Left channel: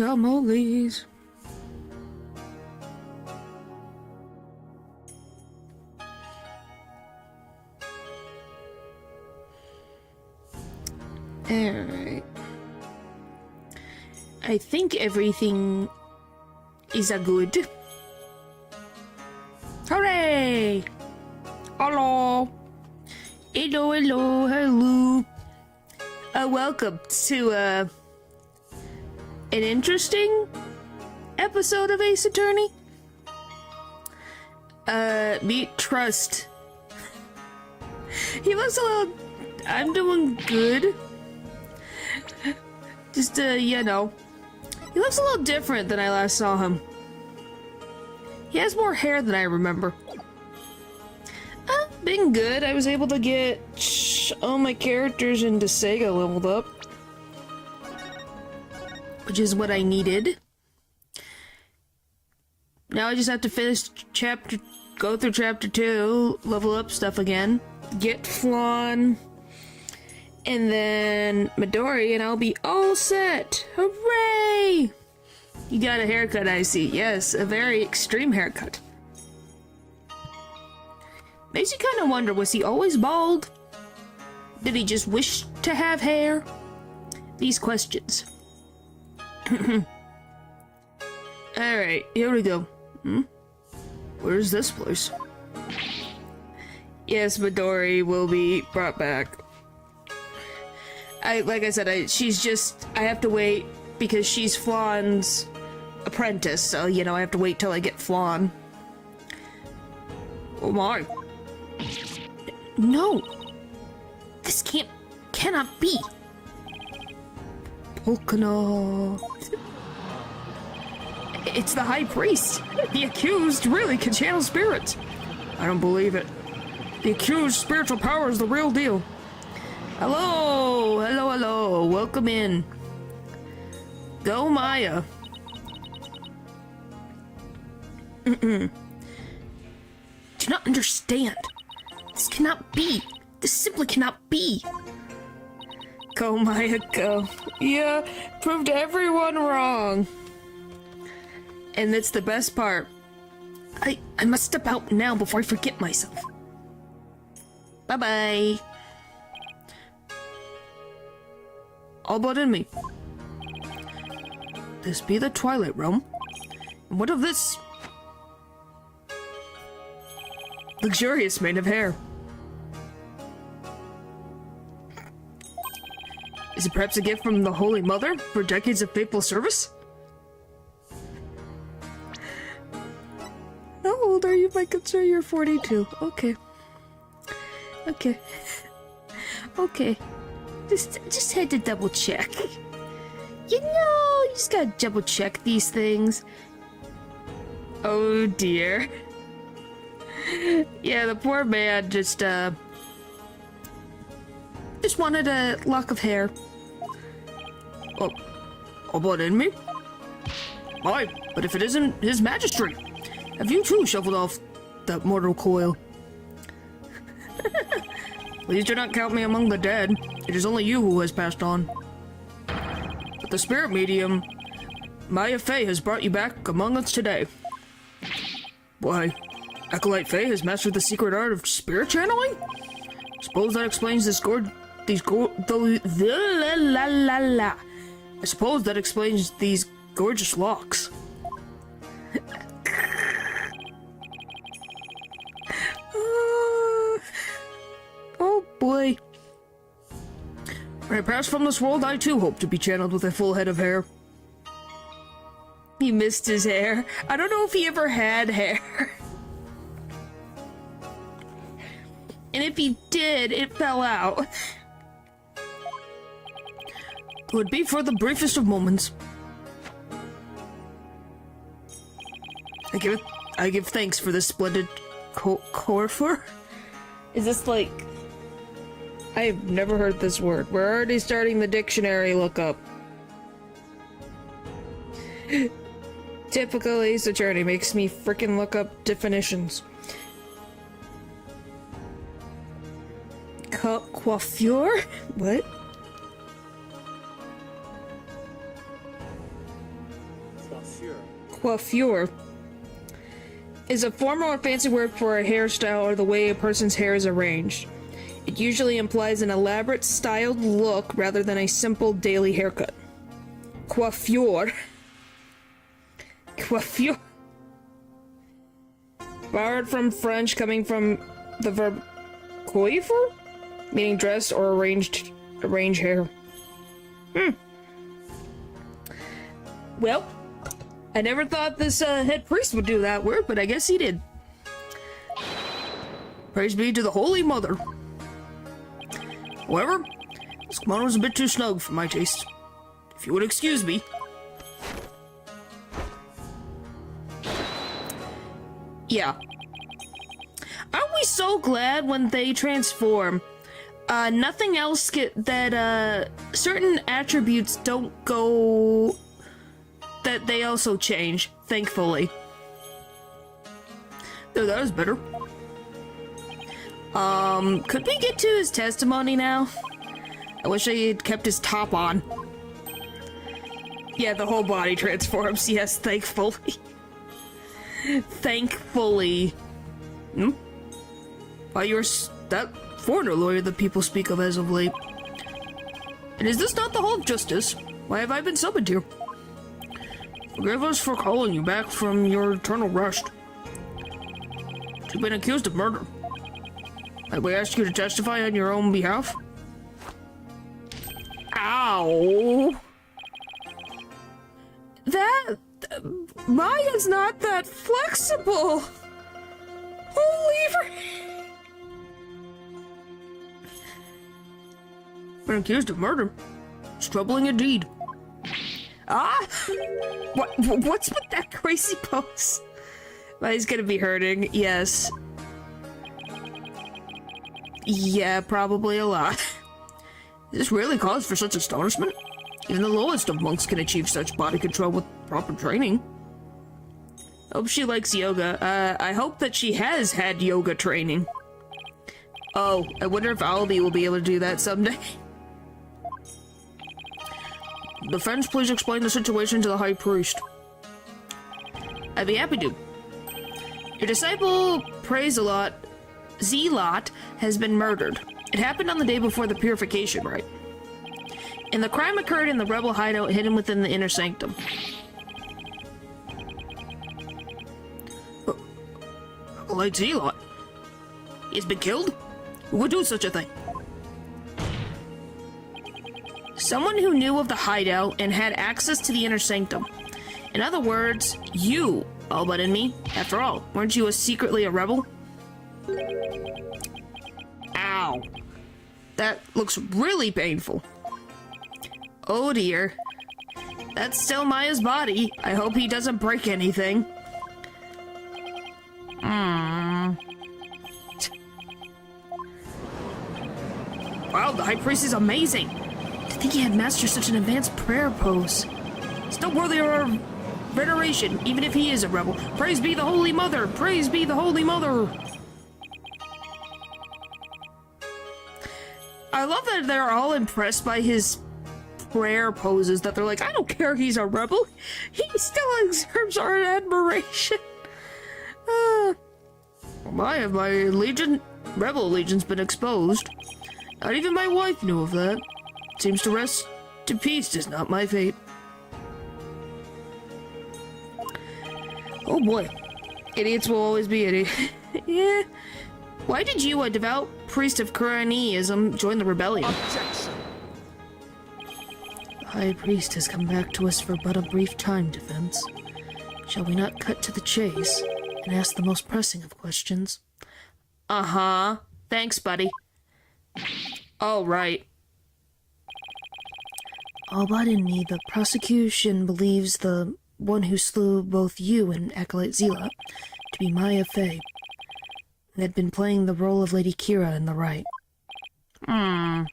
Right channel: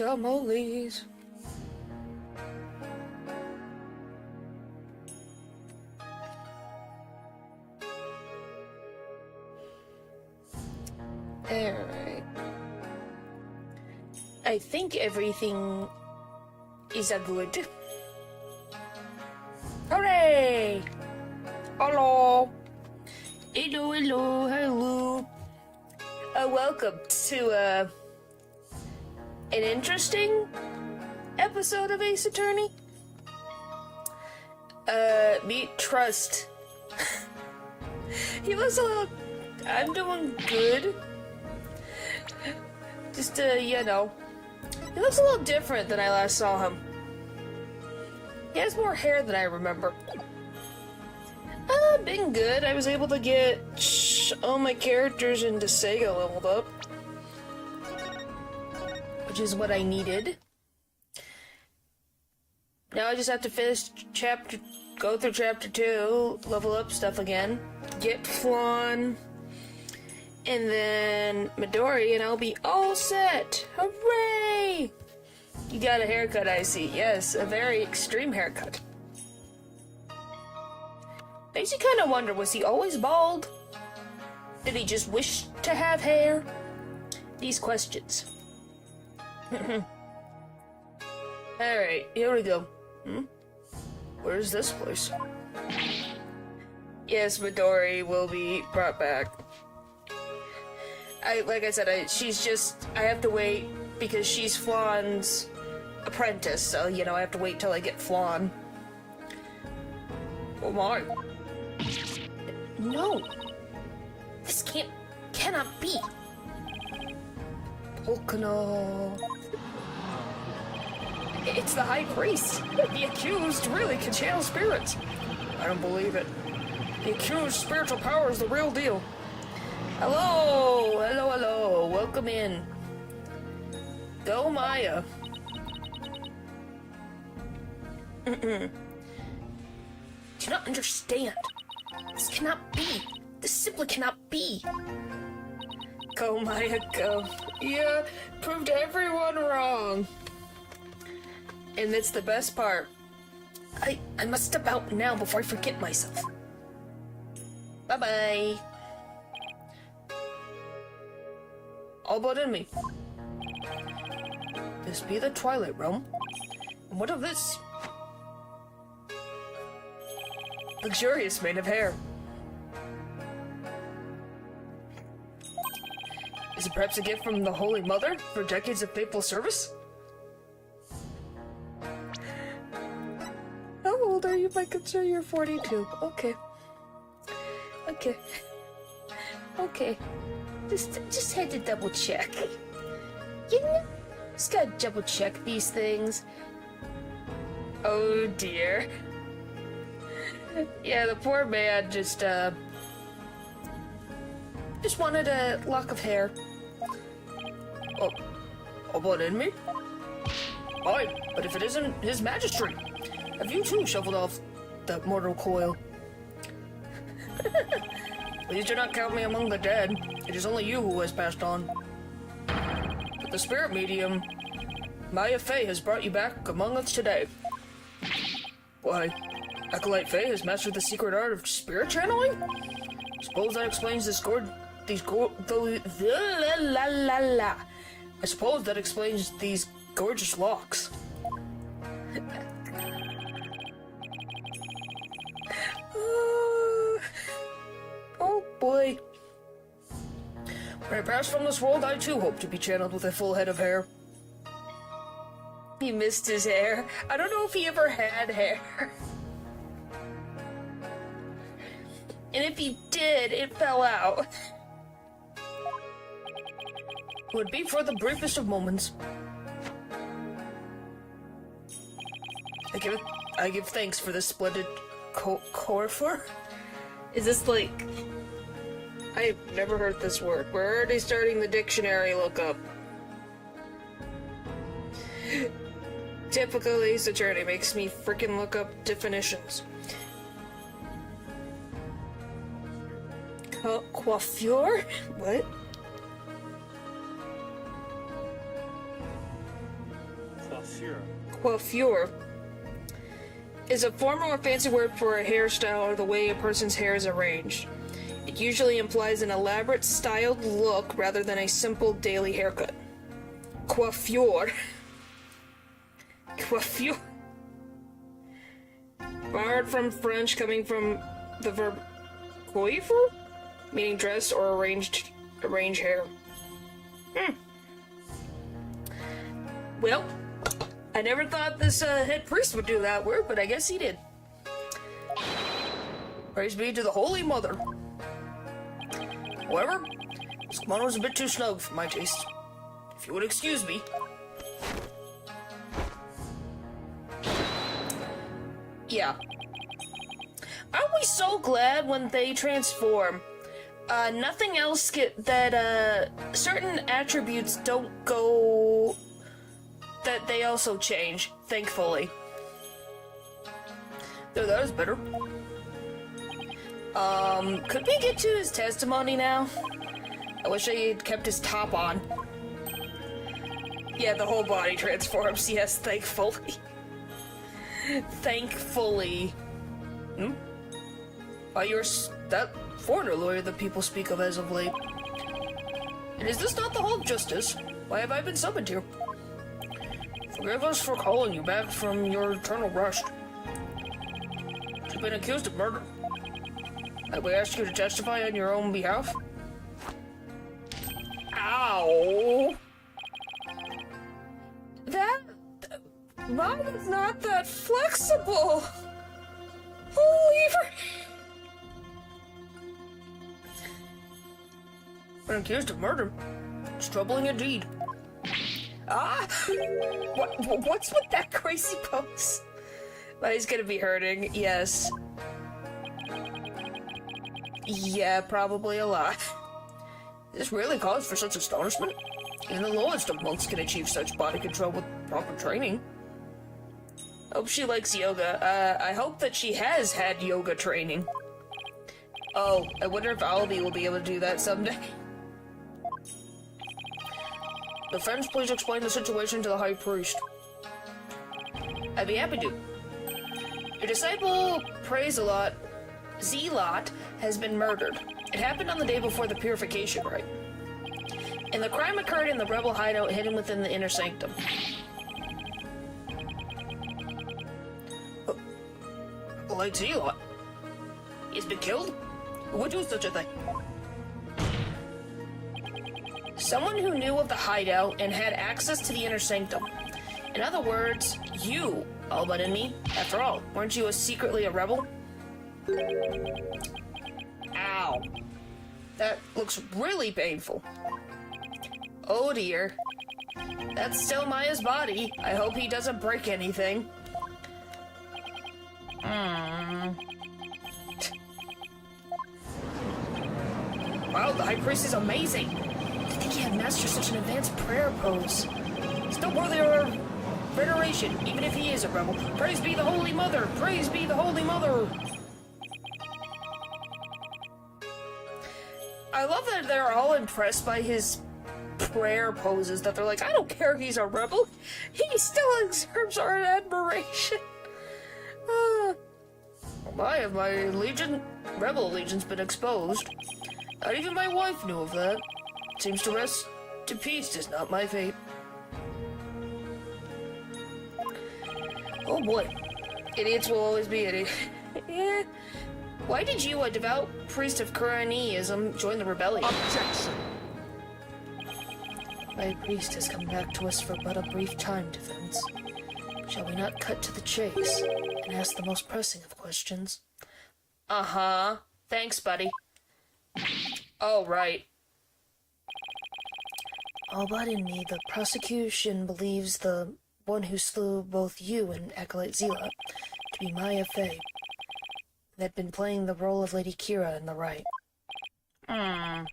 tamales. Alright. I think everything is a good. Hooray! Hello! Hello, hello, hello. Welcome to, an interesting episode of Ace Attorney. Meet Trust. He looks a little... I'm doing good. Just, you know. He looks a little different than I last saw him. He has more hair than I remember. Been good. I was able to get all my characters into Sega leveled up. Which is what I needed. Now I just have to finish go through chapter 2, level up stuff again, get Flan, and then Midori, and I'll be all set! Hooray! You got a haircut, I see. Yes, a very extreme haircut. Makes you kind of wonder, was he always bald? Did he just wish to have hair? These questions. Alright, here we go. Where's this place? Yes, Midori will be brought back. Like I said, I have to wait because she's Flan's apprentice, so, you know, I have to wait till I get Flan. Oh my. No! This cannot be! Polkana. It's the High Priest! The accused really can channel spirits! I don't believe it. The accused spiritual power is the real deal. Hello! Hello, hello! Welcome in. Go, Maya. Do not understand. This cannot be. This simply cannot be. Go, Maya, go. Yeah, proved everyone wrong. And that's the best part. I must step out now before I forget myself. Bye-bye. All but in me. This be the Twilight Realm? And what of this? Luxurious mane of hair. Is it perhaps a gift from the Holy Mother for decades of faithful service? How old are you, if I could say you're 42? Okay. Okay. Okay. Just had to double check. You know, you just gotta double check these things. Oh dear. Yeah, the poor man just wanted a lock of hair. Oh, about in me? Why, but if it isn't his majesty, have you too shuffled off that mortal coil? Please do not count me among the dead. It is only you who has passed on. But the spirit medium, Maya Fey, has brought you back among us today. Why, Acolyte Fey has mastered the secret art of spirit channeling? Suppose that explains I suppose that explains these gorgeous locks. Oh boy. When I pass from this world, I too hope to be channeled with a full head of hair. He missed his hair. I don't know if he ever had hair. And if he did, it fell out. It would be for the briefest of moments. I give thanks for this splendid corfer. Is this like... I have never heard this word. We're already starting the dictionary lookup. Typical Ace Attorney makes me frickin' look up definitions. Coiffure? What? Coiffure is a formal or fancy word for a hairstyle or the way a person's hair is arranged. It usually implies an elaborate, styled look rather than a simple daily haircut. Coiffure. Coiffure. Borrowed from French, coming from the verb coiffer, meaning dressed or arrange hair. Well, I never thought this head priest would do that word, but I guess he did. Praise be to the Holy Mother. However, this kimono is a bit too snug for my taste. If you would excuse me. Yeah. Aren't we so glad when they transform? Nothing else certain attributes don't go... that they also change, thankfully. Oh, that was better. Could we get to his testimony now? I wish I had kept his top on. Yeah, the whole body transforms, yes, thankfully. Thankfully. Why, you're that foreigner lawyer that people speak of as of late. And is this not the Hall of Justice? Why have I been summoned here? Forgive us for calling you back from your eternal rest. You've been accused of murder. Have we asked you to testify on your own behalf? Ow! Maya's not that flexible! Holy Been accused of murder. It's troubling indeed. Ah! What's with that crazy pose? Maya's gonna be hurting, yes. Yeah, probably a lot. This really cause for such astonishment. Even the lowest of monks can achieve such body control with proper training. Hope she likes yoga. I hope that she has had yoga training. Oh, I wonder if Albie will be able to do that someday. Defense, please explain the situation to the High Priest. I'd be happy to. Your disciple, Zealot, has been murdered. It happened on the day before the purification rite. And the crime occurred in the rebel hideout hidden within the inner sanctum. Like Zealot? He's been killed? Who would do such a thing? Someone who knew of the hideout and had access to the inner sanctum. In other words, you, all but in me. After all, weren't you secretly a rebel? Ow. That looks really painful. Oh dear. That's still Maya's body. I hope he doesn't break anything. Wow, the High Priest is amazing. To think he had mastered such an advanced prayer pose. Still worthy of veneration, even if he is a rebel. Praise be the Holy Mother! Praise be the Holy Mother! I love that they're all impressed by his prayer poses, that they're like, I don't care if he's a rebel, he still deserves our admiration. Why have my rebel allegiance been exposed? Not even my wife knew of that. Seems to rest in peace is not my fate. Oh boy. Idiots will always be idiots. Yeah. Why did you, a devout priest of Quraniism, join the rebellion? Objection! The High Priest has come back to us for but a brief time, Defense. Shall we not cut to the chase and ask the most pressing of questions? Uh-huh. Thanks, buddy. Oh, right. All but in me, the prosecution believes the one who slew both you and Acolyte Zealot to be Maya Fey, and had been playing the role of Lady Kira in the rite. Being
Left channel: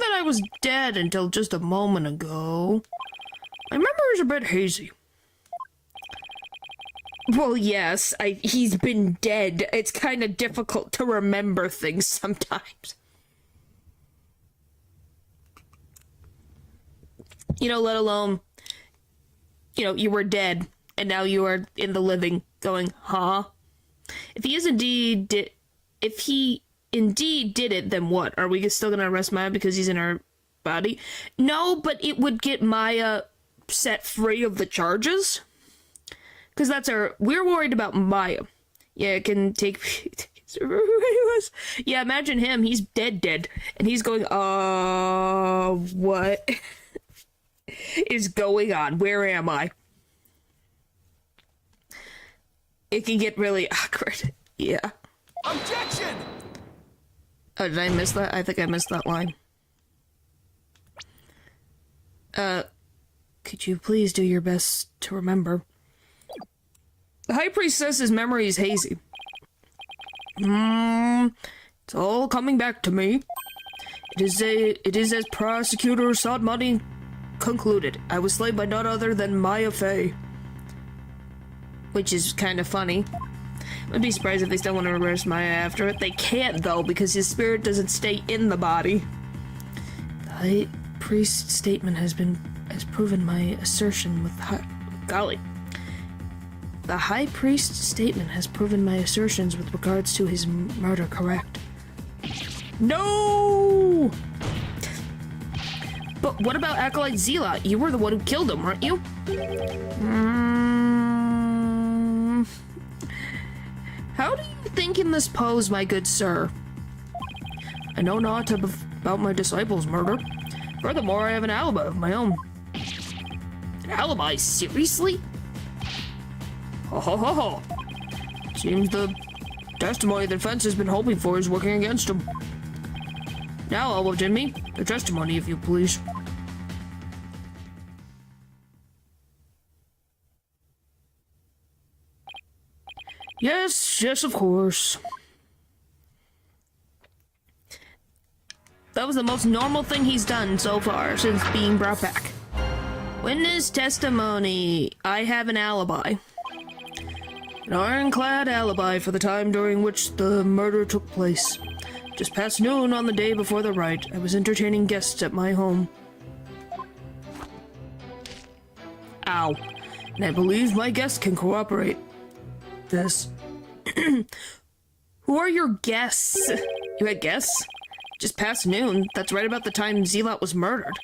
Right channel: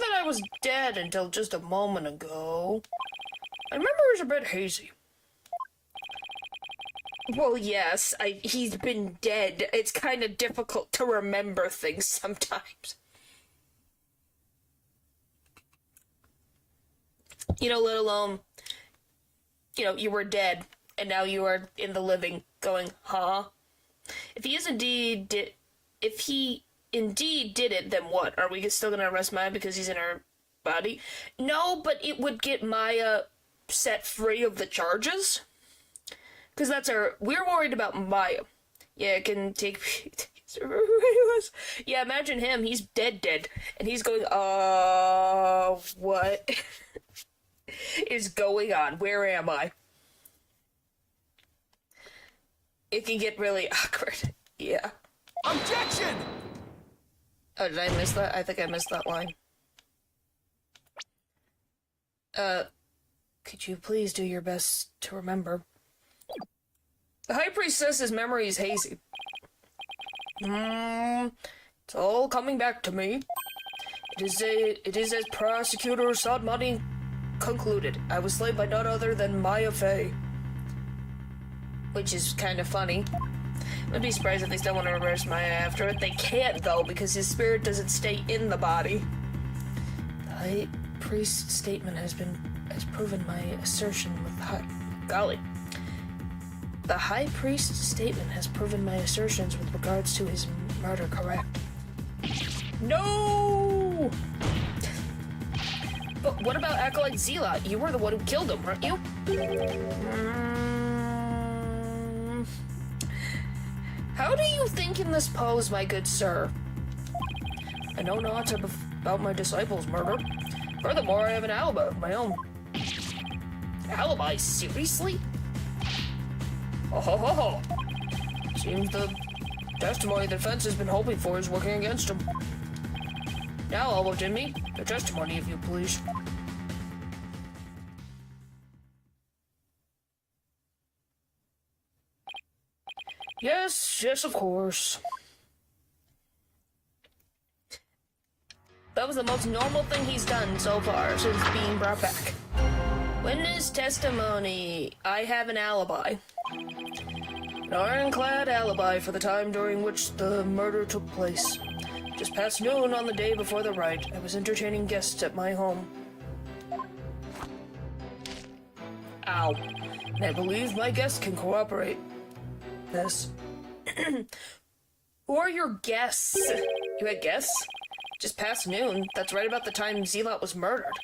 that I was dead until just a moment ago, my memory is a bit hazy. Well, yes, he's been dead. It's kind of difficult to remember things sometimes. You know, let alone, you know, you were dead, and now you are in the living, going, huh? If he indeed did it, then what? Are we still gonna arrest Maya because he's in our body? No, but it would get Maya set free of the charges. Because we're worried about Maya. Yeah, it can take... Yeah, imagine him. He's dead. And he's going, what is going on? Where am I? It can get really awkward. Yeah. Objection! Oh, did I miss that? I think I missed that line. Could you please do your best to remember? The High Priest says his memory is hazy. It's all coming back to me. It is as Prosecutor Sadmani concluded. I was slain by none other than Maya Fey. Which is kind of funny. I'd be surprised if they still want to arrest Maya after it. They can't, though, because his spirit doesn't stay in the body. The High Priest's statement has proven my assertion with golly. The High Priest's statement has proven my assertions with regards to his murder correct. No! But what about Acolyte Zealot? You were the one who killed him, weren't you? How do you think in this pose, my good sir? I know not about my disciples' murder. Furthermore, I have an alibi of my own. An alibi? Seriously? Ho ho ho ho. Seems the testimony the defense has been hoping for is working against him. Now, Elbow Jimmy, your testimony, if you please. Yes, of course. That was the most normal thing he's done so far since being brought back. Witness testimony. I have an alibi. An ironclad alibi for the time during which the murder took place. Just past noon on the day before the rite, I was entertaining guests at my home. Ow. And I believe my guests can corroborate this. Who are your guests? You had guests? Just past noon. That's right about the time Zealot was murdered.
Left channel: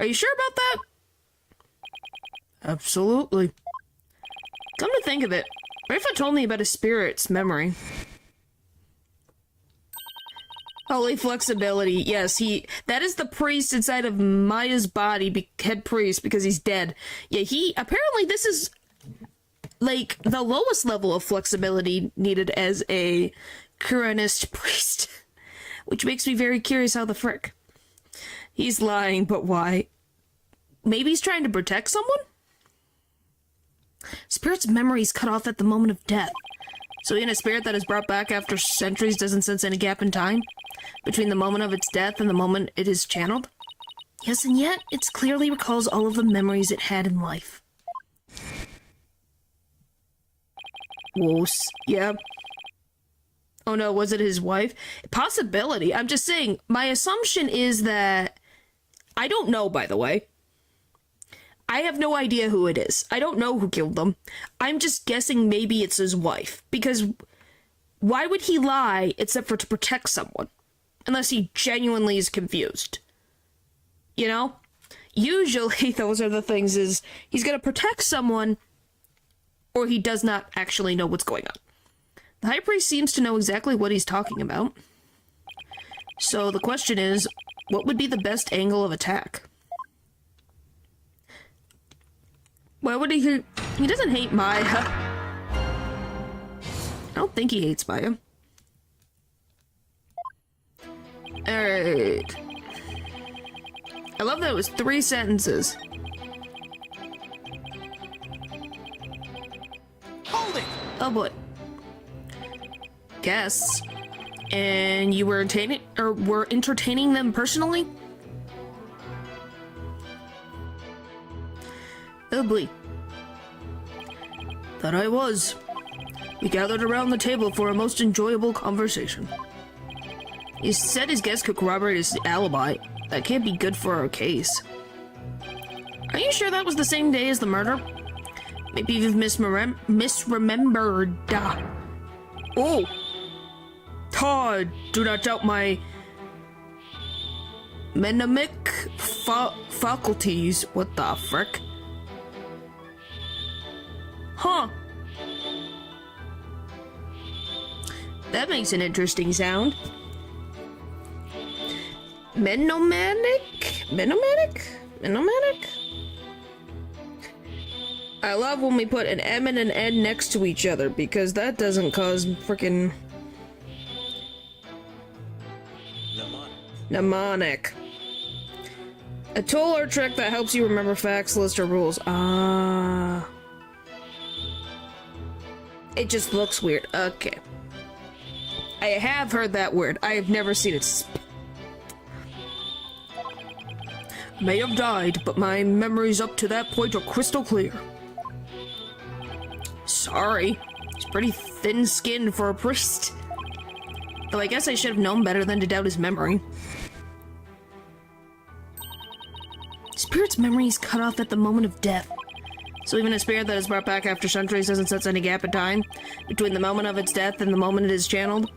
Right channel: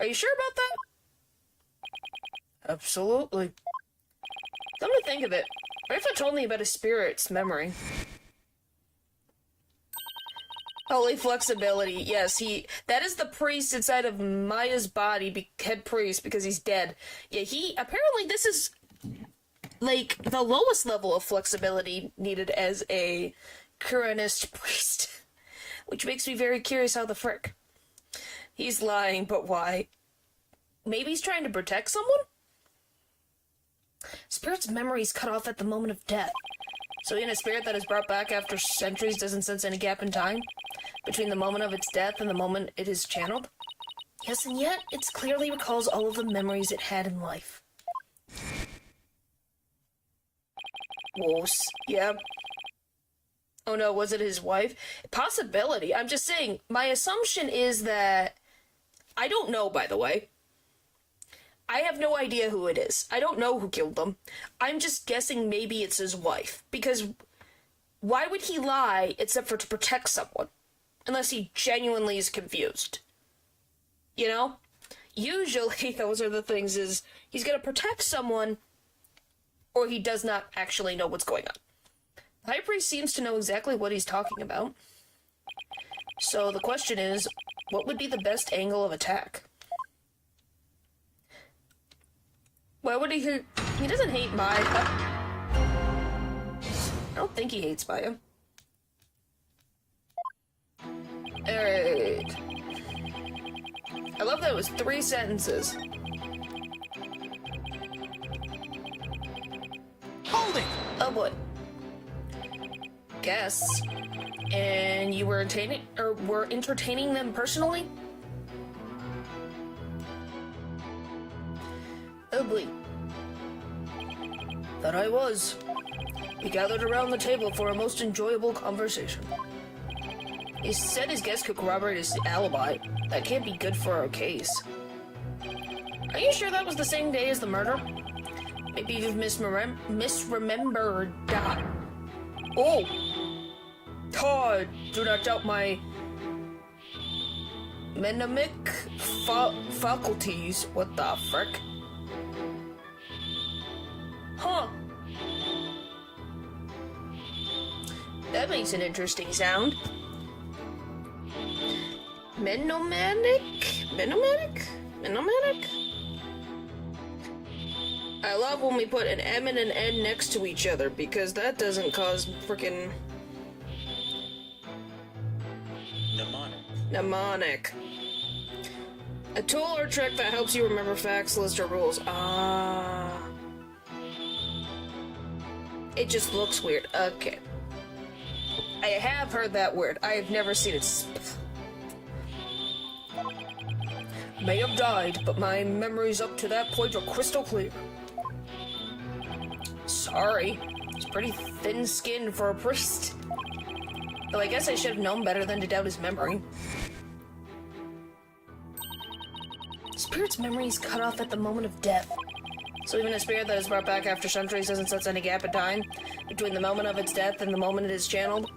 Are you sure about that? Absolutely. Come to think of it, Rafa told me about his spirit's memory. Holy flexibility. Yes, that is the priest inside of Maya's body, head priest, because he's dead. Yeah, apparently this is, like, the lowest level of flexibility needed as a Kuranist priest. Which makes me very curious how the frick. He's lying, but why? Maybe he's trying to protect someone? Spirit's memory is cut off at the moment of death. So even a spirit that is brought back after centuries doesn't sense any gap in time? Between the moment of its death and the moment it is channeled? Yes, and yet it clearly recalls all of the memories it had in life. Whoos. Yeah. Oh no, was it his wife? Possibility. I'm just saying, my assumption is that... I don't know, by the way. I have no idea who it is. I don't know who killed them. I'm just guessing maybe it's his wife. Because why would he lie except for to protect someone? Unless he genuinely is confused. You know? Usually those are the things is he's gonna protect someone or he does not actually know what's going on. The High Priest seems to know exactly what he's talking about. So the question is, what would be the best angle of attack? Why would he doesn't hate Maya. I don't think he hates Maya. Alright. I love that it was 3 sentences. Hold it! Oh boy. Guests. And you were entertaining them personally? Oh boy. That I was. We gathered around the table for a most enjoyable conversation. He said his guests could corroborate his alibi. That can't be good for our case. Are you sure that was the same day as the murder? Maybe you've misremembered. Oh! Todd, do not doubt my mnemonic faculties. What the frick? Huh. That makes an interesting sound. Mnemonic? Mnemonic? Mnemonic? I love when we put an M and an N next to each other, because that doesn't cause frickin' mnemonic. A tool or trick that helps you remember facts, lists, or rules. Ah. It just looks weird. Okay. I have heard that word. I have never seen it. May have died, but my memories up to that point are crystal clear. Sorry. He's pretty thin-skinned for a priest. Though I guess I should have known better than to doubt his memory. Spirit's memory is cut off at the moment of death. So even a spirit that is brought back after centuries doesn't sense any gap in time between the moment of its death and the moment it is channeled.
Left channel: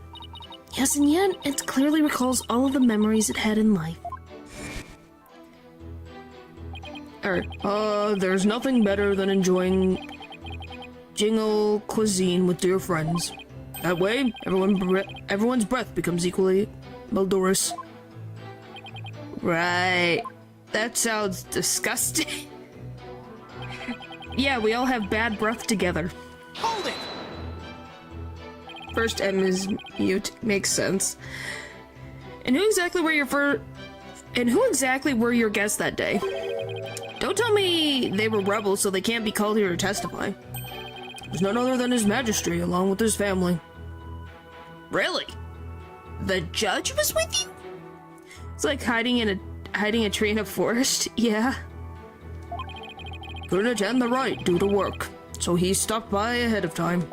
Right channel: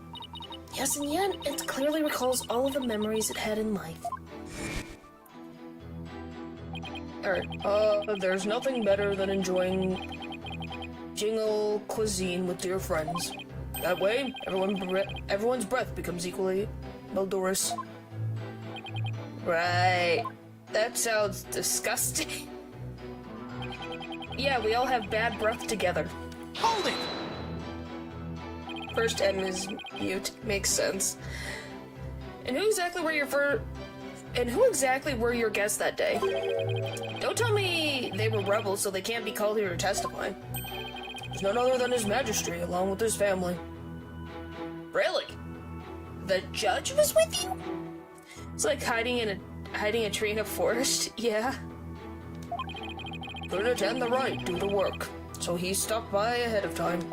Yes, and yet it clearly recalls all of the memories it had in life. Alright, there's nothing better than enjoying jingle cuisine with dear friends. That way, everyone's breath becomes equally malodorous. Right. That sounds disgusting. Yeah, we all have bad breath together. Hold it! First M is mute. Makes sense. And who exactly were your guests that day? Don't tell me they were rebels, so they can't be called here to testify. There's none other than His Majesty, along with his family. Really? The judge was with you? It's like hiding a tree in a forest. Yeah. Couldn't attend the rite due to work, so he stopped by ahead of time.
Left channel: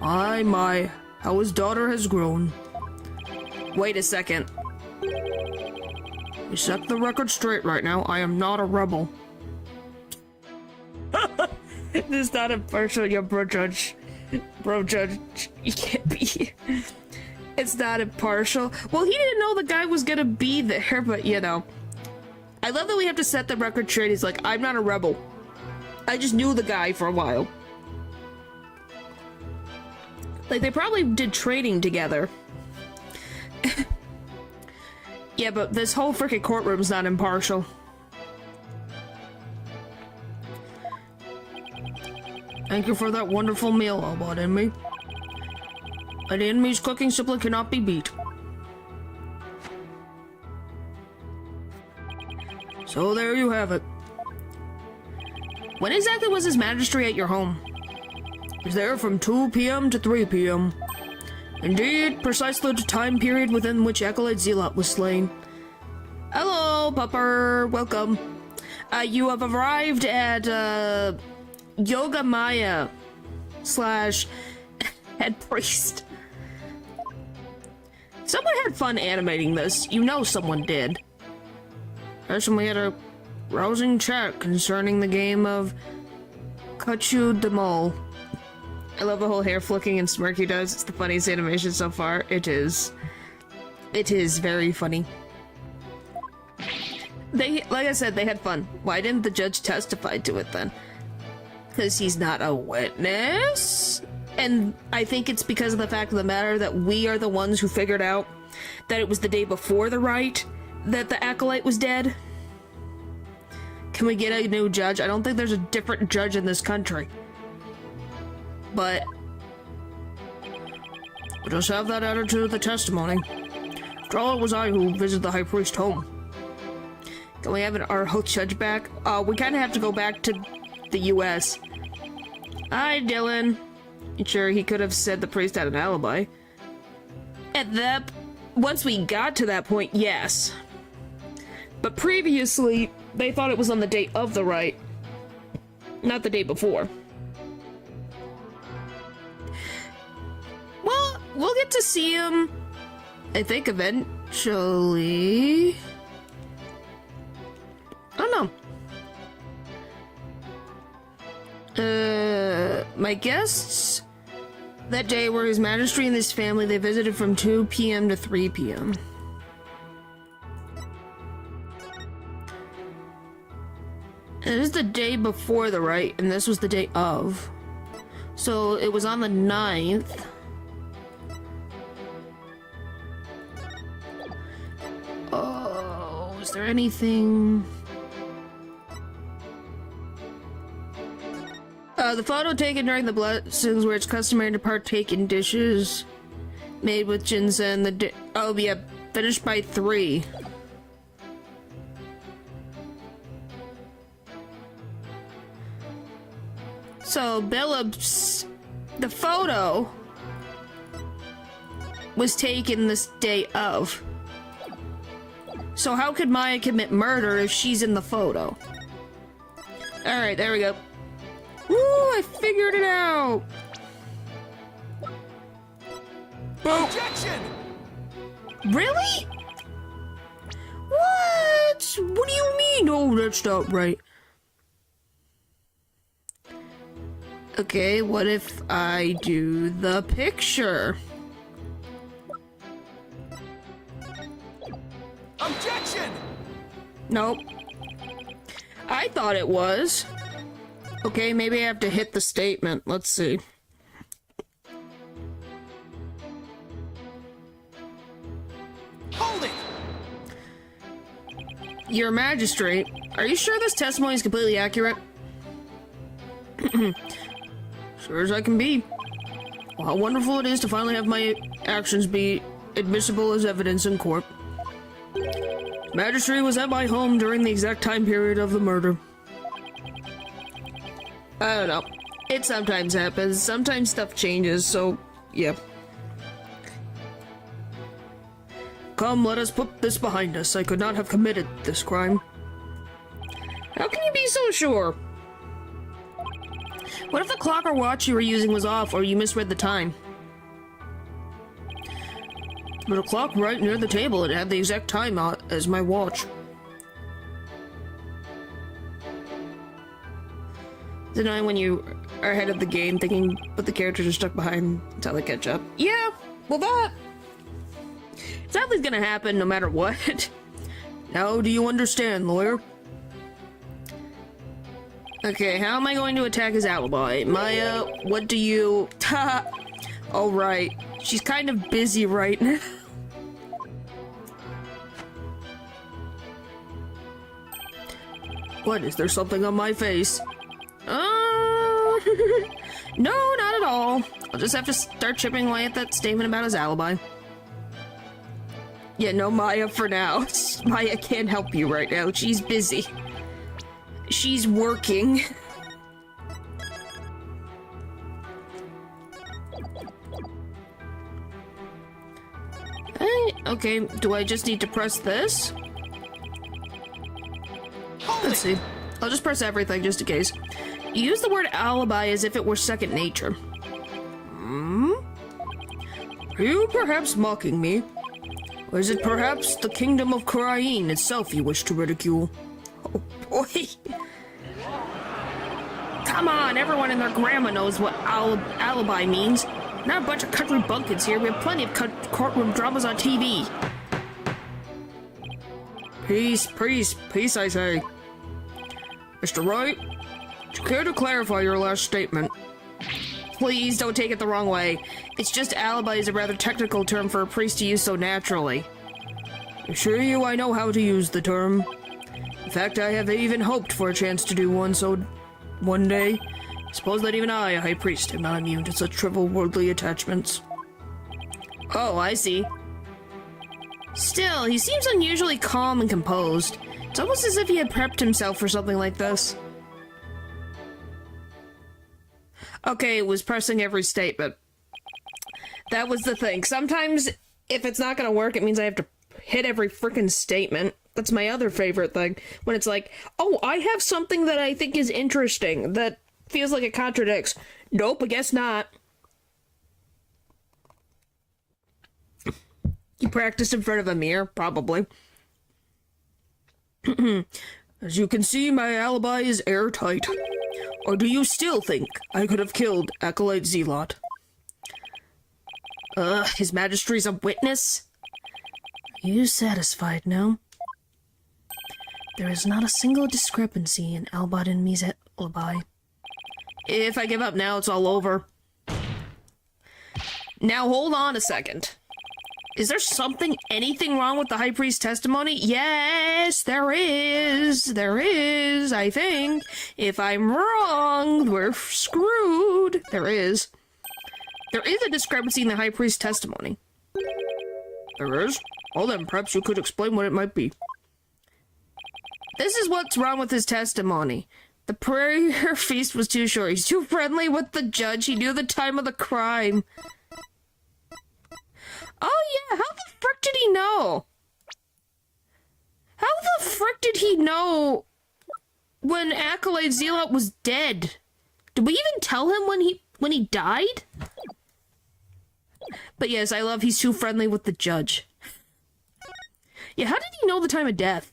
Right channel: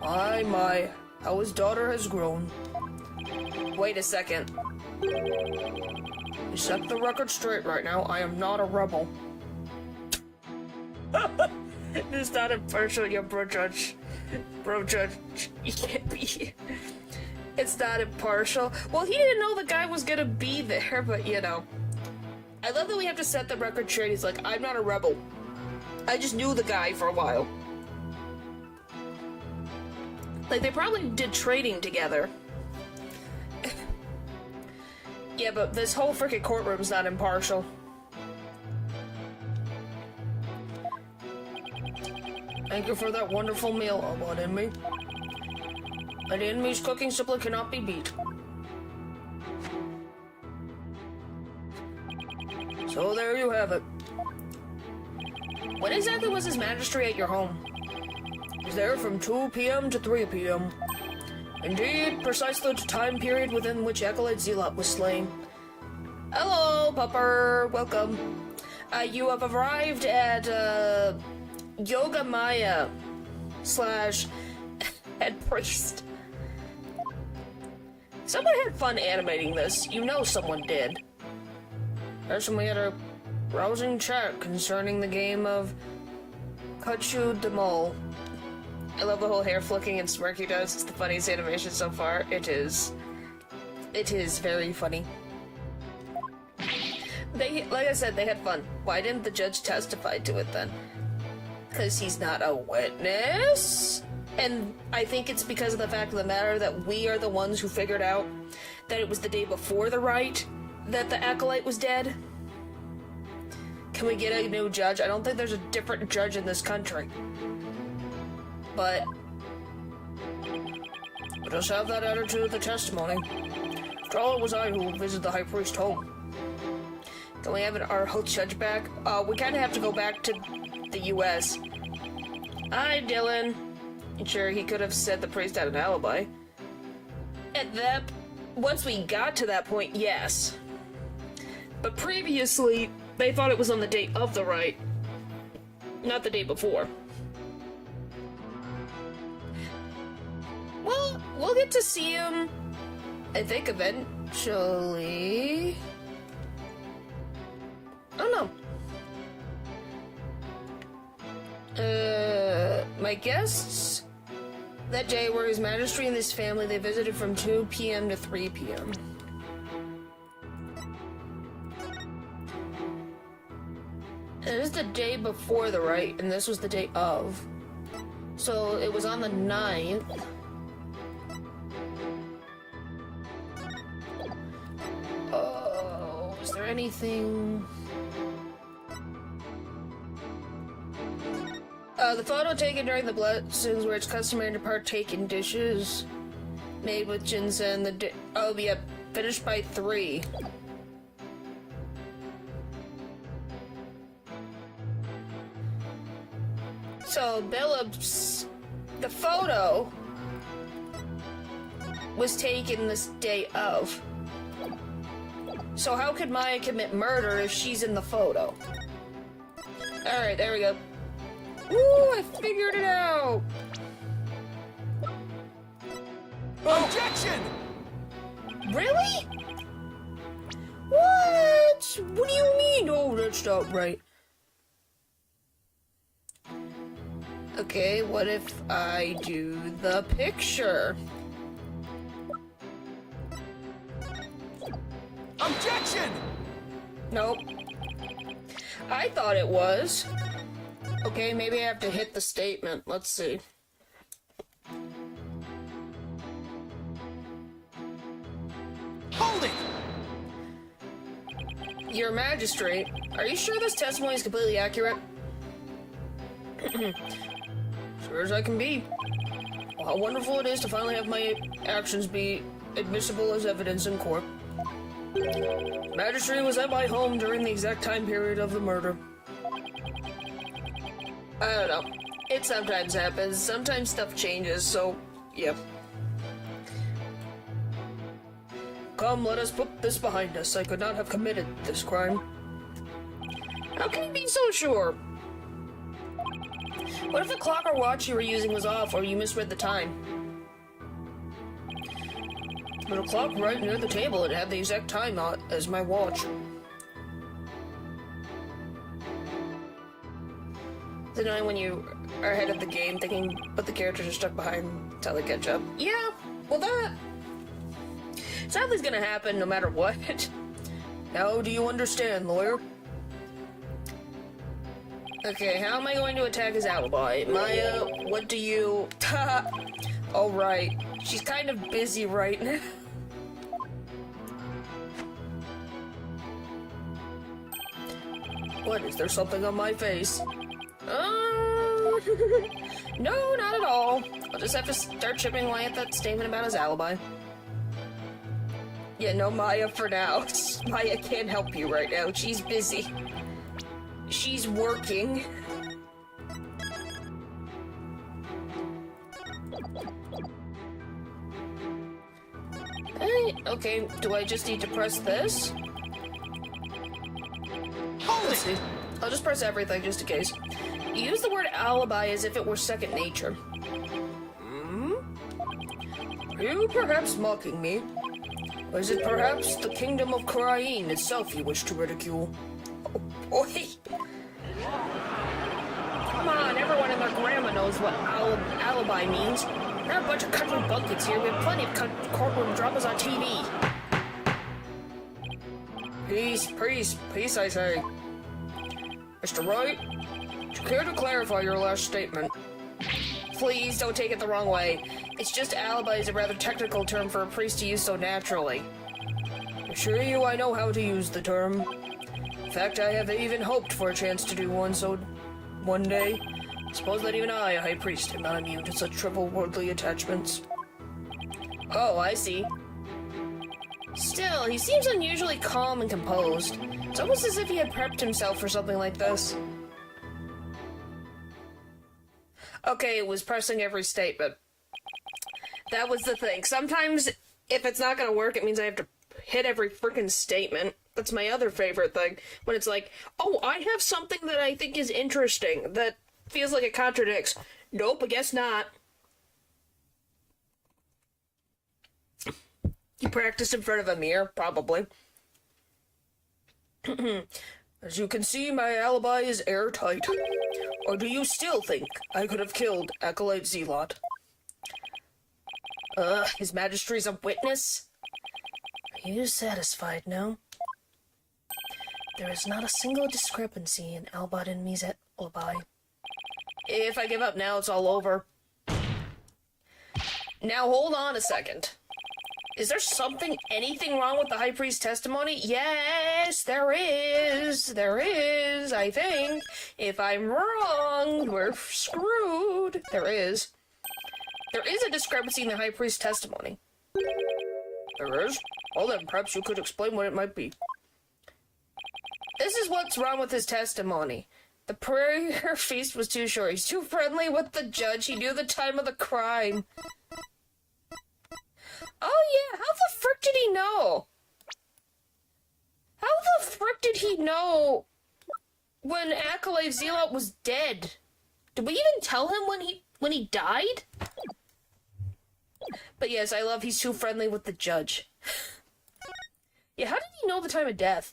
My, how his daughter has grown. Wait a second. We set the record straight right now. I am not a rebel. This is not impartial, you bro judge. Bro judge, you can't be. It's not impartial. Well, he didn't know the guy was gonna be there, but you know. I love that we have to set the record straight. He's like, I'm not a rebel. I just knew the guy for a while. Like, they probably did trading together. Yeah, but this whole freaking courtroom's not impartial. Thank you for that wonderful meal, Albot Enemy. And the enemy's cooking simply cannot be beat. So there you have it. When exactly was His Majesty at your home? He was there from 2 p.m. to 3 p.m. Indeed, precisely the time period within which Acolyte Zealot was slain. Hello, Pupper. Welcome. You have arrived at, Yoga Maya / head priest. Someone had fun animating this. You know someone did. First, we had a rousing chat concerning the game of Kachu the Mole. I love the whole hair flicking and smirk he does. It's the funniest animation so far. It is. It is very funny. Like I said, they had fun. Why didn't the judge testify to it then? Because he's not a witness? And I think it's because of the fact of the matter that we are the ones who figured out that it was the day before the rite that the acolyte was dead. Can we get a new judge? I don't think there's a different judge in this country. But we'll just have that added to the testimony. After all, it was I who visited the High Priest home. Can we have our host judge back? We kind of have to go back to the U.S. Hi, Dylan. Sure, he could have said the priest had an alibi. Once we got to that point, yes. But previously, they thought it was on the date of the rite, not the day before. Well, we'll get to see him, I think, eventually. I don't know. My guests that day were His Majesty and his family. They visited from 2 p.m. to 3 p.m. And this is the day before the right, and this was the day of. So it was on the 9th. Oh, is there anything? The photo taken during the blessings where it's customary to partake in dishes made with ginseng. Oh, yeah, finished by 3. So, the photo was taken this day of. So how could Maya commit murder if she's in the photo? Alright, there we go. Woo, I figured it out! Objection! Really? What? What do you mean? Oh, that's not right. Okay, what if I do the picture? Objection! Nope. I thought it was. Okay, maybe I have to hit the statement. Let's see. Hold it! Your Magistrate, are you sure this testimony is completely accurate? Sure as I can be. Well, how wonderful it is to finally have my actions be admissible as evidence in court. Magistrate was at my home during the exact time period of the murder. I don't know. It sometimes happens. Sometimes stuff changes, so, yeah. Come, let us put this behind us. I could not have committed this crime. How can you be so sure? What if the clock or watch you were using was off, or you misread the time? But a clock right near the table, it had the exact time as my watch. Is it annoying when you are ahead of the game thinking, but the characters are stuck behind until they catch up? Yeah, well that... sadly is gonna happen no matter what. Now do you understand, lawyer? Okay, how am I going to attack his alibi? Maya, what do you... Alright, she's kind of busy right now. What, is there something on my face? No, not at all. I'll just have to start chipping away at that statement about his alibi. Yeah, no Maya for now. Maya can't help you right now. She's busy. She's working. Hey, okay, do I just need to press this? Let's see. I'll just press everything just in case. You use the word alibi as if it were second nature. Hmm? Are you perhaps mocking me? Or is it perhaps the kingdom of Karain itself you wish to ridicule? Oh boy! Come on, everyone and their grandma knows what alibi means. Not a bunch of country bunkets here. We have plenty of courtroom dramas on TV. Peace, peace, peace, I say. Mr. Wright, would you care to clarify your last statement? Please don't take it the wrong way. It's just alibi is a rather technical term for a priest to use so naturally. I assure you I know how to use the term. In fact, I have even hoped for a chance to do one day. Suppose that even I, a high priest, am not immune to such trivial worldly attachments. Oh, I see. Still, he seems unusually calm and composed. It's almost as if he had prepped himself for something like this. Okay, it was pressing every statement. That was the thing. Sometimes, if it's not gonna work, it means I have to hit every freaking statement. That's my other favorite thing. When it's like, oh, I have something that I think is interesting, that feels like it contradicts. Nope, I guess not. You practiced in front of a mirror? Probably. As you can see, my alibi is airtight. Or do you still think I could have killed Acolyte Zealot? His Majesty's a witness? Are you satisfied now? There is not a single discrepancy in Albot and me's alibi. If I give up now, it's all over. Now hold on a second. Is there anything wrong with the High Priest's testimony? Yes, there is. There is, I think. If I'm wrong, we're screwed. There is. There is a discrepancy in the High Priest's testimony. There is? Well then, perhaps you could explain what it might be. This is what's wrong with his testimony. The prayer feast was too short. He's too friendly with the judge. He knew the time of the crime. Oh yeah, how the frick did he know? How the frick did he know when Acolyte Zealot was dead? Did we even tell him when he died? But yes, I love he's too friendly with the judge. Yeah, how did he know the time of death?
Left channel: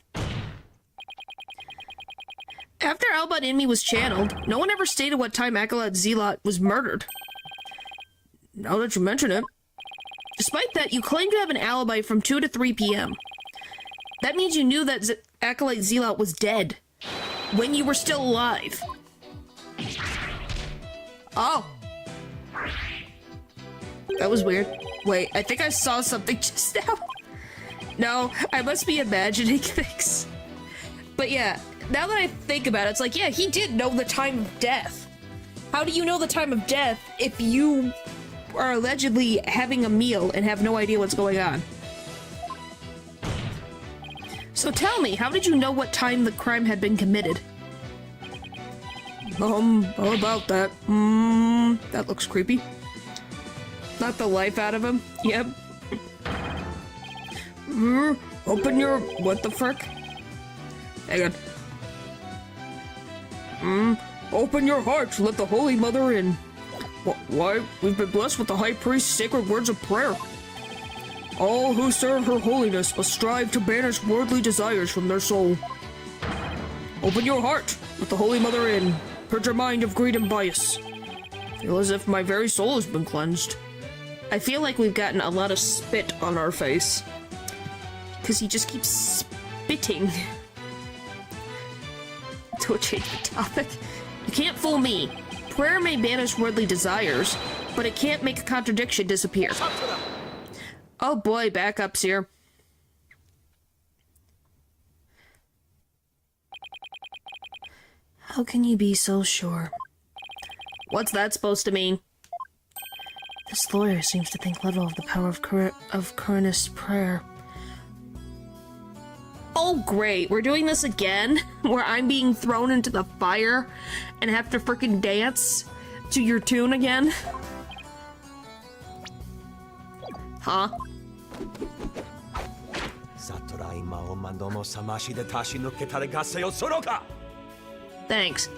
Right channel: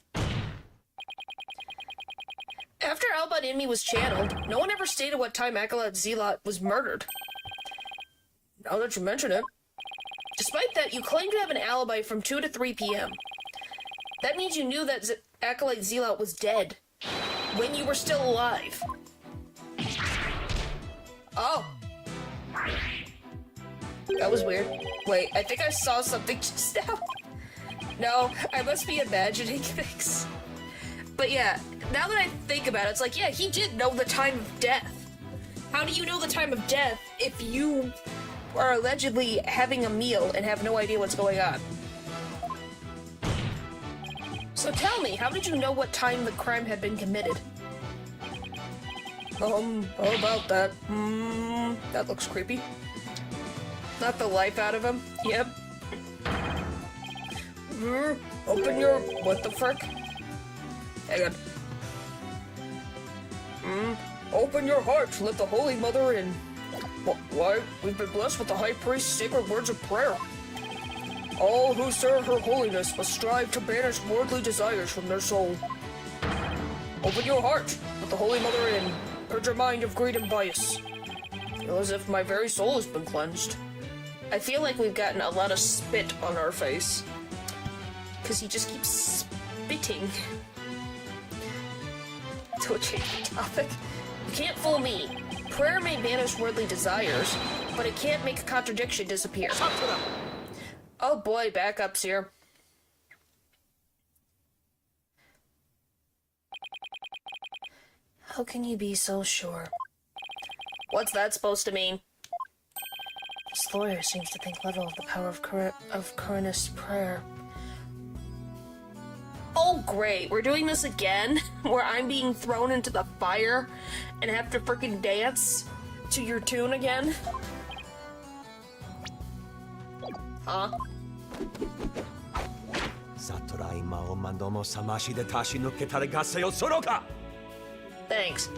After Albot Inmi was channeled, no one ever stated what time Acolyte Zealot was murdered. Now that you mention it. Despite that, you claim to have an alibi from 2 to 3 p.m. That means you knew that Acolyte Zealot was dead when you were still alive. Oh. That was weird. Wait, I think I saw something just now. No, I must be imagining things. But yeah, now that I think about it, it's like, yeah, he did know the time of death. How do you know the time of death if you are allegedly having a meal and have no idea what's going on? So tell me, how did you know what time the crime had been committed? How about that? That looks creepy. Not the life out of him. Yep. Open your... what the frick? Hang on. Open your heart, let the Holy Mother in. Why? We've been blessed with the High Priest's sacred words of prayer. All who serve her holiness must strive to banish worldly desires from their soul. Open your heart, let the Holy Mother in. Purge your mind of greed and bias. Feel as if my very soul has been cleansed. I feel like we've gotten a lot of spit on our face. Because he just keeps spitting. To change the topic. You can't fool me. Prayer may banish worldly desires, but it can't make a contradiction disappear. Oh boy, backups here. How can you be so sure? What's that supposed to mean? This lawyer seems to think little of the power of Coronus prayer. Oh great, we're doing this again? Where I'm being thrown into the fire and have to frickin' dance to your tune again? Huh? Thanks.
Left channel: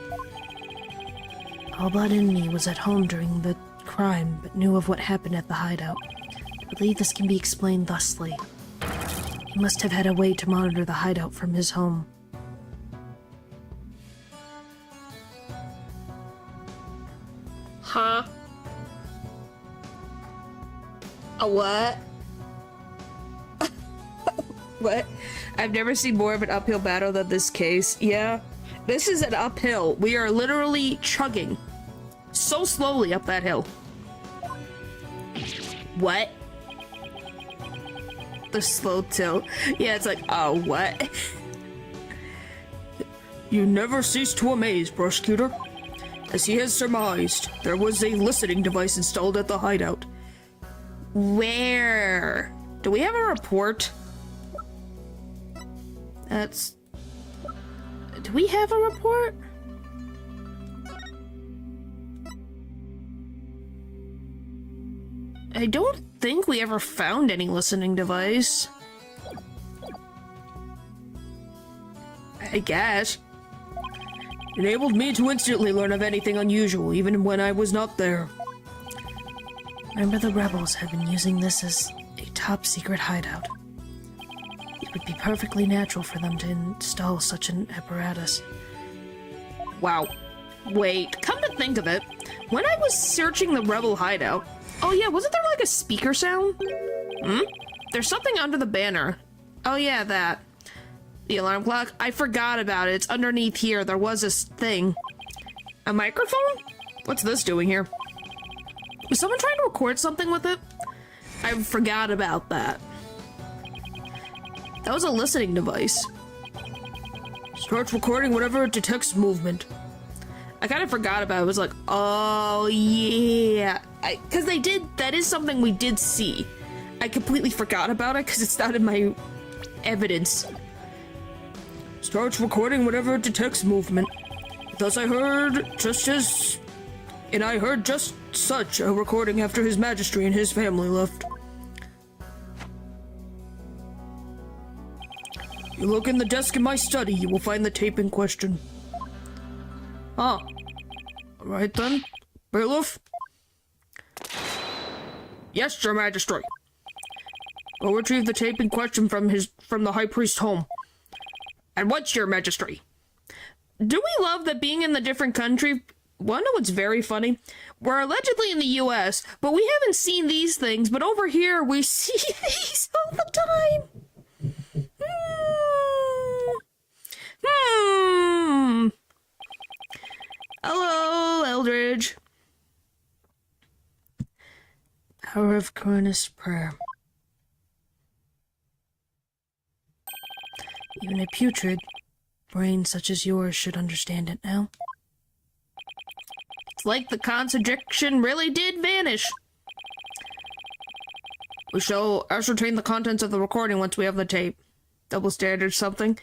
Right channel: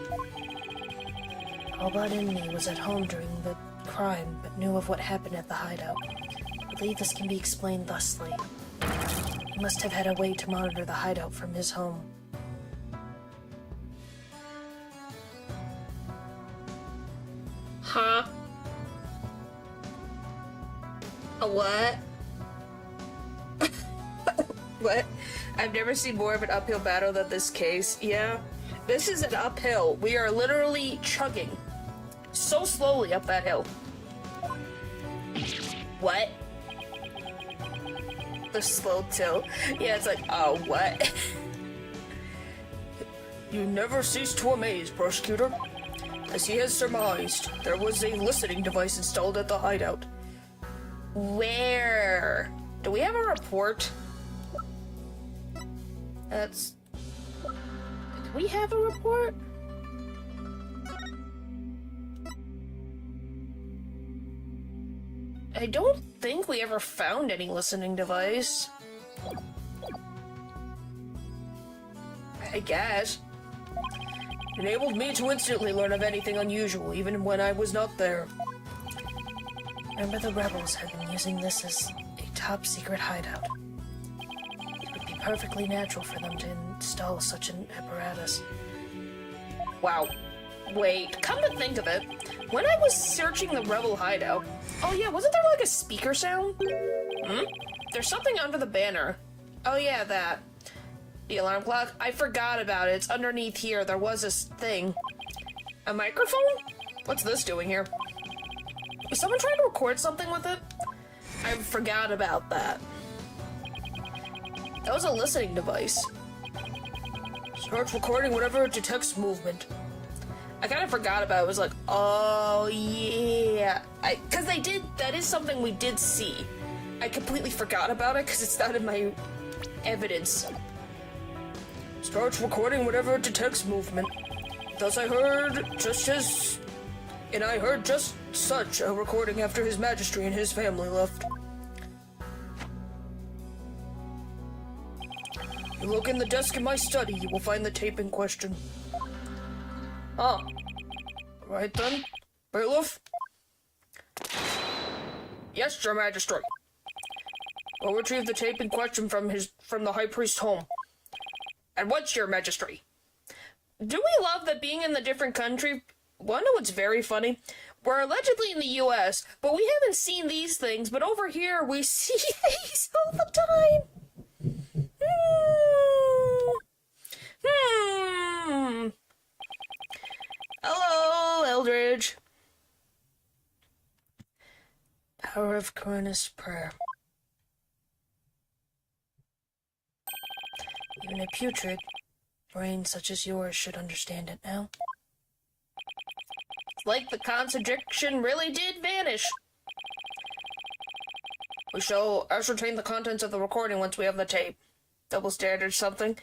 Albot Inmi was at home during the crime, but knew of what happened at the hideout. I believe this can be explained thusly. He must have had a way to monitor the hideout from his home. Huh? A what? What? I've never seen more of an uphill battle than this case. Yeah, this is an uphill. We are literally chugging so slowly up that hill. What? The slow tilt. Yeah, it's like, oh, what? You never cease to amaze, prosecutor. As he has surmised, there was a listening device installed at the hideout. Where? Do we have a report? Do we have a report? I don't think we ever found any listening device. I guess. It enabled me to instantly learn of anything unusual, even when I was not there. Remember, the rebels have been using this as a top-secret hideout. You've would be perfectly natural for them to install such an apparatus. Wow. Wait, come to think of it, when I was searching the rebel hideout... Oh yeah, wasn't there like a speaker sound? There's something under the banner. Oh yeah, that. The alarm clock? I forgot about it. It's underneath here. There was this thing. A microphone? What's this doing here? Was someone trying to record something with it? I forgot about that. That was a listening device. Starts recording whenever it detects movement. I kind of forgot about it. It was like, oh yeah. Because that is something we did see. I completely forgot about it because it's not in my evidence. Starts recording whenever it detects movement. Thus I heard just such a recording after His Majesty and his family left. You look in the desk in my study, you will find the tape in question. Ah. Right then. Bailiff? Yes, Your Majesty. We'll retrieve the tape in question from the High Priest's home. And what's Your Majesty? Do we love that being in the different country? Well, I know what's very funny. We're allegedly in the US, but we haven't seen these things, but over here we see these all the time. Hello, Eldridge. Power of Coronus Prayer. Even a putrid brain such as yours should understand it now. It's like the contradiction really did vanish. We shall ascertain the contents of the recording once we have the tape. Double standard something.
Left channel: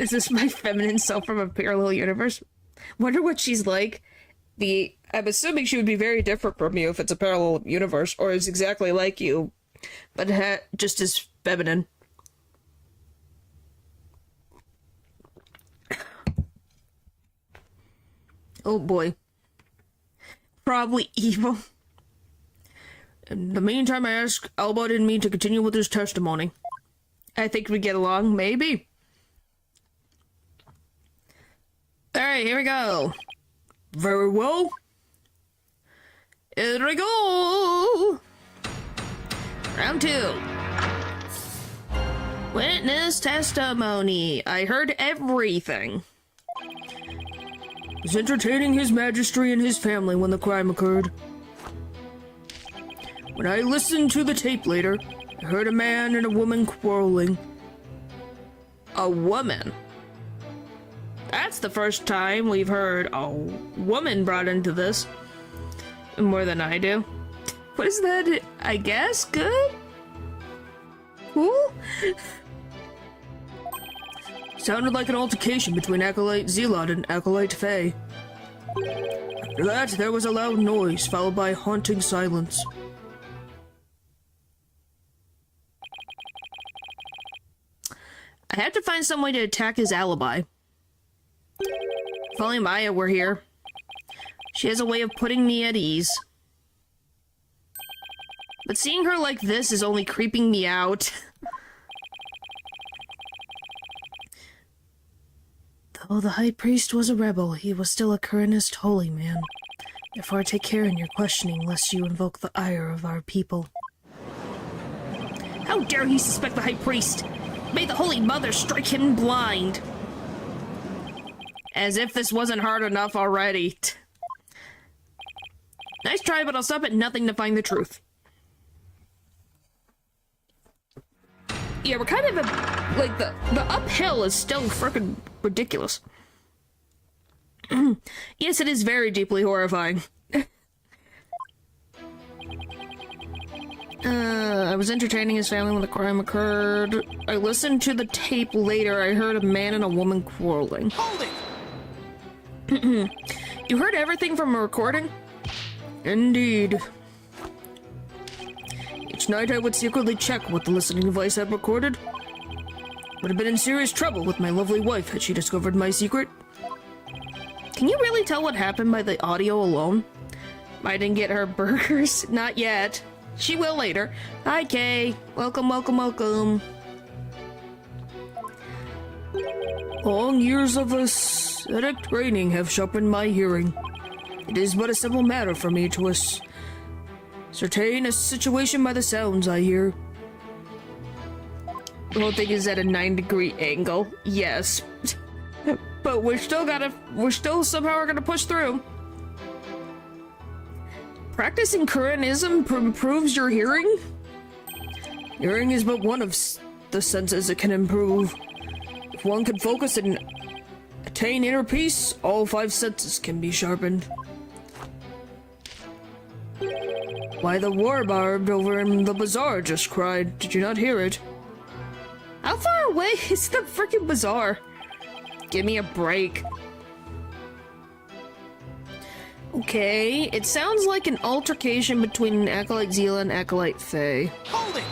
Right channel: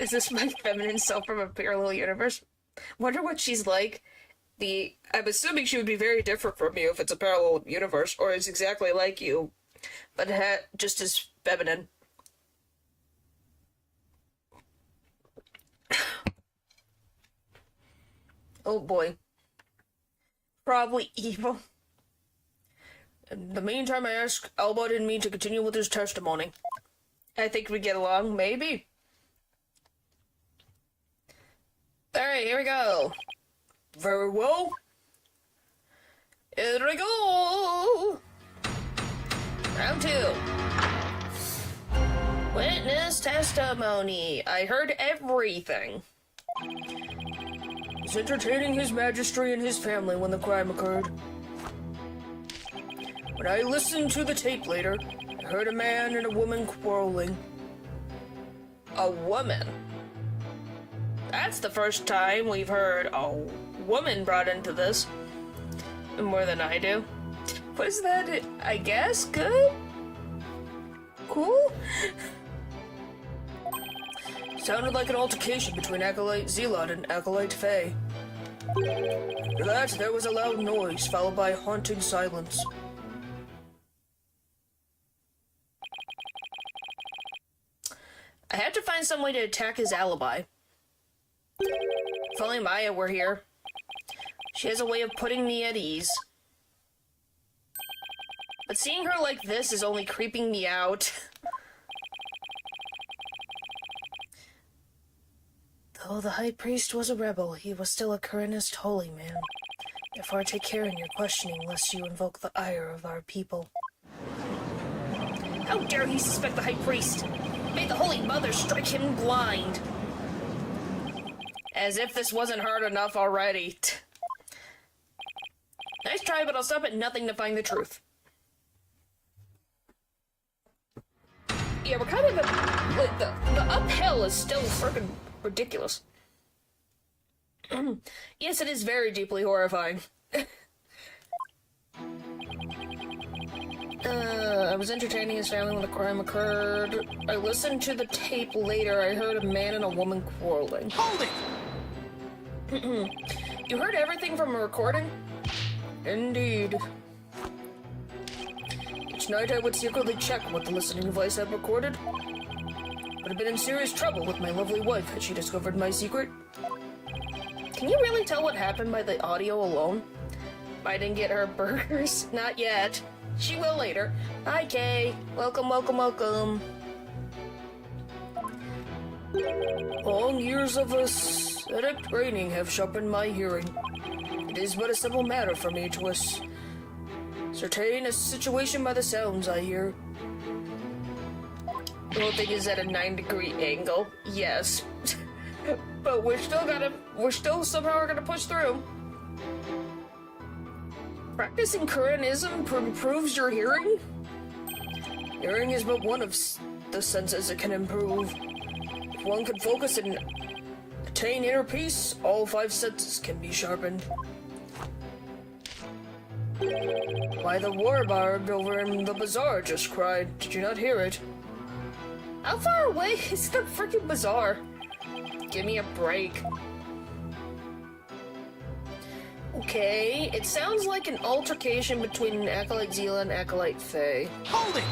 Is this my feminine self from a parallel universe? Wonder what she's like. I'm assuming she would be very different from you if it's a parallel universe, or is exactly like you, but just as feminine. Oh boy. Probably evil. In the meantime, I ask Albert and me to continue with his testimony. I think we get along, maybe. Alright, here we go. Very well. Here we go. Round 2. Witness testimony. I heard everything. Was entertaining His Majesty and his family when the crime occurred. When I listened to the tape later, I heard a man and a woman quarreling. A woman? That's the first time we've heard a woman brought into this. More than I do. What is that? I guess? Good? Cool? Sounded like an altercation between Acolyte Zealot and Acolyte Faye. After that, there was a loud noise, followed by haunting silence. I had to find some way to attack his alibi. If only Maya were here. She has a way of putting me at ease. But seeing her like this is only creeping me out. Though the High Priest was a rebel, he was still a Coronist holy man. Therefore take care in your questioning, lest you invoke the ire of our people. How dare he suspect the High Priest? May the Holy Mother strike him blind! As if this wasn't hard enough already. Nice try, but I'll stop at nothing to find the truth. Yeah, we're kind of like the uphill is still freaking ridiculous. Yes, it is very deeply horrifying. I was entertaining his family when the crime occurred. I listened to the tape later. I heard a man and a woman quarreling. Hold it! You heard everything from a recording? Indeed. Each night I would secretly check what the listening device had recorded. Would have been in serious trouble with my lovely wife had she discovered my secret. Can you really tell what happened by the audio alone? I didn't get her burgers? Not yet. She will later. Hi, Kay. Welcome, welcome, welcome. Long years of aesthetic training have sharpened my hearing. It is but a simple matter for me to ascertain a situation by the sounds I hear. The whole thing is at a 9-degree angle. Yes. But we're still somehow gonna push through. Practicing Koreanism improves your hearing? Hearing is but one of the senses it can improve. If one can focus and attain inner peace, all 5 senses can be sharpened. Why, the warbard over in the bazaar just cried. Did you not hear it? How far away is the freaking bazaar? Give me a break. Okay, it sounds like an altercation between an Acolyte Zila and Acolyte Faye. Hold it!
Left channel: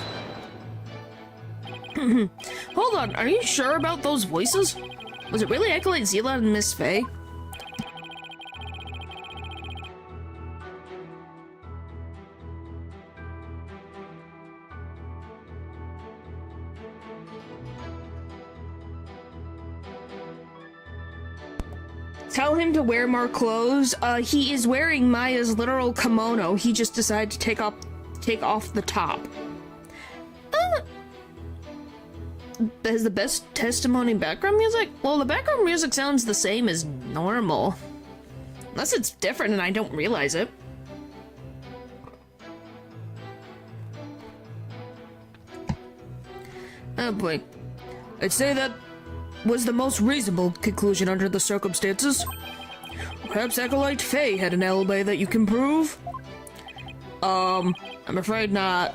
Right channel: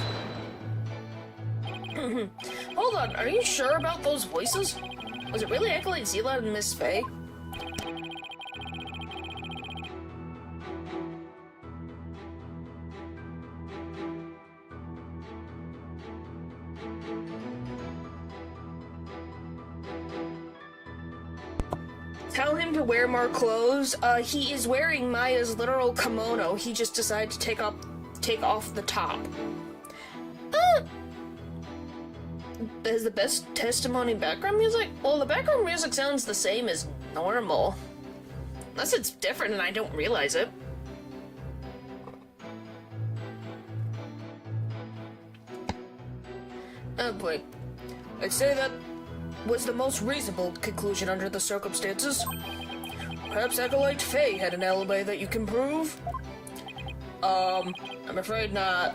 Hold on, are you sure about those voices? Was it really Acolyte Zila and Miss Faye? Tell him to wear more clothes. He is wearing Maya's literal kimono. He just decided to take off the top. Is the best testimony background music? Well, the background music sounds the same as normal. Unless it's different and I don't realize it. Oh boy. I'd say that was the most reasonable conclusion under the circumstances. Perhaps Acolyte Faye had an alibi that you can prove? I'm afraid not.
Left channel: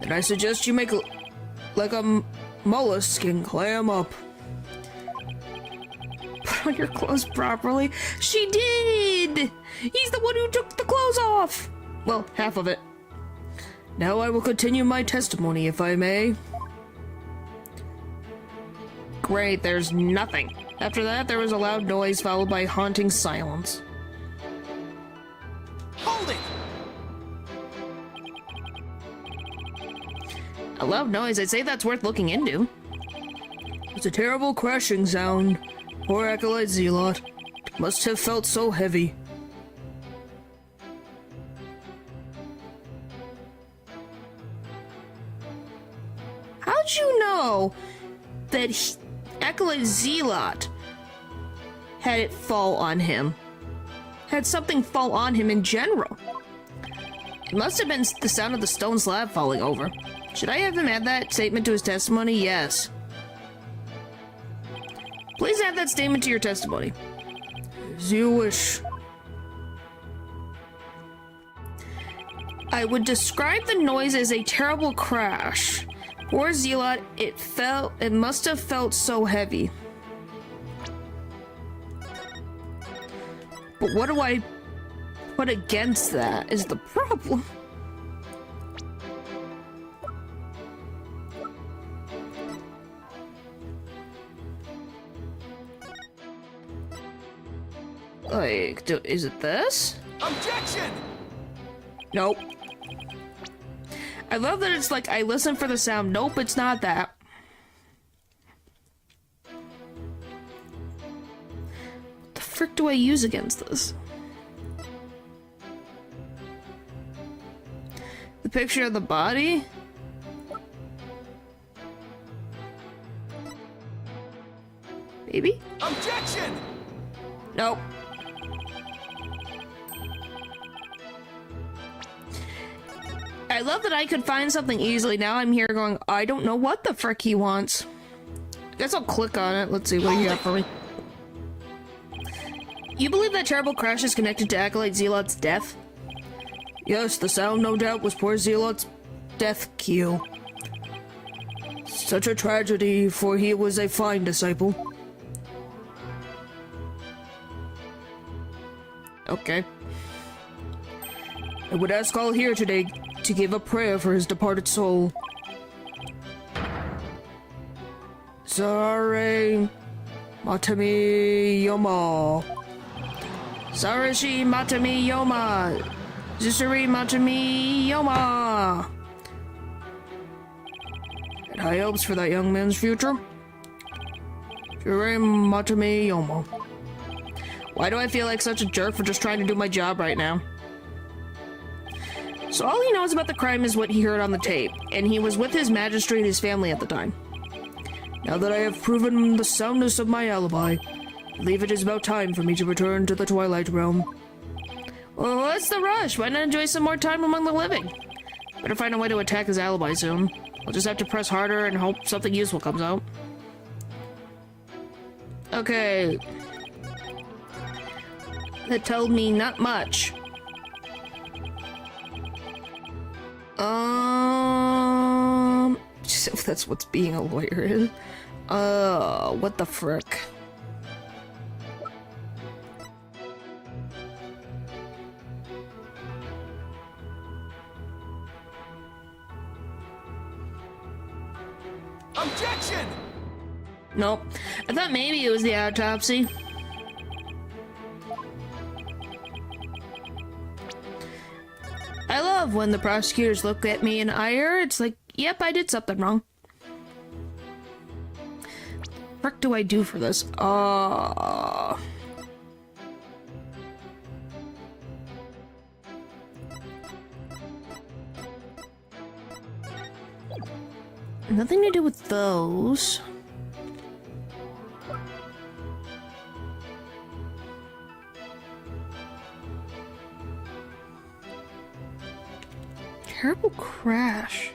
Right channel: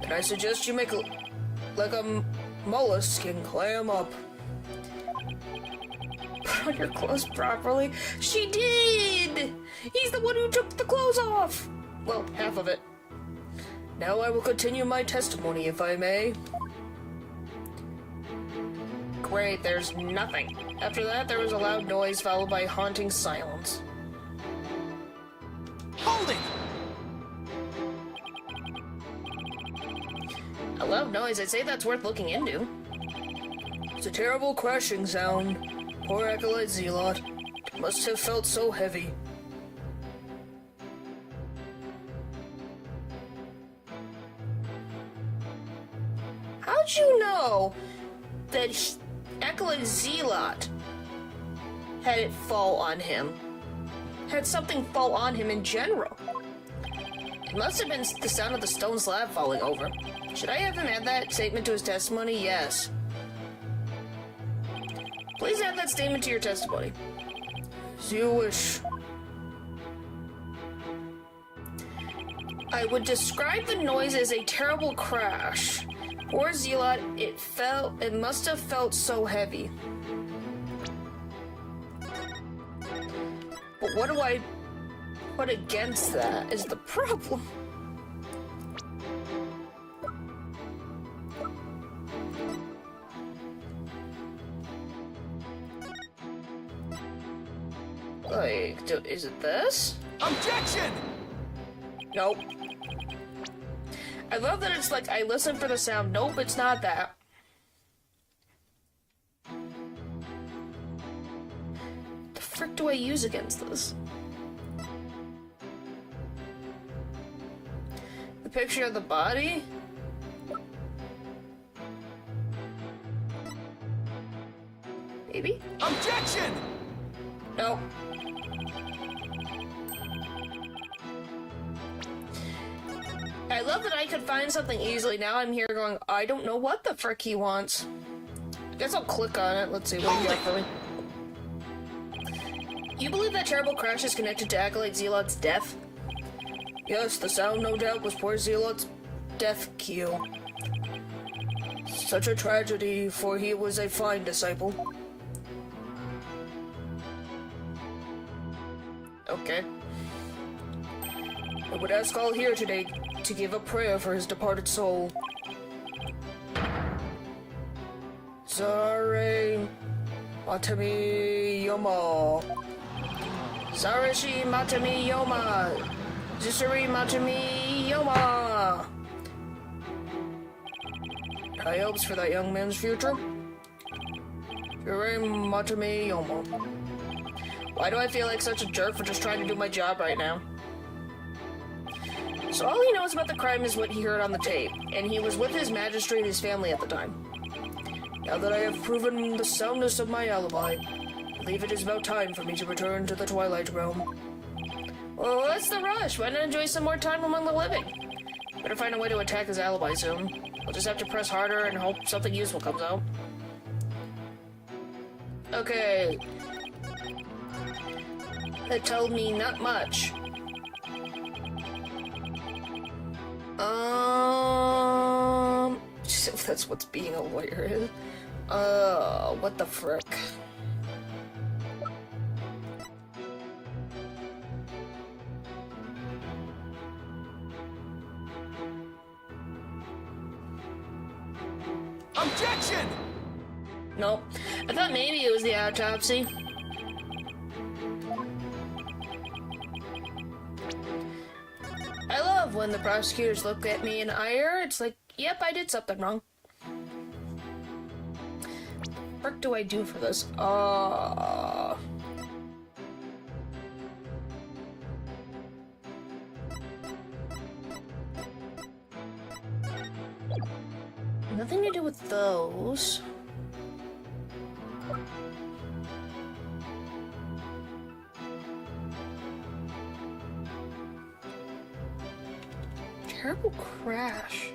Then I suggest you make like a mollusk and clam up. Put on your clothes properly. She did! He's the one who took the clothes off! Well, half of it. Now I will continue my testimony, if I may. Great, there's nothing. After that, there was a loud noise followed by haunting silence. Hold it! A loud noise, I'd say that's worth looking into. It's a terrible crashing sound. Poor Acolyte Zealot. Must have felt so heavy. How'd you know that Acolyte Zealot had it fall on him? Had something fall on him in general? It must have been the sound of the stone slab falling over. Should I have him add that statement to his testimony? Yes. Please add that statement to your testimony. As you wish. I would describe the noise as a terrible crash. Poor Zealot, it must have felt so heavy. But what do I put against that is the problem. Like, is it this? Objection! Nope. I love that it's like, I listen for the sound. Nope, it's not that. The frick do I use against this? The picture of the body? Maybe? Objection! Nope. I love that I could find something easily. Now I'm here going, I don't know what the frick he wants. I guess I'll click on it. Let's see what you got for me. You believe that terrible crash is connected to Acolyte Zealot's death? Yes, the sound no doubt was poor Zealot's death cue. Such a tragedy, for he was a fine disciple. Okay. I would ask all here today to give a prayer for his departed soul. Sare Matami Yoma. Sarashi Matami Yoma. Zisari Matami Yoma! And high hopes for that young man's future? Matame Yoma. Why do I feel like such a jerk for just trying to do my job right now? So all he knows about the crime is what he heard on the tape, and he was with his magistrate and his family at the time. Now that I have proven the soundness of my alibi, I believe it is about time for me to return to the Twilight Realm. Well, what's the rush? Why not enjoy some more time among the living? Better find a way to attack his alibi soon. We'll just have to press harder and hope something useful comes out. Okay. That told me not much. That's what's being a lawyer is. What the frick? Objection! Nope. I thought maybe it was the autopsy. I love when the prosecutors look at me in ire. It's like, yep, I did something wrong. What do I do for this? Nothing to do with those. Terrible crash.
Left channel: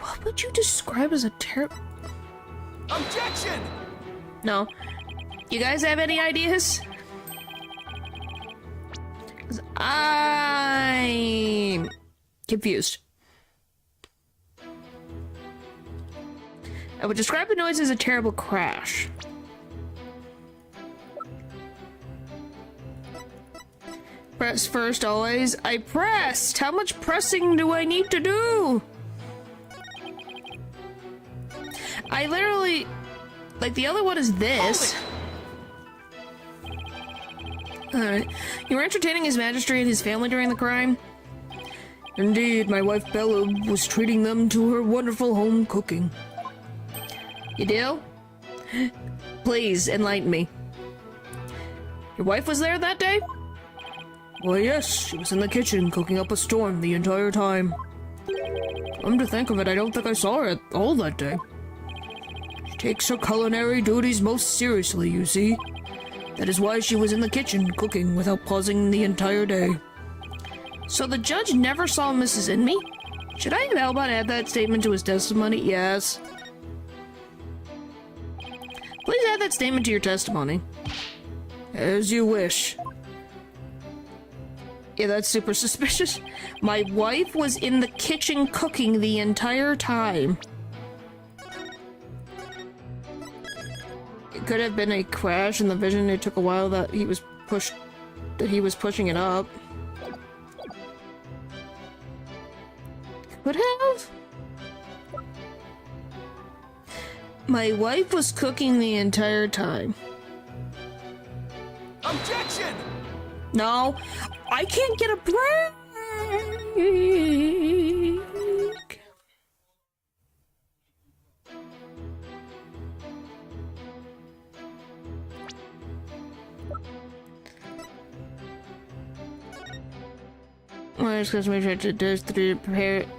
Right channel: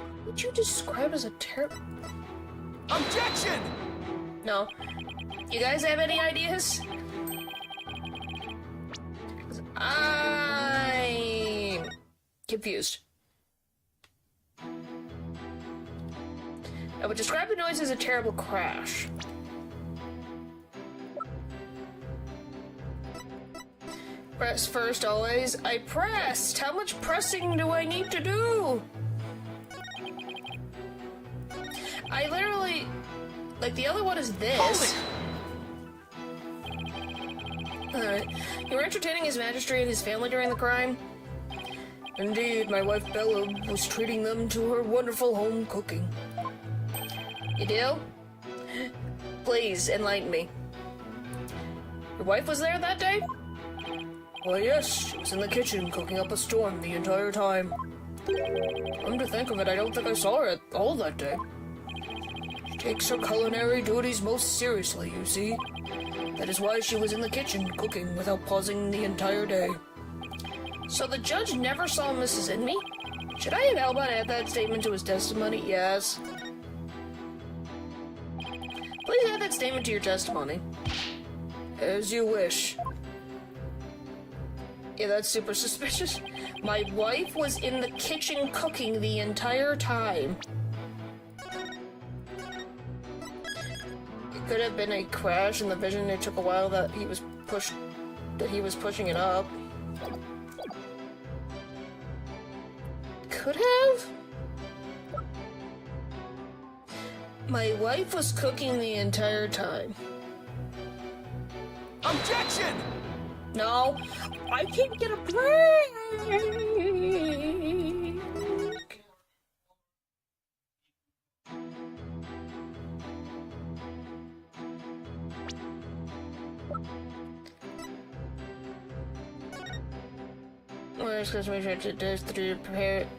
What would you describe as a terrible... Objection! No. You guys have any ideas? 'Cause I'm confused. I would describe the noise as a terrible crash. Press first always. I pressed! How much pressing do I need to do? I literally... Like, the other one is this. Alright. You were entertaining his magistrate and his family during the crime? Indeed, my wife Bella was treating them to her wonderful home cooking. You do? Please, enlighten me. Your wife was there that day? Well, yes, she was in the kitchen cooking up a storm the entire time. Come to think of it, I don't think I saw her at all that day. She takes her culinary duties most seriously, you see. That is why she was in the kitchen cooking without pausing the entire day. So the judge never saw Mrs. Inmee? Should I have Albert add that statement to his testimony? Yes. Please add that statement to your testimony. As you wish. Yeah, that's super suspicious. My wife was in the kitchen cooking the entire time. It could have been a crash in the vision. It took a while that he was pushing it up. Could have? My wife was cooking the entire time. Objection! No, I can't get a break.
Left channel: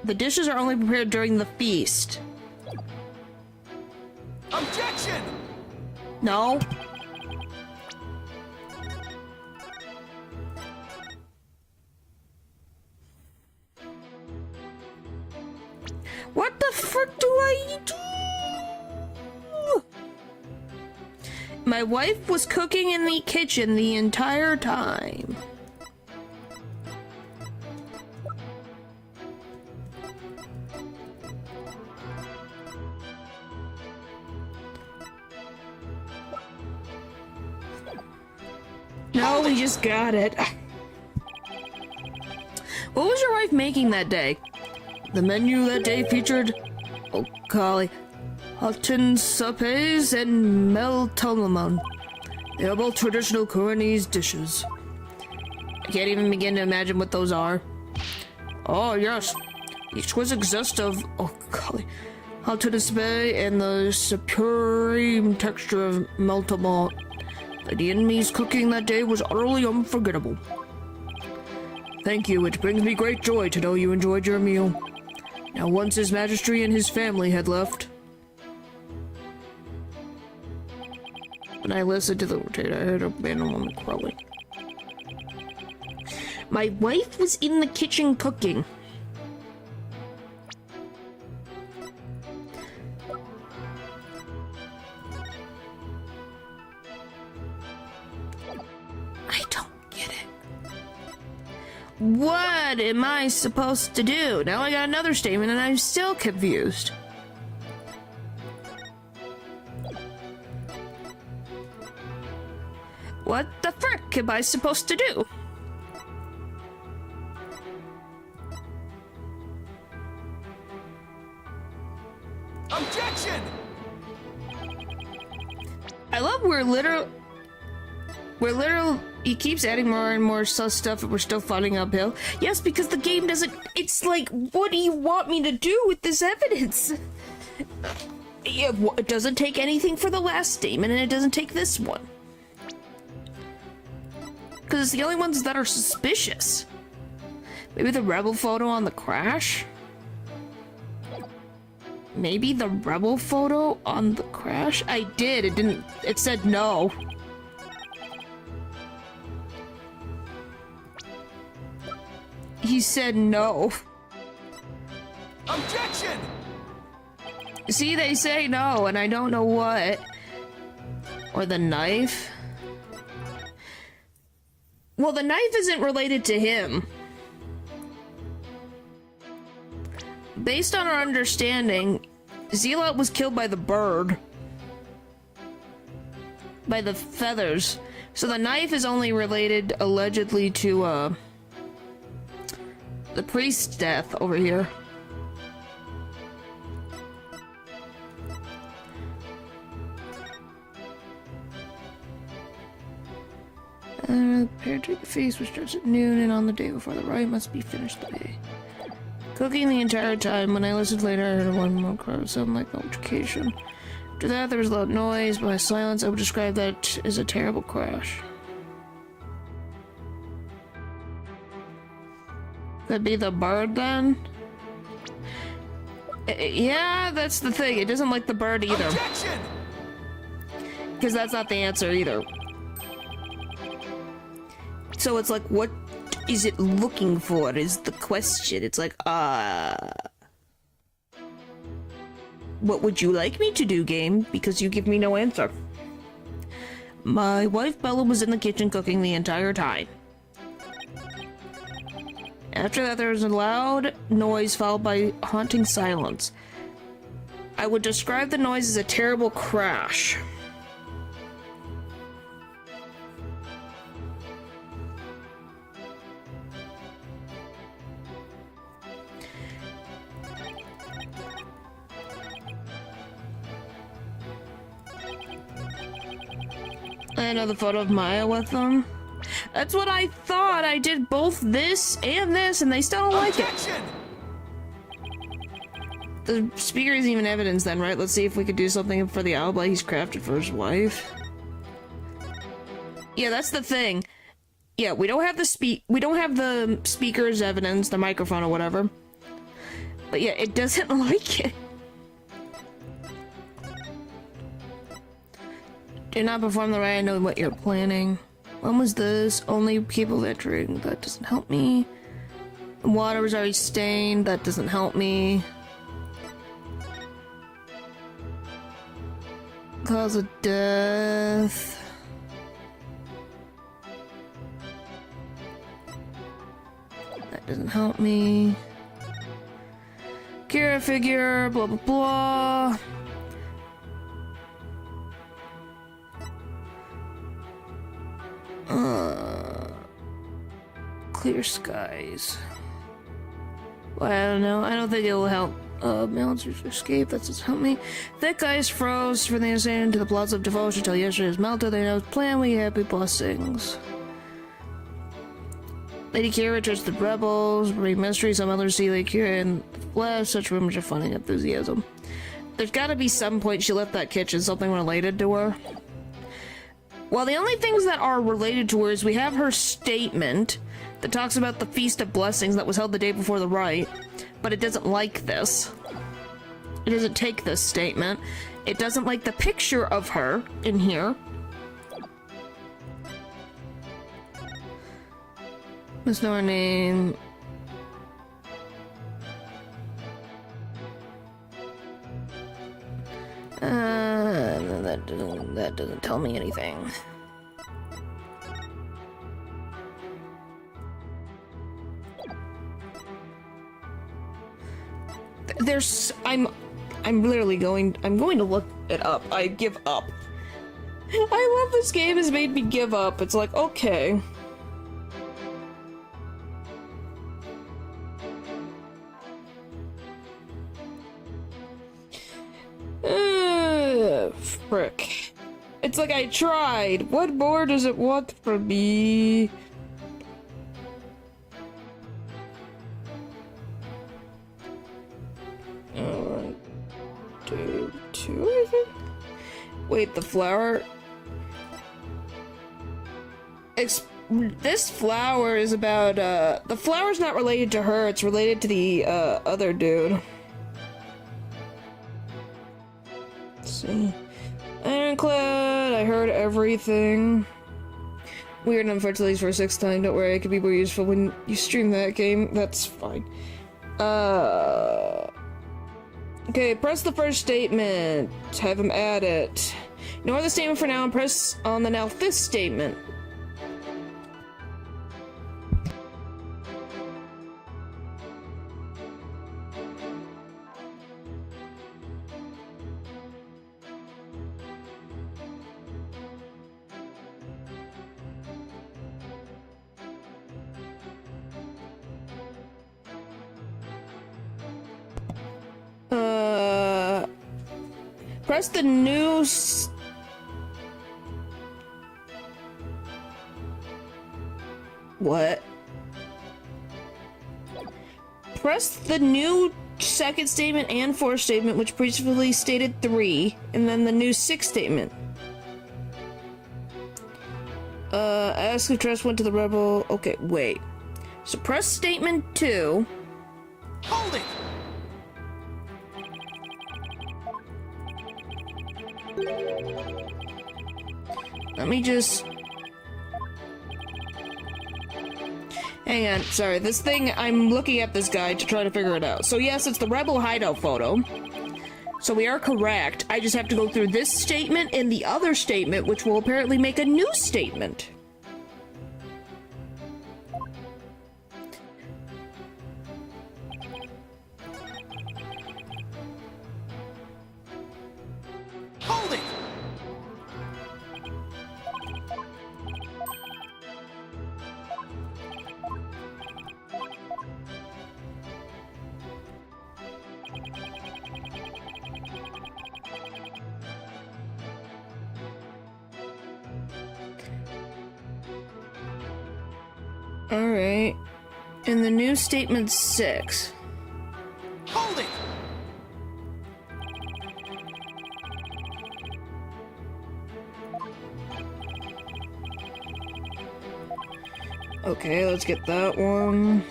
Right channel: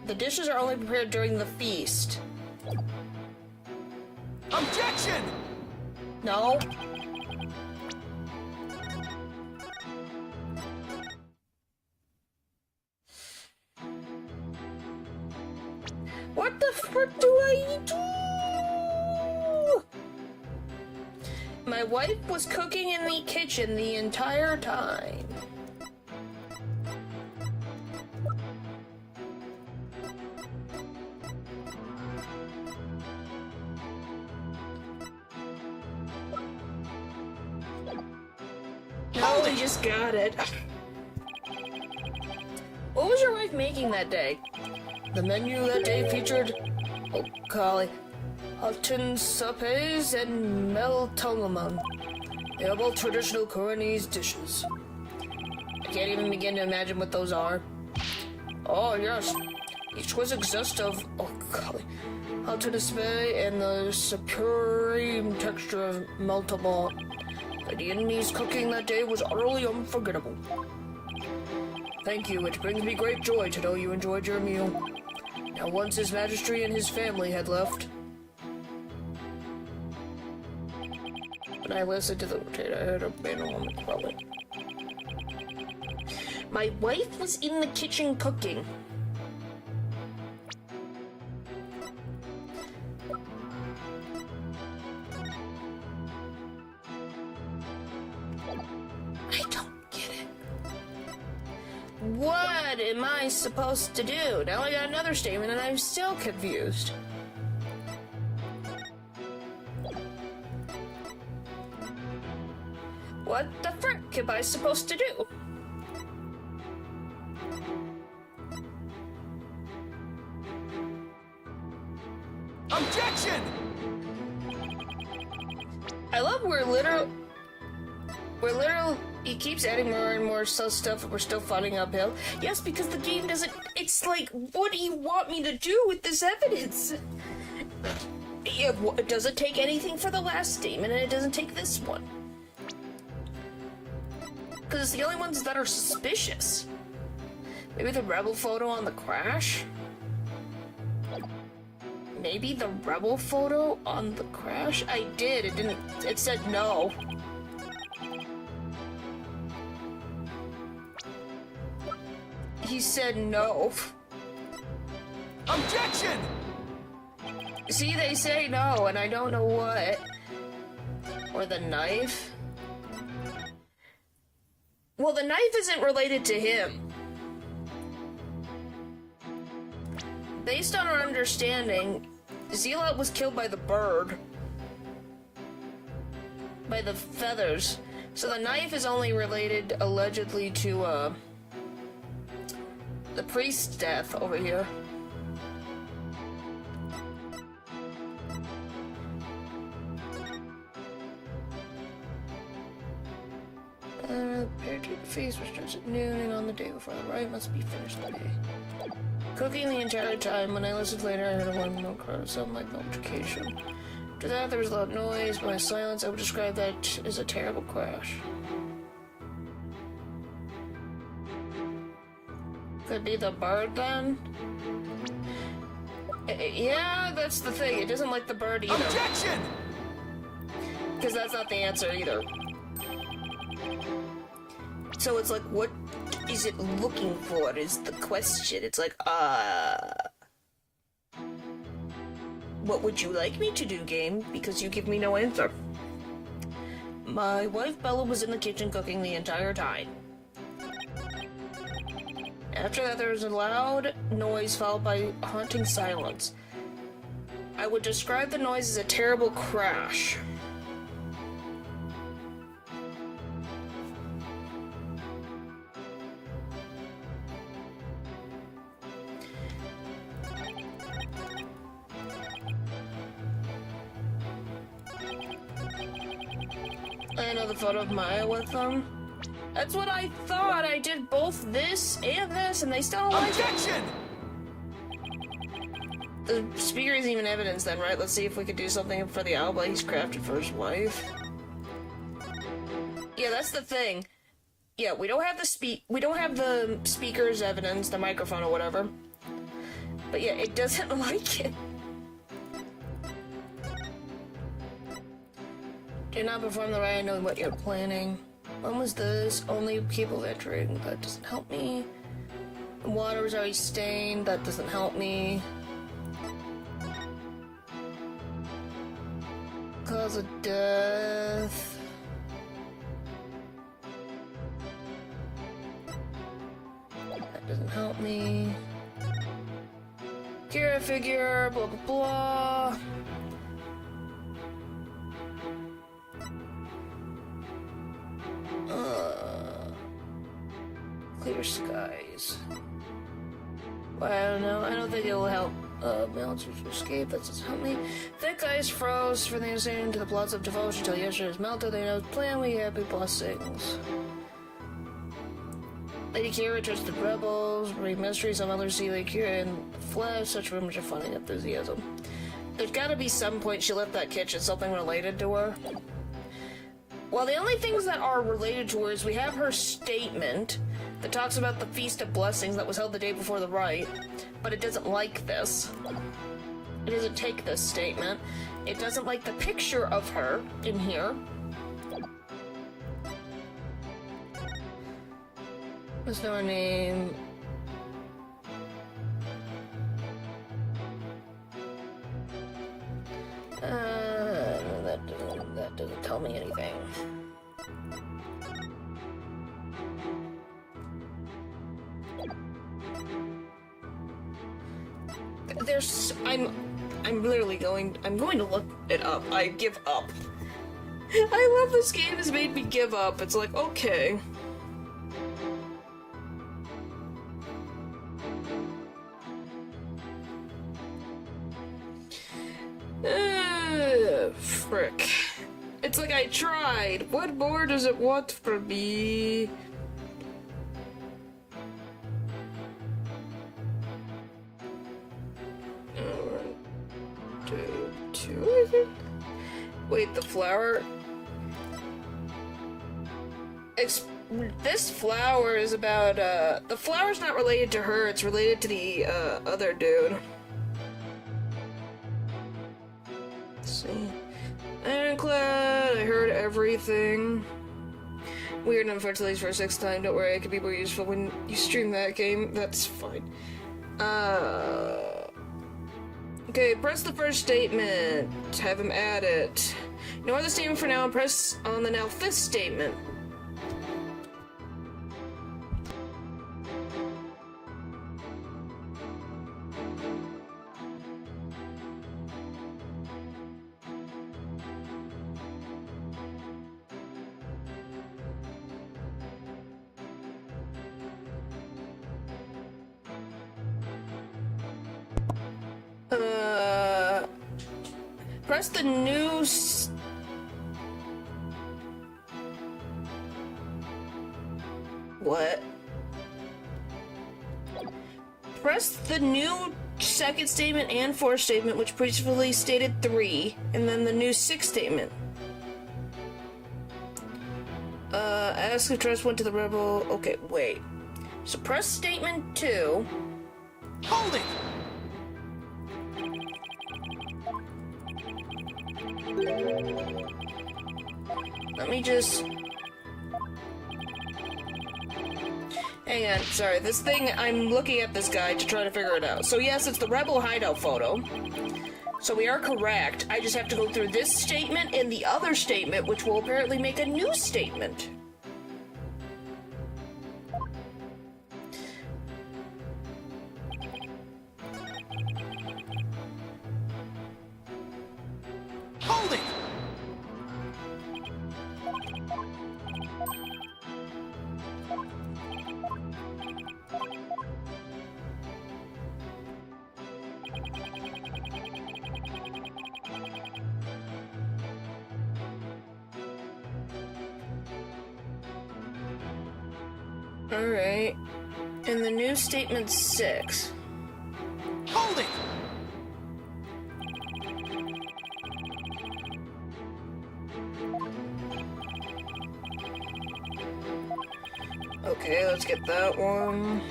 The dishes are only prepared during the feast. Objection! No. What the frick do I do? My wife was cooking in the kitchen the entire time. No, we just got it. What was your wife making that day? The menu that day featured... Oh, golly. Hutton supes and meltolomon. They are both traditional Koreanese dishes. I can't even begin to imagine what those are. Oh yes, the exquisite zest of Hutton soup and the supreme texture of meltolomon. The Vietnamese cooking that day was utterly unforgettable. Thank you, it brings me great joy to know you enjoyed your meal. Now once His Majesty and his family had left, when I listened to the rotator, I heard a random woman crowing. My wife was in the kitchen cooking. I don't get it. What am I supposed to do? Now I got another statement and I'm still confused. What the frick am I supposed to do? Objection! I love we're literal. He keeps adding more and more sus stuff and we're still fighting uphill. Yes, because the game doesn't. It's like, what do you want me to do with this evidence? It doesn't take anything for the last statement and it doesn't take this one. Because it's the only ones that are suspicious. Maybe the rebel photo on the crash? Maybe the rebel photo on the crash? I did, it didn't, it said no. He said no. Objection! See, they say no, and I don't know what. Or the knife? Well, the knife isn't related to him. Based on our understanding, Zealot was killed by the bird. By the feathers. So the knife is only related, allegedly, to, the priest's death over here. Prepare to take the feast, which starts at noon, and on the day before the rite must be finished today. Cooking the entire time. When I listened later, I heard one more cry, something like notification. After that, there was loud noise. By silence, I would describe that as a terrible crash. Could be the bird then? Yeah, that's the thing. It doesn't like the bird either. Objection! Because that's not the answer either. So it's like, what is it looking for is the question. It's like, what would you like me to do, game? Because you give me no answer. My wife Bella was in the kitchen cooking the entire time. After that, there was a loud noise followed by haunting silence. I would describe the noise as a terrible crash. Another photo of Maya with them. That's what I thought. I did both this, and they still don't like it. Objection! The speaker isn't even evidence then, right? Let's see if we could do something for the alibi he's crafted for his wife. Yeah, that's the thing. Yeah, we don't have the speaker's evidence, the microphone or whatever. But yeah, it doesn't like it. Did not perform the right. I know what you're planning. When was this? Only people entering. That doesn't help me. Water was already stained. That doesn't help me. Cause of death. That doesn't help me. Kira figure. Blah blah blah. Clear skies. Well, I don't know. I don't think it will help Military escape, that doesn't help me. Thick ice froze for the insane to the plots of devotion till yesterday is melted. They know plan, we happy blessings. Lady Kira trusted rebels, read mysteries, some others see Lady Kira in the flesh, such rumors are finding enthusiasm. There's gotta be some point she left that kitchen, something related to her. Well, the only things that are related to her is we have her statement that talks about the Feast of Blessings that was held the day before the rite, but it doesn't like this. It doesn't take this statement. It doesn't like the picture of her in here. There's no name. That doesn't tell me anything. I'm literally going to look it up. I give up. I love this game has made me give up. It's like, okay. Frick. It's like I tried. What more does it want from me? Alright. Day 2, I think? Wait, the flower? This flower is about, the flower's not related to her, it's related to the, other dude. Let's see. Ironclad, I heard everything. Weird, unfortunately, for a 6th time. Don't worry, it could be more useful when you stream that game. That's fine. Okay, press the first statement. Have him add it. Ignore the statement for now and press on the now 5th statement. Press the new What? Press the new 2nd statement and 4th statement, which previously stated 3, and then the new 6th statement. Ask if trust went to the rebel. Okay, wait. So press statement 2. Hold it! Let me just... Hang on, sorry, this thing, I'm looking at this guide to try to figure it out. So yes, it's the rebel hideout photo. So we are correct. I just have to go through this statement and the other statement, which will apparently make a new statement. Hold it! Alright. And the new statement 6. Hold it! Okay, let's get that one.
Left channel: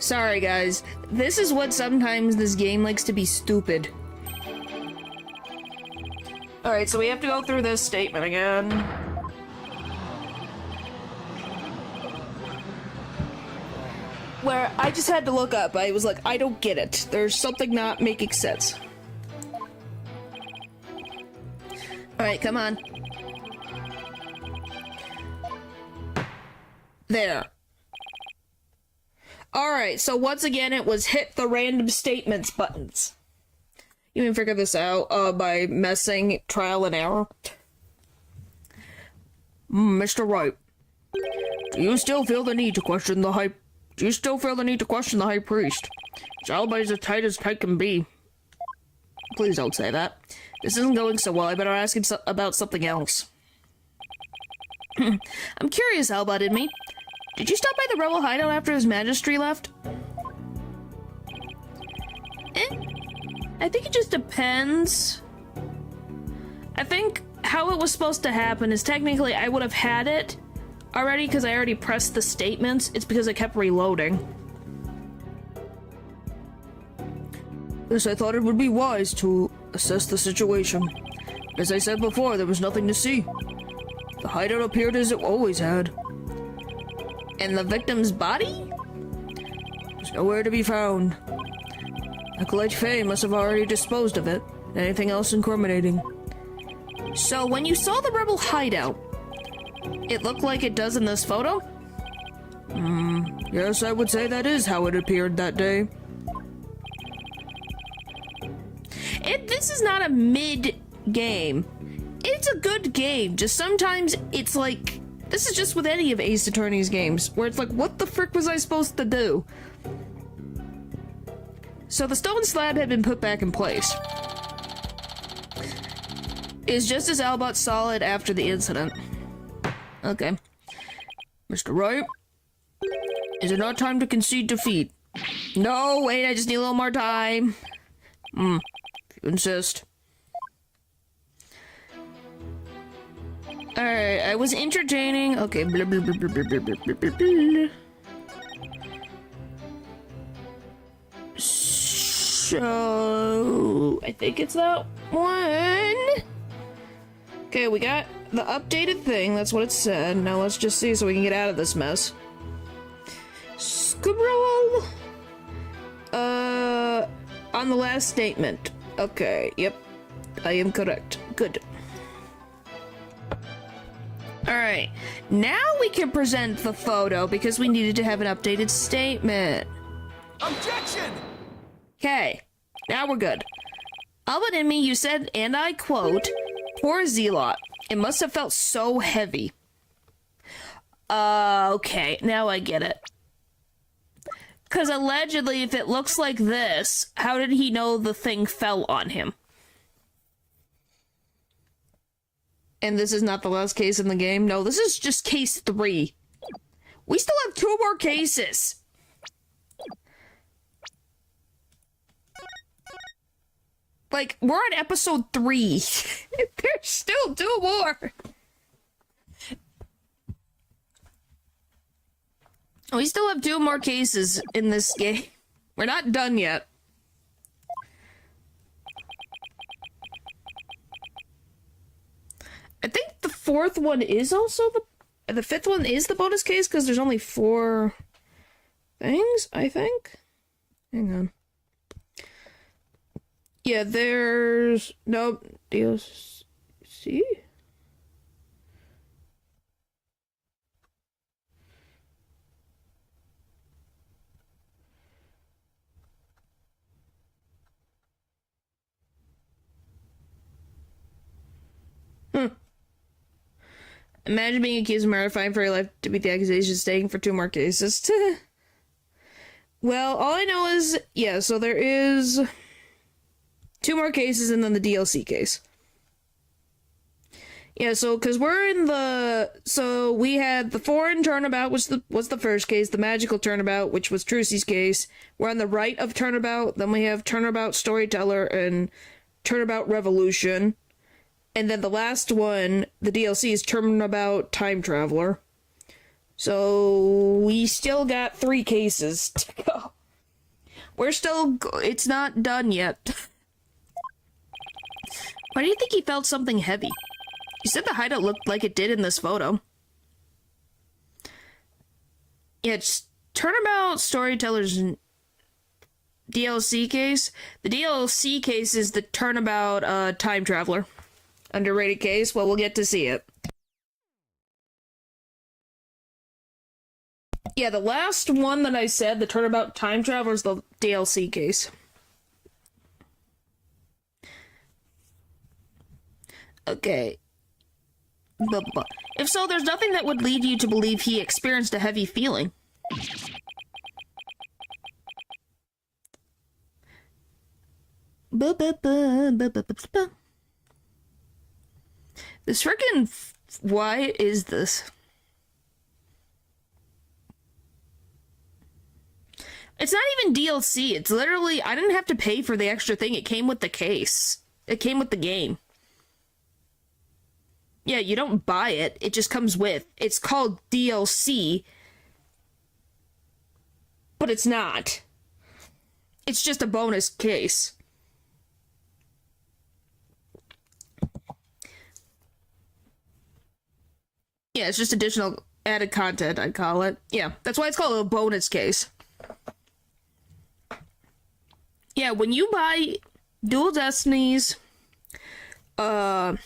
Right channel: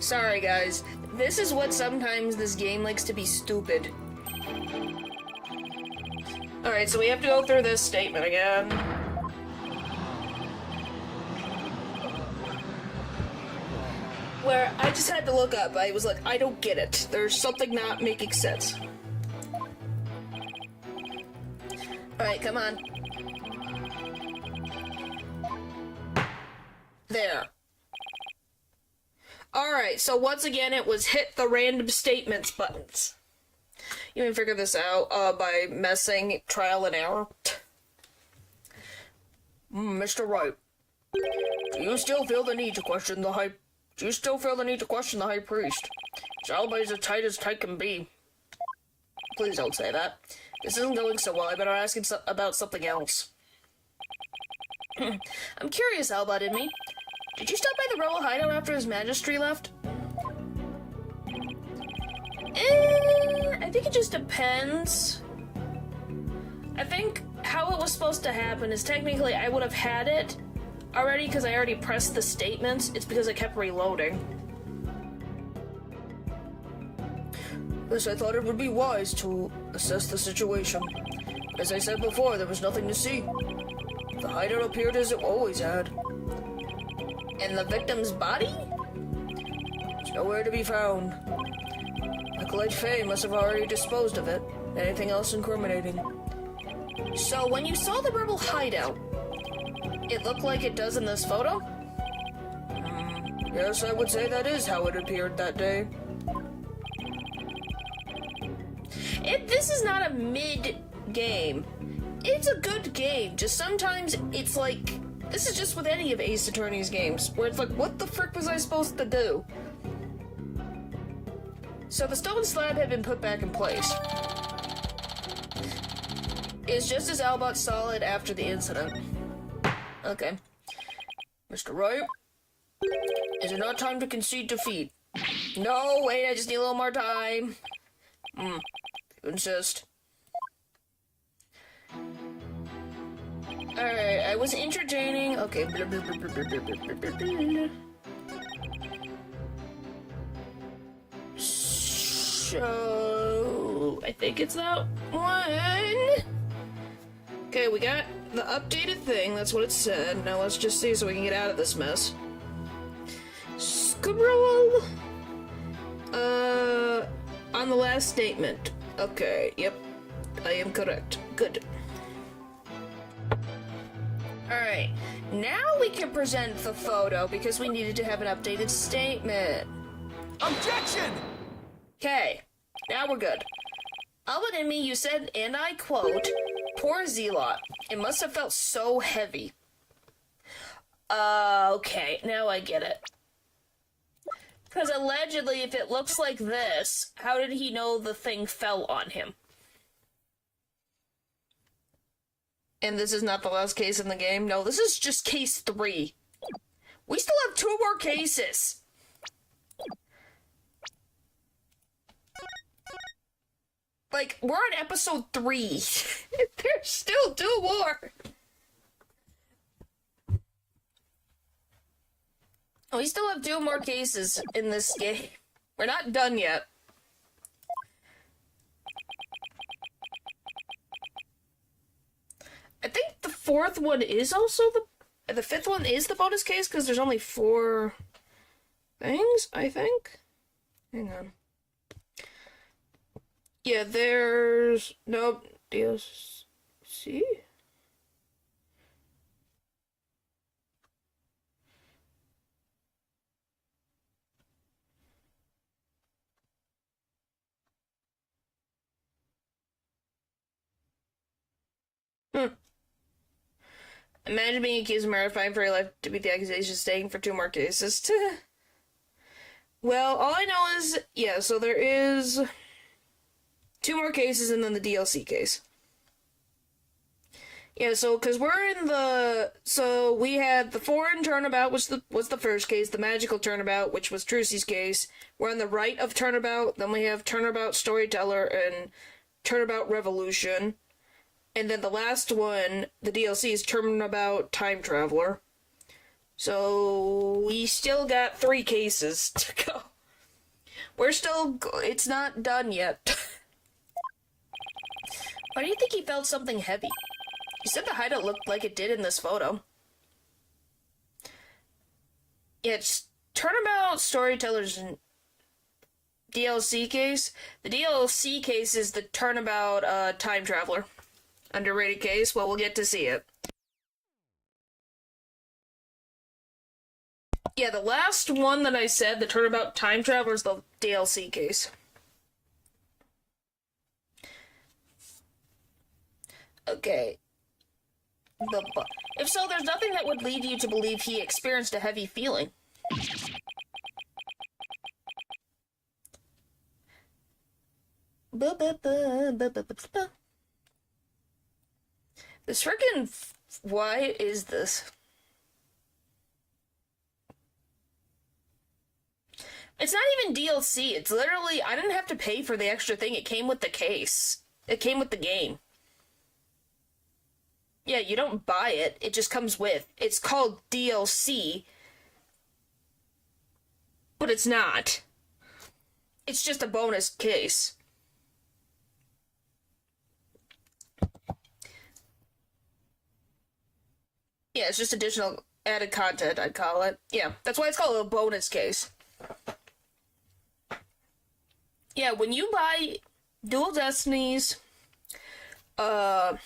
Sorry guys, this is what sometimes this game likes to be stupid. Alright, so we have to go through this statement again. Where I just had to look up, I was like, I don't get it. There's something not making sense. Alright, come on. There. Alright, so once again, it was hit the random statements buttons. You can figure this out by messing trial and error. Mr. Wright, do you still feel the need to question the Do you still feel the need to question the high priest? His alibi is as tight can be. Please don't say that. This isn't going so well. I better ask him about something else. I'm curious, Albot and me. Did you stop by the rebel hideout after his majesty left? I think it just depends. I think how it was supposed to happen is technically I would have had it already because I already pressed the statements. It's because I kept reloading. Yes, I thought it would be wise to assess the situation. As I said before, there was nothing to see. The hideout appeared as it always had. And the victim's body? It's nowhere to be found. Acolyte Faye must have already disposed of it. Anything else incriminating? So, when you saw the rebel hideout, it looked like it does in this photo? Yes, I would say that is how it appeared that day. This is not a mid-game. It's a good game, just sometimes it's like... This is just with any of Ace Attorney's games, where it's like, what the frick was I supposed to do? So the stone slab had been put back in place. Is just as Albot saw it after the incident. Okay. Mr. Wright? Is it not time to concede defeat? No, wait, I just need a little more time. If you insist. Alright, I was entertaining. Okay, blah, blah, blah, blah, blah, blah, blah, blah, blah. So, I think it's that one. Okay, we got the updated thing. That's what it said. Now let's just see so we can get out of this mess. Scroll. On the last statement. Okay, yep. I am correct. Good. Alright, now we can present the photo because we needed to have an updated statement. Objection! Okay, now we're good. Albert and me, you said, and I quote, "Poor Zealot. It must have felt so heavy." Okay, now I get it. Because allegedly, if it looks like this, how did he know the thing fell on him? And this is not the last case in the game? No, this is just case 3. We still have 2 more cases! Like, we're on episode 3. There's still 2 more! We still have 2 more cases in this game. We're not done yet. I think the 4th one is also the 5th one is the bonus case because there's only 4 things, I think. Hang on. Yeah, there's no DLC. Imagine being accused of murder, fined for your life to beat the accusation, staying for 2 more cases. Well, all I know is, yeah, so there is 2 more cases and then the DLC case. Yeah, so, because we're in the... So, we had the foreign turnabout was the first case, the magical turnabout, which was Trucy's case. We're on the right of turnabout, then we have turnabout storyteller and turnabout revolution. And then the last one, the DLC, is Turnabout Time Traveler. So, we still got 3 cases to go. We're still... It's not done yet. Why do you think he felt something heavy? You said the hideout looked like it did in this photo. Yeah, it's Turnabout Storyteller's DLC case. The DLC case is the Turnabout Time Traveler. Underrated case? Well, we'll get to see it. Yeah, the last one that I said, the Turnabout Time Traveler, is the DLC case. Okay. If so, there's nothing that would lead you to believe he experienced a heavy feeling. This freaking... Why is this? It's not even DLC. It's literally... I didn't have to pay for the extra thing. It came with the case. It came with the game. Yeah, you don't buy it. It just comes with. It's called DLC. But it's not. It's just a bonus case. Yeah, it's just additional added content, I'd call it. Yeah, that's why it's called a bonus case. Yeah, when you buy Dual Destinies, okay,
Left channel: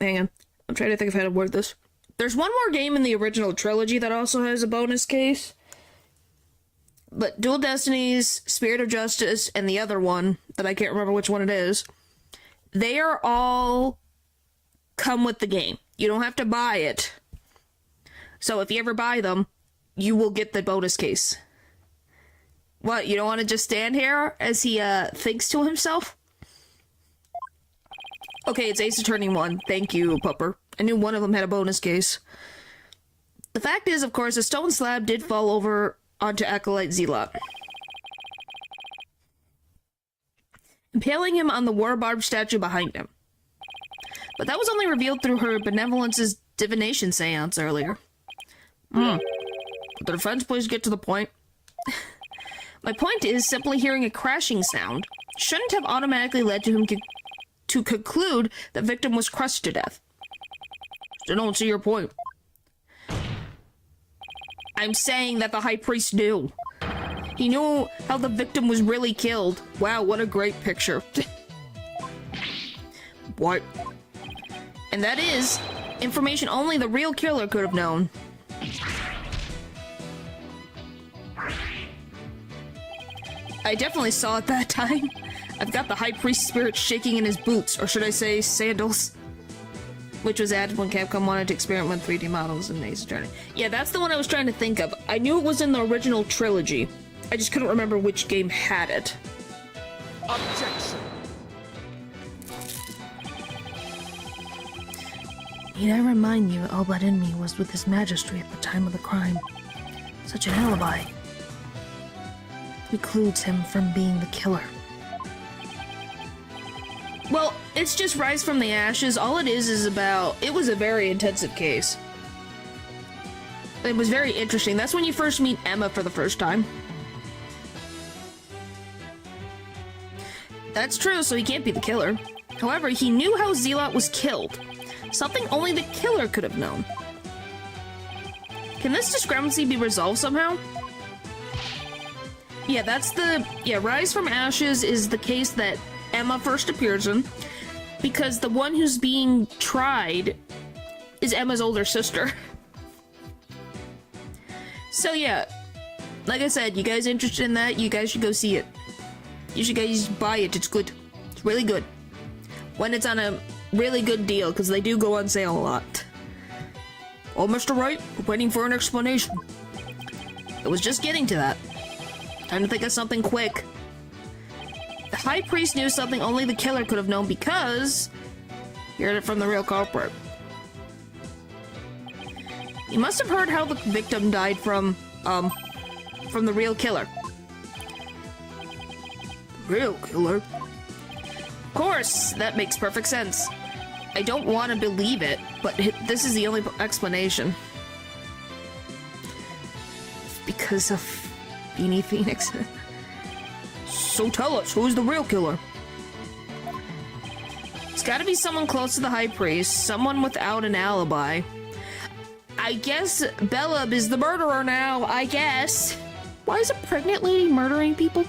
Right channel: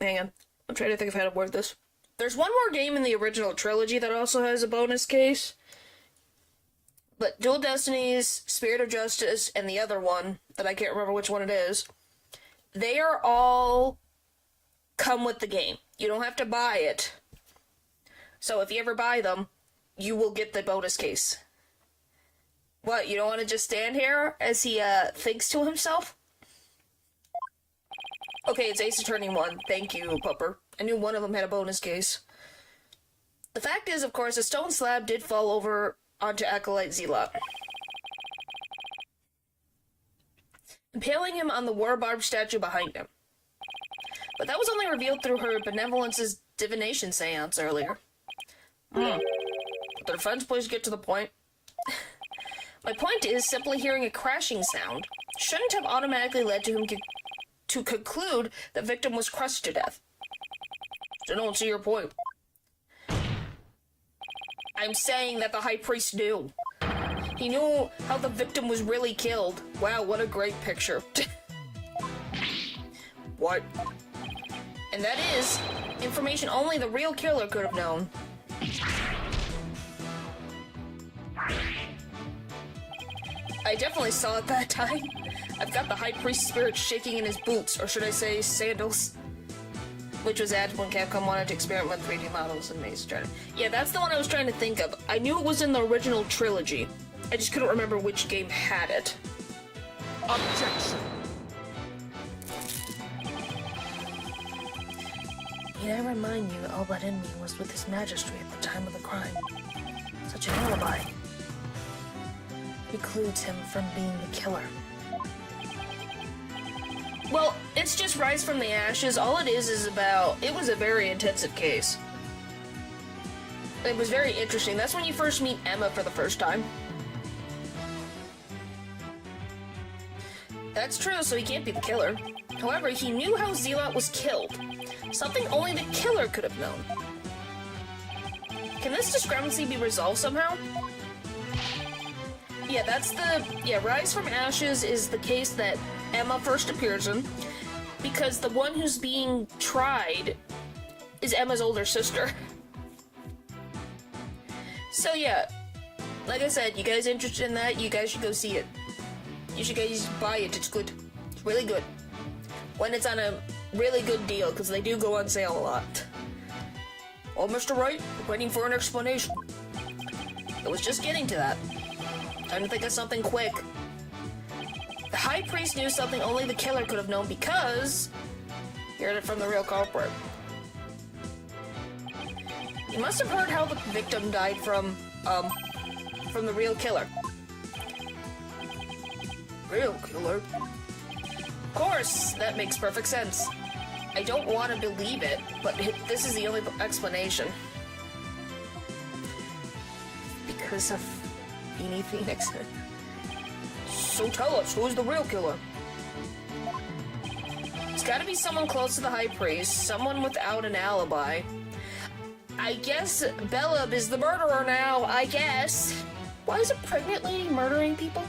hang on. I'm trying to think of how to word this. There's one more game in the original trilogy that also has a bonus case. But Dual Destinies, Spirit of Justice, and the other one, that I can't remember which one it is, they are all come with the game. You don't have to buy it. So if you ever buy them, you will get the bonus case. What, you don't want to just stand here as he thinks to himself? Okay, it's Ace Attorney 1. Thank you, Pupper. I knew one of them had a bonus case. The fact is, of course, a stone slab did fall over onto Acolyte Zealot, impaling him on the war barb statue behind him. But that was only revealed through her benevolence's divination seance earlier. The defense, please get to the point. My point is, simply hearing a crashing sound shouldn't have automatically led to him to conclude the victim was crushed to death. I don't see your point. I'm saying that the High Priest knew. He knew how the victim was really killed. Wow, what a great picture. What? And that is information only the real killer could have known. I definitely saw it that time. I've got the High Priest spirit shaking in his boots, or should I say sandals, which was added when Capcom wanted to experiment with 3D models in Ace Attorney. Yeah, that's the one I was trying to think of. I knew it was in the original trilogy. I just couldn't remember which game had it. Objection. Need I remind you, all but in me was with his majesty at the time of the crime. Such an alibi precludes him from being the killer. Well, it's just Rise from the Ashes. All it is about... It was a very intensive case. It was very interesting. That's when you first meet Emma for the first time. That's true, so he can't be the killer. However, he knew how Zealot was killed. Something only the killer could have known. Can this discrepancy be resolved somehow? Yeah, that's the... Yeah, Rise from Ashes is the case that Emma first appears in, because the one who's being tried is Emma's older sister. So yeah, like I said, you guys interested in that, you guys should go see it. You should guys buy it, it's good. It's really good. When it's on a really good deal, because they do go on sale a lot. Oh, Mr. Wright, waiting for an explanation. I was just getting to that. Time to think of something quick. The High Priest knew something only the killer could have known because... he heard it from the real culprit. He must have heard how the victim died from the real killer. Real killer? Of course, that makes perfect sense. I don't want to believe it, but this is the only explanation. Because of Beanie Phoenix. So tell us, who's the real killer? It's gotta be someone close to the High Priest, someone without an alibi. I guess Belub is the murderer now, I guess. Why is a pregnant lady murdering people?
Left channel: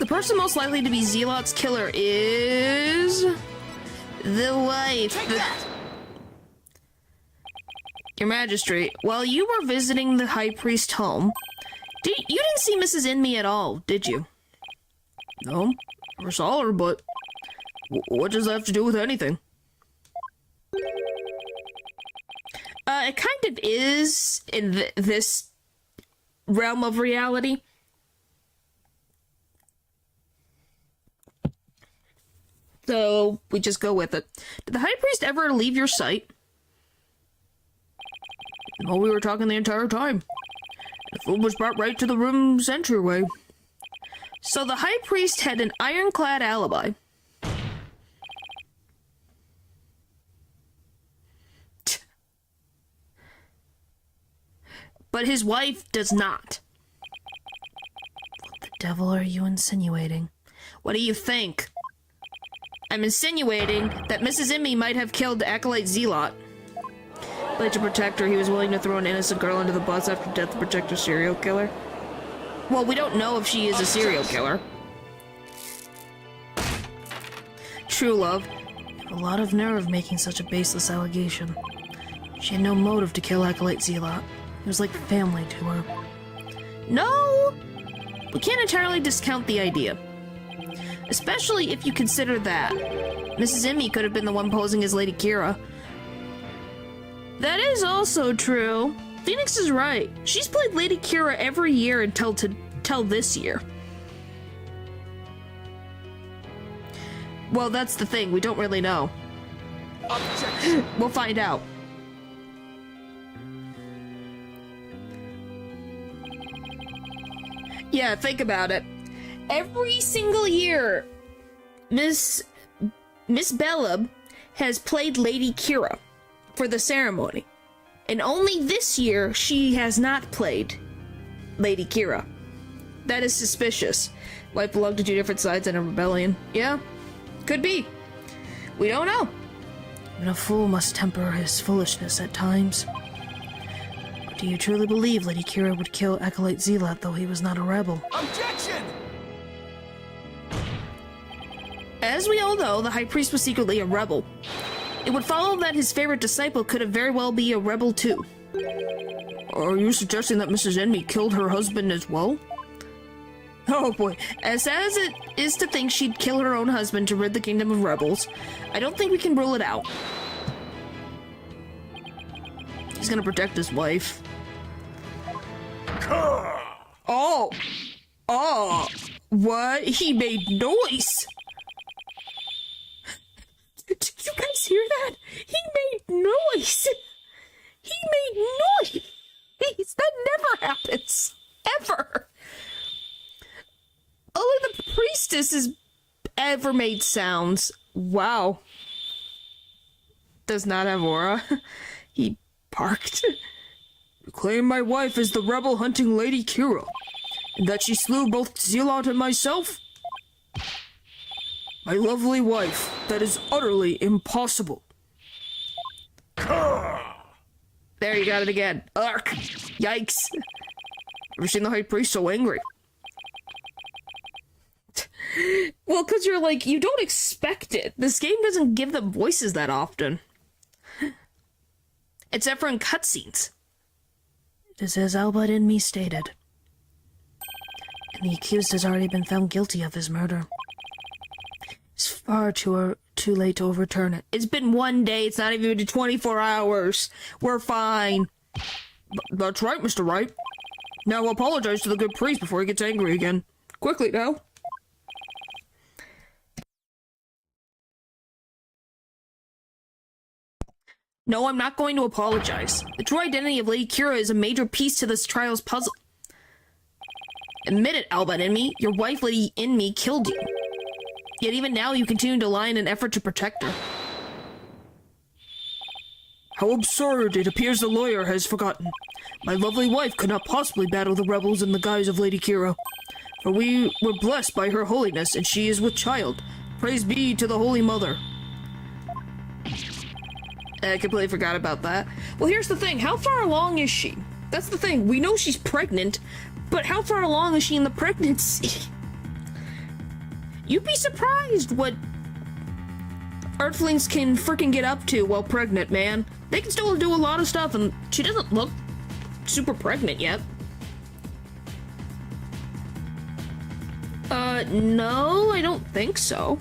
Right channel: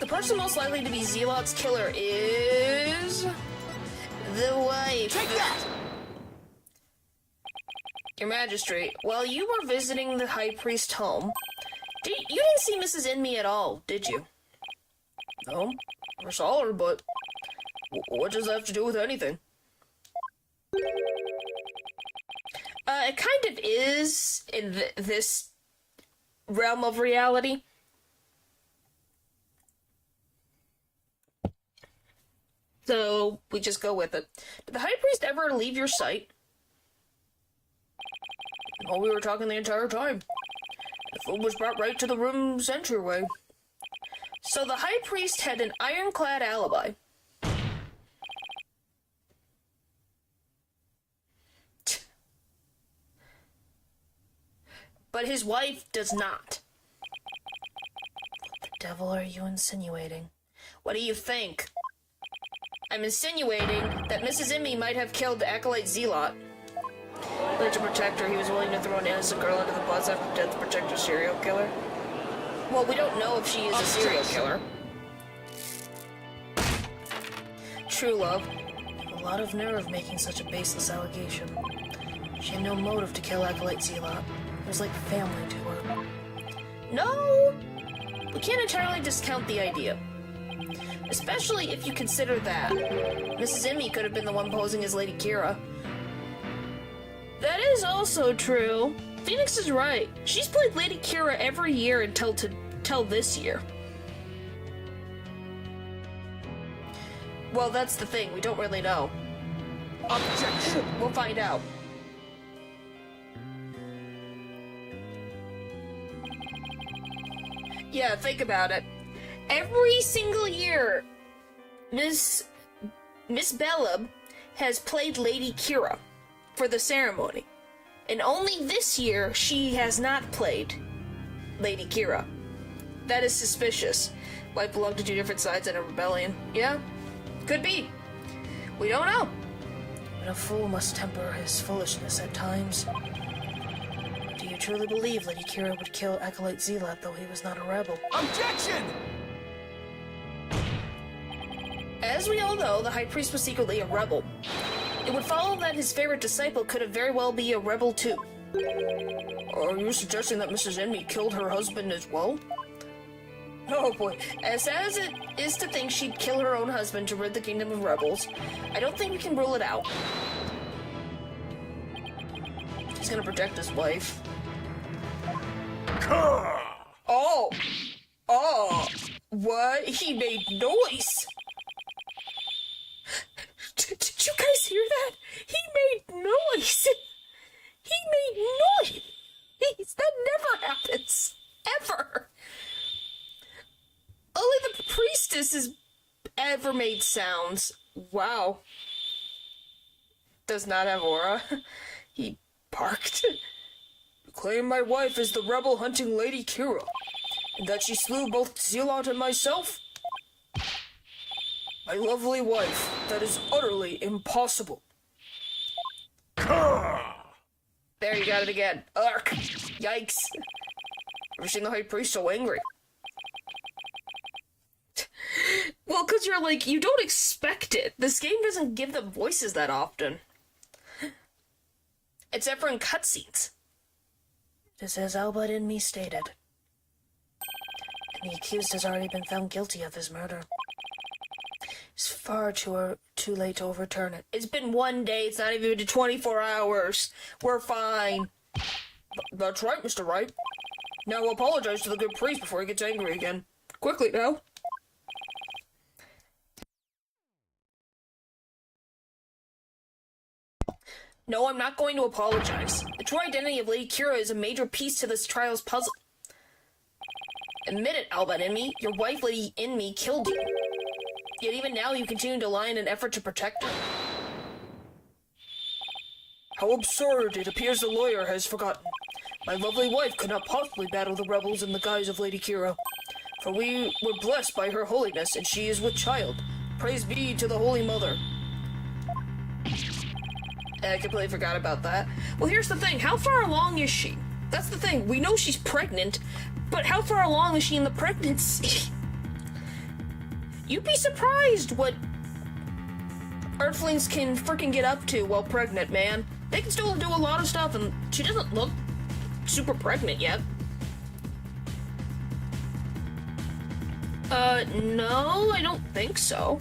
The person most likely to be Zealot's killer is... the wife. Take that! Your Majesty, while you were visiting the High Priest home, you didn't see Mrs. Inme at all, did you? No, I saw her, but what does that have to do with anything? It kind of is in this realm of reality. So we just go with it. Did the high priest ever leave your sight? No, we were talking the entire time. The food was brought right to the room's entryway. So the high priest had an ironclad alibi. But his wife does not. What the devil are you insinuating? What do you think? I'm insinuating that Mrs. Immy might have killed the Acolyte Zealot. But to protect her, he was willing to throw an innocent girl under the bus after death to protect a serial killer. Well, we don't know if she is a serial killer. True love. A lot of nerve making such a baseless allegation. She had no motive to kill Acolyte Zealot. It was like family to her. No! We can't entirely discount the idea. Especially if you consider that Mrs. Immy could have been the one posing as Lady Kira. That is also true. Phoenix is right. She's played Lady Kira every year until this year. Well, that's the thing. We don't really know. Objection. We'll find out. Yeah, think about it. Every single year, Miss Bellab has played Lady Kira for the ceremony. And only this year, she has not played Lady Kira. That is suspicious. Might belong to two different sides in a rebellion. Yeah, could be. We don't know. And a fool must temper his foolishness at times. Do you truly believe Lady Kira would kill Acolyte Zealot, though he was not a rebel? Objection! As we all know, the High Priest was secretly a rebel. It would follow that his favorite disciple could have very well be a rebel too. Are you suggesting that Mrs. Enmy killed her husband as well? Oh boy, as sad as it is to think she'd kill her own husband to rid the kingdom of rebels, I don't think we can rule it out. He's gonna protect his wife. Oh! Oh! What? He made noise! Did you guys hear that? He made noise! He made noise! That never happens! Ever! Only the priestess has ever made sounds. Wow. Does not have aura. He barked. You claim my wife is the rebel hunting Lady Kira, and that she slew both Zealot and myself? My lovely wife, that is utterly impossible. There, you got it again. Ark! Yikes. Never seen the High Priest so angry. Well, because you're like, you don't expect it. This game doesn't give them voices that often. Except for in cutscenes. It is as Albert in me stated. And the accused has already been found guilty of his murder. It's far too late to overturn it. It's been 1 day, it's not even been 24 hours. We're fine. That's right, Mr. Wright. Now apologize to the good priest before he gets angry again. Quickly now. No, I'm not going to apologize. The true identity of Lady Kira is a major piece to this trial's puzzle. Admit it, Albert Enmy. Your wife, Lady Enmy, killed you. Yet even now you continue to lie in an effort to protect her. How absurd. It appears the lawyer has forgotten. My lovely wife could not possibly battle the rebels in the guise of Lady Kira. For we were blessed by her holiness, and she is with child. Praise be to the Holy Mother. I completely forgot about that. Well, here's the thing. How far along is she? That's the thing. We know she's pregnant, but how far along is she in the pregnancy? You'd be surprised what Earthlings can freaking get up to while pregnant, man. They can still do a lot of stuff, and she doesn't look super pregnant yet. No, I don't think so.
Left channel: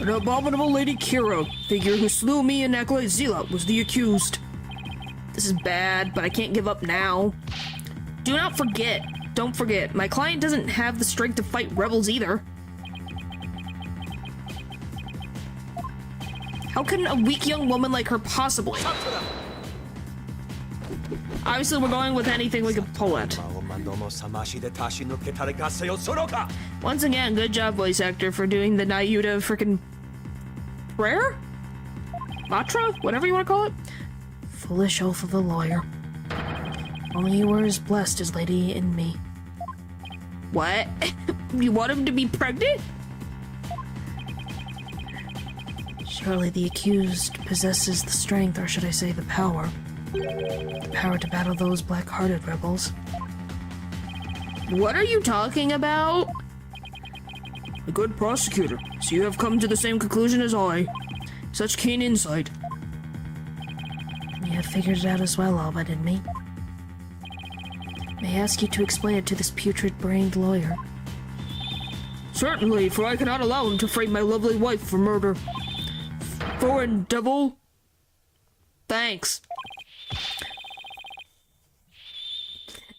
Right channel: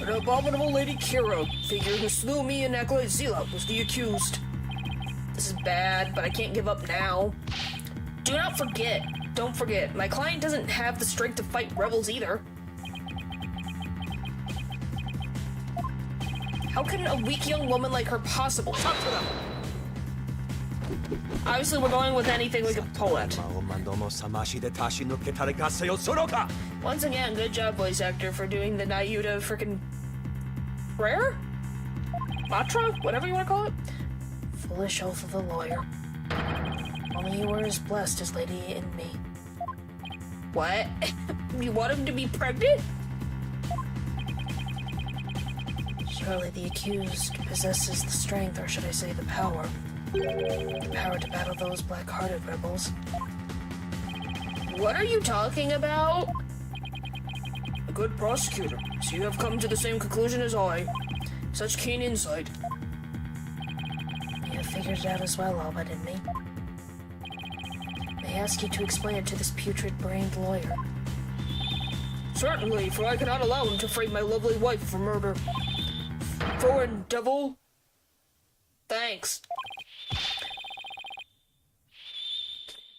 The abominable Lady Kira figure who slew me and Acolyte Zealot was the accused. This is bad, but I can't give up now. Do not forget. Don't forget. My client doesn't have the strength to fight rebels either. How can a weak young woman like her possibly? Obviously, we're going with anything we can pull at. Once again, good job, voice actor, for doing the Nayuta frickin' prayer? Mantra? Whatever you want to call it? Foolish oath of the lawyer. Only you were as blessed as Lady in me. What? You want him to be pregnant? Surely the accused possesses the strength, or should I say the power. The power to battle those black-hearted rebels. What are you talking about? A good prosecutor, so you have come to the same conclusion as I. Such keen insight. You have figured it out as well, all but in me. May I ask you to explain it to this putrid-brained lawyer? Certainly, for I cannot allow him to frame my lovely wife for murder. Foreign devil. Thanks.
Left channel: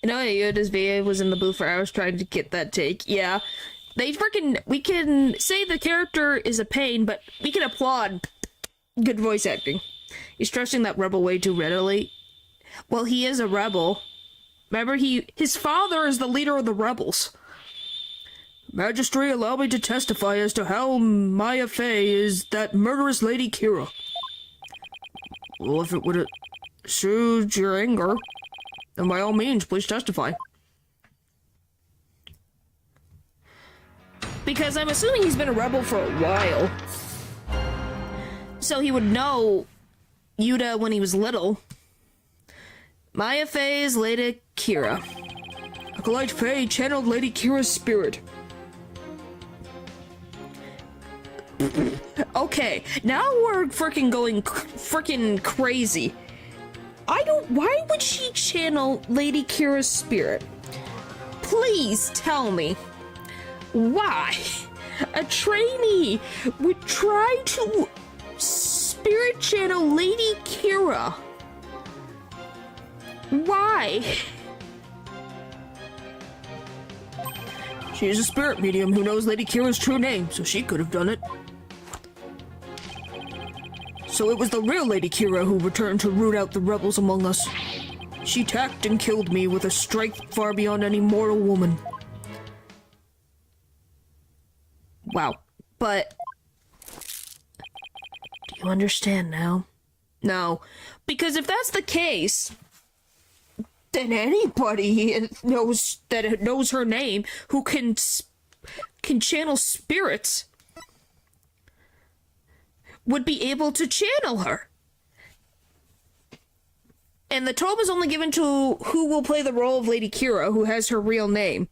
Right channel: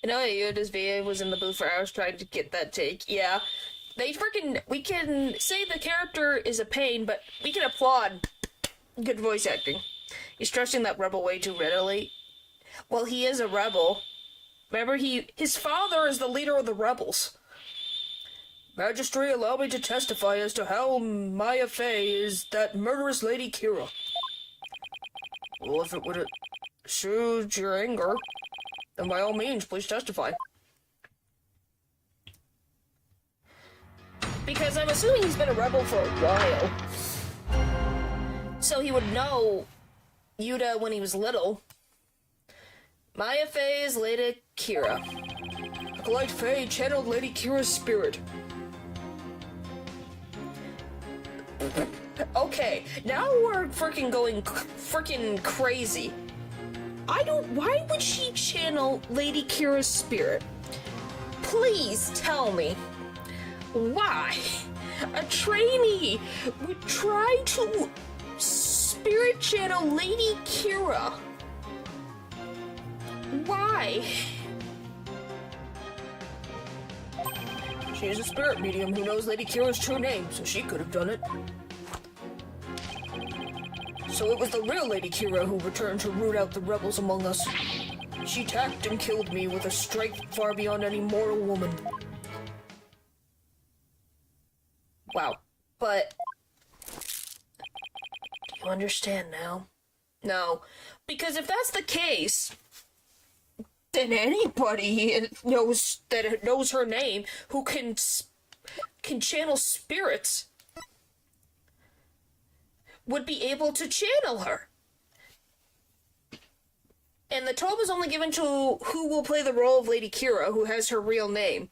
You know, Yoda's VA was in the booth for hours trying to get that take. Yeah. We can say the character is a pain, but we can applaud good voice acting. He's trusting that rebel way too readily. Well, he is a rebel. Remember, his father is the leader of the rebels. Magistrate, allow me to testify as to how Maya Fey is that murderous Lady Kira. Well, if it would soothe your anger, then by all means, please testify. Because I'm assuming he's been a rebel for a while. So he would know Yuta when he was little. Maya Fey's Lady Kira. Acolyte Fey channeled Lady Kira's spirit. Okay, now we're freaking going freaking crazy. Why would she channel Lady Kira's spirit? Please tell me. Why? A trainee would try to spirit channel Lady Kira. Why? She is a spirit medium who knows Lady Kira's true name, so she could have done it. So it was the real Lady Kira who returned to root out the rebels among us. She attacked and killed me with a strength far beyond any mortal woman. Wow. But do you understand now? No. Because if that's the case, then anybody knows her name who can channel spirits would be able to channel her. And the toll is only given to who will play the role of Lady Kira, who has her real name.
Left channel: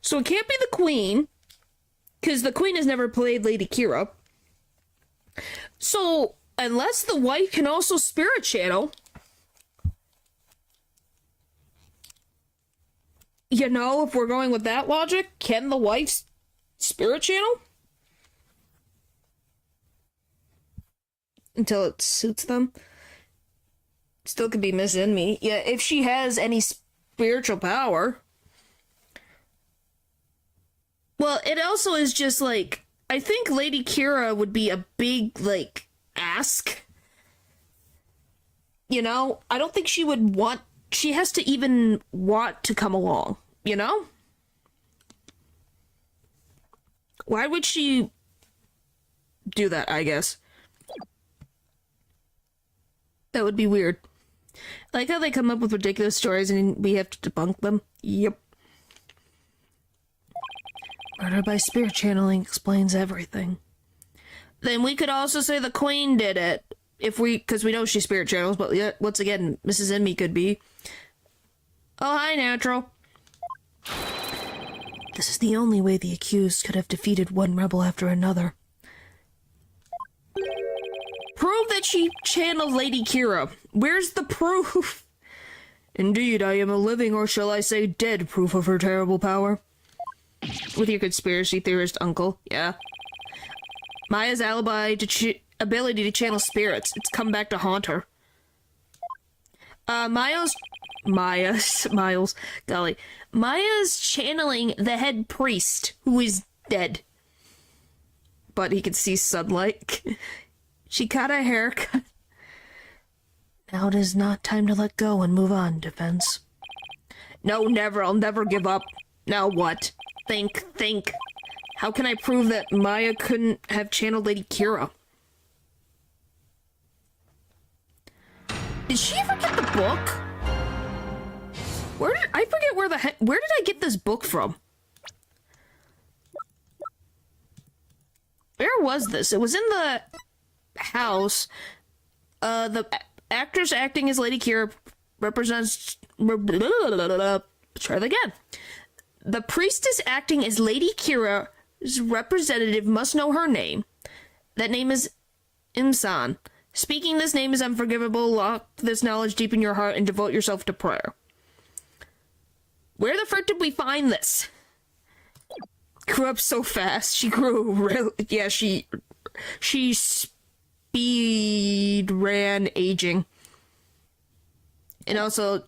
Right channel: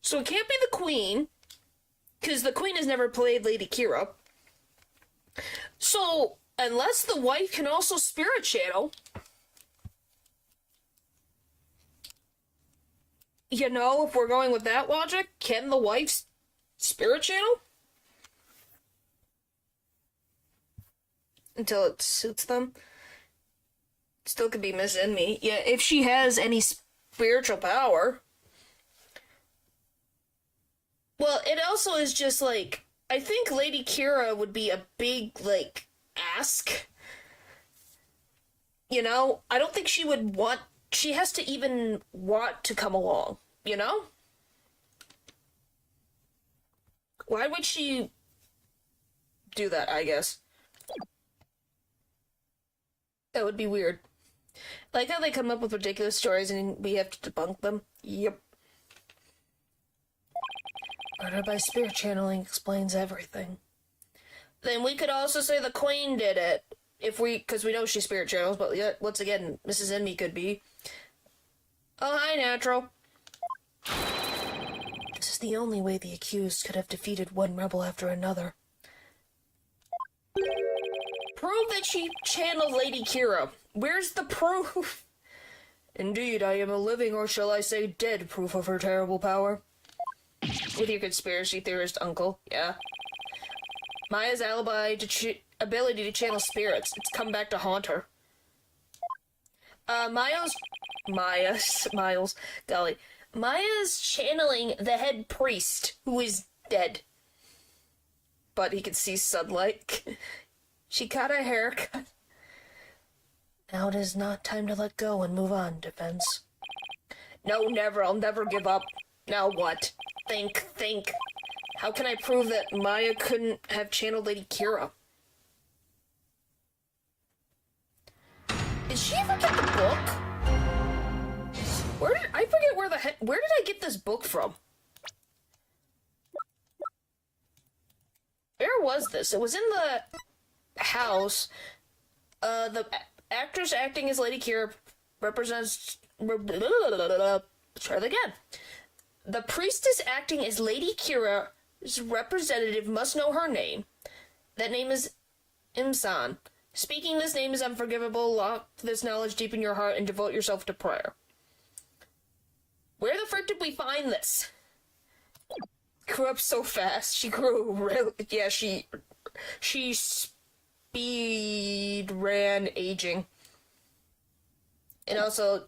So it can't be the Queen, because the Queen has never played Lady Kira. So, unless the wife can also spirit channel, you know, if we're going with that logic, can the wife spirit channel? Until it suits them. Still could be Miss Enemy. Yeah, if she has any spiritual power. Well, it also is just like, I think Lady Kira would be a big, like, ask. You know? I don't think she would want, she has to even want to come along, you know? Why would she do that, I guess? That would be weird. I like how they come up with ridiculous stories and we have to debunk them. Yep. Murder by spirit channeling explains everything. Then we could also say the Queen did it. Because we know she spirit channels, but yeah, once again, Mrs. Enemy could be. Oh, hi, Natural. This is the only way the accused could have defeated one rebel after another. Prove that she channeled Lady Kira. Where's the proof? Indeed, I am a living, or shall I say dead, proof of her terrible power. With your conspiracy theorist uncle, yeah. Maya's ability to channel spirits. It's come back to haunt her. Maya's channeling the head priest, who is dead. But he can see sunlight. She got a haircut. Now it is not time to let go and move on, Defense. No, never. I'll never give up. Now what? Think. How can I prove that Maya couldn't have channeled Lady Kira? Did she ever get the book? I forget where did I get this book from? Where was this? It was in the house. The actress acting as Lady Kira represents... Try that again. The priestess acting as Lady Kira's representative must know her name. That name is Imsan. Speaking this name is unforgivable. Lock this knowledge deep in your heart and devote yourself to prayer. Where the frick did we find this? Grew up so fast. She grew real... Yeah, she speed ran aging. And also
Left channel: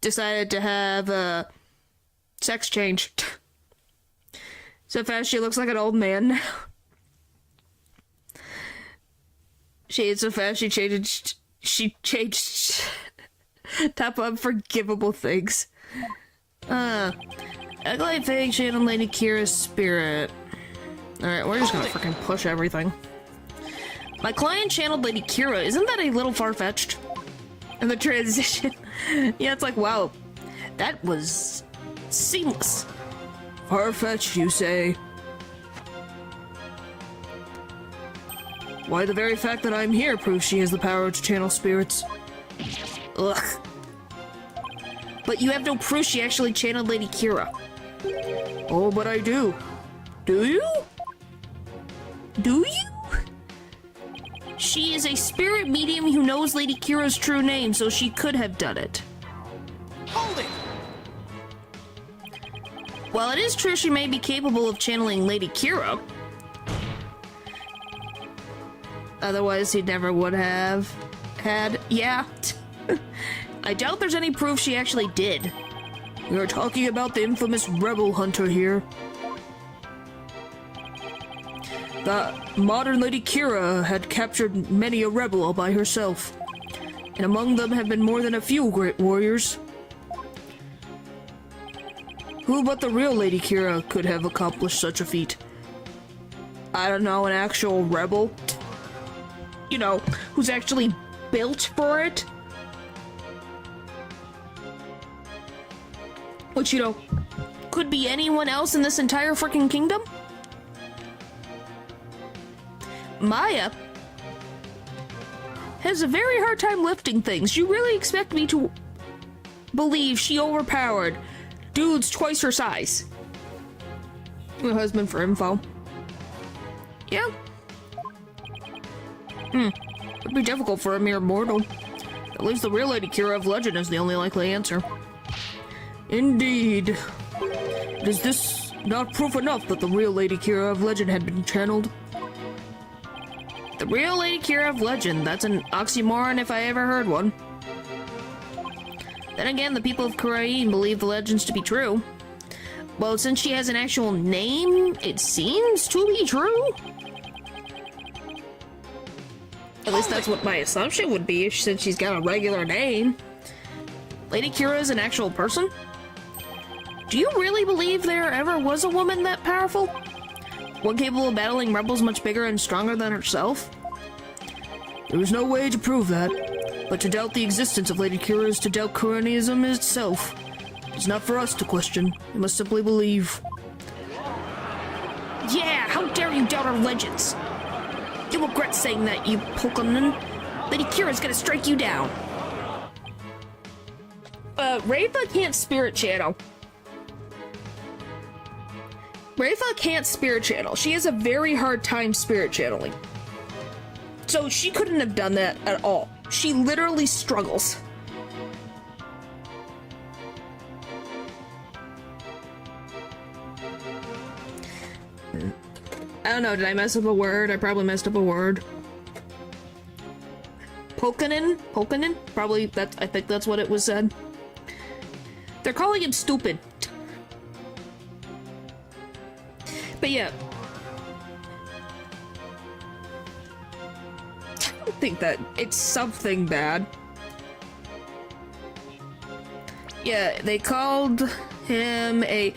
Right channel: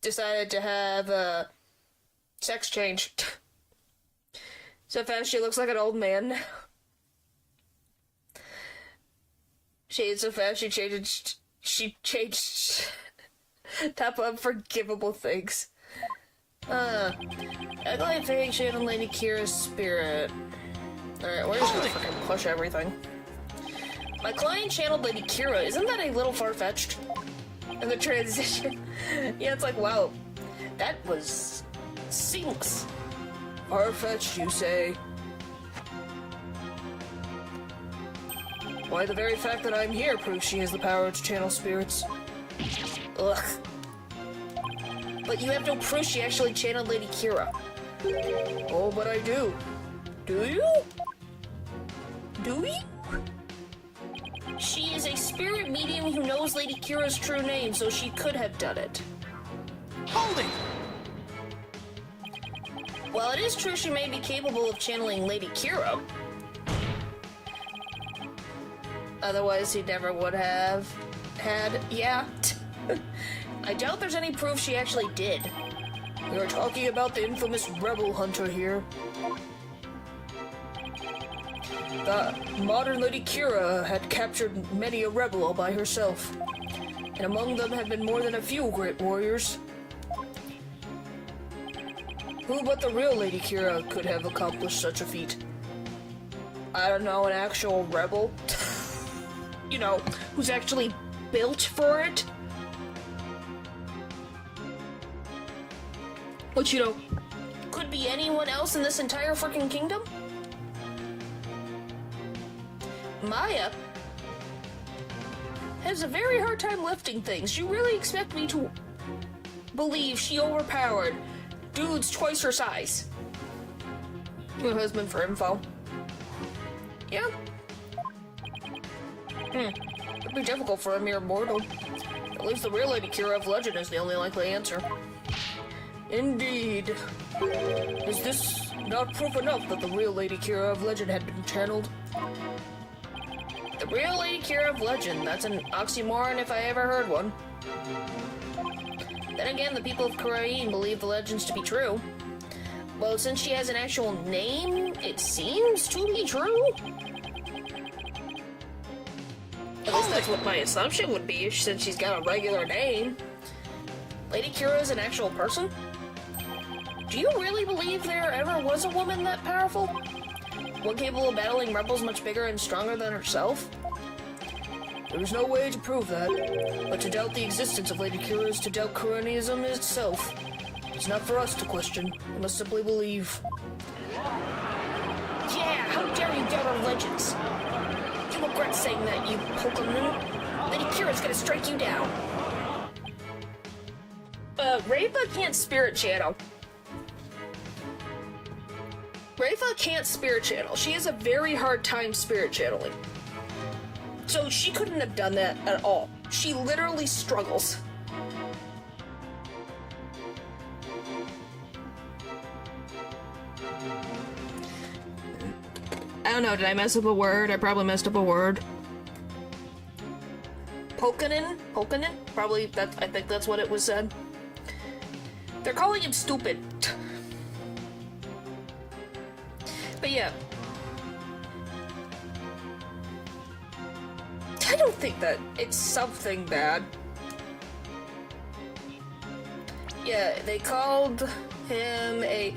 decided to have a sex change. So fast she looks like an old man now. So fast she changed top unforgivable things. Ugly thing channeled Lady Kira's spirit. Alright, we're just gonna freaking push everything. My client channeled Lady Kira. Isn't that a little far-fetched? And the transition. Yeah, it's like, wow. That was seamless. Far-fetched, you say? Why, the very fact that I'm here proves she has the power to channel spirits. Ugh. But you have no proof she actually channeled Lady Kira. Oh, but I do. Do you? Do you? She is a spirit medium who knows Lady Kira's true name, so she could have done it. Hold it! While it is true she may be capable of channeling Lady Kira, otherwise he never would have had... Yeah. I doubt there's any proof she actually did. We were talking about the infamous rebel hunter here. The modern Lady Kira had captured many a rebel all by herself, and among them have been more than a few great warriors. Who but the real Lady Kira could have accomplished such a feat? I don't know, an actual rebel? You know, who's actually built for it? Which, you know, could be anyone else in this entire freaking kingdom? Maya has a very hard time lifting things. You really expect me to believe she overpowered dudes twice her size? My husband for info. Yeah. It'd be difficult for a mere mortal. At least the real Lady Kira of legend is the only likely answer. Indeed. Is this not proof enough that the real Lady Kira of legend had been channeled? The real Lady Kira of legend, that's an oxymoron if I ever heard one. Then again, the people of Kurain believe the legends to be true. Well, since she has an actual name, it seems to be true. At least that's what my assumption would be, since she's got a regular name. Lady Kira is an actual person? Do you really believe there ever was a woman that powerful? One capable of battling rebels much bigger and stronger than herself? There is no way to prove that, but to doubt the existence of Lady Kira is to doubt Kuranism itself. It's not for us to question, we must simply believe. Yeah, how dare you doubt our legends? You'll regret saying that, you Pokemon. Lady Kira's gonna strike you down. Rayfa can't spirit channel. Rayfa can't spirit channel. She has a very hard time spirit channeling. So she couldn't have done that at all. She literally struggles. I don't know, did I mess up a word? I probably messed up a word. Pokenin? Pokenin? Probably, I think that's what it was said. They're calling him stupid. But yeah. think that it's something bad. Yeah, they called him a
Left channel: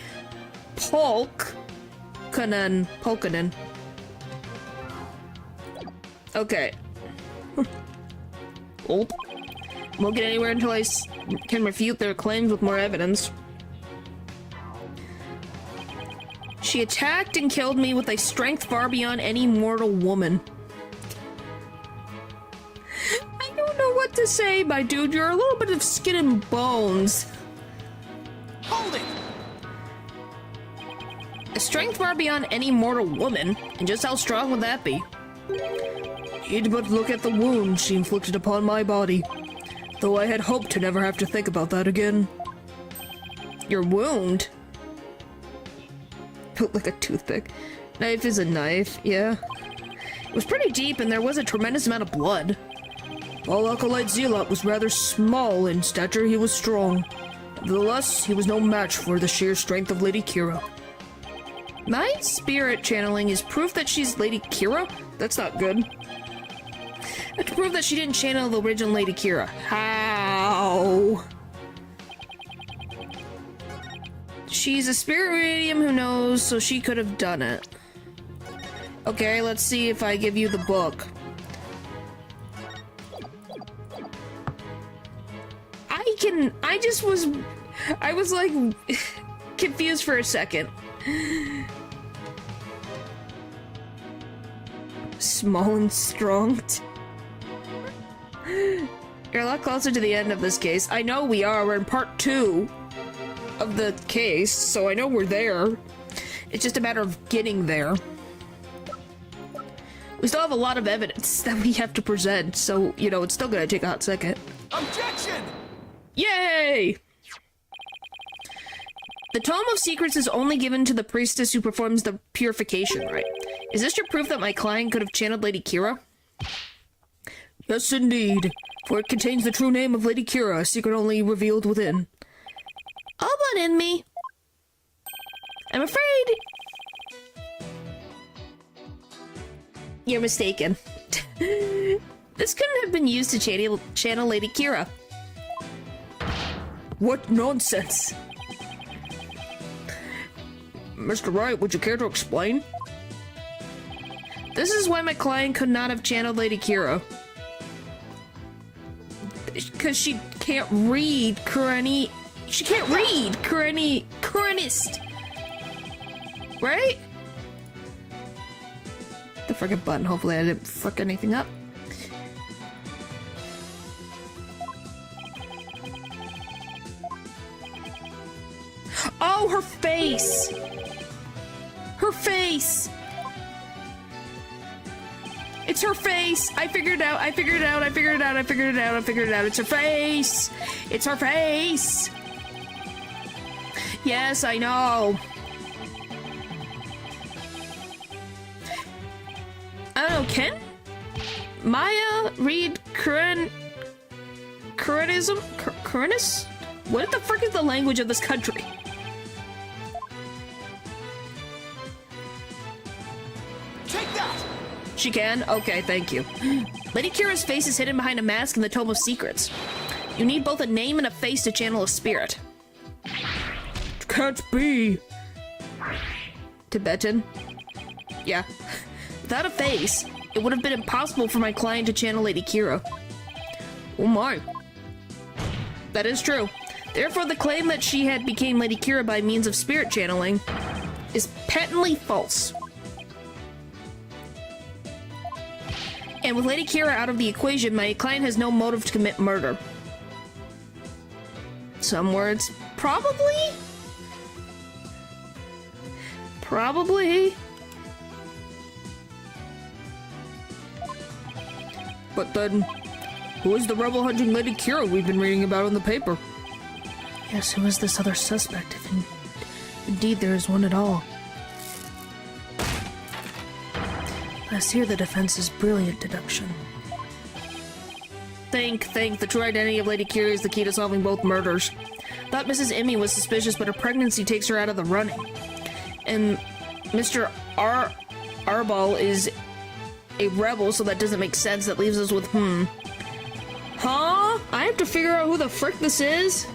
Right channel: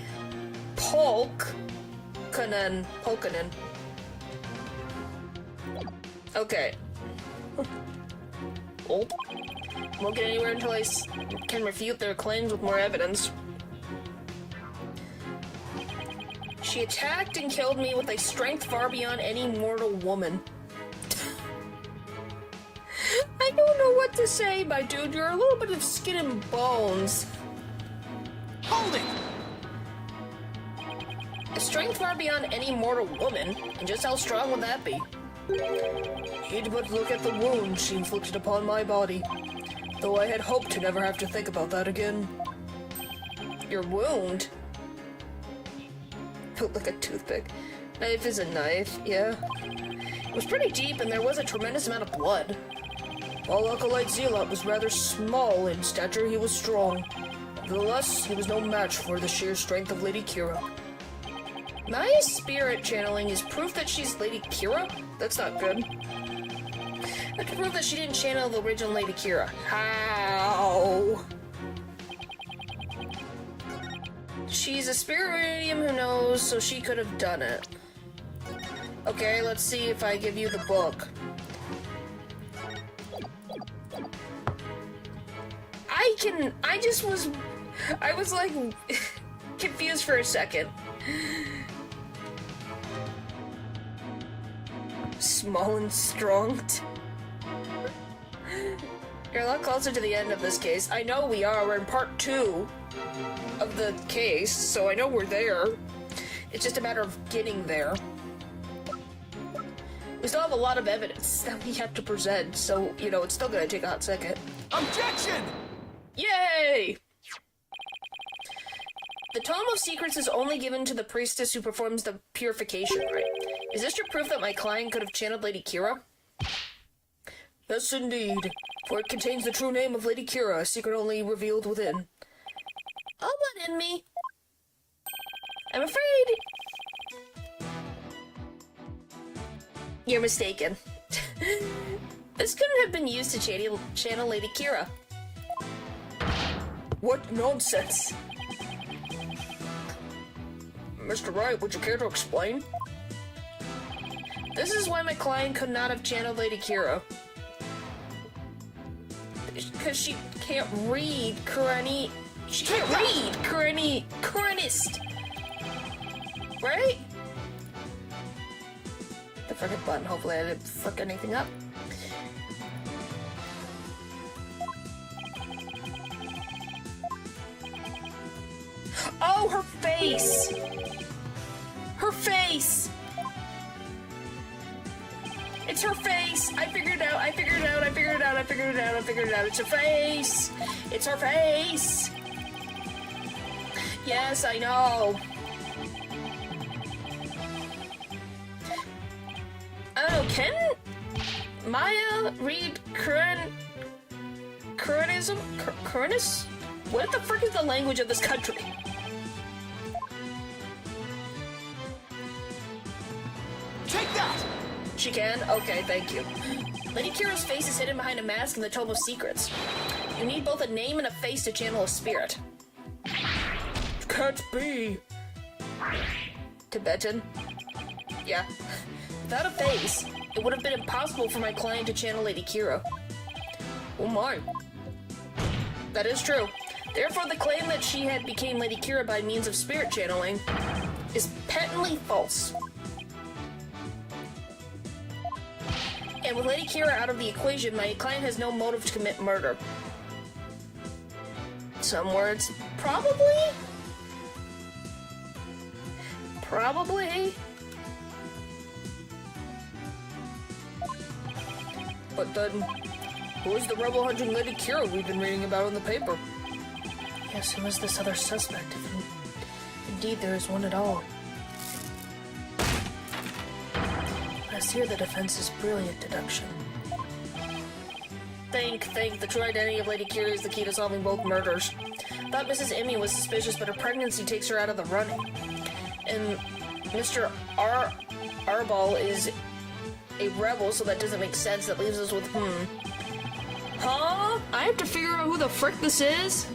Polkanen. Okay. Oh. Won't get anywhere until I can refute their claims with more evidence. She attacked and killed me with a strength far beyond any mortal woman. I don't know what to say, my dude. You're a little bit of skin and bones. Hold it! A strength far beyond any mortal woman? And just how strong would that be? He'd but look at the wound she inflicted upon my body. Though I had hoped to never have to think about that again. Your wound? Built like a toothpick. Knife is a knife, yeah. It was pretty deep and there was a tremendous amount of blood. While Acolyte Zealot was rather small in stature, he was strong. Nevertheless, he was no match for the sheer strength of Lady Kira. My spirit channeling is proof that she's Lady Kira? That's not good. I have to prove that she didn't channel the original Lady Kira. How? She's a spirit medium who knows, so she could have done it. Okay, let's see if I give you the book. I was like confused for a second. Small and strong. You're a lot closer to the end of this case. I know we are. We're in part 2 of the case, so I know we're there. It's just a matter of getting there. We still have a lot of evidence that we have to present, so, you know, it's still gonna take a hot second. Objection! Yay! The Tome of Secrets is only given to the priestess who performs the purification rite. Is this your proof that my client could have channeled Lady Kira? Yes, indeed. For it contains the true name of Lady Kira, a secret only revealed within. All but in me. I'm afraid... You're mistaken. This couldn't have been used to channel Lady Kira. What nonsense! Mr. Wright, would you care to explain? This is why my client could not have channeled Lady Kira. Because she can't read Kurani. She can't read Kuranist. Right? The frickin' button. Hopefully I didn't frick anything up. Oh, her face! Her face! It's her face! I figured it out, I figured it out, I figured it out, I figured it out, I figured it out. It's her face! It's her face! Yes, I know. I don't know, can Maya read Kuranism? Kuranis? What the frick is the language of this country? Take that! She can? Okay, thank you. Lady Kira's face is hidden behind a mask in the Tome of Secrets. You need both a name and a face to channel a spirit. Can't be. Tibetan? Yeah. Without a face, it would have been impossible for my client to channel Lady Kira. Oh my. That is true. Therefore, the claim that she had became Lady Kira by means of spirit channeling is patently false. And with Lady Kira out of the equation, my client has no motive to commit murder. Some words. Probably? Probably? But then, who is the rebel hunting Lady Kira we've been reading about in the paper? Yes, who is this other suspect, if indeed there is one at all? Yes, here the defense's brilliant deduction. Think. The true identity of Lady Kira is the key to solving both murders. Thought Mrs. Emmy was suspicious, but her pregnancy takes her out of the running. And Mr. Arbol is a rebel, so that doesn't make sense. That leaves us with, Huh? I have to figure out who the frick this is?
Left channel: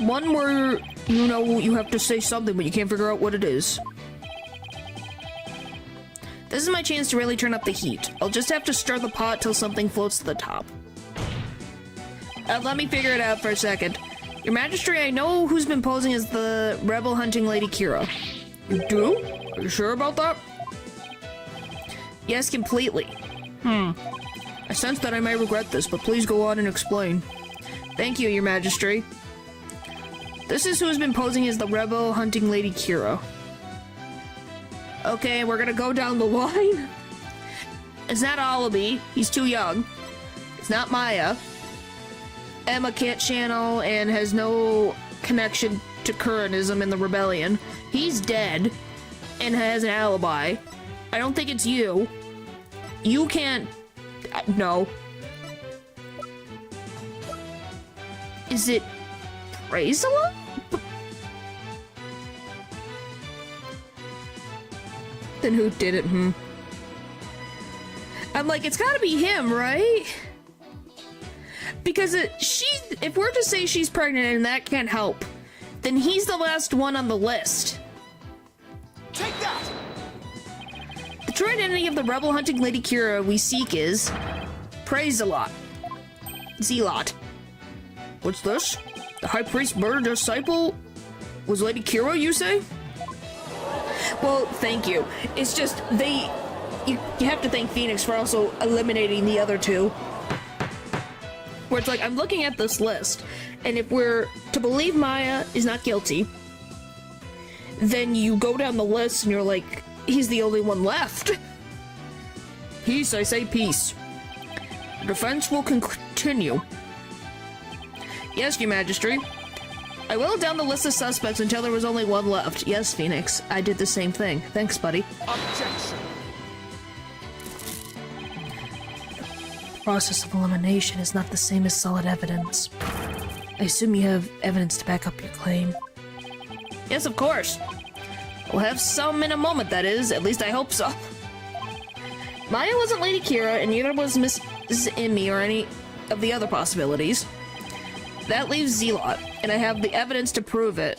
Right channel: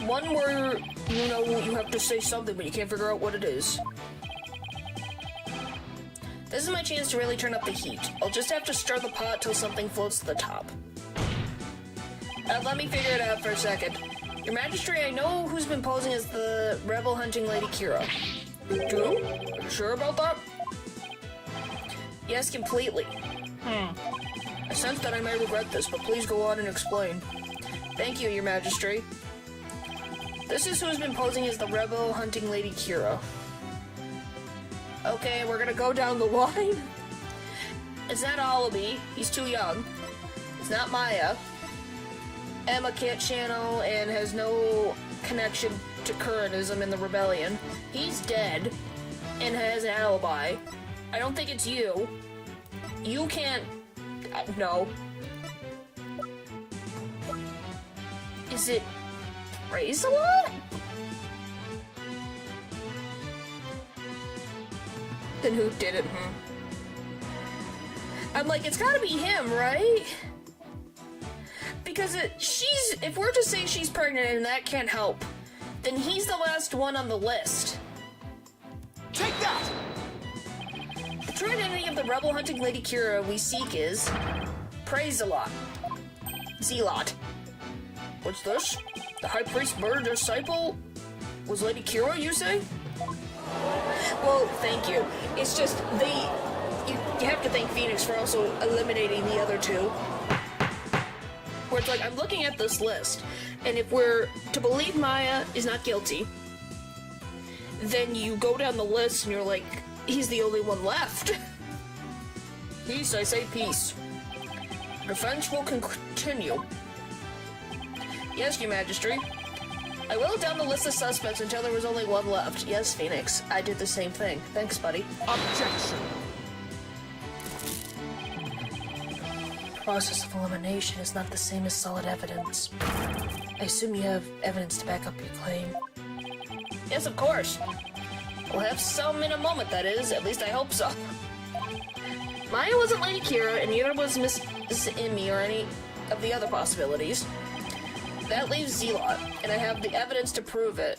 One where, you know, you have to say something, but you can't figure out what it is. This is my chance to really turn up the heat. I'll just have to stir the pot till something floats to the top. Let me figure it out for a second. Your Majesty, I know who's been posing as the rebel hunting Lady Kira. You do? Are you sure about that? Yes, completely. I sense that I may regret this, but please go on and explain. Thank you, Your Majesty. This is who's been posing as the rebel hunting Lady Kira. Okay, we're gonna go down the line. It's not Olaby, he's too young. It's not Maya. Emma can't channel and has no connection to Kuranism in the rebellion. He's dead and has an alibi. I don't think it's you. You can't... no. Is it... Praise a lot? Then who did it, I'm like, it's gotta be him, right? Because if we're to say she's pregnant and that can't help, then he's the last one on the list. Take that! The true identity of the rebel hunting Lady Kira we seek is... Praise a lot. Zealot. What's this? The High Priest murdered a disciple? Was Lady Kira, you say? Well, thank you. It's just, you have to thank Phoenix for also eliminating the other two. Where it's like, I'm looking at this list, and if we're to believe Maya is not guilty, then you go down the list and you're like, he's the only one left. Peace, I say peace. The defense will continue. Yes, Your Majesty. I whittled down the list of suspects until there was only one left. Yes, Phoenix. I did the same thing. Thanks, buddy. Objection! Process of elimination is not the same as solid evidence. I assume you have evidence to back up your claim. Yes, of course. We'll have some in a moment, that is. At least I hope so. Maya wasn't Lady Kira, and neither was Mrs. Emmy or any of the other possibilities. That leaves Zealot, and I have the evidence to prove it.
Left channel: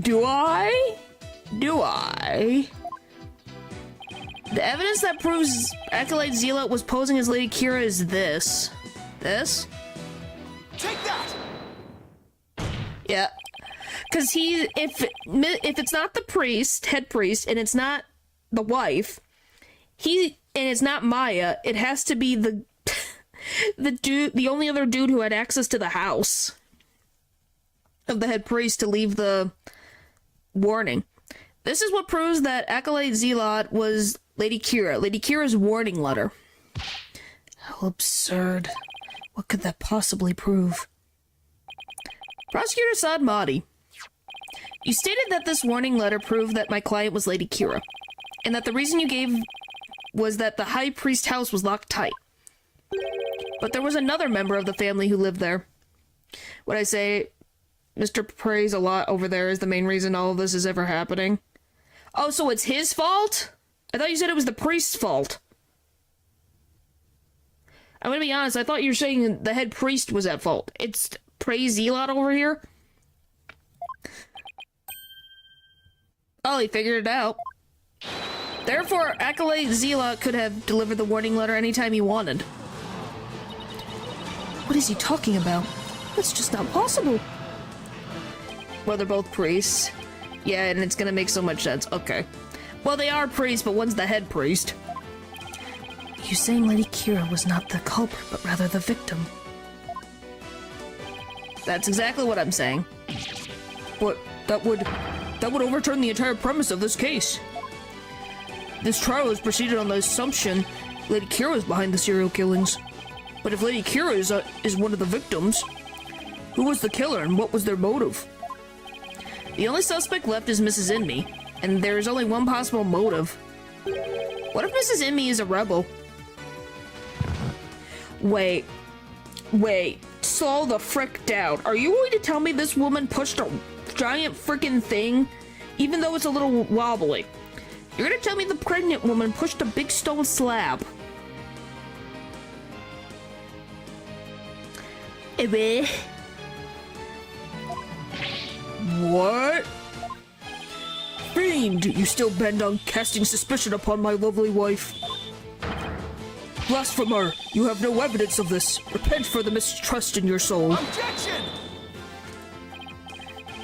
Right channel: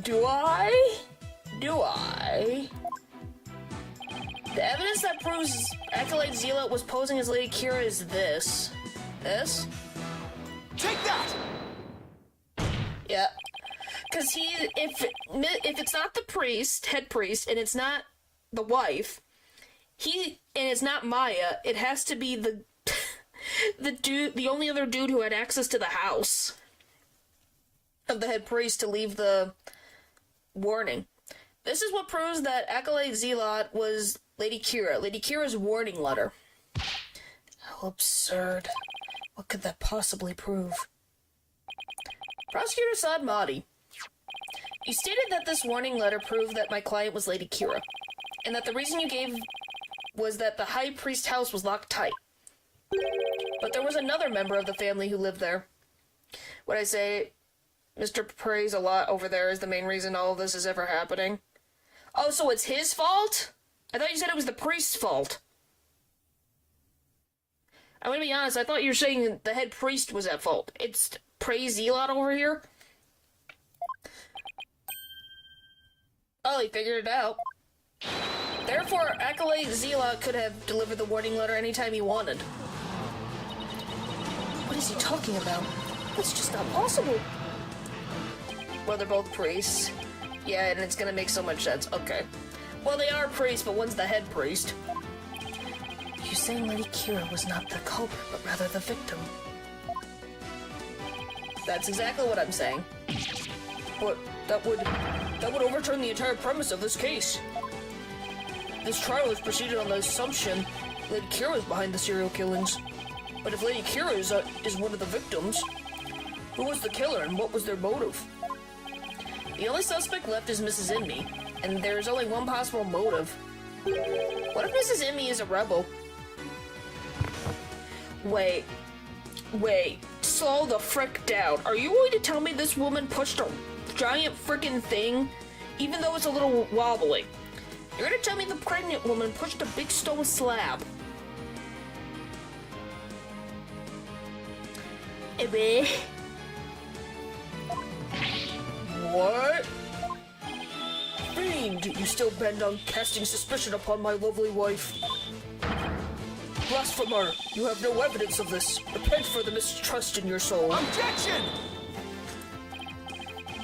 Do I? Do I? The evidence that proves Acolyte Zealot was posing as Lady Kira is this. This? Take that! Yeah. Because if it's not the priest, head priest, and it's not the wife, and it's not Maya, it has to be the only other dude who had access to the house of the head priest to leave the warning. This is what proves that Acolyte Zealot was Lady Kira. Lady Kira's warning letter. How absurd. What could that possibly prove? Prosecutor Saad Mahdi. You stated that this warning letter proved that my client was Lady Kira, and that the reason you gave was that the High Priest house was locked tight. But there was another member of the family who lived there. What I say, Mr. Praise a lot over there is the main reason all of this is ever happening. Oh, so it's his fault? I thought you said it was the priest's fault. I'm gonna be honest, I thought you were saying the head priest was at fault. It's Praise Zealot over here? Oh, he figured it out. Therefore, Acolyte Zealot could have delivered the warning letter anytime he wanted. What is he talking about? That's just not possible. Well, they're both priests. Yeah, and it's gonna make so much sense. Okay. Well, they are priests, but one's the head priest. You're saying Lady Kira was not the culprit, but rather the victim. That's exactly what I'm saying. But that would overturn the entire premise of this case. This trial is proceeded on the assumption Lady Kira is behind the serial killings. But if Lady Kira is one of the victims, who was the killer and what was their motive? The only suspect left is Mrs. Inmee, and there is only one possible motive. What if Mrs. Inmee is a rebel? Wait. slow the frick down. Are you going to tell me this woman pushed a giant frickin' thing, even though it's a little wobbly? You're gonna tell me the pregnant woman pushed a big stone slab? What? Fiend, you still bend on casting suspicion upon my lovely wife. Blasphemer, you have no evidence of this. Repent for the mistrust in your soul. Objection!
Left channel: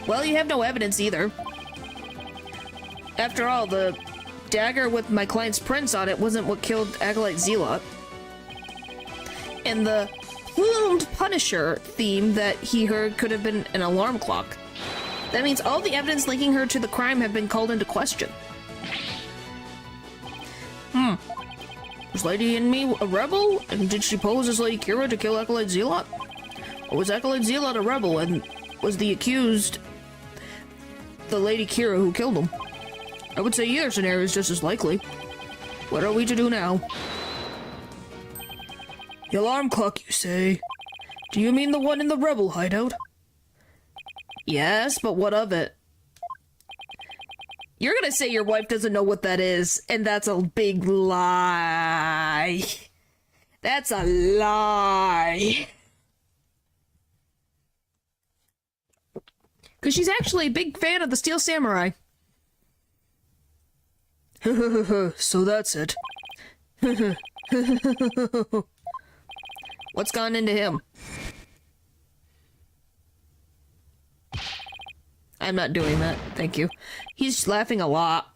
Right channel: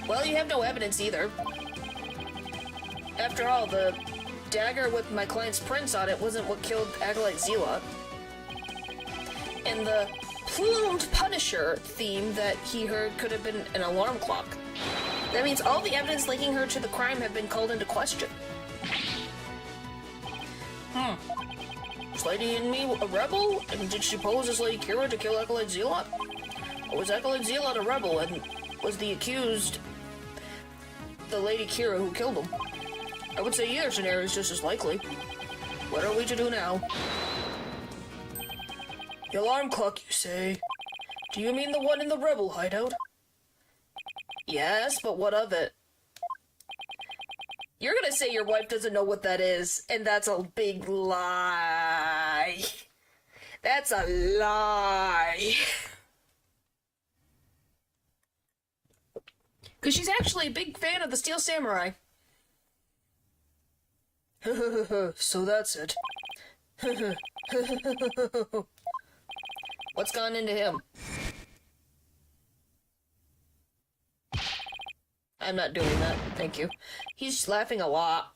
Well, you have no evidence either. After all, the dagger with my client's prints on it wasn't what killed Acolyte Zealot. And the plumed Punisher theme that he heard could have been an alarm clock. That means all the evidence linking her to the crime have been called into question. Was Lady in Me a rebel? And did she pose as Lady Kira to kill Acolyte Zealot? Or was Acolyte Zealot a rebel and was the accused the Lady Kira who killed him? I would say either scenario is just as likely. What are we to do now? The alarm clock, you say? Do you mean the one in the rebel hideout? Yes, but what of it? You're gonna say your wife doesn't know what that is, and that's a big lie. That's a lie. Because she's actually a big fan of the Steel Samurai. So that's it. What's gone into him? I'm not doing that, thank you. He's laughing a lot.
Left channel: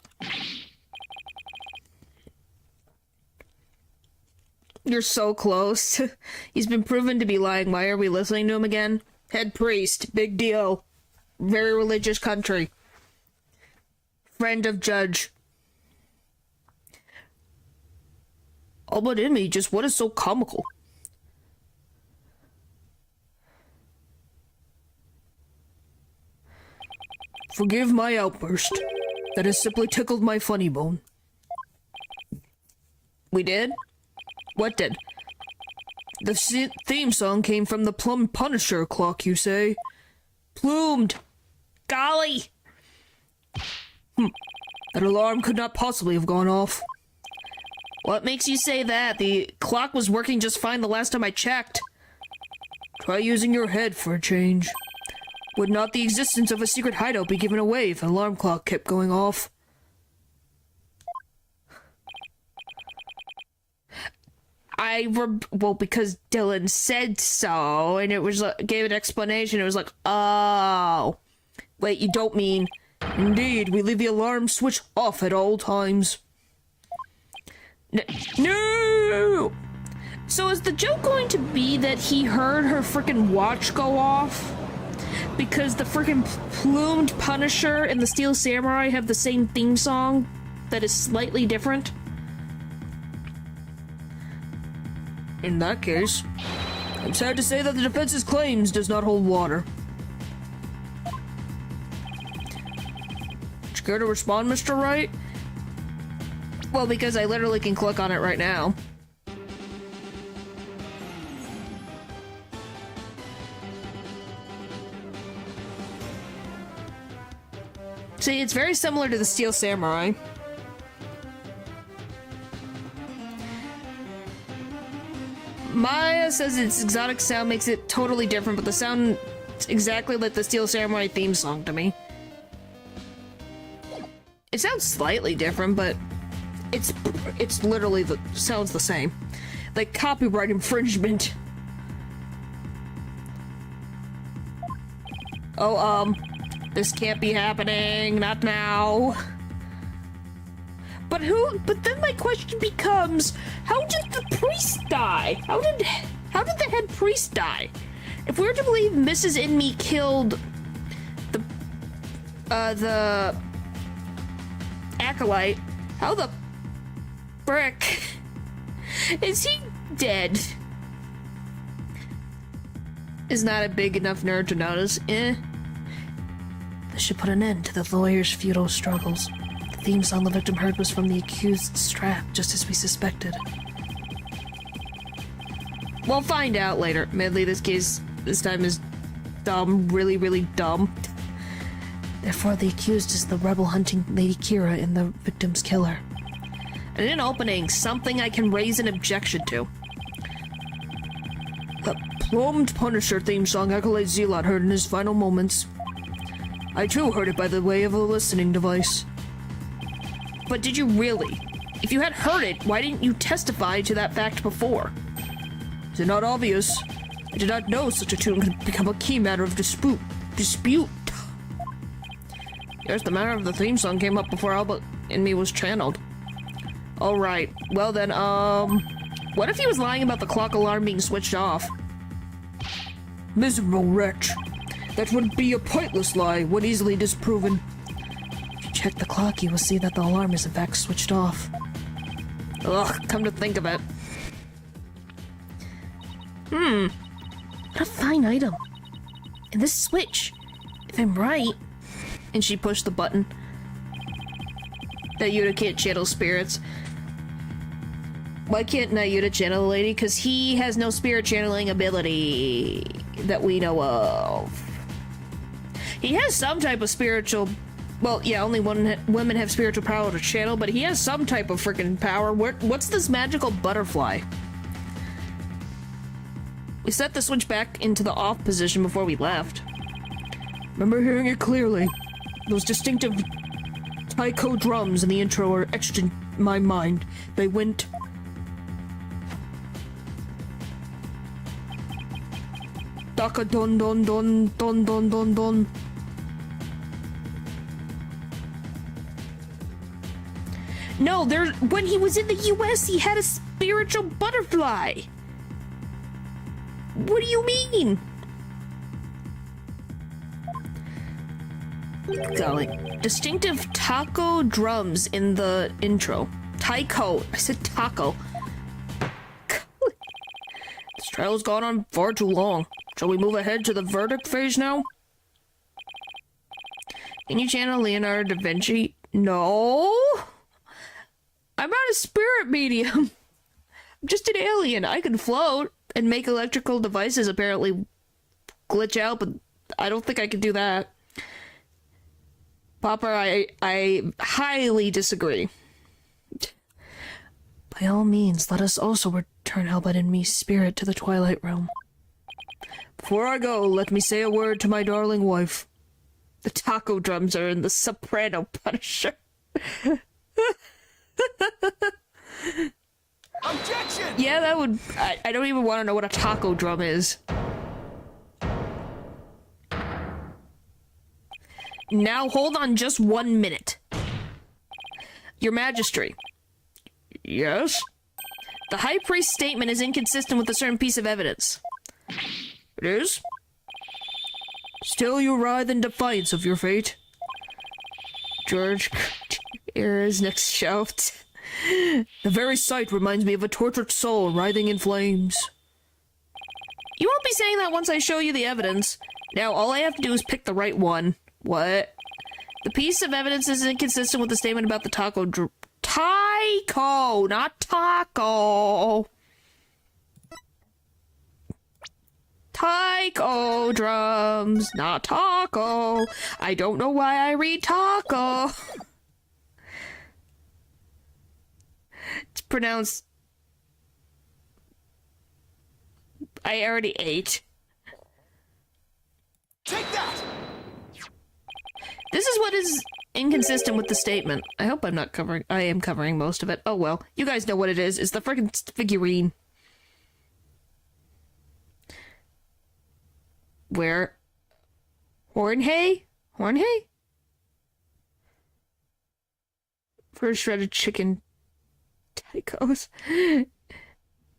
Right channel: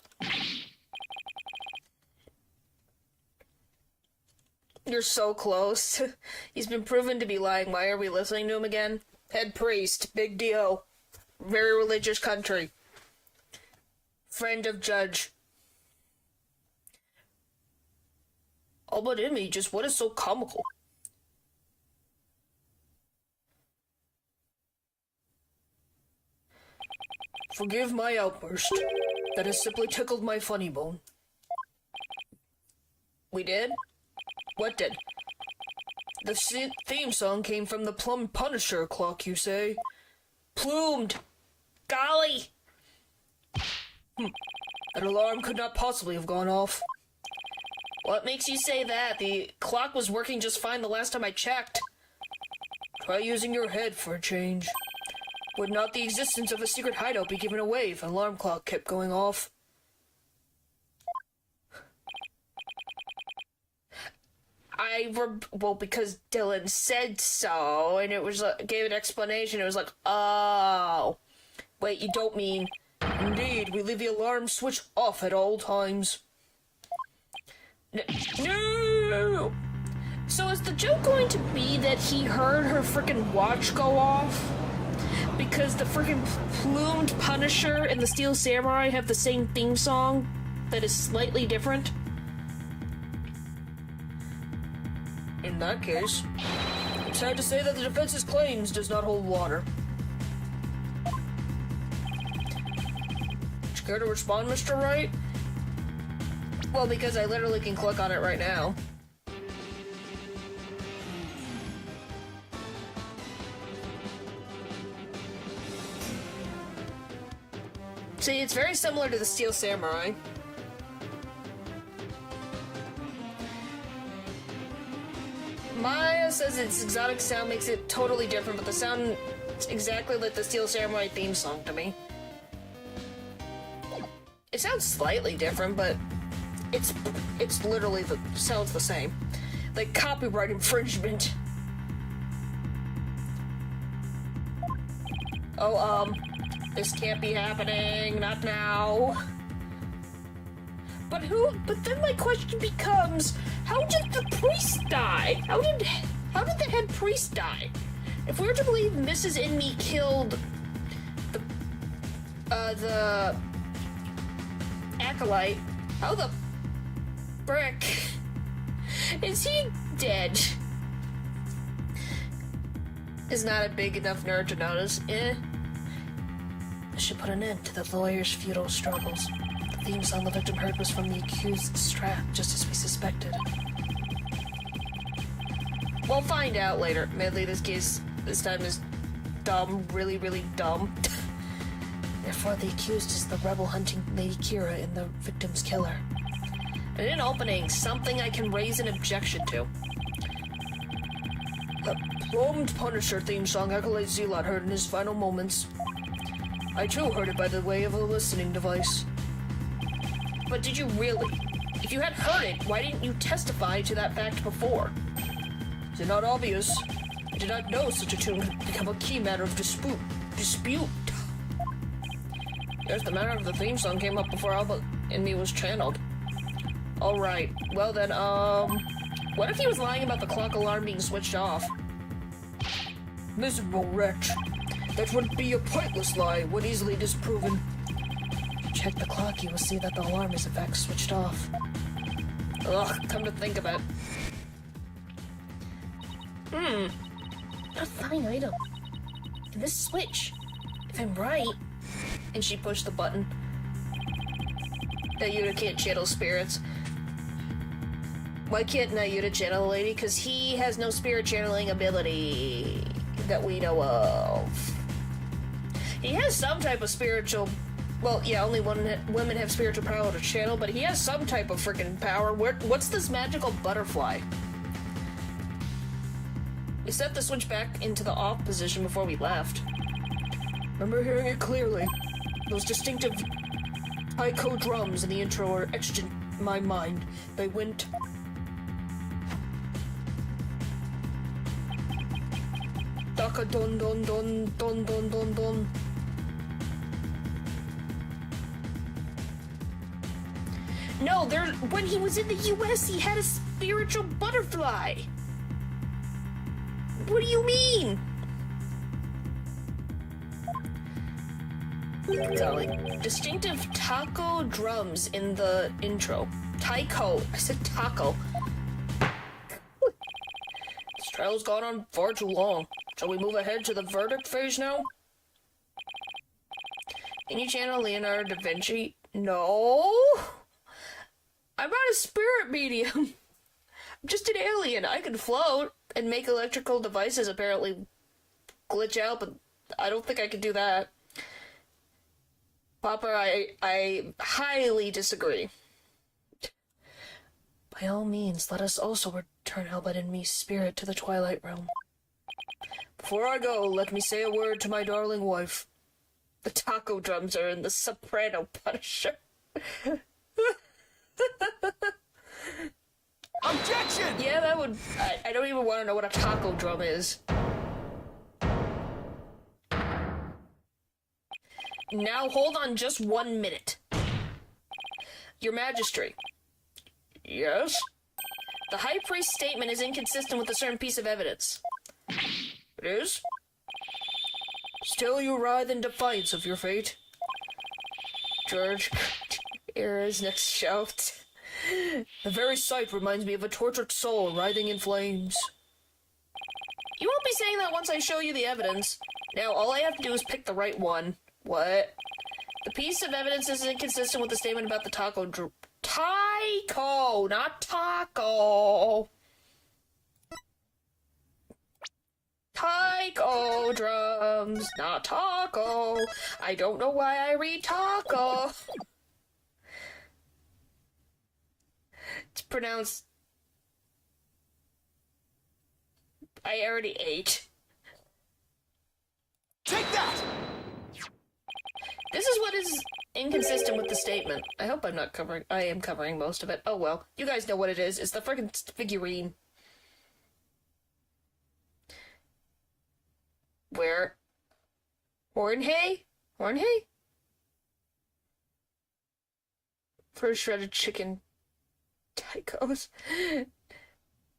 You're so close. He's been proven to be lying. Why are we listening to him again? Head priest, big deal. Very religious country. Friend of judge. All but in me, just what is so comical? Forgive my outburst. That has simply tickled my funny bone. We did? What did? The theme song came from the Plum Punisher clock, you say? Plumed! Golly! That alarm could not possibly have gone off. What makes you say that? The clock was working just fine the last time I checked. Try using your head for a change. Would not the existence of a secret hideout be given away if an alarm clock kept going off? Well, because Dylan said so, and it was gave an explanation. It was like, oh, wait, you don't mean? Indeed, we leave the alarm switch off at all times. No! So is the joke going to be that he heard her freaking watch go off? Because the freaking plumed Punisher and the Steel Samurai have the same theme song that is slightly different? In that case, it's sad to say that the defense's claims does not hold water. Would you care to respond, Mr. Wright? Well, because I literally can click on it right now. See, it's very similar to the Steel Samurai. Maya says its exotic sound makes it totally different, but the sound is exactly like the Steel Samurai theme song to me. It sounds slightly different, but it's literally sounds the same. Like copyright infringement. Oh, this can't be happening, not now. But then my question becomes, how did the priest die? How did the head priest die? If we're to believe Mrs. Inme killed the acolyte, how the frick is he dead? Is not a big enough nerd to notice. This should put an end to the lawyer's futile struggles. The theme song the victim heard was from the accused's strap, just as we suspected. We'll find out later. Admittedly, this case this time is dumb, really, really dumb. Therefore, the accused is the rebel hunting Lady Kira and the victim's killer. And in opening, something I can raise an objection to. The plumed Punisher theme song Acolyte Zealot heard in his final moments. I too heard it by the way of a listening device. But did you really? If you had heard it, why didn't you testify to that fact before? Is it not obvious? I did not know such a tune could become a key matter of dispute. Yes, the matter of the theme song came up before Albert and me was channeled. Alright, well then, what if he was lying about the clock alarm being switched off? Miserable wretch. That would be a pointless lie, when easily disproven. If you check the clock, you will see that the alarm is in fact switched off. Ugh, come to think of it. What a fine item. And this switch, if I'm right... And she pushed the button. Nayuta can't channel spirits. Why can't Nayuta channel the lady? Because he has no spirit channeling ability that we know of. He has some type of spiritual... Well, yeah, only women have spiritual power to channel, but he has some type of freaking power. What's this magical butterfly? We set the switch back into the off position before we left. Remember hearing it clearly. Those distinctive taiko drums in the intro are etched in my mind. They went... Daka don don don don don don don. No, when he was in the US, he had a spiritual butterfly. What do you mean? Golly. Distinctive taco drums in the intro. Taiko. I said taco. This trial's gone on far too long. Shall we move ahead to the verdict phase now? Can you channel Leonardo da Vinci? No. I'm not a spirit medium. I'm just an alien. I can float and make electrical devices apparently glitch out, but I don't think I can do that. Popper, I highly disagree. By all means, let us also return Albert and me's spirit to the Twilight Realm. Before I go, let me say a word to my darling wife. The taco drums are in the soprano Punisher. Objection! Yeah, that would... I don't even want to know what a taco drum is. Now, hold on just 1 minute. Your Majesty. Yes? The High Priest's statement is inconsistent with a certain piece of evidence. It is? Still you writhe in defiance of your fate. George, Era's next shout. The very sight reminds me of a tortured soul writhing in flames. You won't be saying that once I show you the evidence. Now, all I have to do is pick the right one. What? The piece of evidence is inconsistent with the statement about the taiko Taiko, not taco. Taiko drums, not taco. I don't know why I read taco. It's pronounced... I already ate. Take that! This is what is inconsistent with the statement. I hope I'm not covering... I am covering most of it. Oh well. You guys know what it is. It's the freaking figurine. Where... Hornhay? Hornhay? For shredded chicken... Taikos.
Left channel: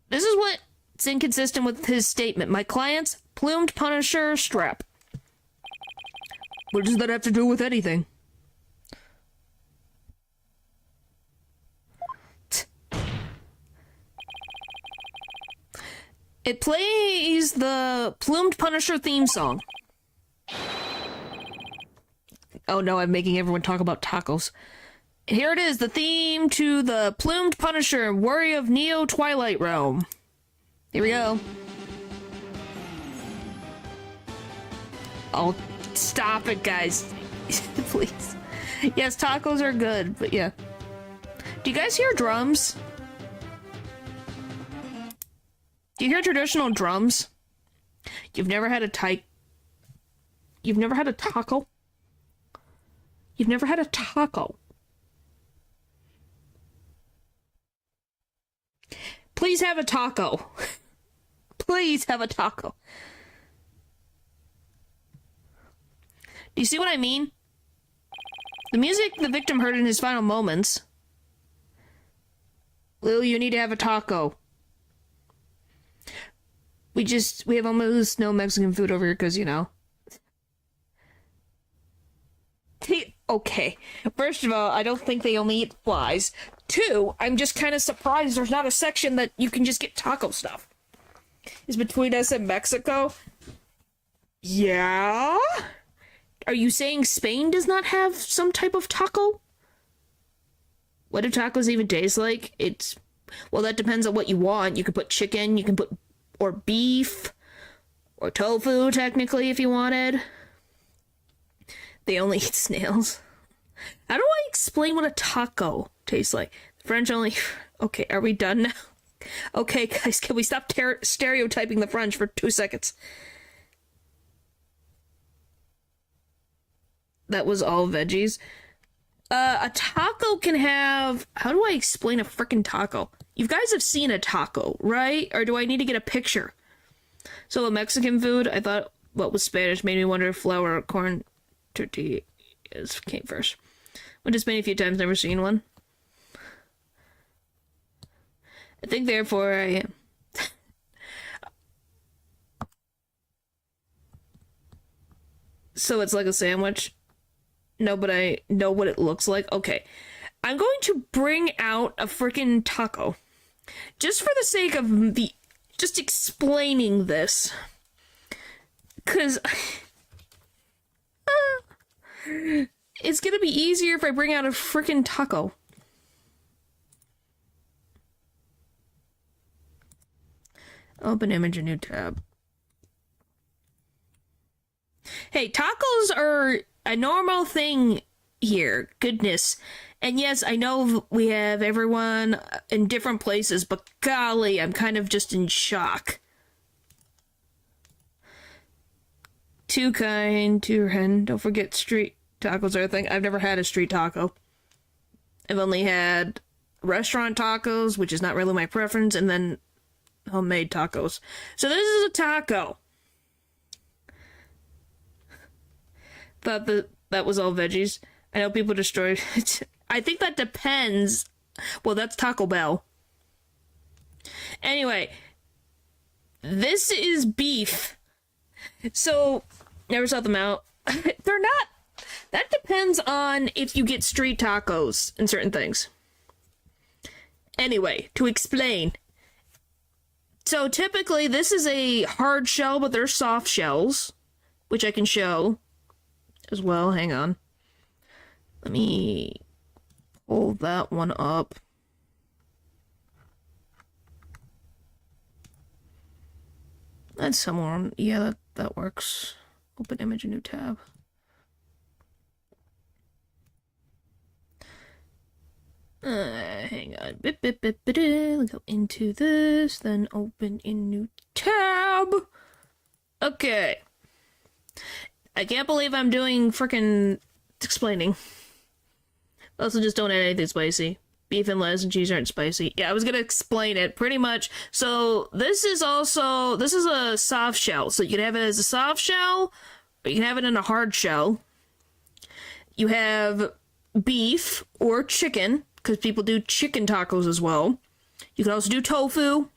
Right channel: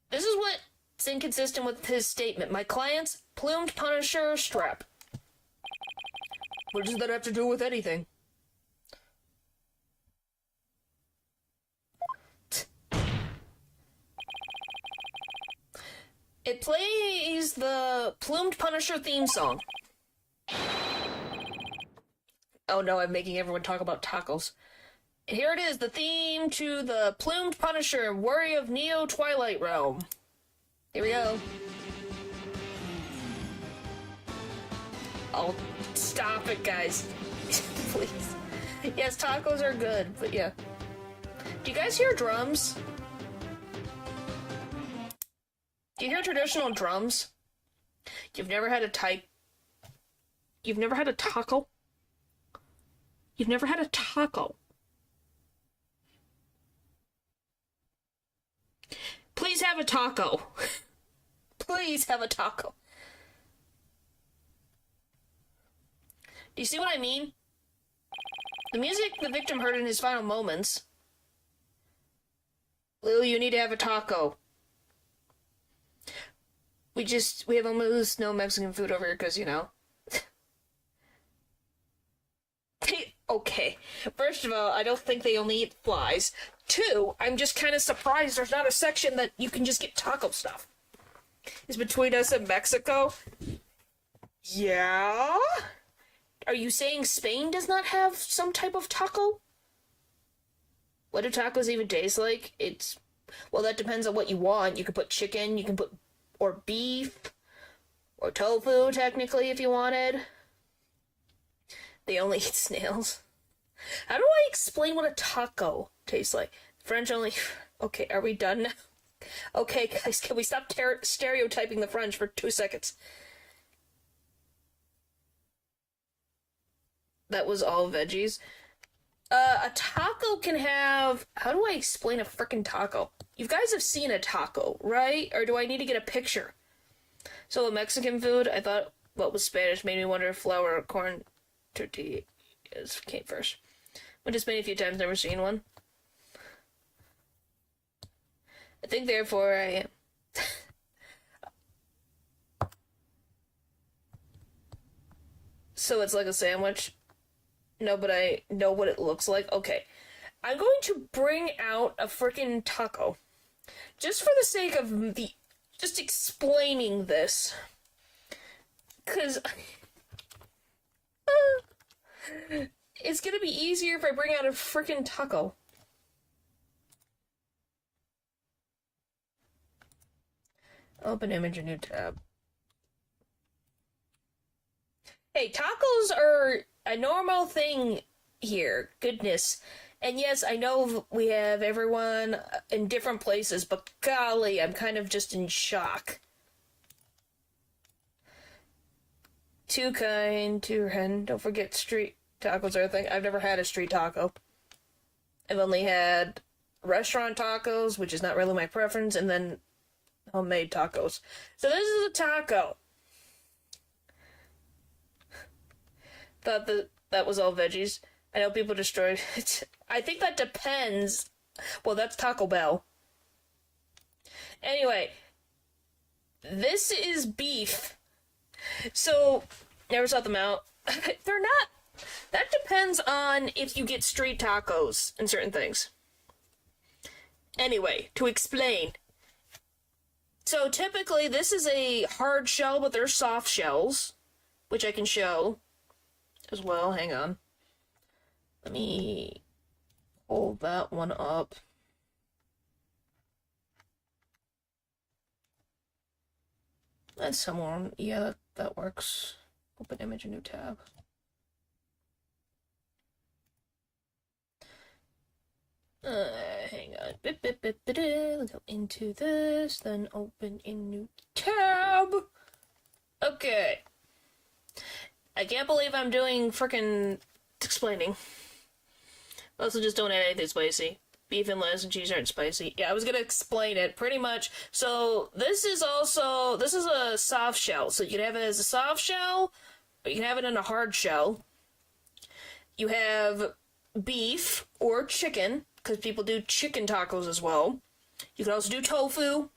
This is what's inconsistent with his statement. My client's plumed Punisher strap. What does that have to do with anything? It plays the plumed Punisher theme song. Oh no, I'm making everyone talk about tacos. Here it is, the theme to the plumed Punisher, Warrior of Neo Twilight Realm. Here we go. Oh, stop it, guys. Please. Yes, tacos are good, but yeah. Do you guys hear drums? Do you hear traditional drums? You've never had a You've never had a taco? You've never had a taco? Please have a taco. Please have a taco. Do you see what I mean? The music the victim heard in his final moments. Lou, you need to have a taco. We have almost no Mexican food over here because, you know. Okay. First of all, I don't think they only eat flies. Two, I'm just kind of surprised there's not a section that you can just get taco stuff. Is between us and Mexico? Yeah? Are you saying Spain does not have some type of taco? What do tacos even taste like? Well, that depends on what you want. You can put chicken, you can put, or beef, or tofu, technically, if you wanted. They only eat snails. How do I explain what a taco tastes like? French only... Okay, are we done now? Okay, guys, can we stop stereotyping the French for 2 seconds? That was all veggies. A taco can have... How do I explain a frickin' taco? You guys have seen a taco, right? Or do I need to get a picture? So, a Mexican food, I thought what was Spanish made me wonder if flour or corn tortillas came first. Went to Spain a few times, never seen one. I think therefore I am. So it's like a sandwich? No, but I know what it looks like. Okay. I'm going to bring out a freaking taco. Just for the sake of just explaining this. Because... it's gonna be easier if I bring out a freaking taco. Open image, a new tab. Hey, tacos are a normal thing here. Goodness. And yes, I know we have everyone in different places, but golly, I'm kind of just in shock. Too kind, too hen. Don't forget street tacos are a thing. I've never had a street taco. I've only had restaurant tacos, which is not really my preference, and then homemade tacos. So this is a taco. Thought that was all veggies. I know people destroyed it. I think that depends. Well, that's Taco Bell. Anyway, this is beef. So, never sought them out. They're not. That depends on if you get street tacos and certain things. Anyway, to explain. So, typically, this is a hard shell, but they're soft shells, which I can show as well. Hang on. Let me pull that one up. That's somewhere. Yeah, that works. Open image, a new tab. Hang on. Let's go into this, then open in new tab. Okay. I can't believe I'm doing frickin' explaining. Also, just don't add anything spicy. Beef and lettuce and cheese aren't spicy. Yeah, I was gonna explain it, pretty much. So, this is a soft shell. So, you can have it as a soft shell, or you can have it in a hard shell. You have beef or chicken, because people do chicken tacos as well. You can also do tofu.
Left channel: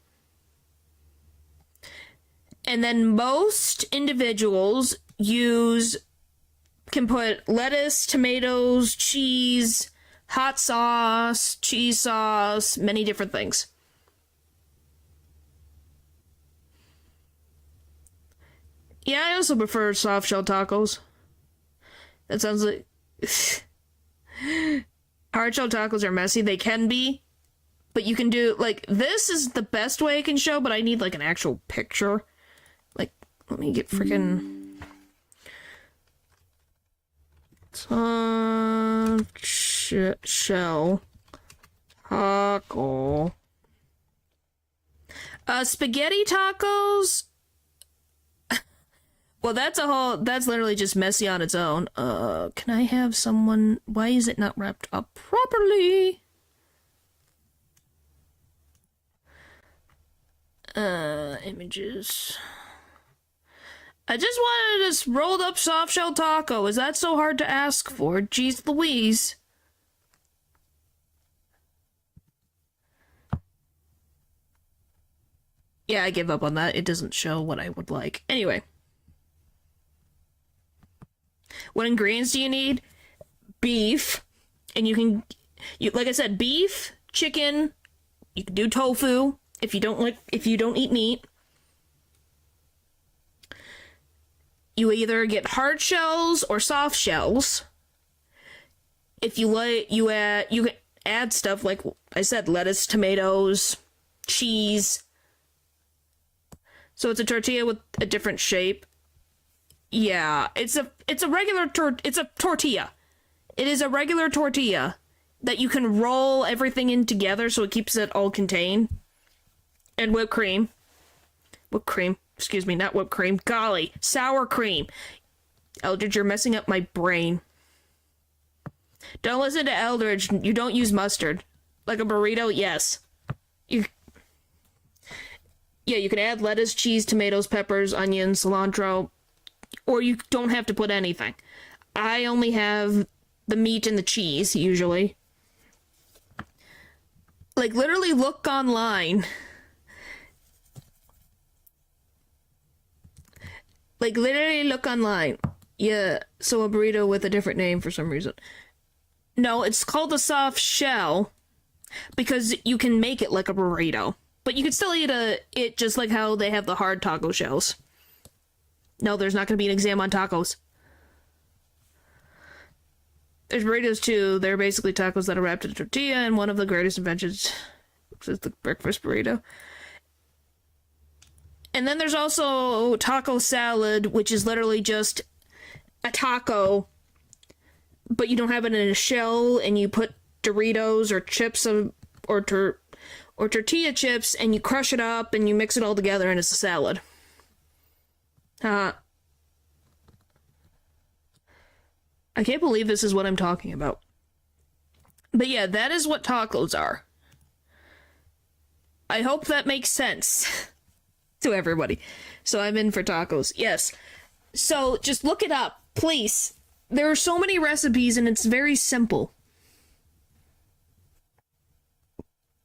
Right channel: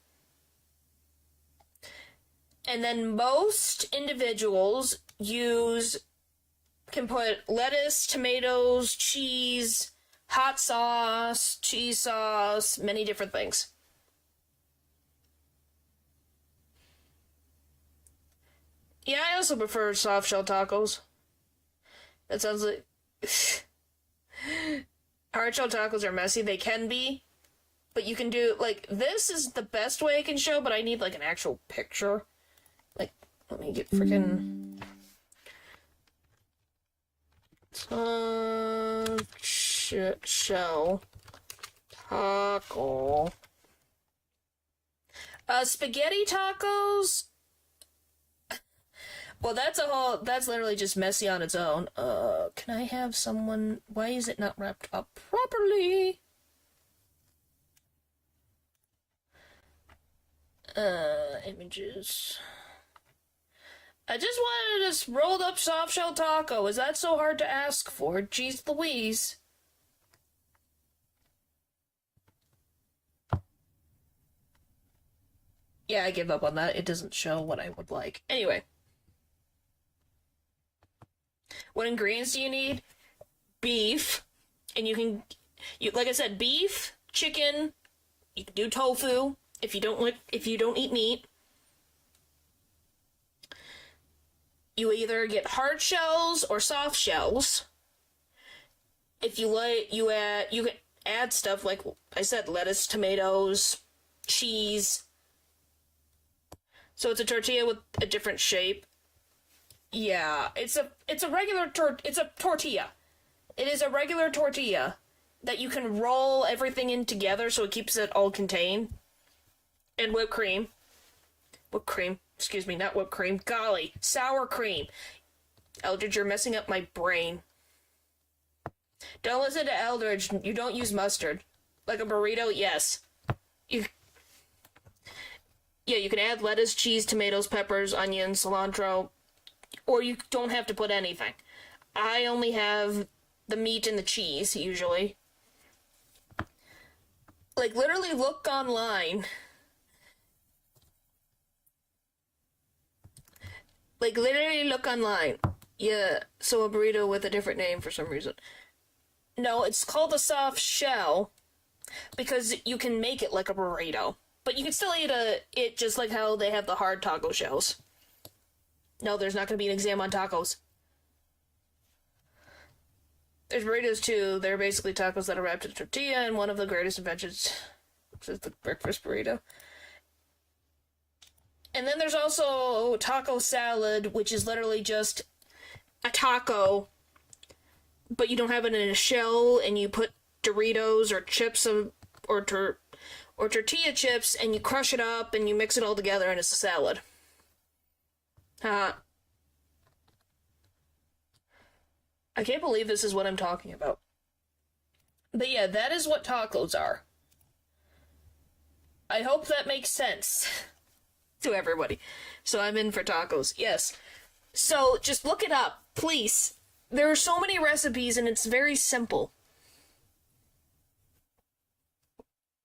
And then most individuals can put lettuce, tomatoes, cheese, hot sauce, cheese sauce, many different things. Yeah, I also prefer soft shell tacos. That sounds like... Hard shell tacos are messy. They can be. But you can do, like, this is the best way I can show, but I need, like, an actual picture. Like, let me get freaking... Shell. Taco. Spaghetti tacos? Well, that's literally just messy on its own. Can I have someone... Why is it not wrapped up properly? Images. I just wanted this rolled up soft shell taco. Is that so hard to ask for? Jeez Louise. Yeah, I give up on that. It doesn't show what I would like. Anyway. What ingredients do you need? Beef. And like I said, beef, chicken, you can do tofu if you don't eat meat. You either get hard shells or soft shells. If you like, you can add stuff like I said, lettuce, tomatoes, cheese. So it's a tortilla with a different shape. Yeah, it's a tortilla. It is a regular tortilla that you can roll everything in together so it keeps it all contained. And whipped cream. Whipped cream. Excuse me, not whipped cream. Golly, sour cream. Eldridge, you're messing up my brain. Don't listen to Eldridge. You don't use mustard. Like a burrito, yes. You can add lettuce, cheese, tomatoes, peppers, onions, cilantro, or you don't have to put anything. I only have the meat and the cheese, usually. Like, literally look online. Like, literally look online. Yeah, so a burrito with a different name for some reason. No, it's called a soft shell because you can make it like a burrito. But you can still eat it just like how they have the hard taco shells. No, there's not going to be an exam on tacos. There's burritos too. They're basically tacos that are wrapped in a tortilla, and one of the greatest inventions is the breakfast burrito. And then there's also taco salad, which is literally just a taco, but you don't have it in a shell, and you put Doritos or chips or tortilla chips, and you crush it up, and you mix it all together, and it's a salad. I can't believe this is what I'm talking about. But yeah, that is what tacos are. I hope that makes sense to everybody. So I'm in for tacos. Yes. So just look it up, please. There are so many recipes and it's very simple.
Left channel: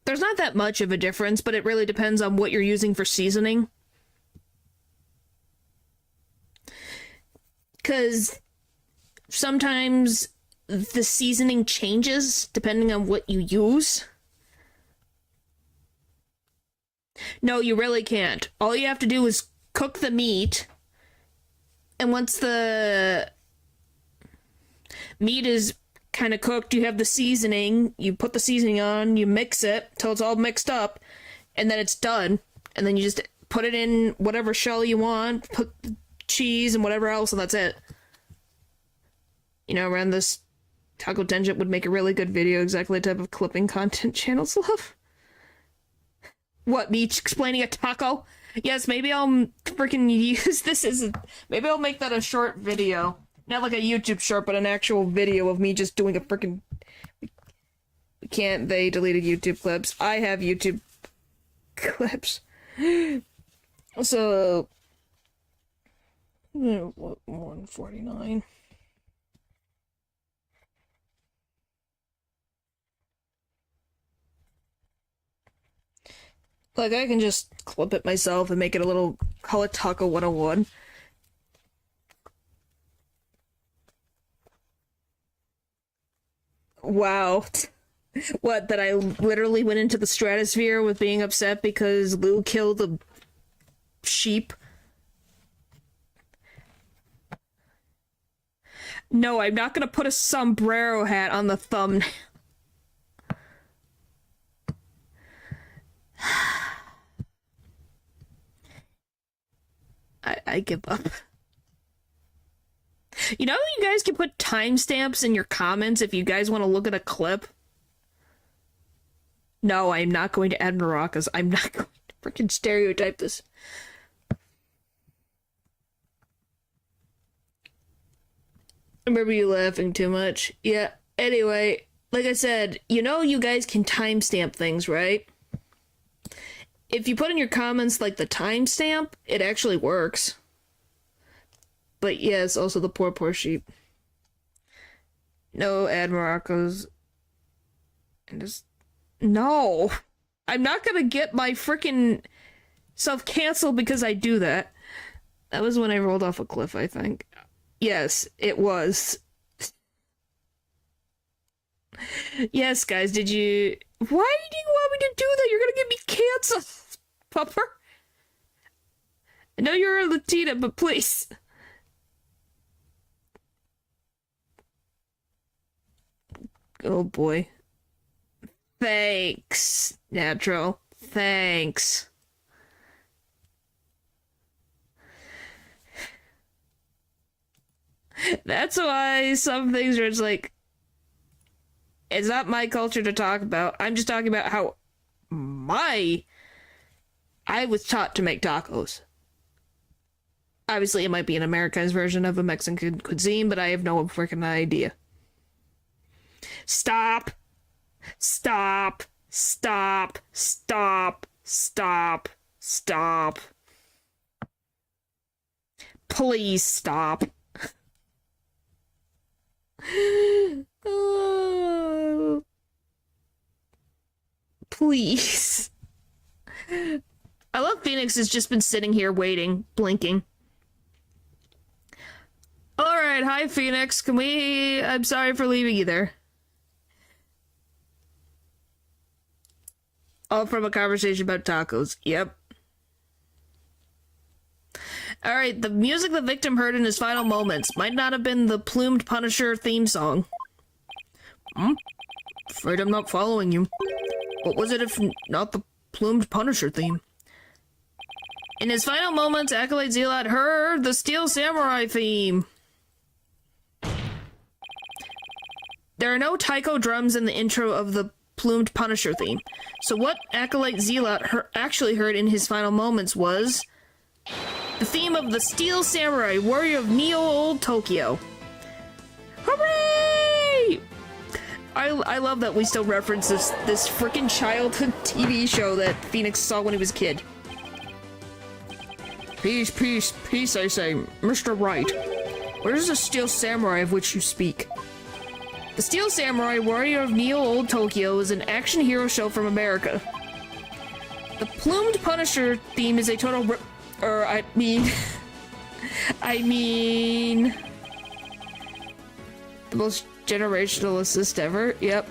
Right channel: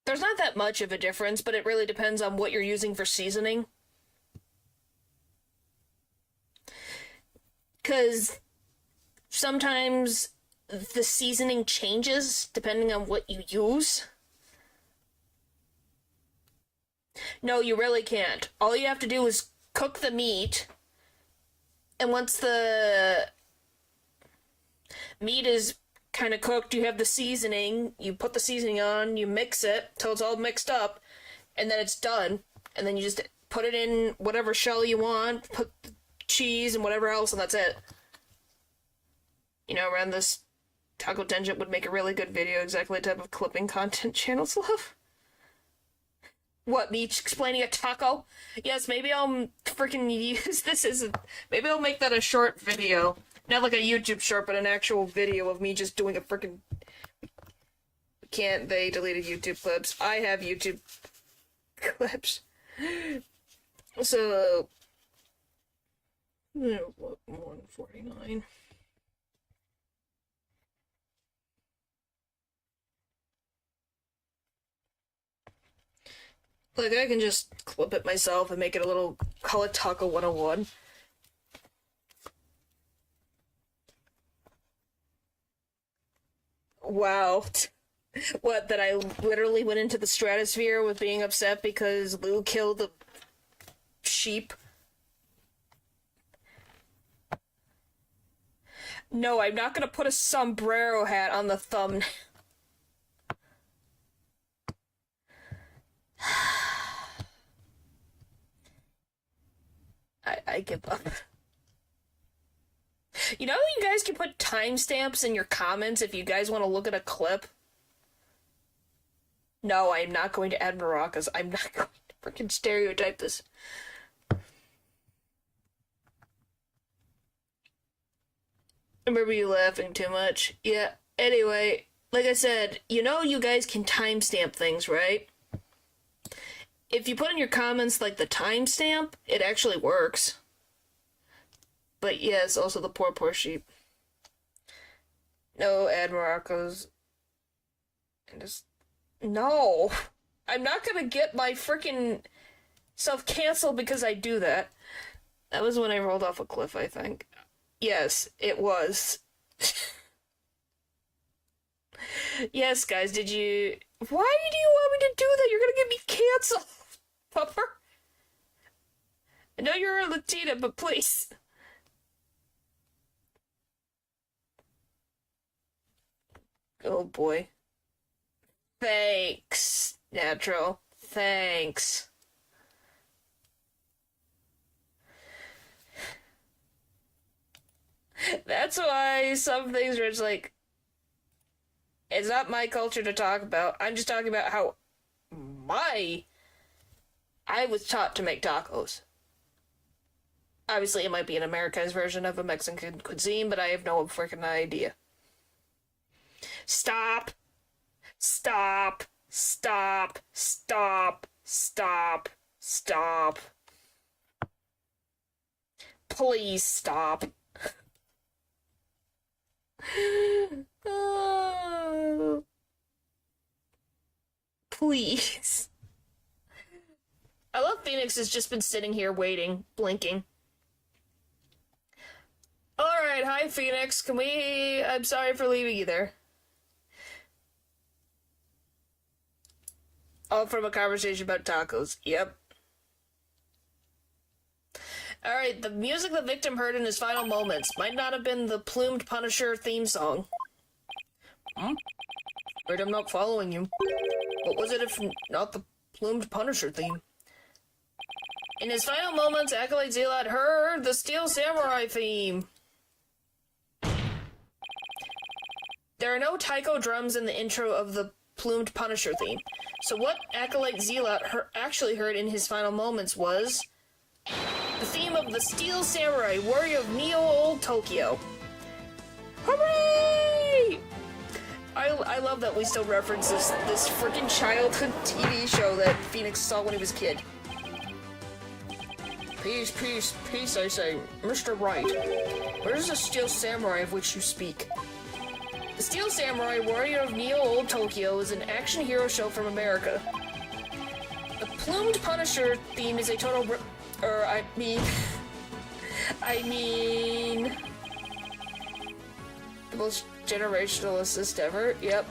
There's not that much of a difference, but it really depends on what you're using for seasoning. Because sometimes the seasoning changes depending on what you use. No, you really can't. All you have to do is cook the meat, and once the meat is kind of cooked, you have the seasoning, you put the seasoning on, you mix it till it's all mixed up, and then it's done. And then you just put it in whatever shell you want, put the cheese and whatever else, and that's it. You know, around this, Taco Tangent would make a really good video, exactly the type of clipping content channels love. What, me explaining a taco? Yes, maybe I'll freaking use this as maybe I'll make that a short video. Not like a YouTube short, but an actual video of me just doing a freaking... They deleted YouTube clips. I have YouTube clips. So... 149. Like, I can just clip it myself and make it a little, call it Taco 101. Wow. What, that I literally went into the stratosphere with being upset because Lou killed the sheep? No, I'm not gonna put a sombrero hat on the thumbnail. I give up. You know, you guys can put timestamps in your comments if you guys want to look at a clip. No, I'm not going to add maracas. I'm not going to freaking stereotype this. I remember you laughing too much. Yeah, anyway, like I said, you know you guys can timestamp things, right? If you put in your comments, like, the timestamp, it actually works. But yes, also the poor sheep. No ad maracas. And just... No! I'm not gonna get my freaking self canceled because I do that. That was when I rolled off a cliff, I think. Yes, it was. Yes, guys, did you... Why do you want me to do that? You're gonna get me canceled, pupper. I know you're a Latina, but please. Oh boy. Thanks, Natural. Thanks. That's why some things are just like, it's not my culture to talk about. I'm just talking about how I was taught to make tacos. Obviously, it might be an Americanized version of a Mexican cuisine, but I have no freaking idea. Stop. Stop. Stop. Stop. Stop. Stop. Please stop. Oh. Please. I love Phoenix has just been sitting here waiting, blinking. Alright, hi Phoenix, I'm sorry for leaving you there. All from a conversation about tacos, yep. Alright, the music the victim heard in his final moments might not have been the Plumed Punisher theme song. Afraid I'm not following you. What was it if not the Plumed Punisher theme? In his final moments, Acolyte Zealot heard the Steel Samurai theme. There are no taiko drums in the intro of the Plumed Punisher theme, so what Acolyte Zealot actually heard in his final moments was the theme of the Steel Samurai, Warrior of Neo-Old Tokyo. Hooray! I love that we still reference this freaking childhood TV show that Phoenix saw when he was a kid. Peace, peace, peace, I say, Mr. Wright. Where is the Steel Samurai of which you speak? The Steel Samurai, Warrior of Neo-Old Tokyo is an action hero show from America. The Plumed Punisher theme is a total I mean, the most generational assist ever, yep.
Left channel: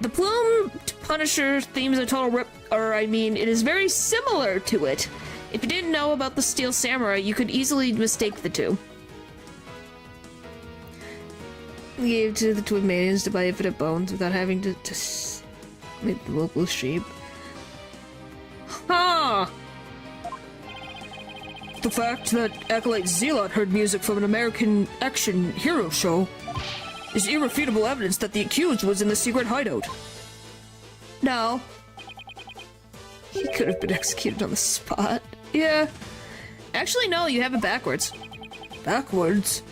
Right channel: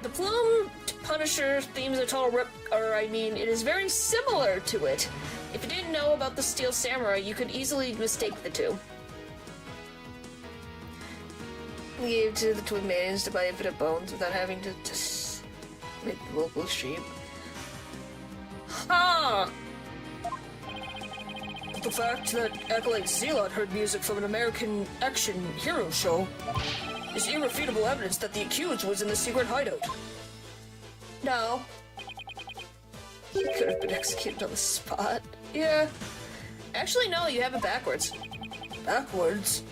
The Plumed Punisher theme is a total it is very similar to it. If you didn't know about the Steel Samurai, you could easily mistake the two. We gave to the Twin Maidens to buy infinite bones without having to make the local sheep. Ha! The fact that Acolyte Zealot heard music from an American action hero show is irrefutable evidence that the accused was in the secret hideout. No. He could have been executed on the spot. Yeah. Actually, no, you have it backwards. Backwards?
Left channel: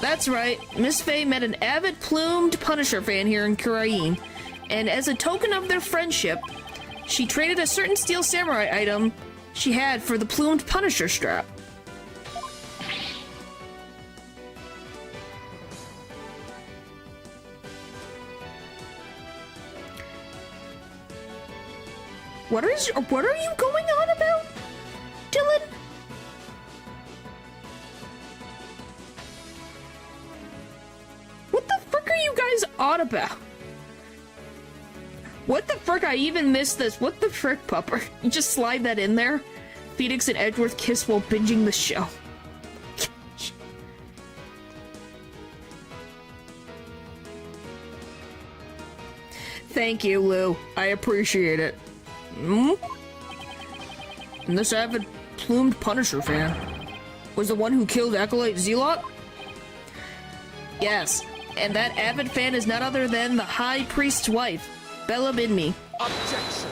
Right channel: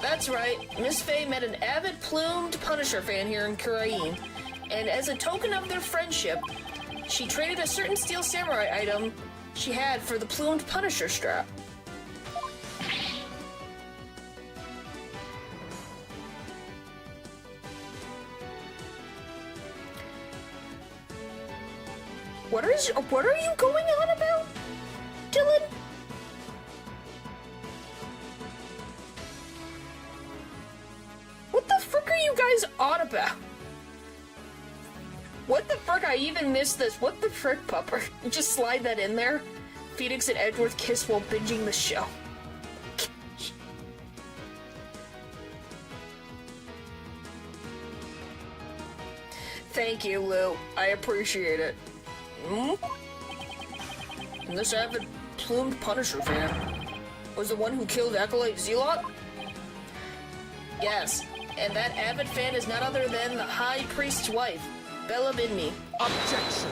That's right. Miss Faye met an avid Plumed Punisher fan here in Kurain, and as a token of their friendship, she traded a certain Steel Samurai item she had for the Plumed Punisher strap. What are you going on about, Dylan? What the frick are you guys on about? What the frick? I even missed this. What the frick, Pupper? You just slide that in there? Phoenix and Edgeworth kiss while binging the show. Thank you, Lou. I appreciate it. And this avid Plumed Punisher fan. was the one who killed Acolyte Zealot? Yes, and that avid fan is none other than the High Priest's wife, Bella Bidme. Objection!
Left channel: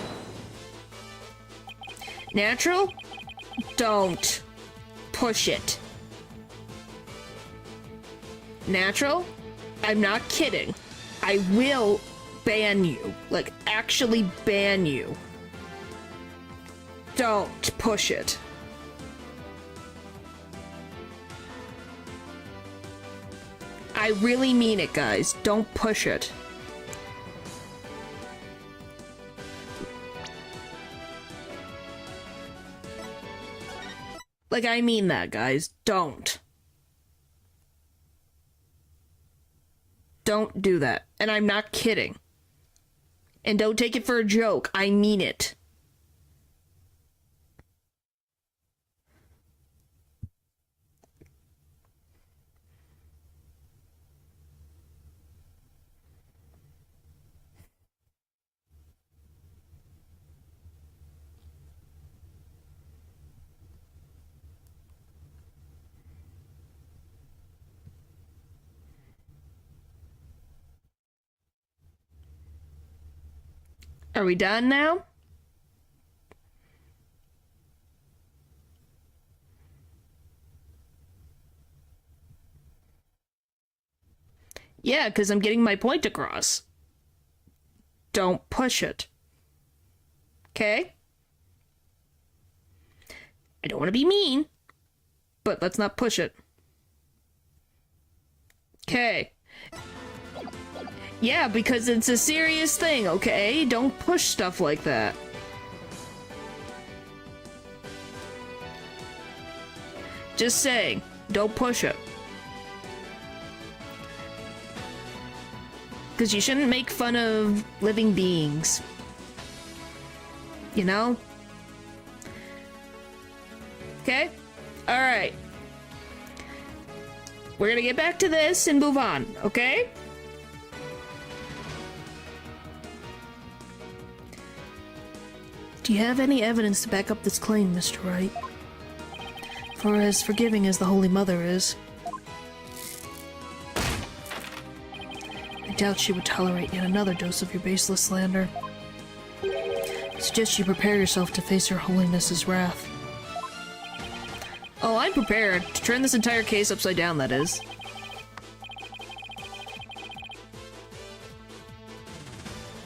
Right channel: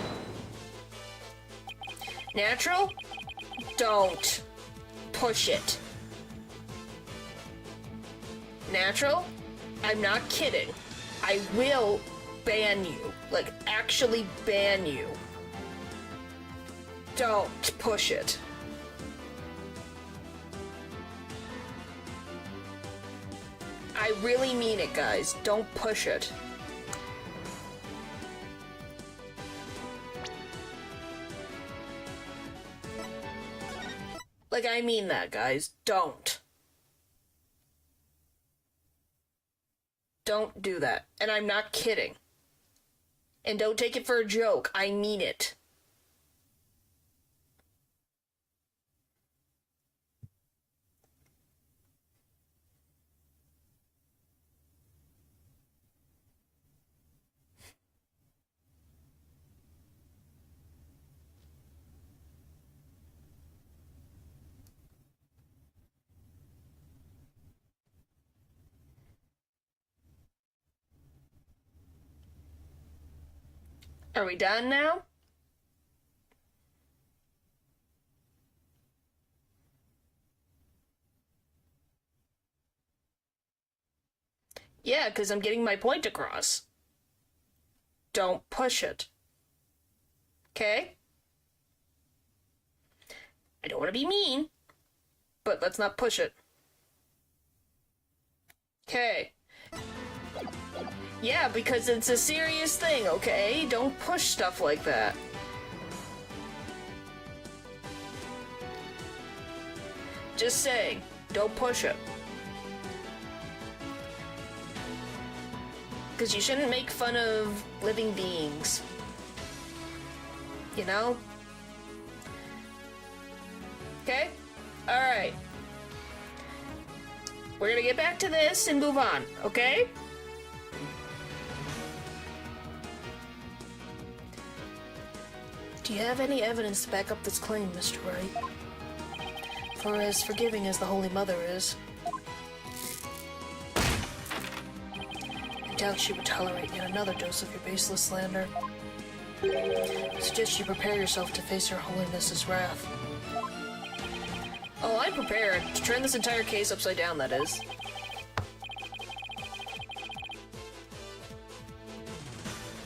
Natural? Don't push it. Natural? I'm not kidding. I will ban you. Like, actually ban you. Don't push it. I really mean it, guys. Don't push it. Like, I mean that, guys. Don't. Don't do that. And I'm not kidding. And don't take it for a joke. I mean it. Are we done now? Yeah, because I'm getting my point across. Don't push it. Okay? I don't want to be mean, but let's not push it. Okay. Yeah, because it's a serious thing, okay? Don't push stuff like that. Just saying, don't push it. Because you shouldn't make fun of living beings. You know? Okay? Alright. We're gonna get back to this and move on, okay? Do you have any evidence to back up this claim, Mr. Wright? For as forgiving as the Holy Mother is, I doubt she would tolerate yet another dose of your baseless slander. I suggest you prepare yourself to face Her Holiness's wrath. Oh, I'm prepared. To turn this entire case upside down, that is.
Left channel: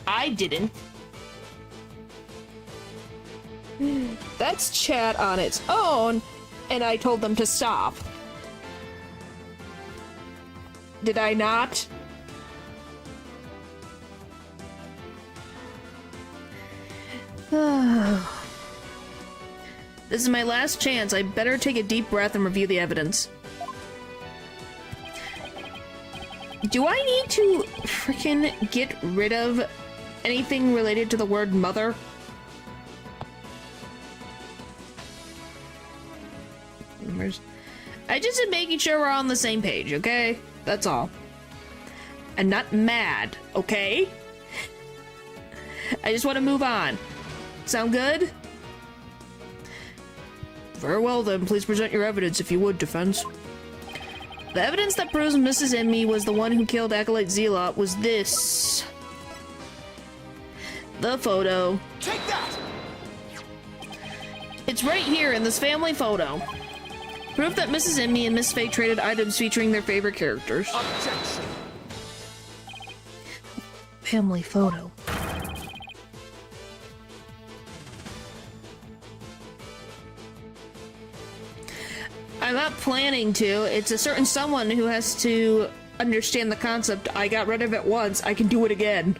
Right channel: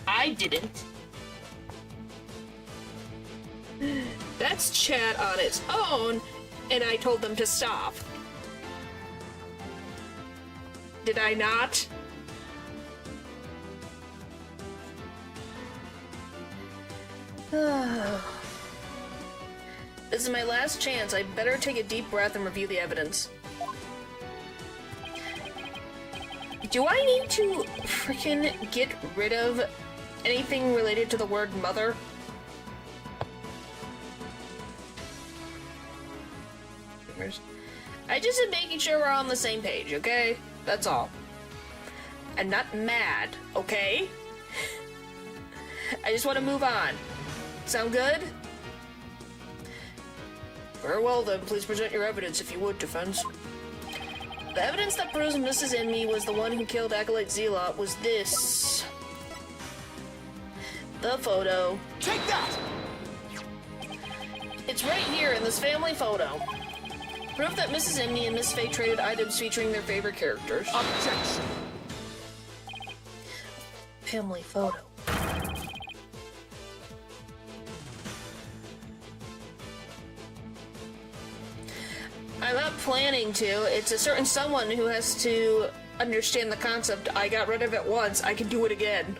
I didn't. That's chat on its own, and I told them to stop. Did I not? This is my last chance. I better take a deep breath and review the evidence. Do I need to freaking get rid of anything related to the word mother? I just am making sure we're on the same page, okay? That's all. I'm not mad, okay? I just want to move on. Sound good? Very well then, please present your evidence if you would, defense. The evidence that proves Mrs. Enemy was the one who killed Acolyte Zealot was this. The photo. Take that! It's right here in this family photo. Proof that Mrs. Enemy and Miss Faye traded items featuring their favorite characters. Objection! Family photo. I'm not planning to. It's a certain someone who has to understand the concept. I got rid of it once, I can do it again.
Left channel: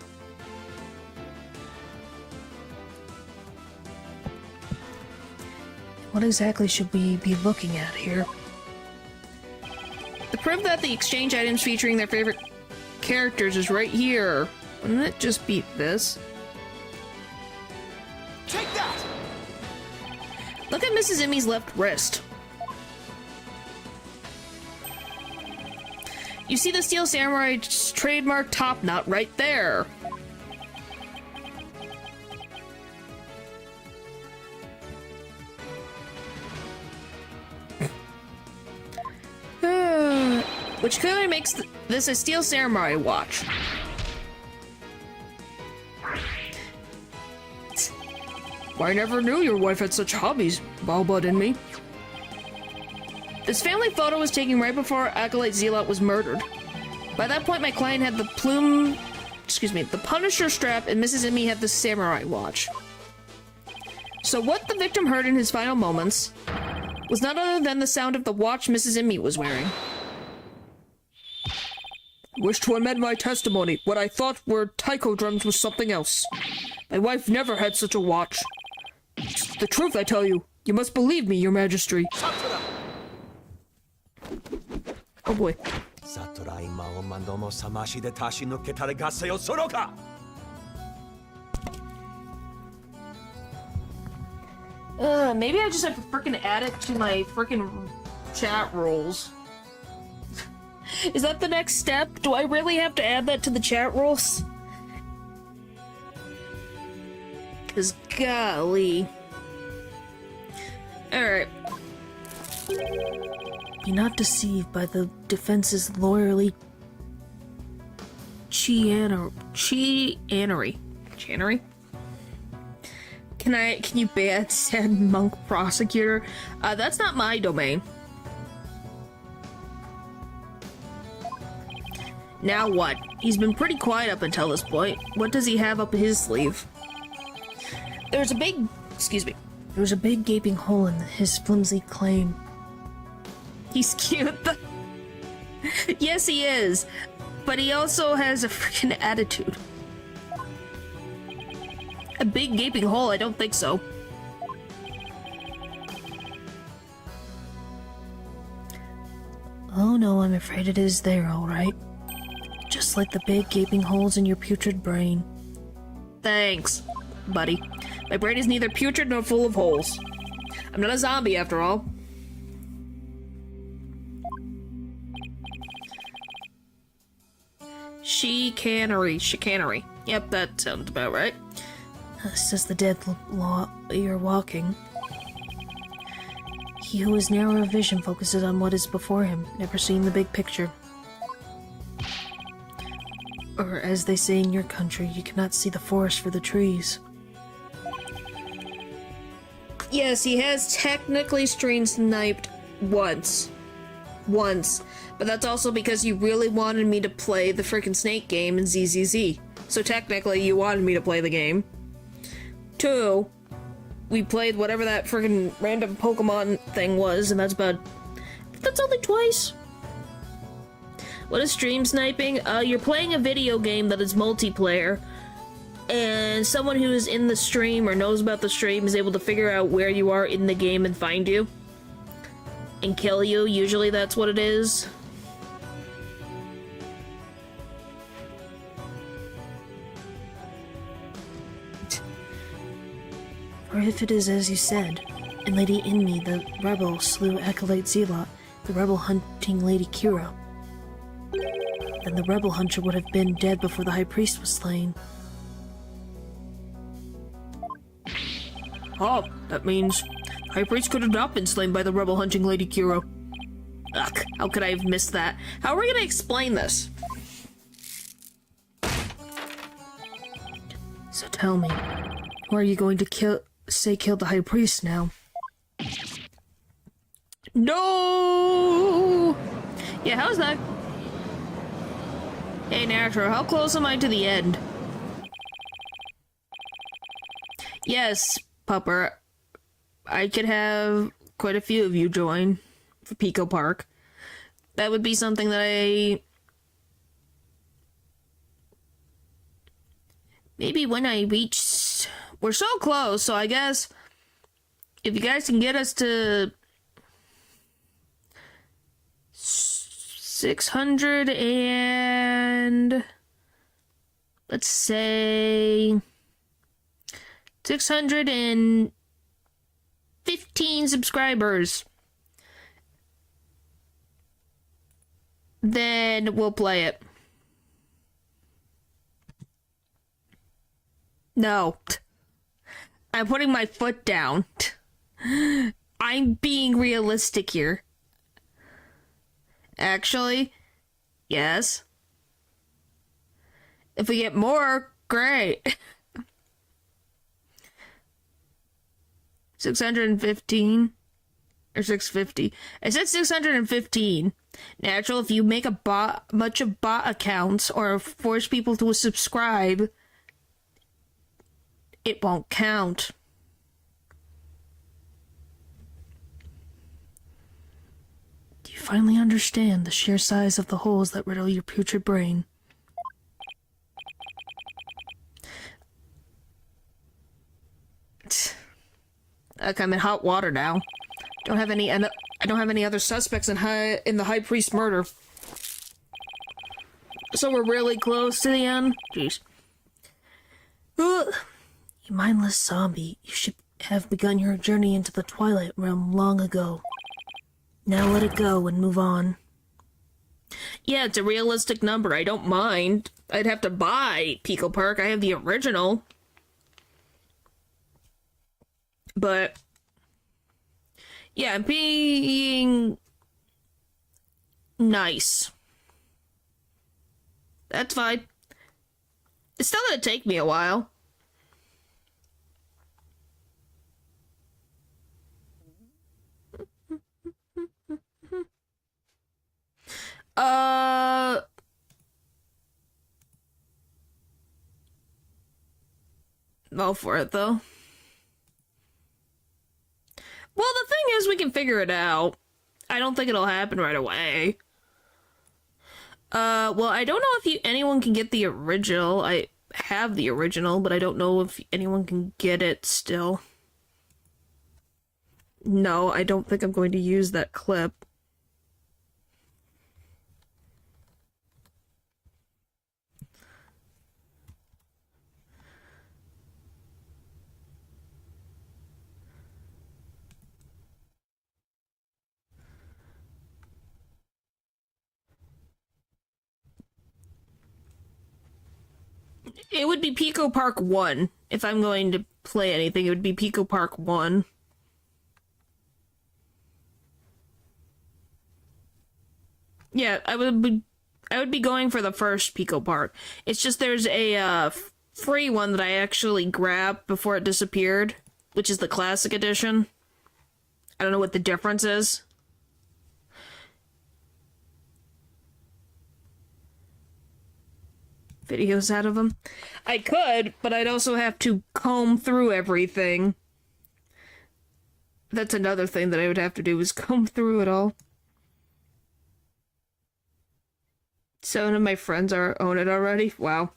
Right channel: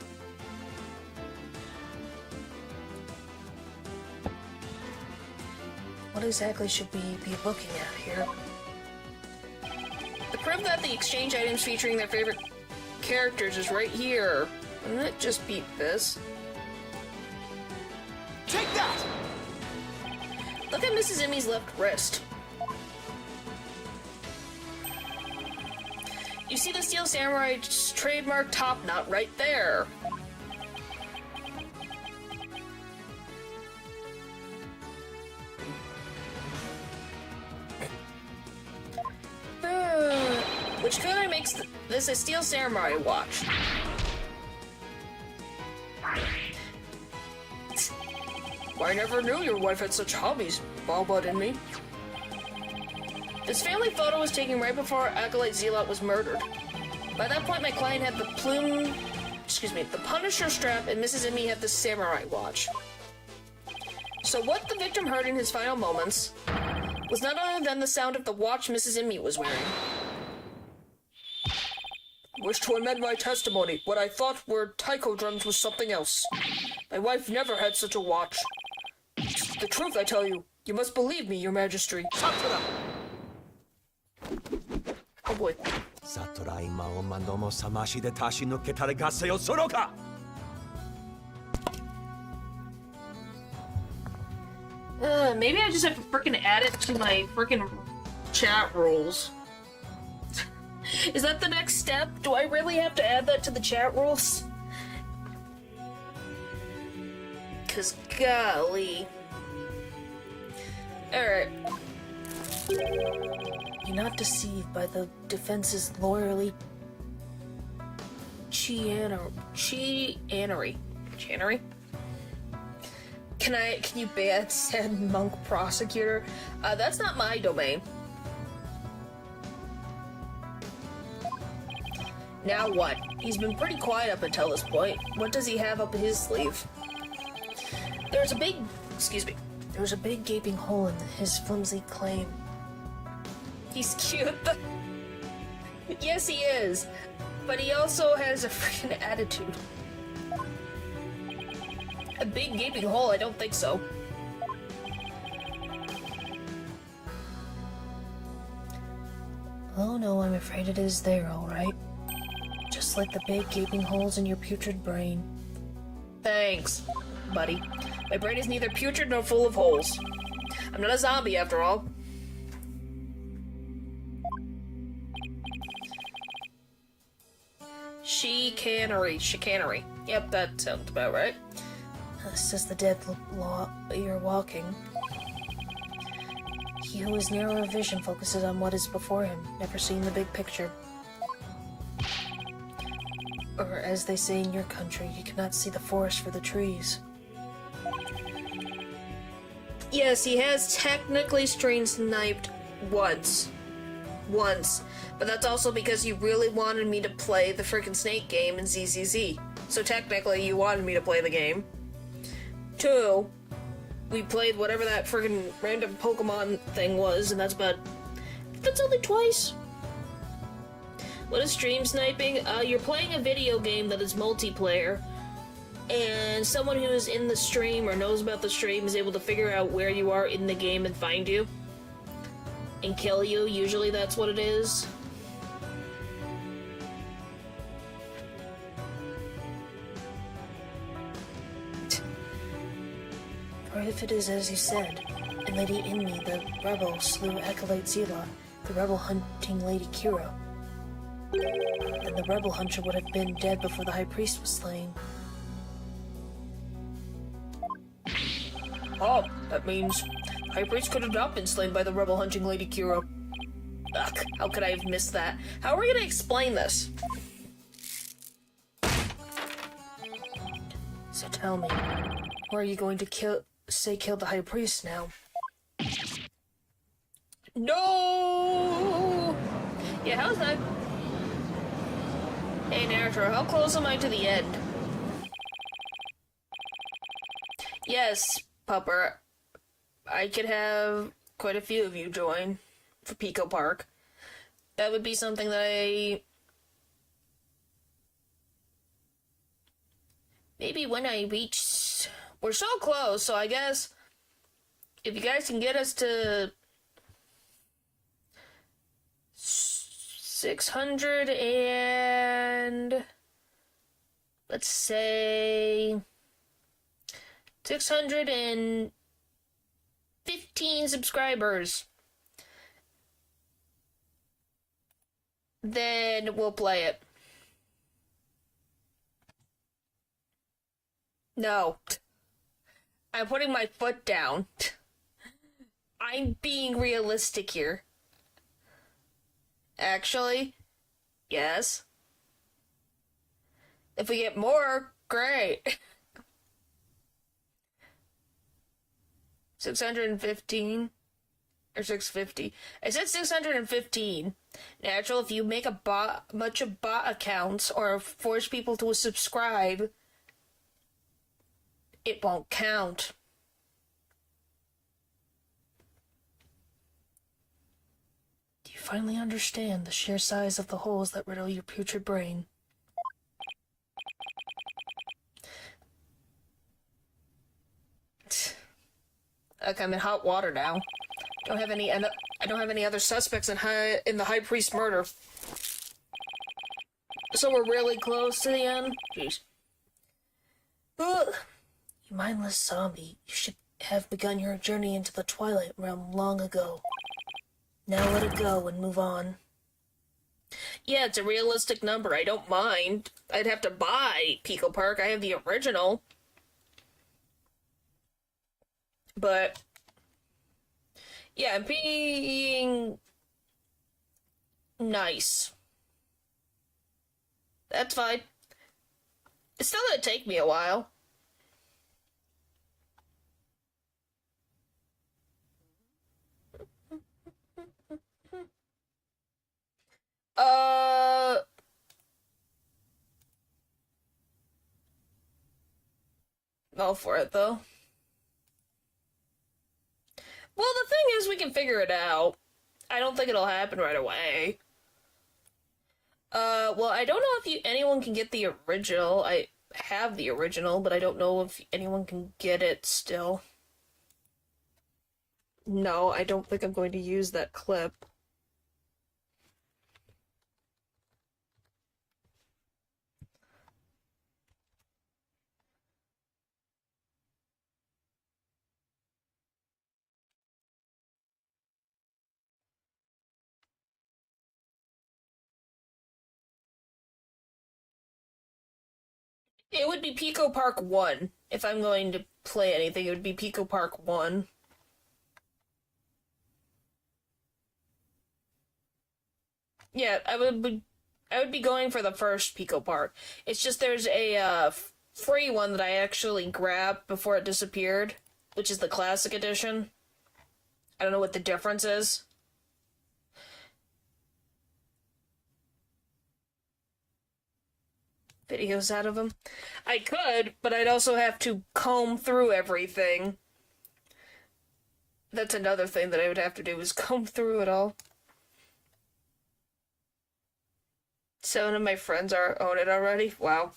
What exactly should we be looking at here? The proof that the exchange items featuring their favorite characters is right here. Wouldn't it just beat this? Take that! Look at Mrs. Emmy's left wrist. You see the Steel Samurai's trademark top knot right there. which clearly makes this a steel samurai watch. I never knew your wife had such hobbies, Balbud and me. This family photo was taken right before Acolyte Zealot was murdered. By that point, my client had the Punisher strap, and Mrs. Emmy had the samurai watch. So what the victim heard in his final moments was none other than the sound of the watch Mrs. Emmy was wearing. Wish to amend my testimony. What I thought were taiko drums was something else. My wife never had such a watch. It's the truth, I tell you. You must believe me, your majesty. Satura! Oh boy. Satura ima o mandomo samashi de tashi no ketare gasse o soroka! Maybe I just have to frickin' add it to my frickin' chat rules. Is that the next step? Do I really have to add that to the chat rules? 'Cause golly. Alright. Be not deceived by the defense's lawyerly chianery. Can you ban said monk prosecutor? That's not my domain. Now what? He's been pretty quiet up until this point. What does he have up his sleeve? There's a big gaping hole in his flimsy claim. He's cute. Yes, he is. But he also has a freaking attitude. A big gaping hole? I don't think so. Oh no, I'm afraid it is there, alright. Just like the big gaping holes in your putrid brain. Thanks, buddy. My brain is neither putrid nor full of holes. I'm not a zombie, after all. Chicanery. Yep, that sounds about right. Says the dead you're walking. He who has narrower vision focuses on what is before him, never seeing the big picture. Or as they say in your country, you cannot see the forest for the trees. Yes, he has technically stream sniped once. But that's also because you really wanted me to play the frickin' Snake game in ZZZ. So technically you wanted me to play the game. 2, we played whatever that frickin' random Pokemon thing was, and that's only twice. What is stream sniping? You're playing a video game that is multiplayer, and someone who is in the stream or knows about the stream is able to figure out where you are in the game and find you. And kill you. Usually that's what it is. Or if it is as you said, and Lady Inmi, the rebel, slew Acolyte Zealot, the rebel hunting Lady Kira, then the rebel hunter would have been dead before the High Priest was slain. Oh, that means High Priest could have not been slain by the rebel hunting Lady Kira. Ugh, how could I have missed that? How are we gonna explain this? So tell me, who are you going to kill the High Priest now? No! Yeah, how's that? Hey, Natro, how close am I to the end? Yes, Pupper. I could have quite a few of you join for Pico Park. That would be something that maybe when I reach... We're so close, so I guess if you guys can get us to 600 and... let's say... 615 subscribers, then we'll play it. No. I'm putting my foot down. I'm being realistic here. Actually, Yes. If we get more, great. 615 or 650. I said 615. Natural, if you make a bunch of bot accounts or force people to subscribe, it won't count. Do you finally understand the sheer size of the holes that riddle your putrid brain? Like I'm in hot water now. I don't have any other suspects in the High Priest murder. So we're really close to the end. Jeez. Ugh. You mindless zombie, you should have begun your journey into the Twilight Realm long ago. Now let it go and move on. Yeah, it's a realistic number. I don't mind. I'd have to buy Pico Park. I have the original. But yeah, I'm being nice. That's fine. It's still gonna take me a while. Go for it, though. Well, the thing is, we can figure it out. I don't think it'll happen right away. Well, I don't know if anyone can get the original. I have the original, but I don't know if anyone can get it still. No, I don't think I'm going to use that clip. It would be Pico Park 1. If I'm going to play anything, it would be Pico Park 1. Yeah, I would be going for the first Pico Park. It's just there's a free one that I actually grabbed before it disappeared, which is the classic edition. I don't know what the difference is. Videos out of them. I could, but I'd also have to comb through everything. That's another thing that I would have to do, is comb through it all. 7 of my friends own it already. Wow.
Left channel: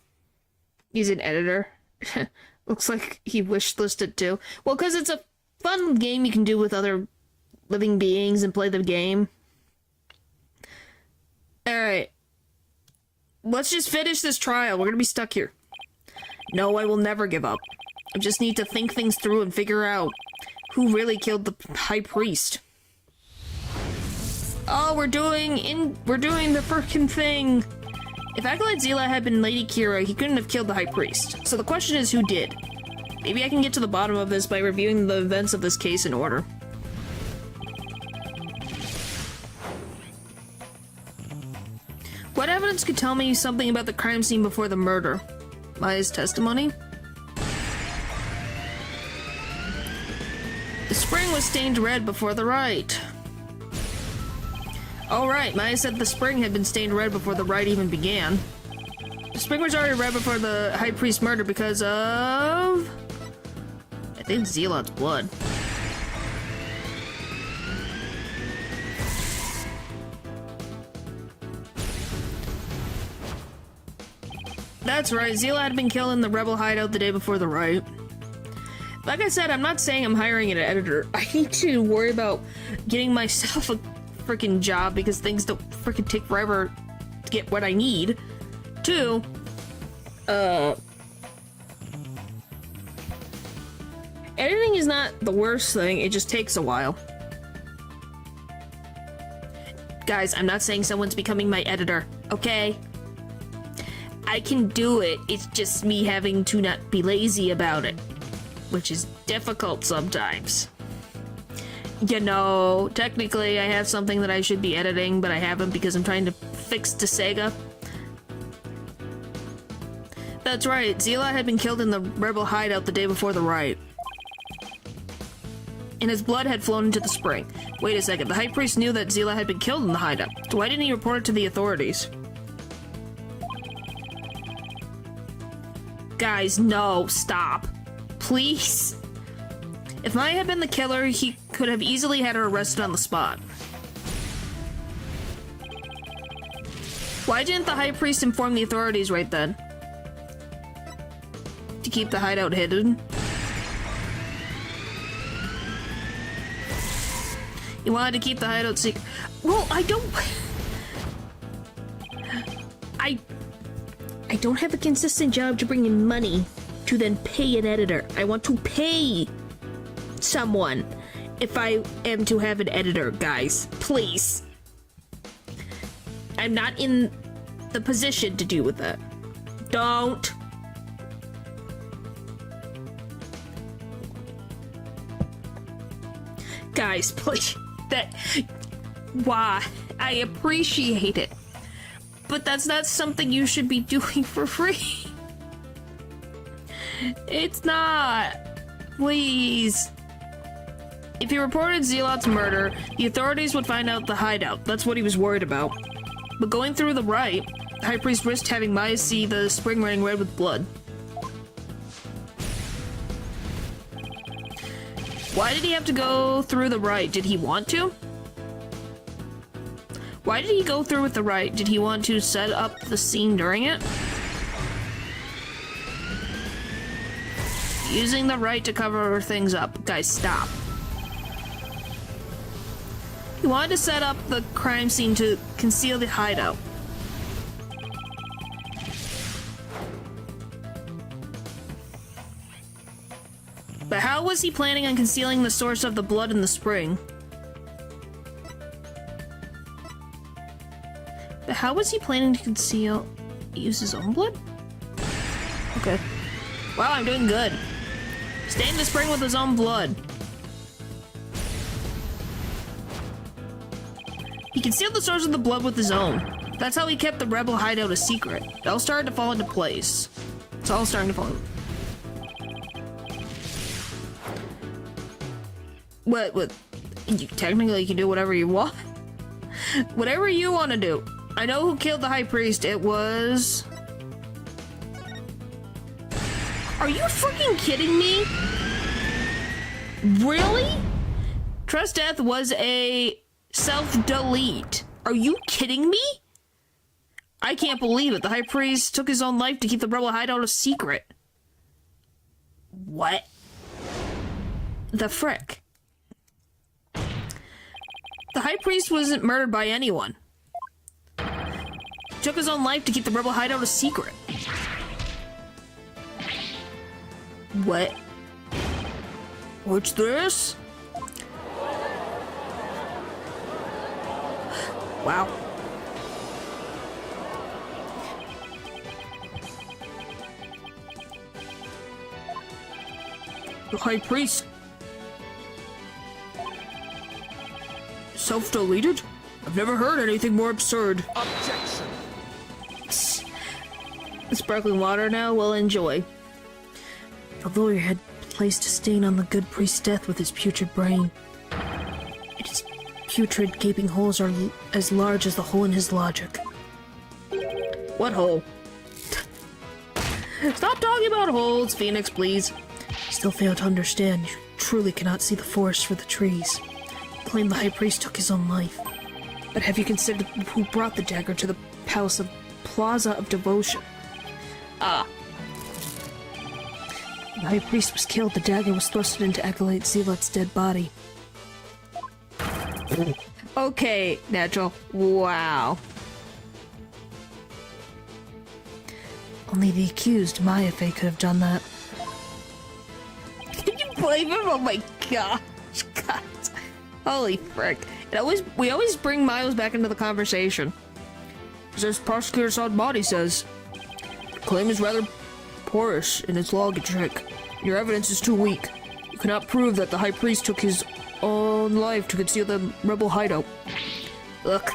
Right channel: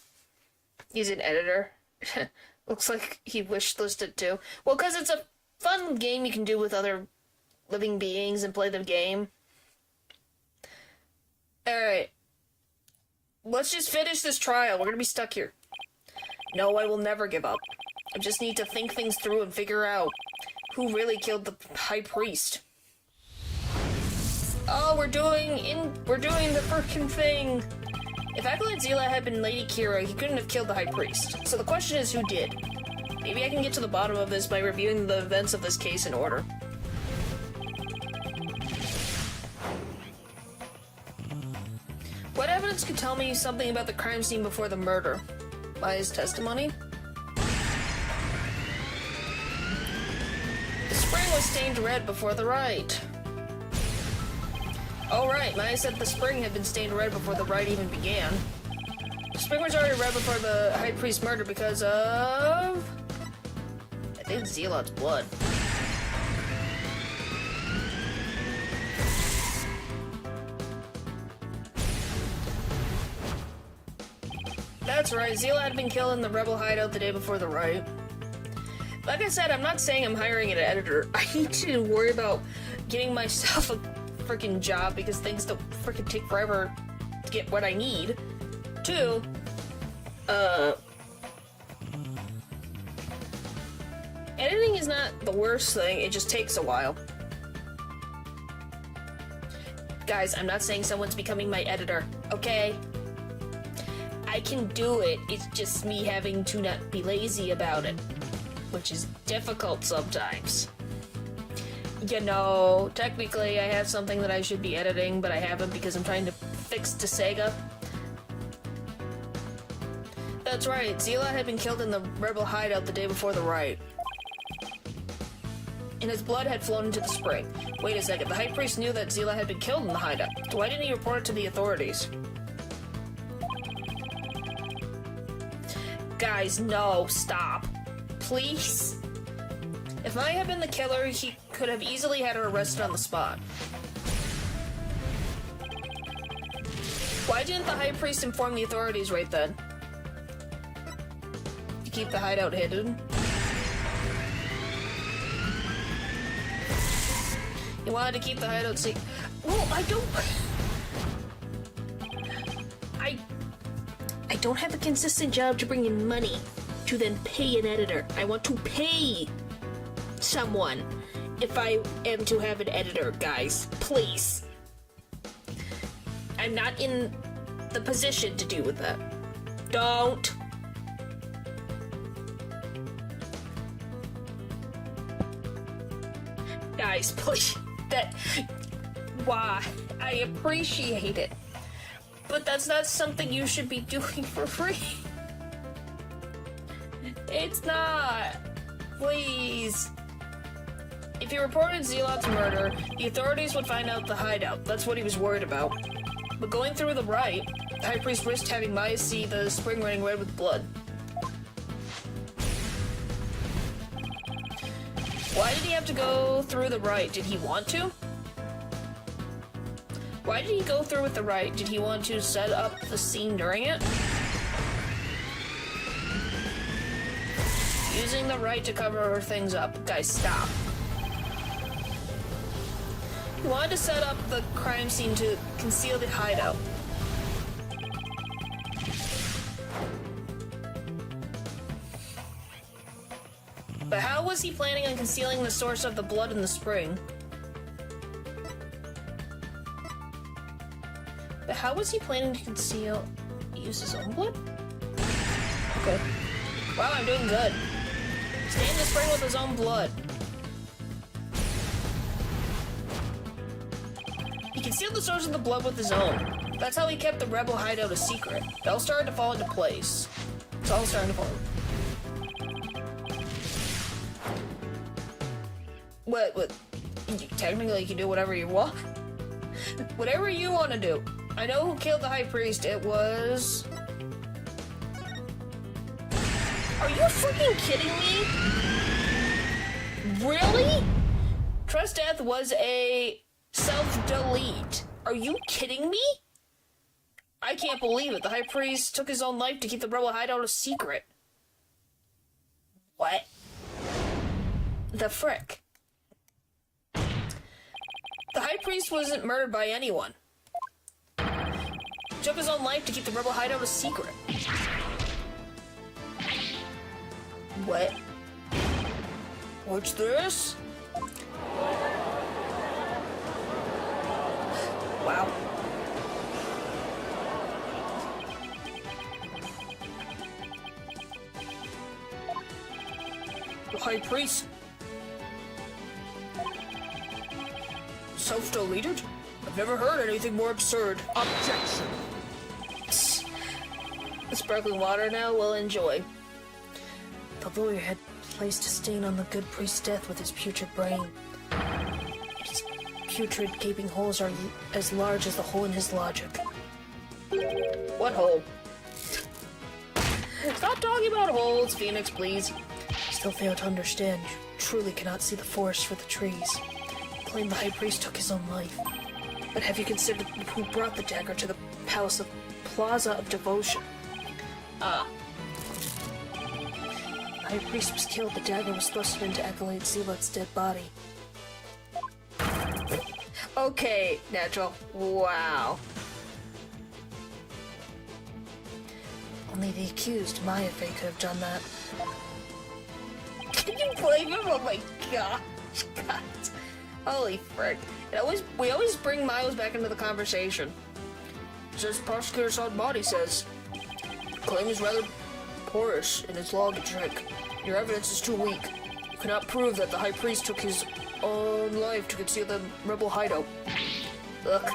He's an editor. Looks like he wishlisted too. Well, because it's a fun game you can do with other living beings and play the game. Alright. Let's just finish this trial. We're gonna be stuck here. No, I will never give up. I just need to think things through and figure out who really killed the High Priest. Oh, we're doing the frickin' thing. If Acolyte Zila had been Lady Kira, he couldn't have killed the High Priest. So the question is, who did? Maybe I can get to the bottom of this by reviewing the events of this case in order. What evidence could tell me something about the crime scene before the murder? Maya's testimony? The spring was stained red before the rite. Oh right, Maya said the spring had been stained red before the rite even began. The spring was already red before the High Priest murder because of... I think Zealot's blood. That's right, Zealot had been killed in the rebel hideout the day before the rite. Like I said, I'm not saying I'm hiring an editor. I need to worry about getting myself a freaking job because things don't freaking take forever to get what I need. 2, editing is not the worst thing, it just takes a while. Guys, I'm not saying someone's becoming my editor, okay? I can do it, it's just me having to not be lazy about it, which is difficult sometimes. You know, technically I have something that I should be editing, but I haven't because I'm trying to affixed to Sega. That's right, Zila had been killed in the rebel hideout the day before the riot. And his blood had flown into the spring. Wait a second, the High Priest knew that Zila had been killed in the hideout. So why didn't he report it to the authorities? Guys, no, stop. Please. If Maya had been the killer, he could have easily had her arrested on the spot. Why didn't the High Priest inform the authorities right then? To keep the hideout hidden? He wanted to keep the hideout secret. Well, I don't have a consistent job to bring in money to then pay an editor. I want to pay someone if I am to have an editor, guys. Please. I'm not in the position to do with that. Don't. Guys, please. Why? I appreciate it. But that's not something you should be doing for free. It's not. Please. If he reported Zealot's murder, the authorities would find out the hideout. That's what he was worried about. But going through the rite, the High Priest risked having Maya see the spring running red with blood. Why did he have to go through the rite? Did he want to? Why did he go through with the rite? Did he want to set up the scene during it? Using the rite to cover things up. Guys, stop. He wanted to set up the crime scene to conceal the hideout. But how was he planning on concealing the source of the blood in the spring? But how was he planning to use his own blood? Okay. Wow, I'm doing good. Stained the spring with his own blood. He concealed the source of the blood with his own. That's how he kept the rebel hideout a secret. It all started to fall into place. It's all starting to fall into place. What? You technically can do whatever you want. Whatever you want to do. I know who killed the High Priest. It was... Are you freaking kidding me? Really? Trust Death was a self-delete. Are you kidding me? I can't believe it. The High Priest took his own life to keep the rebel hideout a secret. What? The frick? The High Priest wasn't murdered by anyone. He took his own life to keep the rebel hideout a secret. What? What's this? Wow. The High Priest self-deleted? I've never heard anything more absurd. Objection! The sparkling water now we'll enjoy. The lawyer had placed a stain on the good priest's death with his putrid brain. Its putrid gaping holes are as large as the hole in his logic. What hole? Stop talking about holes, Phoenix, please. I still fail to understand. You truly cannot see the forest for the trees. You claim the High Priest took his own life. But have you considered who brought the dagger to the Palace of Plaza of Devotion? The High Priest was killed. The dagger was thrusted into Acolyte Zealot's dead body. Okay, Natural. Wow. Only the accused, Mayafe, could have done that. Can you blame him? Oh my gosh. God. Holy frick. We always bring Miles back into the conversation. As Prosecutor Sadmati says, the claim is rather porous in its logic. Your evidence is too weak. You cannot prove that the High Priest took his own life to conceal the rebel hideout. Look,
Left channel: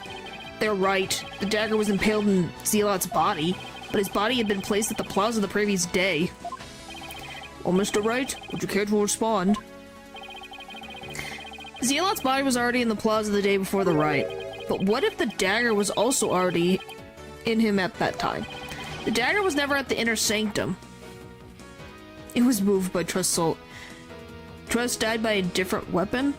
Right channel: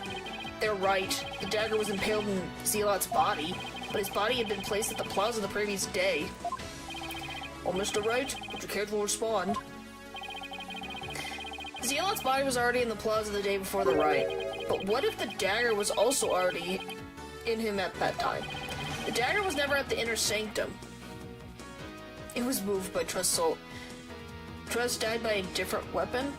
They're right. The dagger was impaled in Zealot's body, but his body had been placed at the plaza the previous day. Well, Mr. Wright, would you care to respond? Zealot's body was already in the plaza the day before the riot, but what if the dagger was also already in him at that time? The dagger was never at the inner sanctum. It was moved by Trust. Trust died by a different weapon?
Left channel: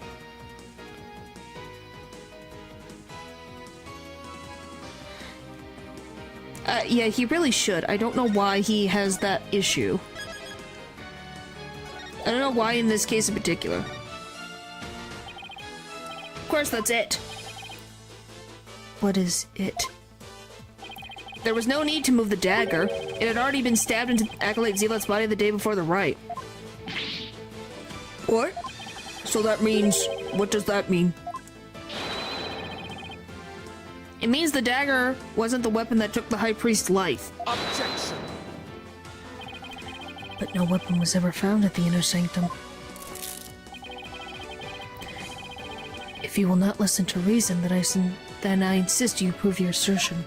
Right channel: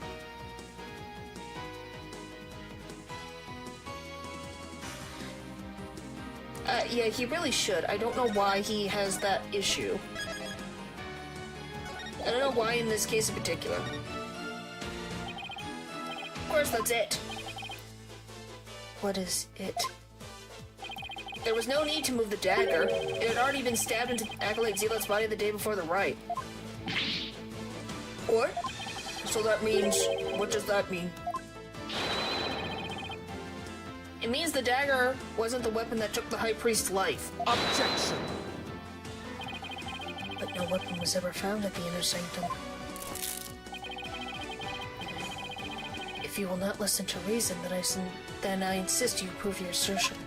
Yeah, he really should. I don't know why he has that issue. I don't know why in this case in particular. Of course, that's it. What is it? There was no need to move the dagger. It had already been stabbed into Acolyte Zealot's body the day before the riot. What? So that means... What does that mean? It means the dagger wasn't the weapon that took the High Priest's life. Objection! But no weapon was ever found at the Inner Sanctum. If you will not listen to reason, then I insist you prove your assertion.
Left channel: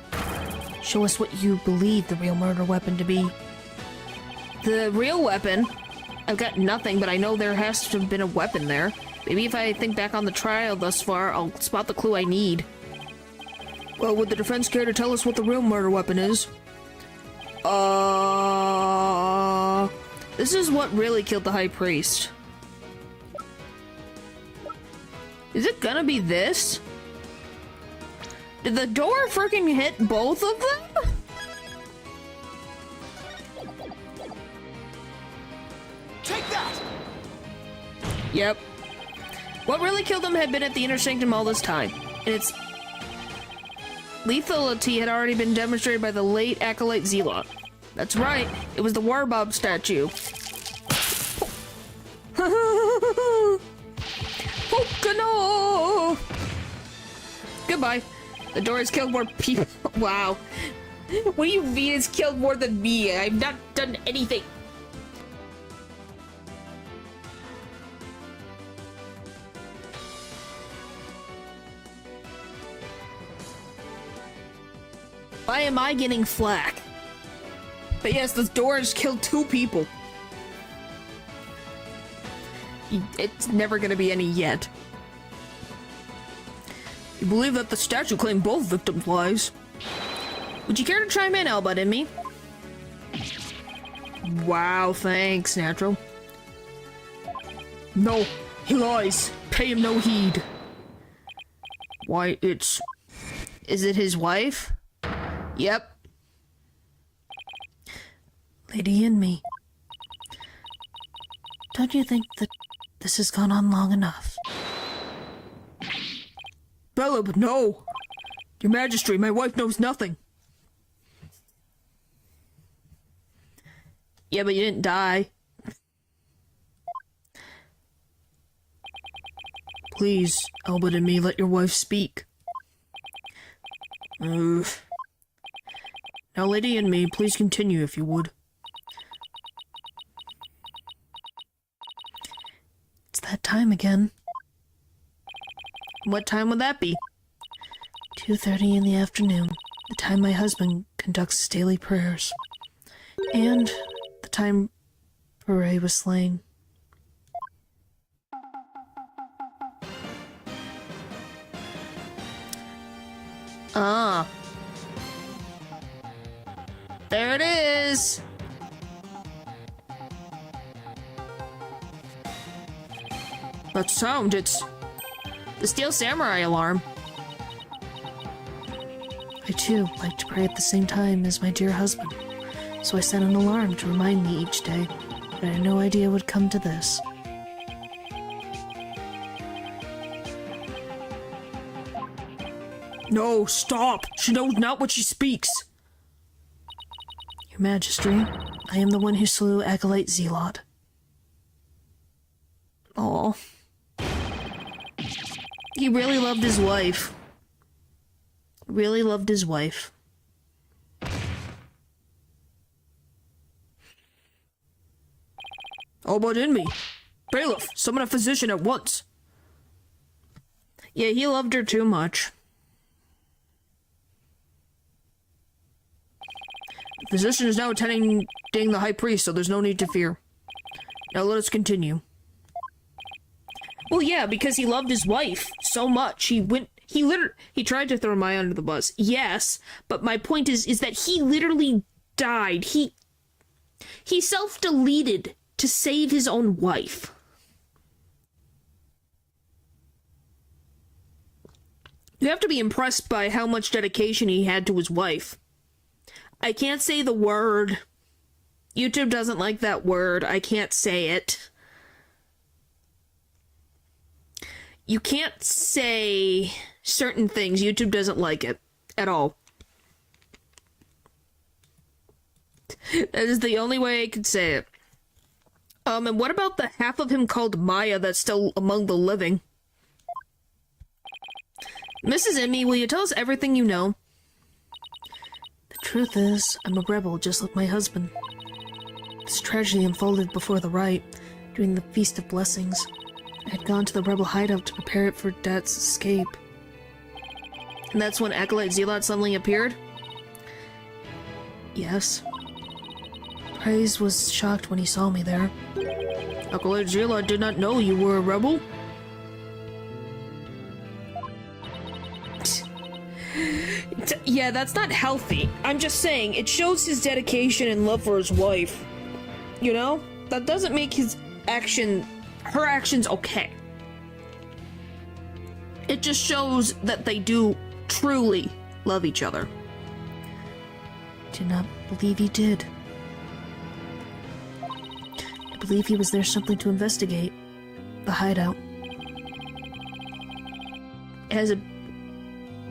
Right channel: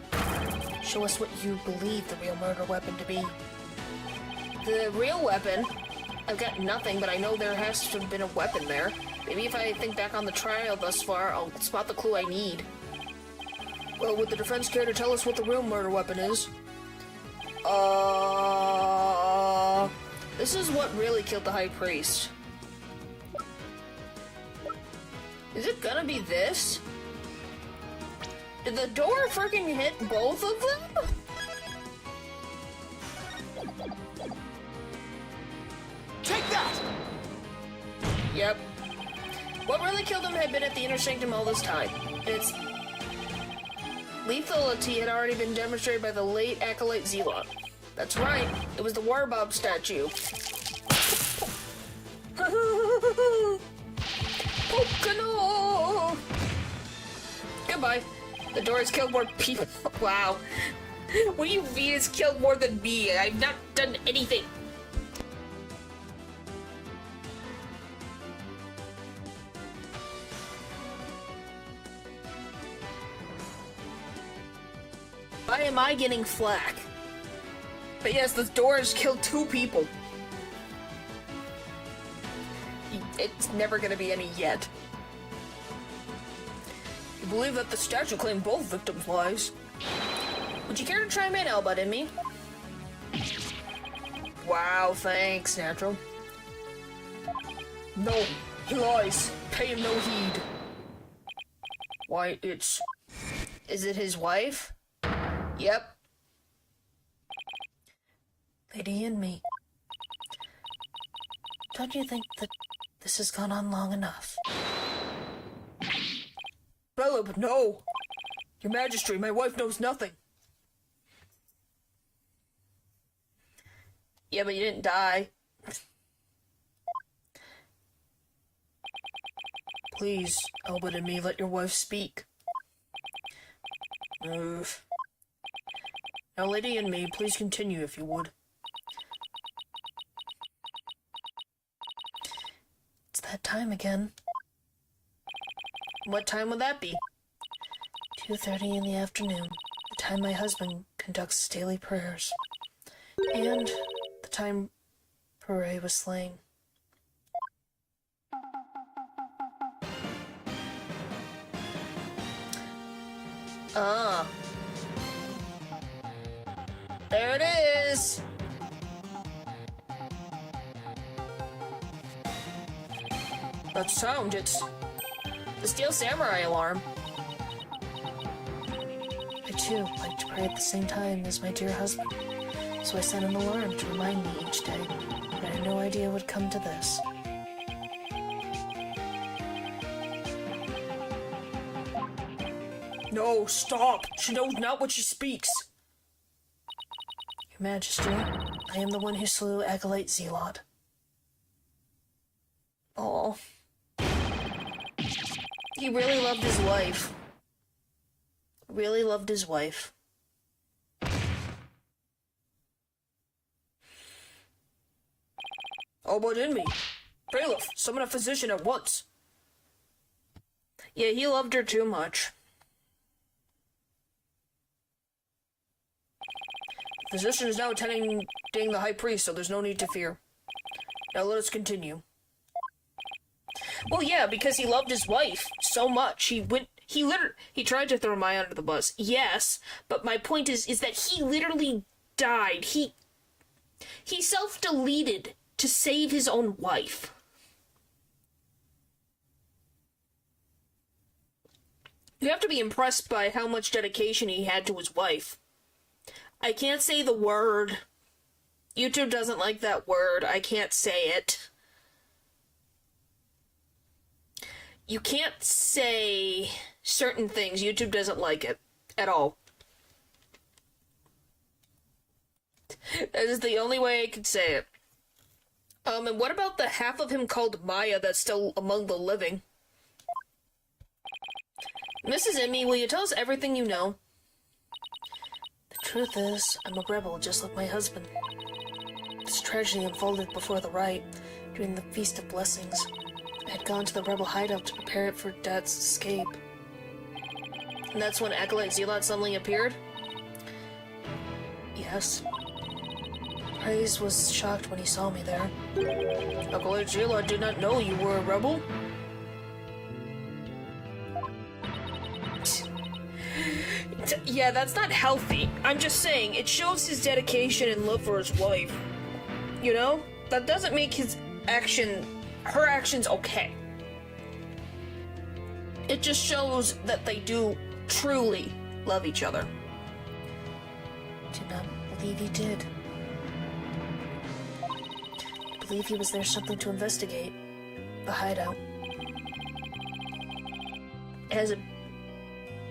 Show us what you believe the real murder weapon to be. The real weapon? I've got nothing, but I know there has to have been a weapon there. Maybe if I think back on the trial thus far, I'll spot the clue I need. Well, would the defense care to tell us what the real murder weapon is? This is what really killed the High Priest. Is it gonna be this? Did the door freaking hit both of them? Take that! Yep. What really killed him had been at the Inner Sanctum all this time. And its lethality had already been demonstrated by the late Acolyte Zealot. That's right, it was the Warbob statue. Pokano! Goodbye. The door has killed more people. Wow. What do you mean he has killed more than me? I've not done anything. Why am I getting flack? But yes, this door has killed 2 people. It's never gonna be any yet. You believe that the statue claimed both victims' lives? Would you care to chime in, Elba, and me? Wow, thanks, Natural. No, he lies. Pay him no heed. Why, it's... Is it his wife? Yep. Lady in me. Don't you think that this has gone on long enough? Belib, no! Your Majesty, my wife knows nothing. Yeah, but you didn't die. Please, Albert and me, let your wife speak. Now, Lady and me, please continue if you would. It's that time again. What time would that be? 2:30 in the afternoon, the time my husband conducts his daily prayers. And the time Pere was slain. Ah. There it is! That sound, it's... the Steel Samurai alarm. I too like to pray at the same time as my dear husband, so I set an alarm to remind me each day, but I had no idea it would come to this. No, stop! She knows not what she speaks! Your Majesty, I am the one who slew Acolyte Zealot. Aw. He really loved his wife. Really loved his wife. Oh, but in me. Bailiff, summon a physician at once. Yeah, he loved her too much. physician is now attending the high priest, so there's no need to fear. Now let us continue. Well, yeah, because he loved his wife so much. He tried to throw Maya under the bus. Yes, but my point is that he literally died. He self-deleted to save his own wife. You have to be impressed by how much dedication he had to his wife. I can't say the word. YouTube doesn't like that word. I can't say it. You can't say certain things. YouTube doesn't like it at all. That is the only way I could say it. And what about the half of him called Maya that's still among the living? Mrs. Emmy, will you tell us everything you know? The truth is, I'm a rebel just like my husband. This tragedy unfolded before the rite, during the Feast of Blessings. I had gone to the rebel hideout to prepare it for Dad's escape. And that's when Acolyte Zealot suddenly appeared? Yes. Praise was shocked when he saw me there. Acolyte Zealot did not know you were a rebel? Yeah, that's not healthy. I'm just saying, it shows his dedication and love for his wife. You know? That doesn't make her actions okay. It just shows that they do truly love each other. Did not believe he did. I believe he was there something to investigate. The hideout. Has it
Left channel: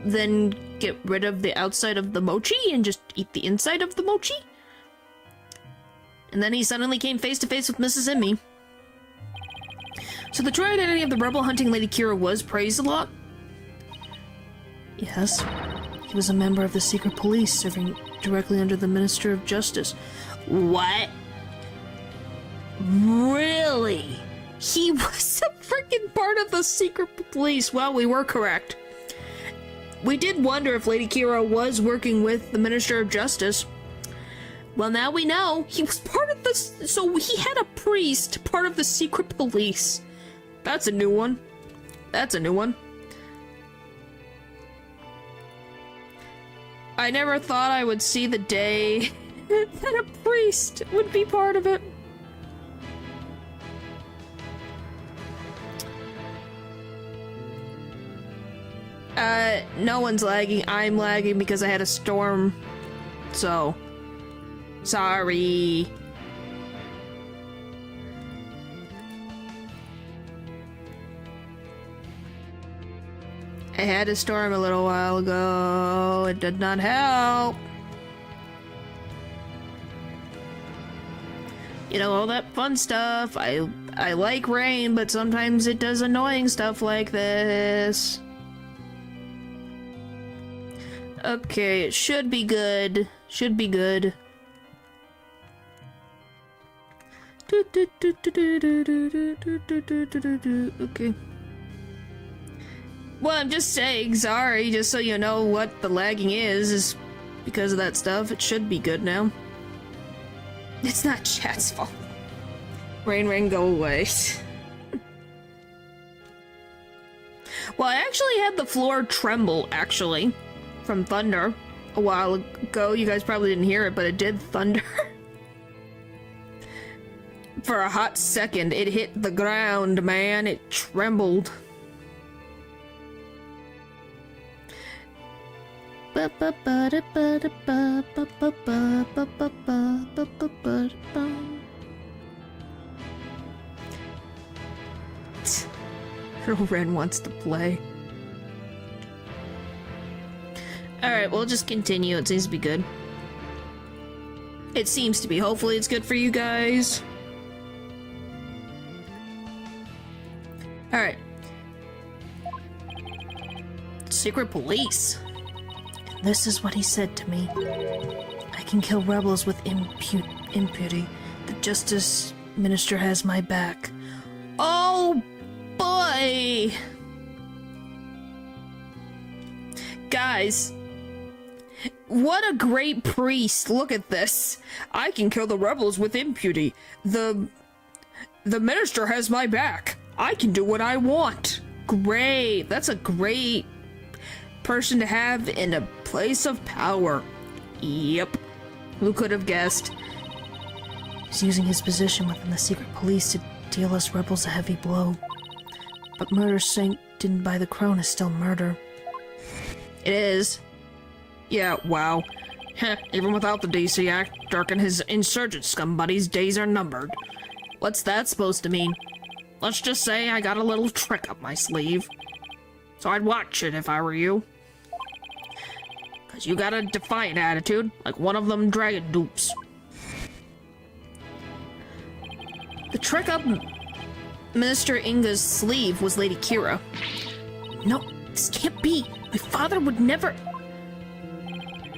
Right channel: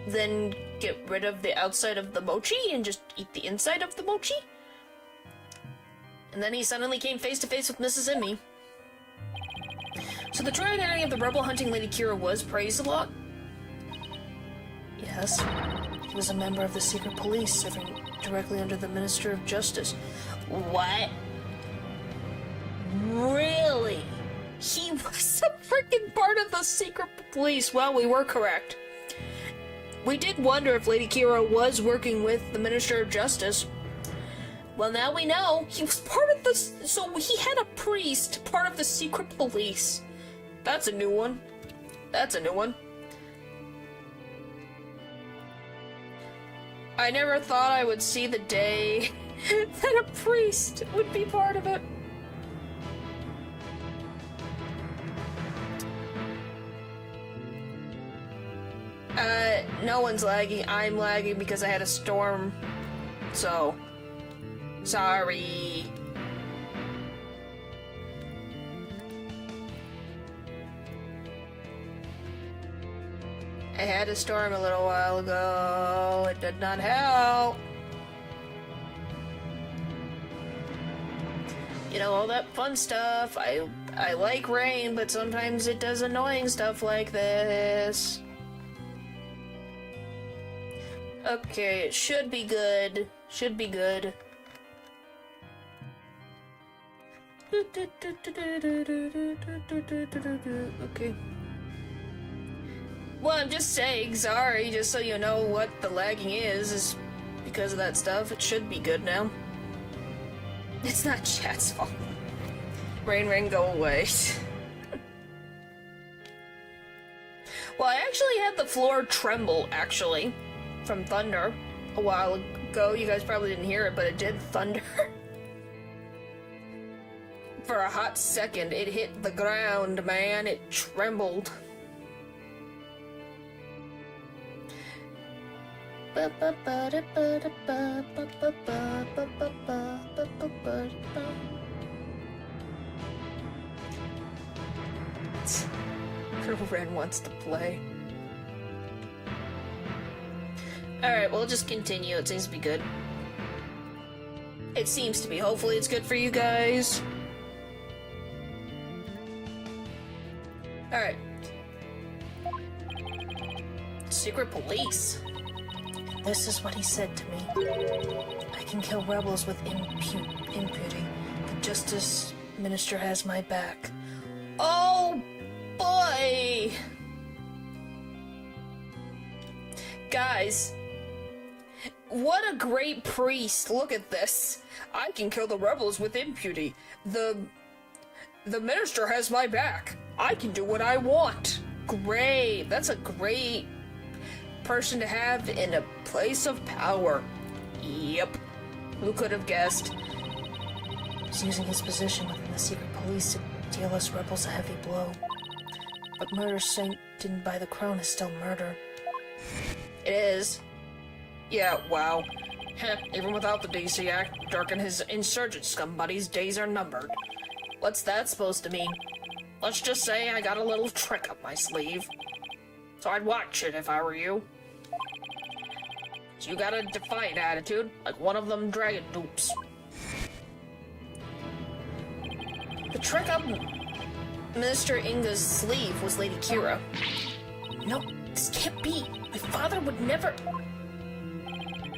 then get rid of the outside of the mochi and just eat the inside of the mochi? And then he suddenly came face to face with Mrs. Emmy. So the true identity of the rebel hunting Lady Kira was praised a lot? Yes. He was a member of the secret police, serving directly under the Minister of Justice. What? Really? He was a freaking part of the secret police. Well, we were correct. We did wonder if Lady Kira was working with the Minister of Justice. Well, now we know. He was part of this. So he had a priest, part of the secret police. That's a new one. That's a new one. I never thought I would see the day that a priest would be part of it. No one's lagging. I'm lagging because I had a storm. So, sorry. I had a storm a little while ago. It did not help. You know, all that fun stuff. I like rain, but sometimes it does annoying stuff like this. Okay, it should be good. Should be good. Okay. Well, I'm just saying, sorry, just so you know what the lagging is because of that stuff. It should be good now. It's not chat's fault. Rain, go away. Well, I actually had the floor tremble, actually, from thunder a while ago. You guys probably didn't hear it, but it did thunder. For a hot second, it hit the ground, man. It trembled. Ren wants to play. Alright, we'll just continue. It seems to be good. It seems to be. Hopefully it's good for you guys. Alright. Secret police. And this is what he said to me. I can kill rebels with impunity. The Justice Minister has my back. Oh boy! Guys, What a great priest. Look at this. I can kill the rebels with impunity. The minister has my back. I can do what I want. Great. That's a great person to have in a place of power. Yep. Who could have guessed? He's using his position within the secret police to deal us rebels a heavy blow. But murder sanctioned by the crown is still murder. It is. Yeah, wow. Heh, even without the DC Act, Dirk and his insurgent scum buddies' days are numbered. What's that supposed to mean? Let's just say I got a little trick up my sleeve. So I'd watch it if I were you. Cause you got a defiant attitude, like one of them dragon dupes. The trick up Minister Inga's sleeve was Lady Kira. No, this can't be. My father would never...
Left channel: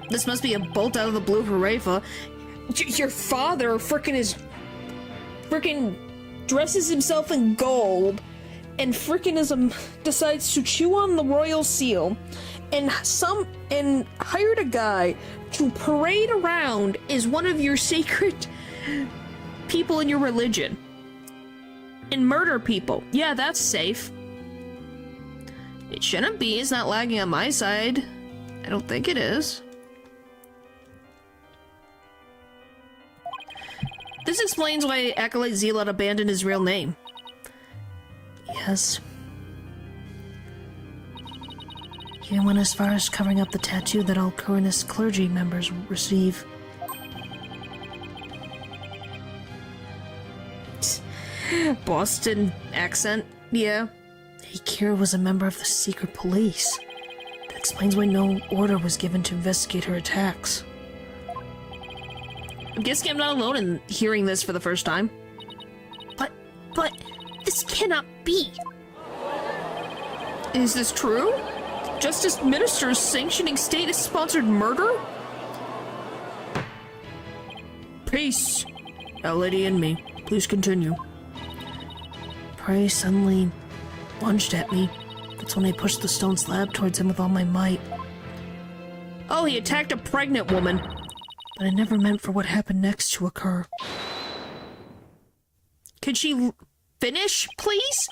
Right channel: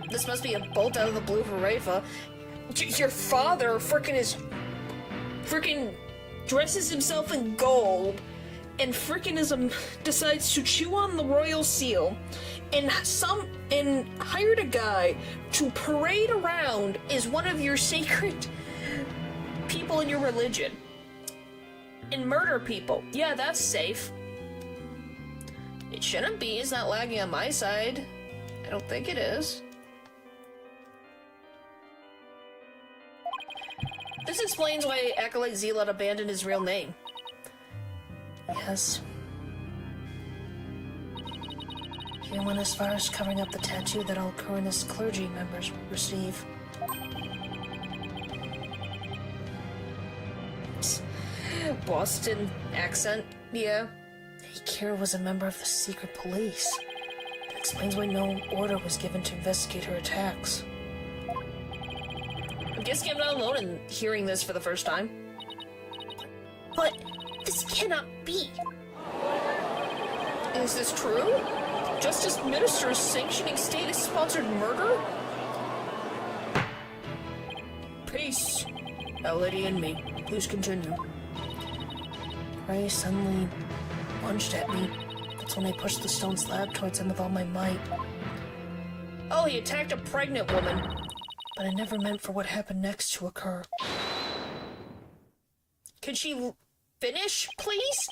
This must be a bolt out of the blue for Rafa. Your father frickin' dresses himself in gold and decides to chew on the royal seal and hired a guy to parade around as one of your sacred people in your religion and murder people. Yeah, that's safe. It shouldn't be. It's not lagging on my side. I don't think it is. This explains why Acolyte Zealot abandoned his real name. Yes. He went as far as covering up the tattoo that all Coronus clergy members receive. Boston accent, yeah. Kira was a member of the secret police. That explains why no order was given to investigate her attacks. I'm guessing I'm not alone in hearing this for the first time. But, this cannot be. Is this true? Justice Ministers sanctioning state-sponsored murder? Peace. Our Lady in me. Please continue. Prey suddenly lunged at me. That's when I pushed the stone slab towards him with all my might. Oh, he attacked a pregnant woman. But I never meant for what happened next to occur. Could she finish, please?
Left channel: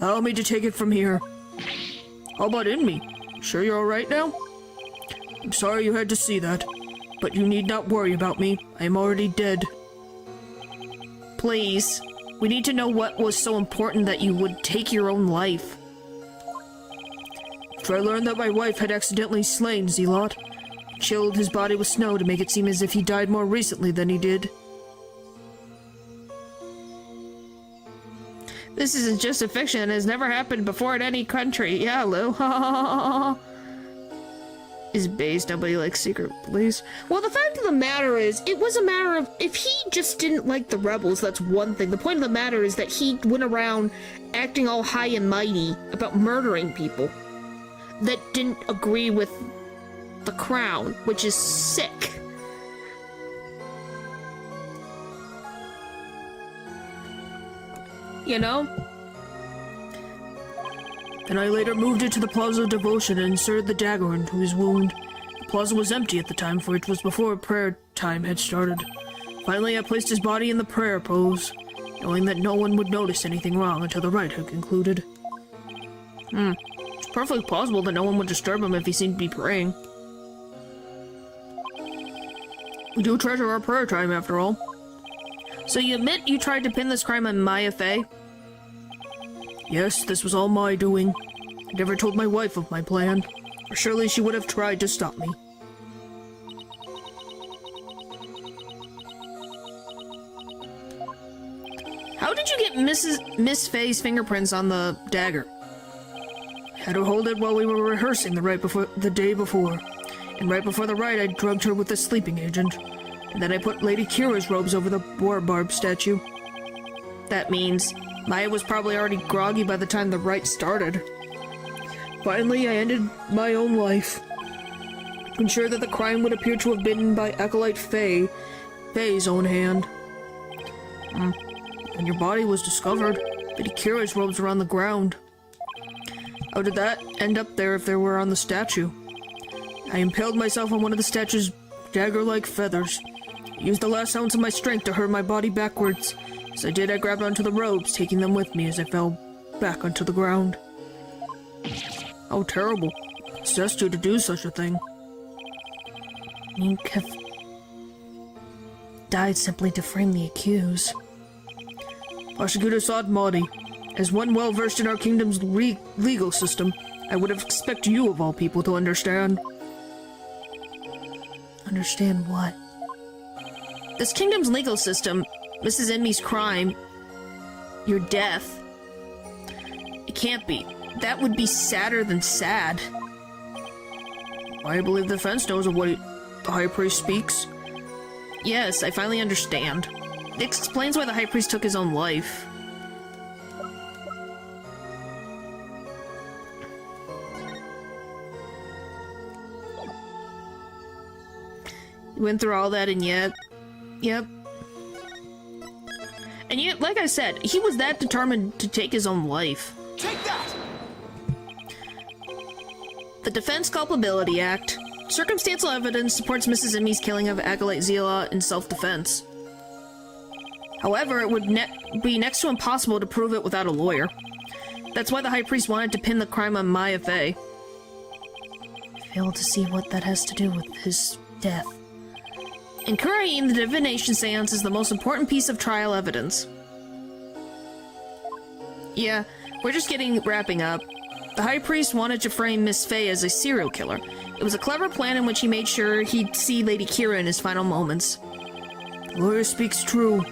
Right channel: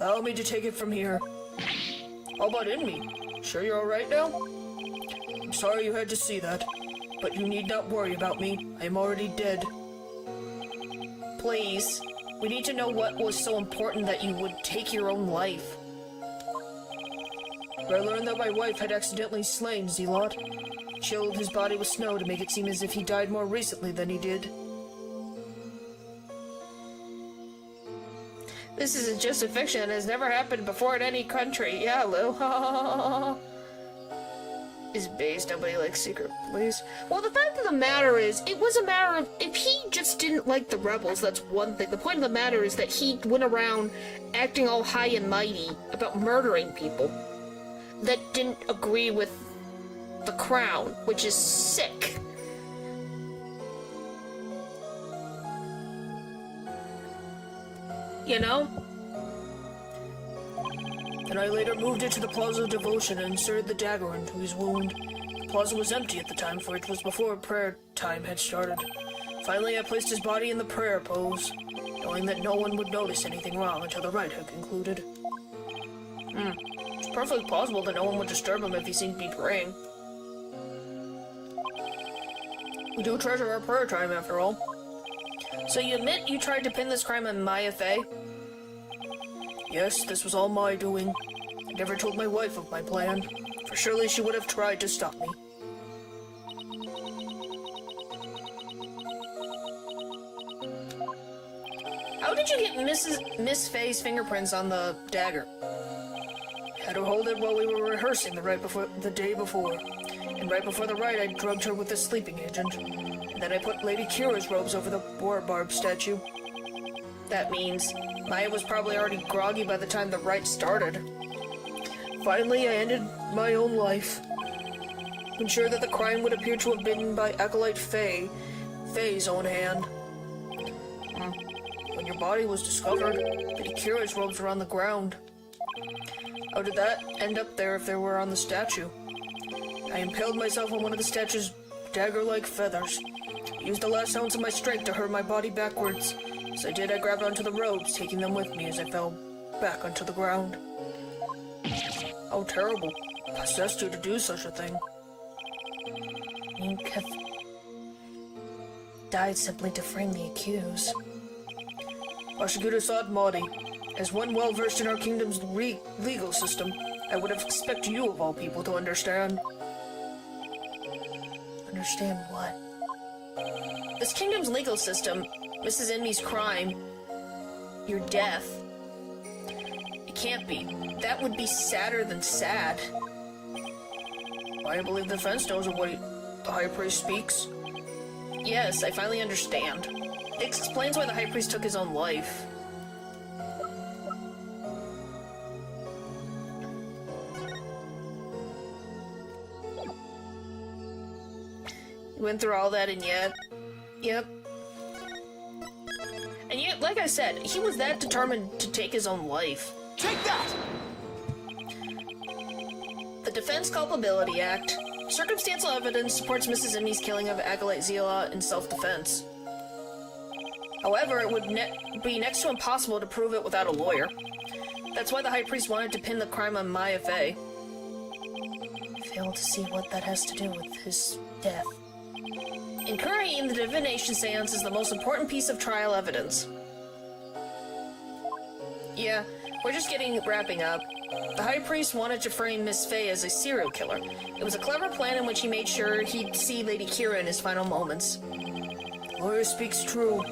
Allow me to take it from here. How about in me? Sure you're alright now? I'm sorry you had to see that, but you need not worry about me. I am already dead. Please. We need to know what was so important that you would take your own life. For I learned that my wife had accidentally slain Zealot, chilled his body with snow to make it seem as if he died more recently than he did. This isn't just a fiction. It has never happened before in any country. Yeah, Lou. Is based nobody likes secret police. Well, the fact of the matter is, it was a matter of, if he just didn't like the rebels, that's one thing. The point of the matter is that he went around acting all high and mighty about murdering people that didn't agree with the crown, which is sick. You know? Then I later moved it to the Plaza of Devotion and inserted the dagger into his wound. The plaza was empty at the time, for it was before prayer time had started. Finally, I placed his body in the prayer pose, knowing that no one would notice anything wrong until the rite had concluded. It's perfectly plausible that no one would disturb him if he seemed to be praying. We do treasure our prayer time, after all. So you admit you tried to pin this crime on Maya Fey? Yes, this was all my doing. I never told my wife of my plan, for surely she would have tried to stop me. How did you get Miss Fey's fingerprints on the dagger? I had her hold it while we were rehearsing the day before. And right before the rite, I drugged her with a sleeping agent. And then I put Lady Kira's robes over the war barb statue. That means Maya was probably already groggy by the time the rite started. Finally, I ended my own life. To ensure that the crime would appear to have been by Acolyte Fey's own hand. When your body was discovered, Lady Kira's robes were on the ground. How did that end up there if they were on the statue? I impaled myself on one of the statue's dagger-like feathers. I used the last ounce of my strength to hurl my body backwards. As I did, I grabbed onto the robes, taking them with me as I fell back onto the ground. How terrible. I possessed you to do such a thing. You have died simply to frame the accused. Prosecutor Saad Mahdi, as one well-versed in our kingdom's legal system, I would have expected you of all people to understand. Understand what? This kingdom's legal system, Mrs. Enmy's crime, your death. It can't be. That would be sadder than sad. I believe the defense knows of what the High Priest speaks. Yes, I finally understand. It explains why the High Priest took his own life. You went through all that and yet... Yep. And yet, like I said, he was that determined to take his own life. Take that! The Defense Culpability Act. Circumstantial evidence supports Mrs. Enmy's killing of Acolyte Zila in self-defense. However, it would be next to impossible to prove it without a lawyer. That's why the High Priest wanted to pin the crime on Maya Fey. I fail to see what that has to do with his death. In Korean, the divination seance is the most important piece of trial evidence. Yeah, we're just wrapping up. The High Priest wanted to frame Miss Fey as a serial killer. It was a clever plan in which he made sure he'd see Lady Kira in his final moments. The lawyer speaks true.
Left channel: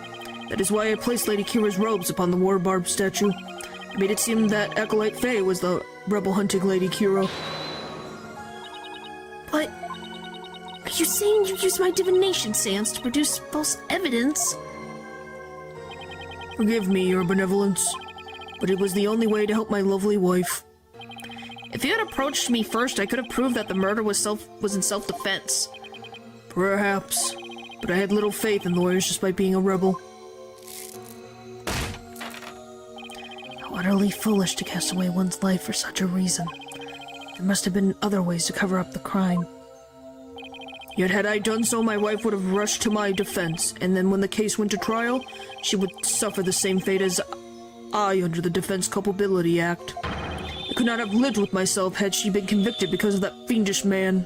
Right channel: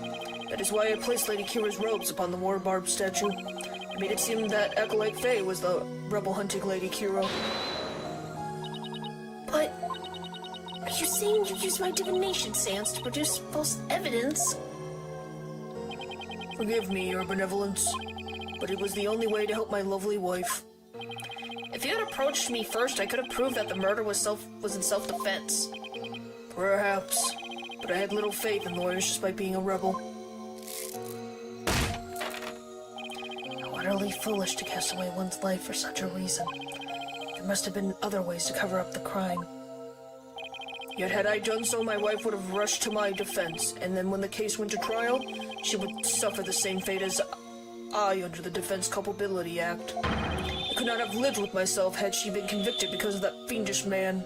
That is why I placed Lady Kira's robes upon the war barb statue. I made it seem that Acolyte Fey was the rebel-hunting Lady Kira. But... are you saying you used my divination seance to produce false evidence? Forgive me, your benevolence, but it was the only way to help my lovely wife. If you had approached me first, I could have proved that the murder was in self-defense. Perhaps, but I had little faith in lawyers despite being a rebel. How utterly foolish to cast away one's life for such a reason. There must have been other ways to cover up the crime. Yet had I done so, my wife would have rushed to my defense, and then when the case went to trial, she would suffer the same fate as I under the Defense Culpability Act. I could not have lived with myself had she been convicted because of that fiendish man.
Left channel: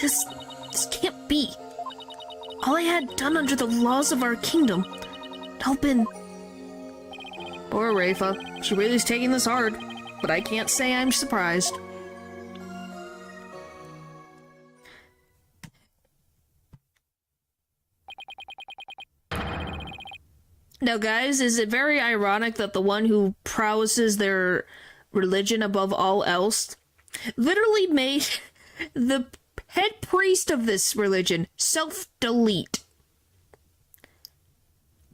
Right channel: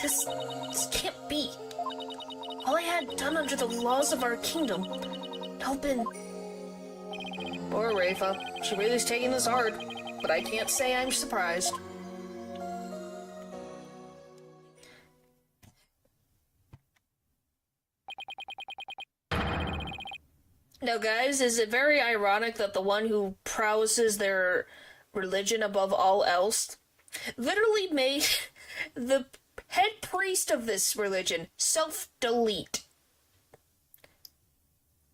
This can't be. All I had done under the laws of our kingdom had all been... Poor Rafa. She really is taking this hard, but I can't say I'm surprised. Now, guys, is it very ironic that the one who prowesses their religion above all else literally made the head priest of this religion self-delete?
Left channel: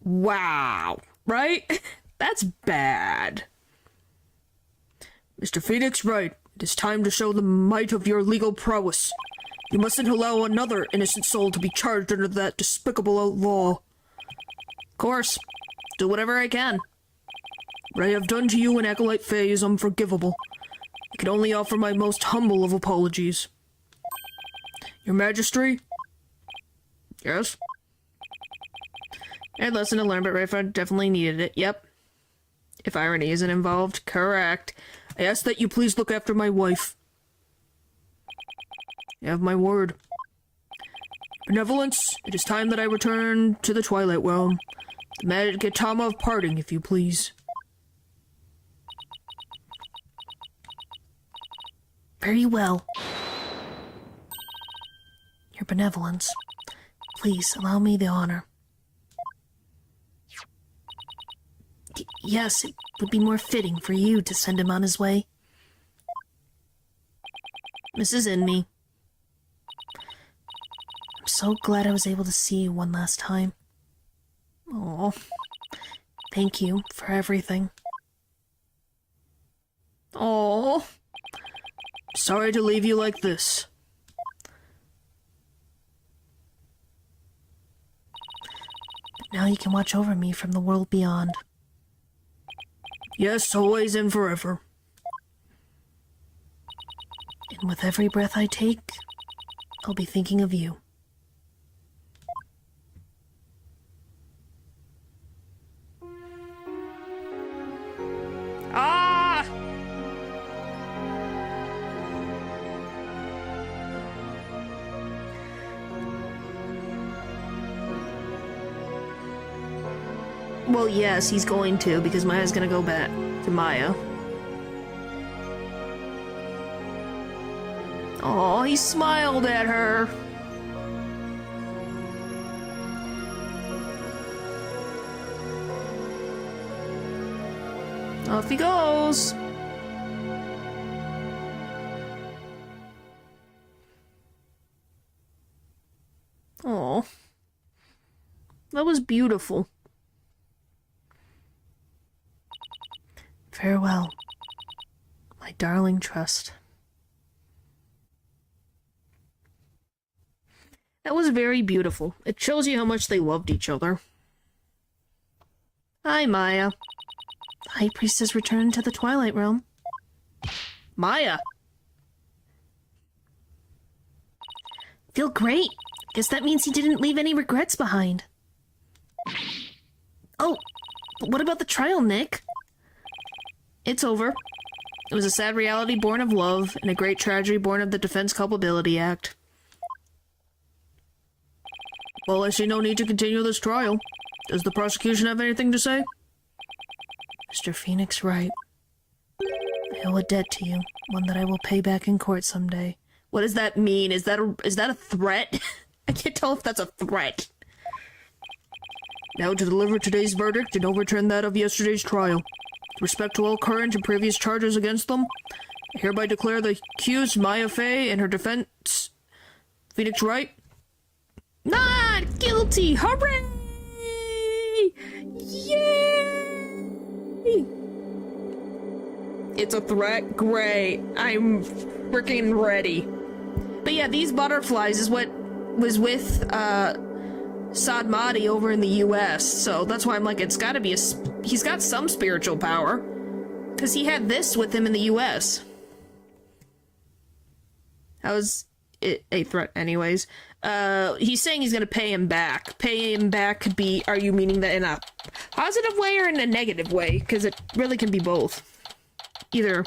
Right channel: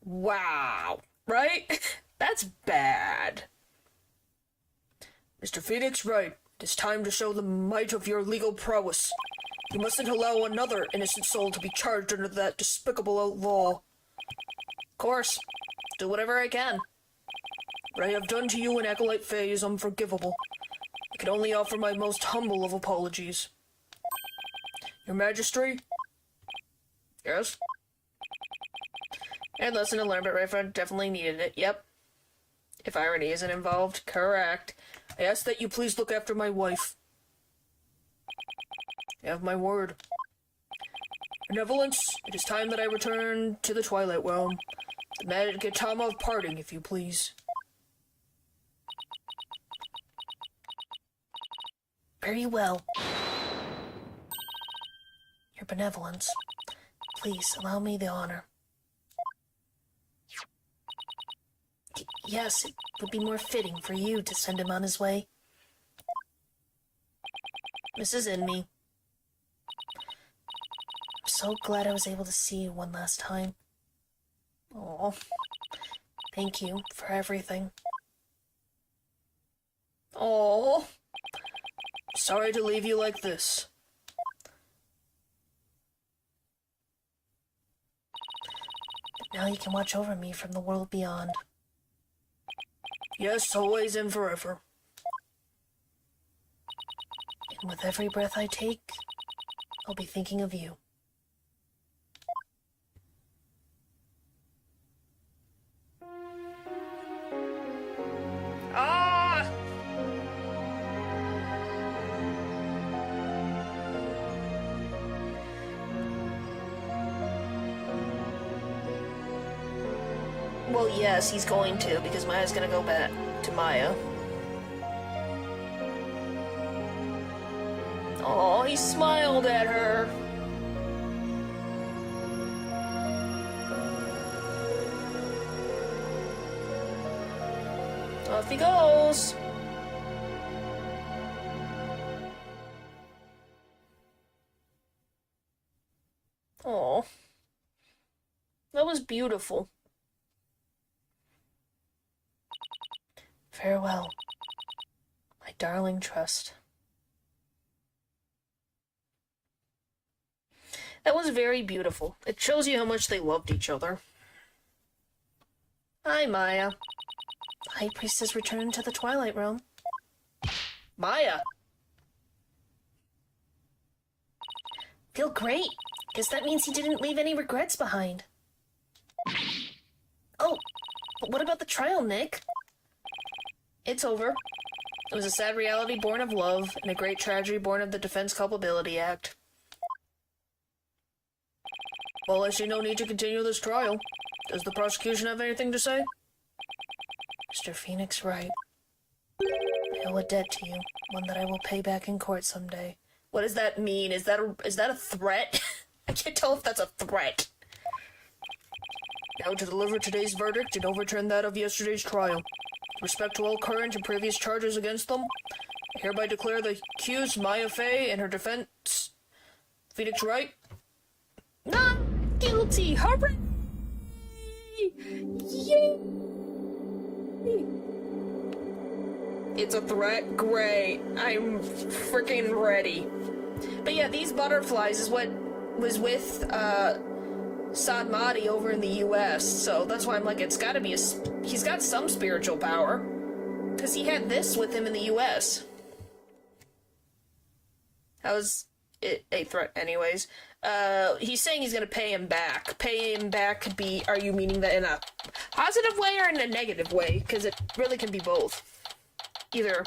Wow, right? That's bad. Mr. Phoenix, right. It is time to show the might of your legal prowess. You mustn't allow another innocent soul to be charged under that despicable law. Of course. Do whatever I can. What I have done to you and Acolyte Fey is unforgivable. I can only offer my most humble of apologies. Your Majesty? Yes? I had lesson to learn, but Rafa definitely needed it. Yep. If irony isn't involved, correct. I ask that you please look after my wife. You have my word. Benevolence, it is time that I return to the Twilight Realm. The magic Tama of parting, if you please. Very well. Your benevolence. Please allow me the honor. Yes, it would be more fitting for you to send him on his way. Mrs. Enmy. I'm so glad I was able to see you one last time. Oh, thank you for everything. Oh, sorry to leave you like this. But now you can watch over me from the world beyond. Yes, always and forever. And with every breath I take, I'll be thinking of you. Ah! Well, yes, he's going to, because Maya's gonna go back to Maya. Oh, he smiled at her. Off he goes. Oh, that was beautiful. Farewell, my darling trust. That was very beautiful. It shows you how much they loved each other. Hi, Maya. The High Priest has returned to the Twilight Realm. Maya! Feel great. Guess that means he didn't leave any regrets behind. Oh, but what about the trial, Nick? It's over. It was a sad reality born of love, and a great tragedy born of the Defense Culpability Act. Well, I see no need to continue this trial. Does the prosecution have anything to say? Mr. Phoenix Wright, I owe a debt to you, one that I will pay back in court someday. What does that mean? Is that a threat? I can't tell if that's a threat. Now to deliver today's verdict and overturn that of yesterday's trial. With respect to all current and previous charges against them, I hereby declare the accused Maya Fey and her defense, Phoenix Wright, not guilty! Hooray! Yay! It's a threat? Great. I'm freaking ready. But yeah, these butterflies is what was with, Sadmati over in the US, so that's why I'm like, it's gotta be he's got some spiritual power. Because he had this with him in the US. How is it a threat anyways? He's saying he's gonna pay him back. Pay him back could be, are you meaning that in a positive way or in a negative way? Because it really can be both. Either.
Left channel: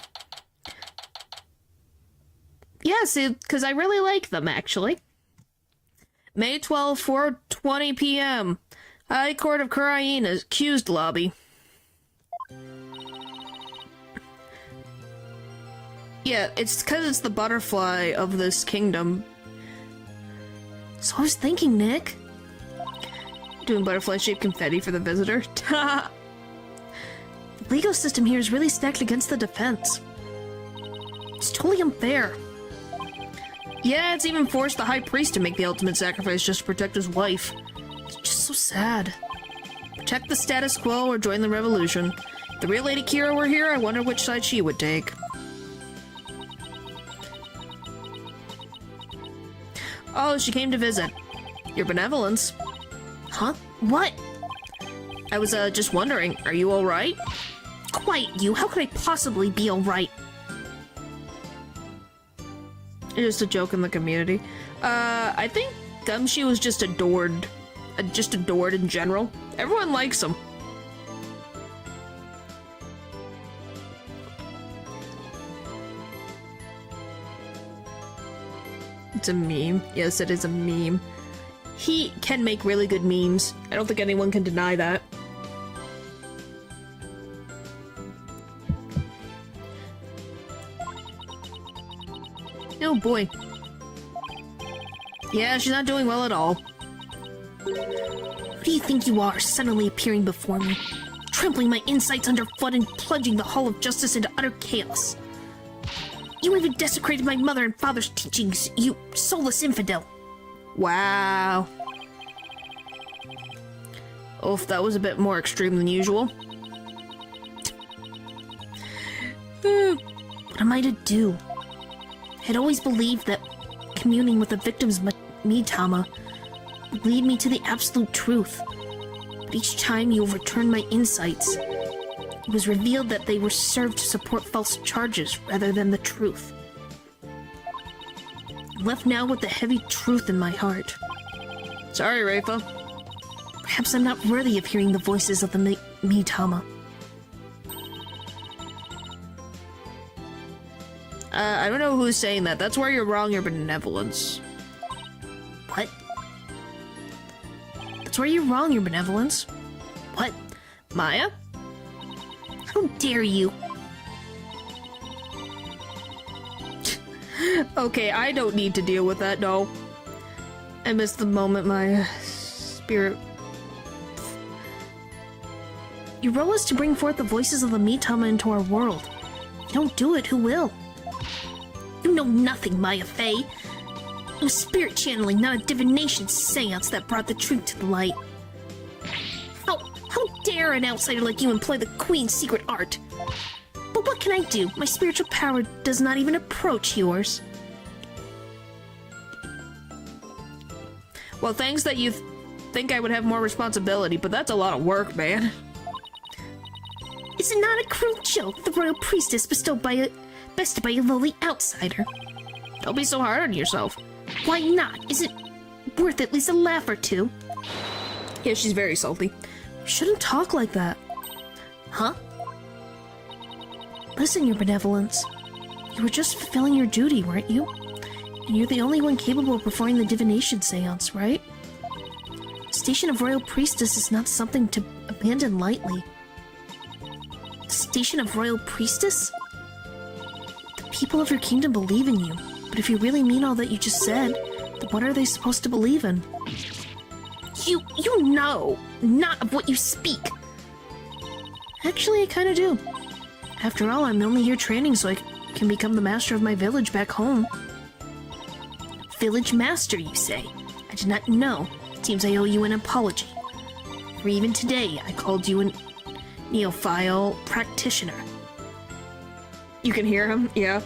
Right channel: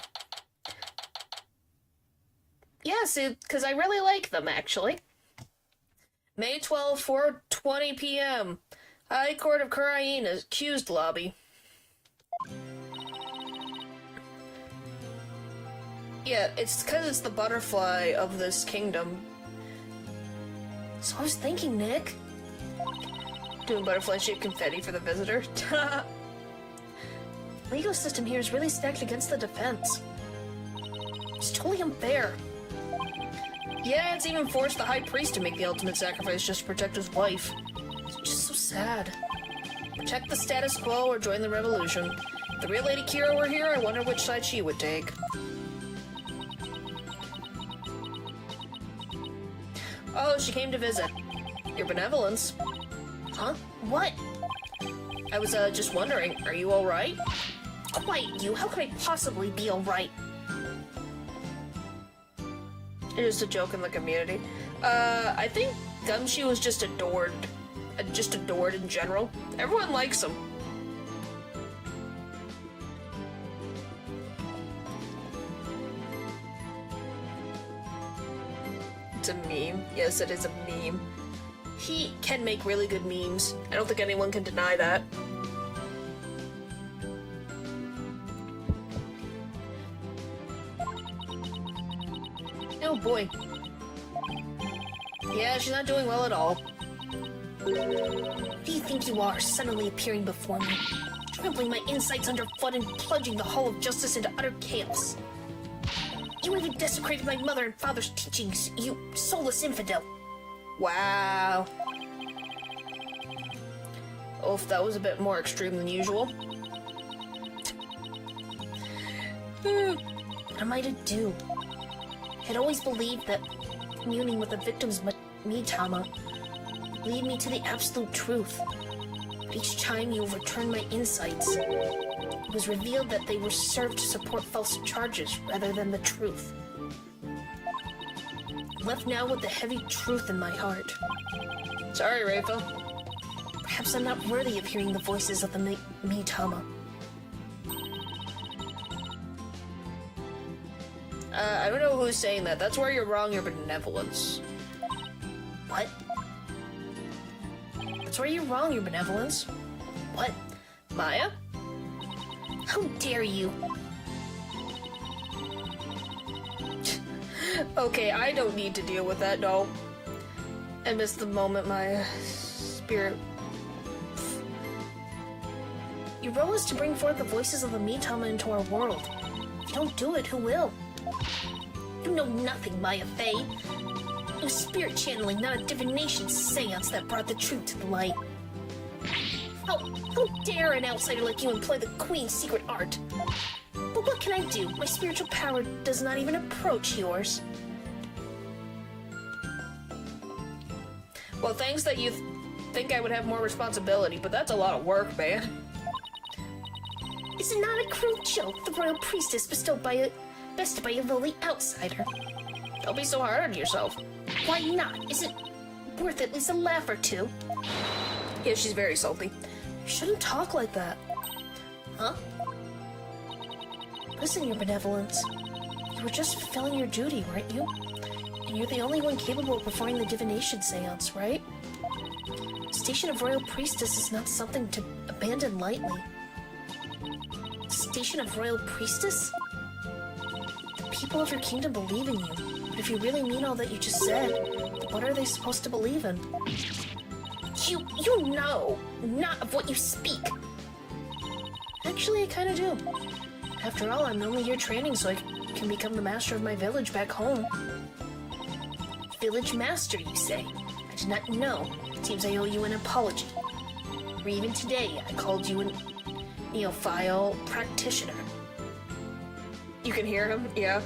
Yes, because I really like them, actually. May 12, 4:20 p.m. High Court of Karaina's accused lobby. Yeah, it's because it's the butterfly of this kingdom. So I was thinking, Nick. Doing butterfly-shaped confetti for the visitor. The legal system here is really stacked against the defense. It's totally unfair. Yeah, it's even forced the High Priest to make the ultimate sacrifice just to protect his wife. It's just so sad. Protect the status quo or join the revolution. If the real Lady Kira were here, I wonder which side she would take. Oh, she came to visit. Your benevolence. Huh? What? I was, just wondering, are you alright? Quiet, you. How could I possibly be alright? It's just a joke in the community. I think Gumshoe was just adored. Just adored in general. Everyone likes him. It's a meme. Yes, it is a meme. He can make really good memes. I don't think anyone can deny that. Oh boy. Yeah, she's not doing well at all. Who do you think you are, suddenly appearing before me? Trampling my insights underfoot and plunging the Hall of Justice into utter chaos. You even desecrated my mother and father's teachings, you soulless infidel. Wow. Oof, that was a bit more extreme than usual. What am I to do? I'd always believed that communing with the victim's Mitama would lead me to the absolute truth. But each time you overturned my insights, it was revealed that they were served to support false charges rather than the truth. left now with the heavy truth in my heart. Sorry, Rafa. Perhaps I'm not worthy of hearing the voices of the Mitama. I don't know who's saying that. That's where you're wrong, your benevolence. What? That's where you're wrong, your benevolence. What? Maya? How dare you? Okay, I don't need to deal with that, no. I missed the moment my spirit... Your role is to bring forth the voices of the Mitama into our world. If you don't do it, who will? You know nothing, Maya Fey. It was spirit channeling, not a divination seance that brought the truth to the light. How dare an outsider like you employ the Queen's secret art? But what can I do? My spiritual power does not even approach yours. Well, thanks that you think I would have more responsibility, but that's a lot of work, man. Is it not a cruel joke the royal priestess bested by a lowly outsider? Don't be so hard on yourself. Why not? Is it worth at least a laugh or two? Yeah, she's very salty. You shouldn't talk like that. Huh? Listen, your benevolence. You were just fulfilling your duty, weren't you? And you're the only one capable of performing the divination seance, right? The station of royal priestess is not something to abandon lightly. The station of royal priestess? The people of your kingdom believe in you, but if you really mean all that you just said, then what are they supposed to believe in? You know not of what you speak. Actually, I kinda do. After all, I'm only here training so I can become the master of my village back home. Village master, you say? I did not know. It seems I owe you an apology. For even today, I called you a neophile practitioner. You can hear him, yeah.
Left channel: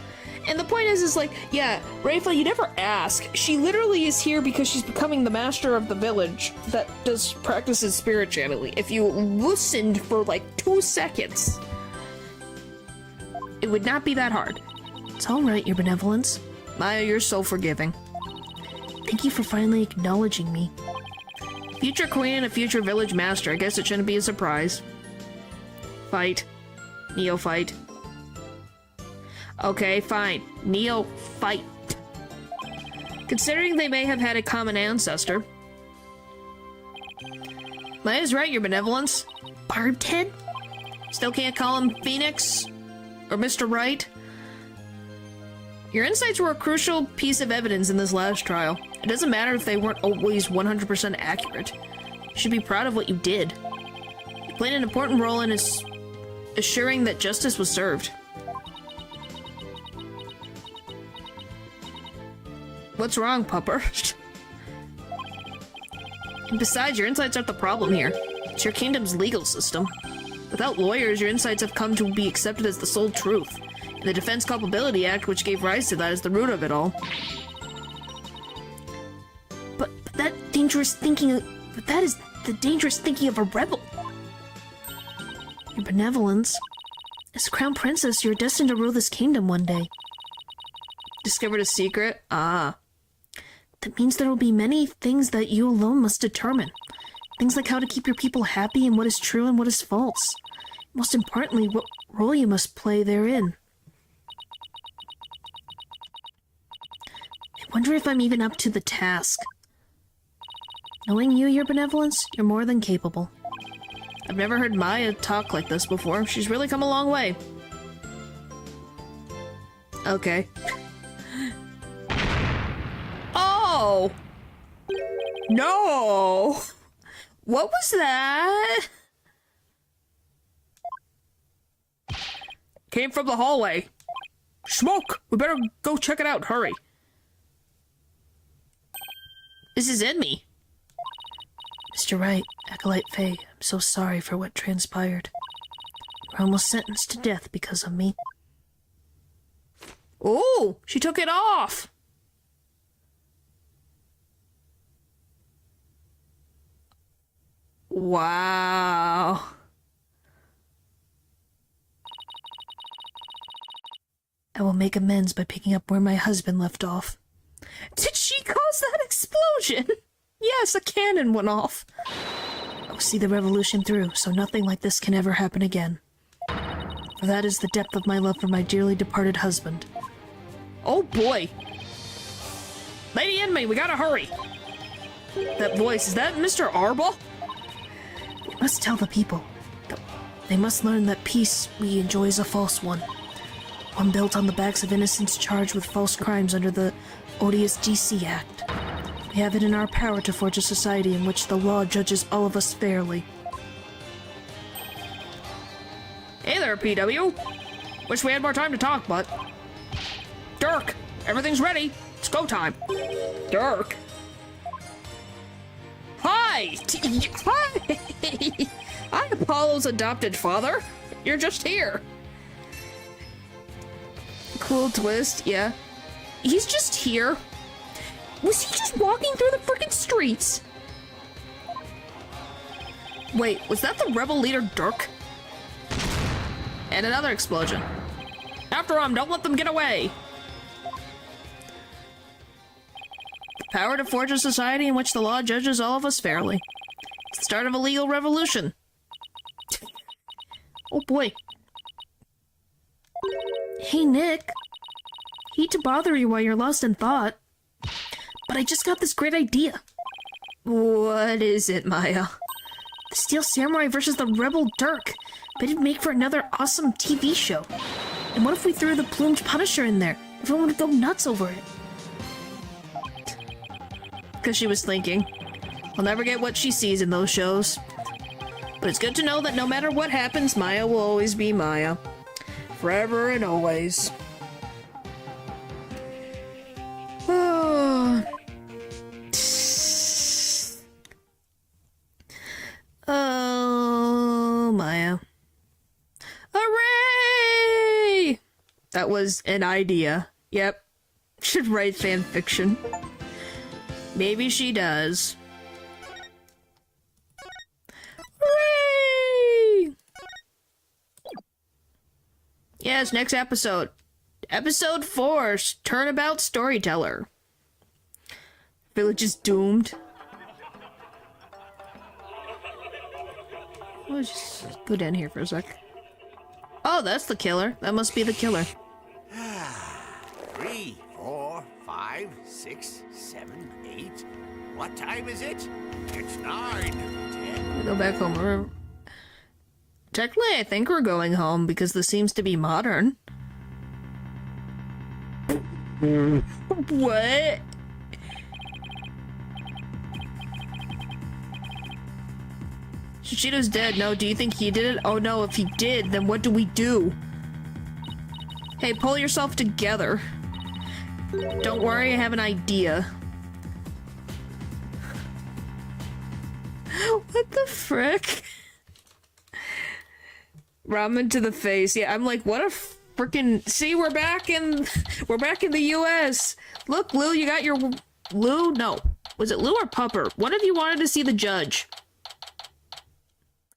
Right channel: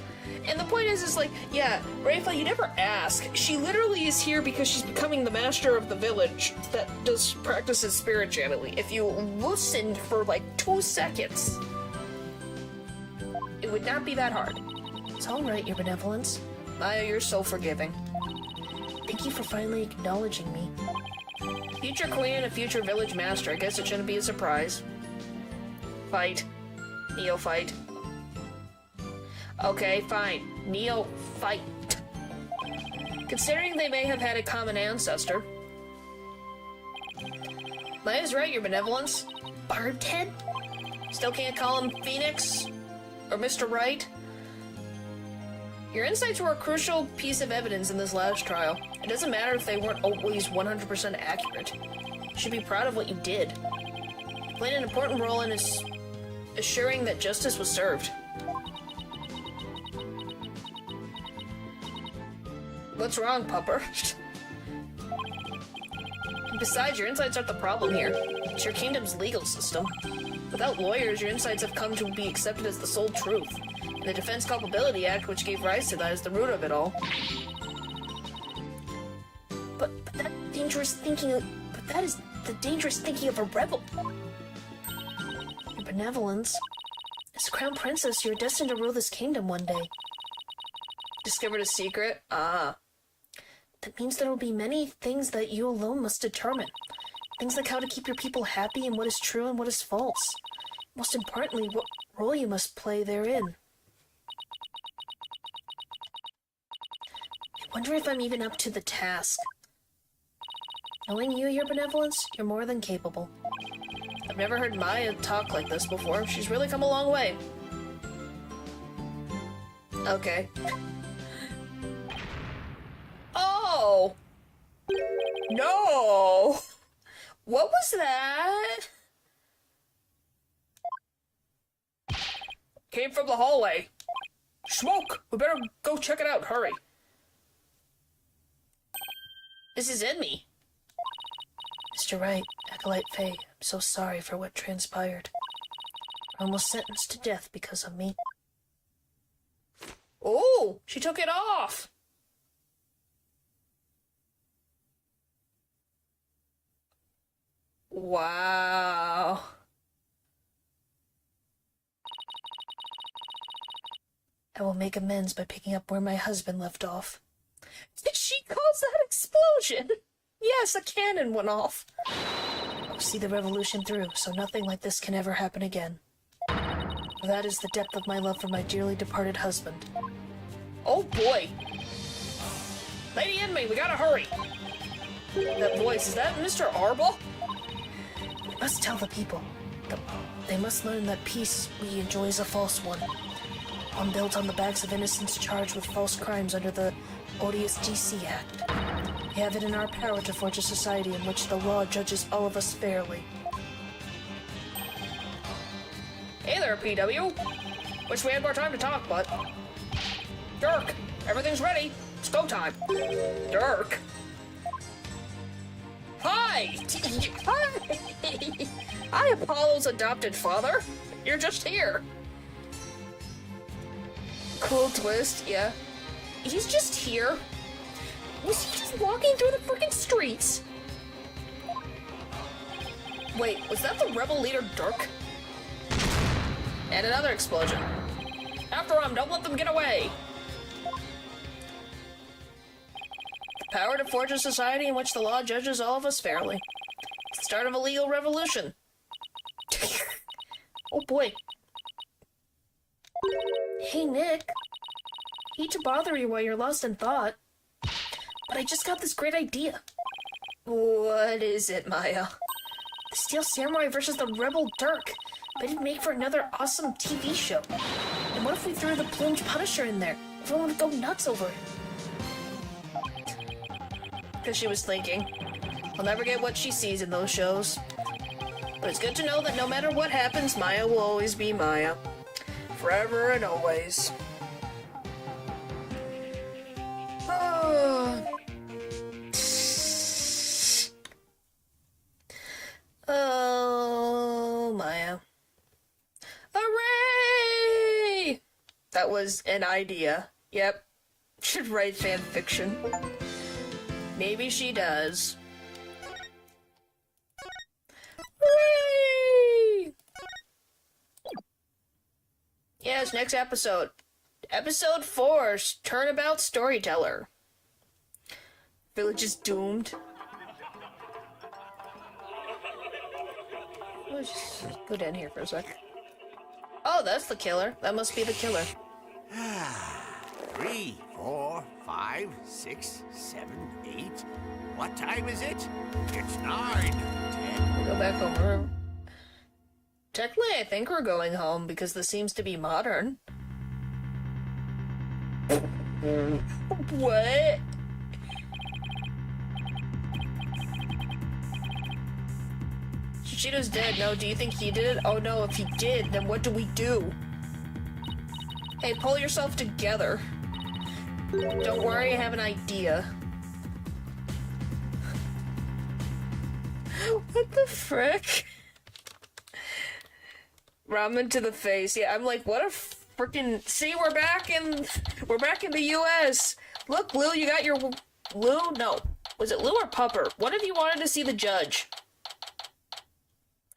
And the point is like, yeah, Rafa, you never ask. She literally is here because she's becoming the master of the village that practices spirit channeling. If you listened for like 2 seconds, it would not be that hard. It's all right, your benevolence. Maya, you're so forgiving. Thank you for finally acknowledging me. Future queen and a future village master. I guess it shouldn't be a surprise. Fight. Neophyte. Okay, fine. Neophyte. Considering they may have had a common ancestor. Maya's right, your benevolence. Barbed head? Still can't call him Phoenix? Or Mr. Right? Your insights were a crucial piece of evidence in this last trial. It doesn't matter if they weren't always 100% accurate. You should be proud of what you did. You played an important role in assuring that justice was served. What's wrong, Pupper? And besides, your insights aren't the problem here. It's your kingdom's legal system. Without lawyers, your insights have come to be accepted as the sole truth. The Defense Culpability Act, which gave rise to that, is the root of it all. But that is the dangerous thinking of a rebel. Your benevolence. As Crown Princess, you're destined to rule this kingdom one day. Discovered a secret? Ah. That means there will be many things that you alone must determine. Things like how to keep your people happy and what is true and what is false. Most importantly, what role you must play therein. I wonder if I'm even up to the task. Knowing you, your benevolence, you're more than capable. I've never heard Maya talk like this before. She's really come a long way. Okay. Oh! No! What was that? Came from the hallway. Smoke! We better go check it out. Hurry. This is in me. Mr. Wright, Acolyte Faye, I'm so sorry for what transpired. You're almost sentenced to death because of me. Oh, she took it off. Wow. I will make amends by picking up where my husband left off. Did she cause that explosion? Yes, a cannon went off. I'll see the revolution through, so nothing like this can ever happen again. For that is the depth of my love for my dearly departed husband. Oh boy. Lady Inmate, we gotta hurry. That voice, is that Mr. Arble? We must tell the people. They must learn that peace we enjoy is a false one. One built on the backs of innocents charged with false crimes under the odious DC Act. We have it in our power to forge a society in which the law judges all of us fairly. Hey there, PW. Wish we had more time to talk, but... Dirk, everything's ready. It's go time. Dirk. Hi! Hi! Hi, Apollo's adopted father. You're just here. Cool twist, yeah. He's just here. Was he just walking through the freaking streets? Wait, was that the rebel leader Dirk? And another explosion. After him, don't let them get away. The power to forge a society in which the law judges all of us fairly. It's the start of a legal revolution. Oh boy. Hey, Nick. Hate to bother you while you're lost in thought, but I just got this great idea. What is it, Maya? The Steel Samurai versus the Rebel Dirk. But it'd make for another awesome TV show. And what if we threw the Plumed Punisher in there? Everyone would go nuts over it. Because she was thinking, I'll never get what she sees in those shows. But it's good to know that no matter what happens, Maya will always be Maya. Forever and always. Oh, Maya. Hooray! That was an idea. Yep. Should write fan fiction. Maybe she does. Hooray! Yes, next episode. Episode 4, Turnabout Storyteller. Village is doomed. Let's just go down here for a sec. Oh, that's the killer. That must be the killer. 3, 4, 5, 6, 7, 8. What time is it? It's 9, 10. We go back home. Technically, I think we're going home because this seems to be modern. What? Shishido's dead. No, do you think he did it? Oh no, if he did, then what do we do? Hey, pull yourself together. Don't worry, I have an idea. What the frick? Ramen to the face. Yeah, I'm like, what a frickin'... See, we're back in the US. Look, Lou, you got your... Lou? No. Was it Lou or Pupper? One of you wanted to see the judge.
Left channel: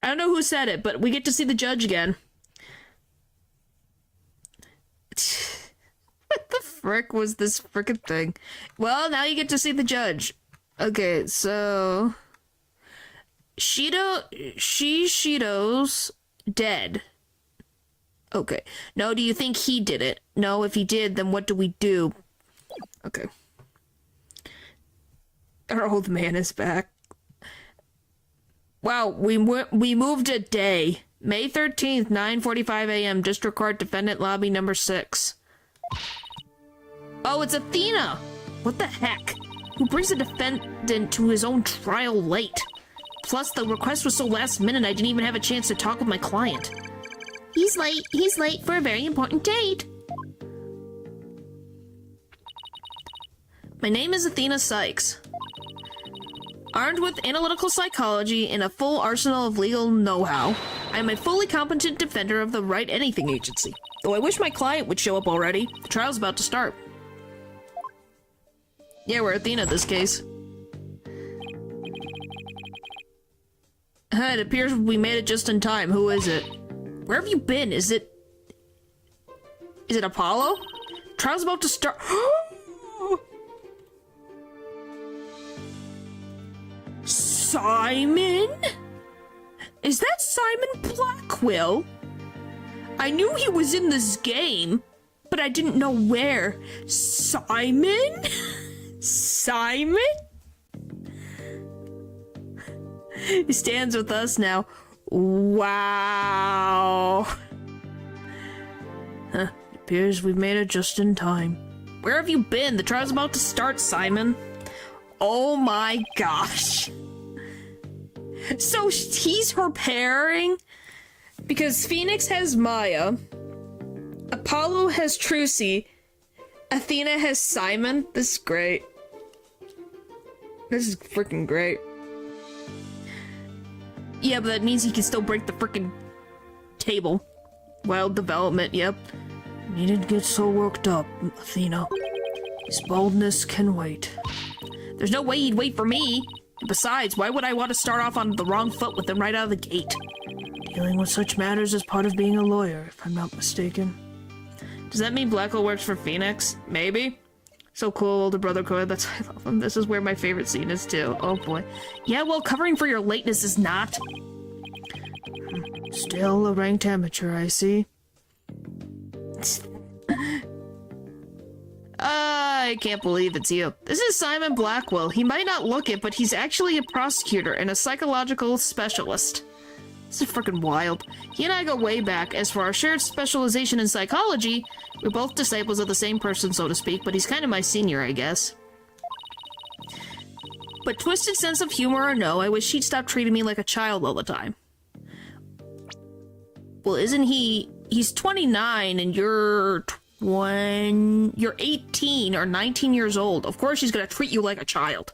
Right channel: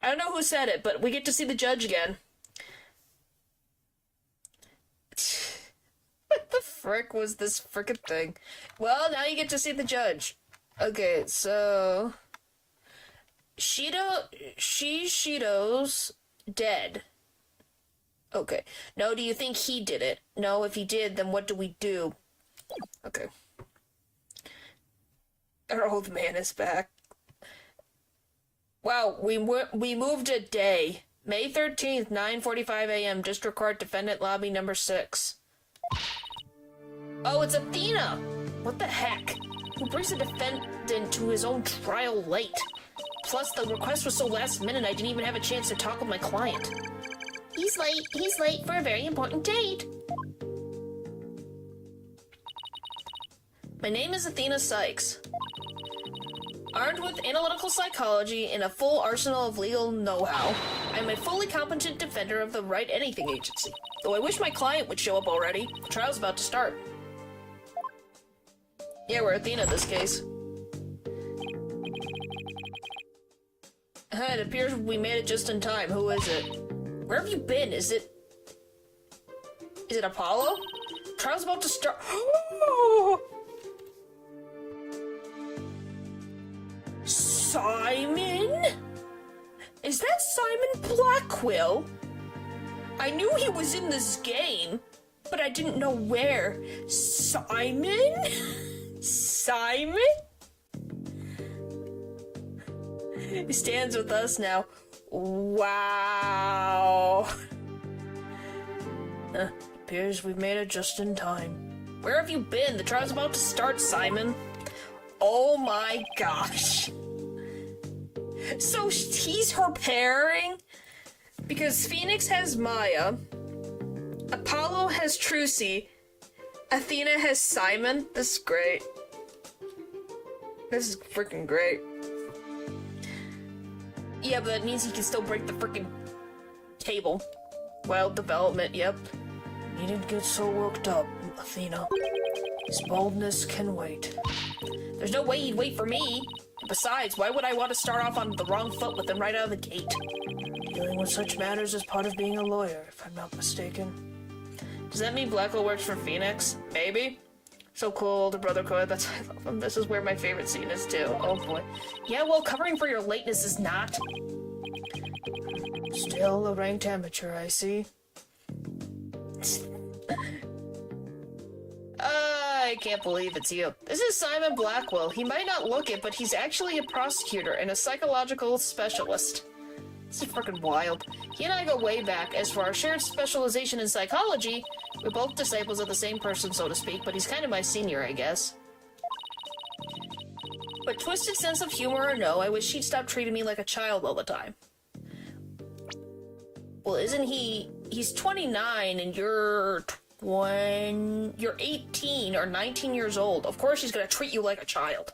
I don't know who said it, but we get to see the judge again. What the frick was this frickin' thing? Well, now you get to see the judge. Okay, so... Shishido's dead. Okay. No, do you think he did it? No, if he did, then what do we do? Okay. Our old man is back. Wow, we moved a day. May 13th, 9:45 a.m., District Court Defendant Lobby number 6. Oh, it's Athena! What the heck? Who brings a defendant to his own trial late? Plus, the request was so last minute I didn't even have a chance to talk with my client. He's late for a very important date. My name is Athena Sykes. Armed with analytical psychology and a full arsenal of legal know-how, I am a fully competent defender of the Right Anything Agency. Though I wish my client would show up already. The trial's about to start. Yeah, we're Athena in this case. It appears we made it just in time. Who is it? Where have you been? Is it Apollo? Trial's about to start. Simon? Is that Simon Blackwell? I knew he was in this game, but I didn't know where. Simon? Simon? He stands with us now. Wow. Huh, it appears we've made it just in time. Where have you been? The trial's about to start, Simon. Oh my gosh. So he's her pairing? Because Phoenix has Maya, Apollo has Trucy, Athena has Simon. This is great. This is freaking great. Yeah, but that means he can still break the freaking table. Wild development, yep. You needn't get so worked up, Athena. His boldness can wait. There's no way he'd wait for me. Besides, why would I want to start off on the wrong foot with him right out of the gate? Dealing with such matters is part of being a lawyer, if I'm not mistaken. Does that mean Blackwell works for Phoenix? Maybe. So cool, older brother code. That's I love him. This is where my favorite scene is too. Oh boy. Yeah, well, covering for your lateness is not. Still a ranked amateur, I see. I can't believe it's you. This is Simon Blackwell. He might not look it, but he's actually a prosecutor and a psychological specialist. This is freaking wild. He and I go way back. As for our shared specialization in psychology, we're both disciples of the same person, so to speak, but he's kind of my senior, I guess. But twisted sense of humor or no, I wish he'd stop treating me like a child all the time. Well, isn't he... He's 29 and you're 18 or 19 years old. Of course he's gonna treat you like a child.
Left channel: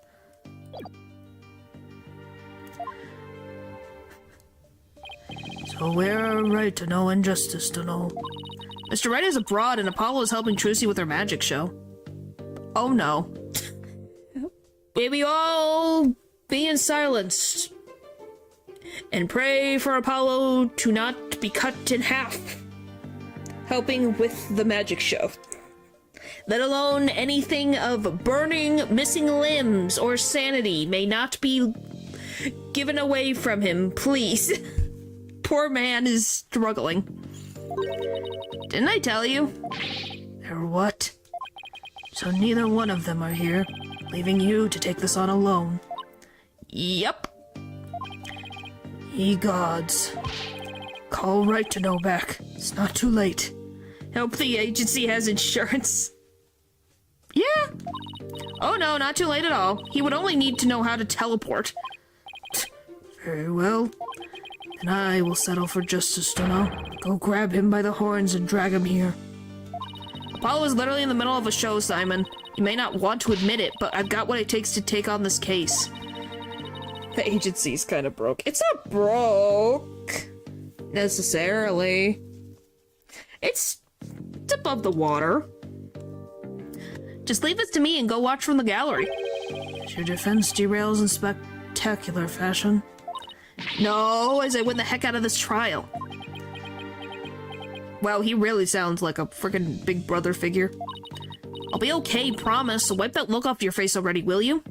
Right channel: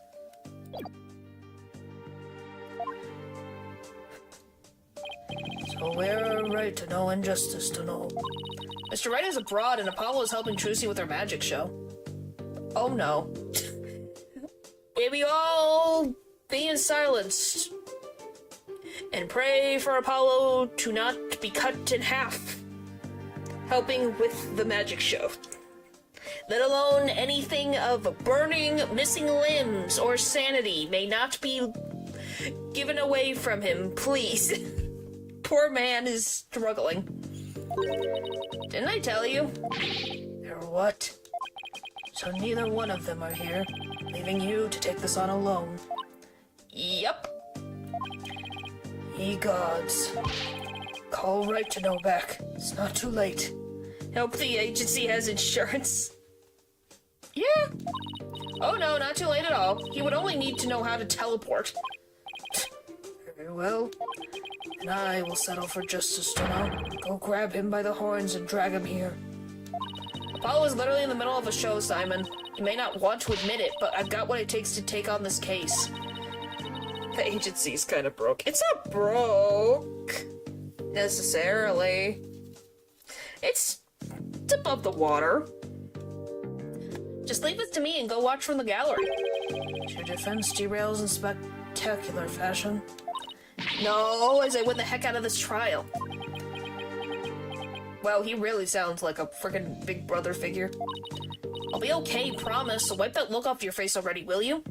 So we're right to know and justice to know. Mr. Wright is abroad and Apollo is helping Trucy with her magic show. Oh no. May we all be in silence and pray for Apollo to not be cut in half, helping with the magic show. Let alone anything of burning, missing limbs, or sanity may not be given away from him, please. Poor man is struggling. Didn't I tell you? They're what? So neither one of them are here, leaving you to take this on alone. Yep. Ye gods. Call Right to Know back. It's not too late. Hope the agency has insurance. Yeah. Oh no, not too late at all. He would only need to know how to teleport. Very well. And I will settle for justice to know. Go grab him by the horns and drag him here. Apollo is literally in the middle of a show, Simon. You may not want to admit it, but I've got what it takes to take on this case. The agency's kind of broke. It's not broke, necessarily. It's above the water. Just leave this to me and go watch from the gallery. As your defense derails in spectacular fashion. No, as I win the heck out of this trial. Wow, he really sounds like a freaking Big Brother figure. I'll be okay, promise. So wipe that look off your face already, will you?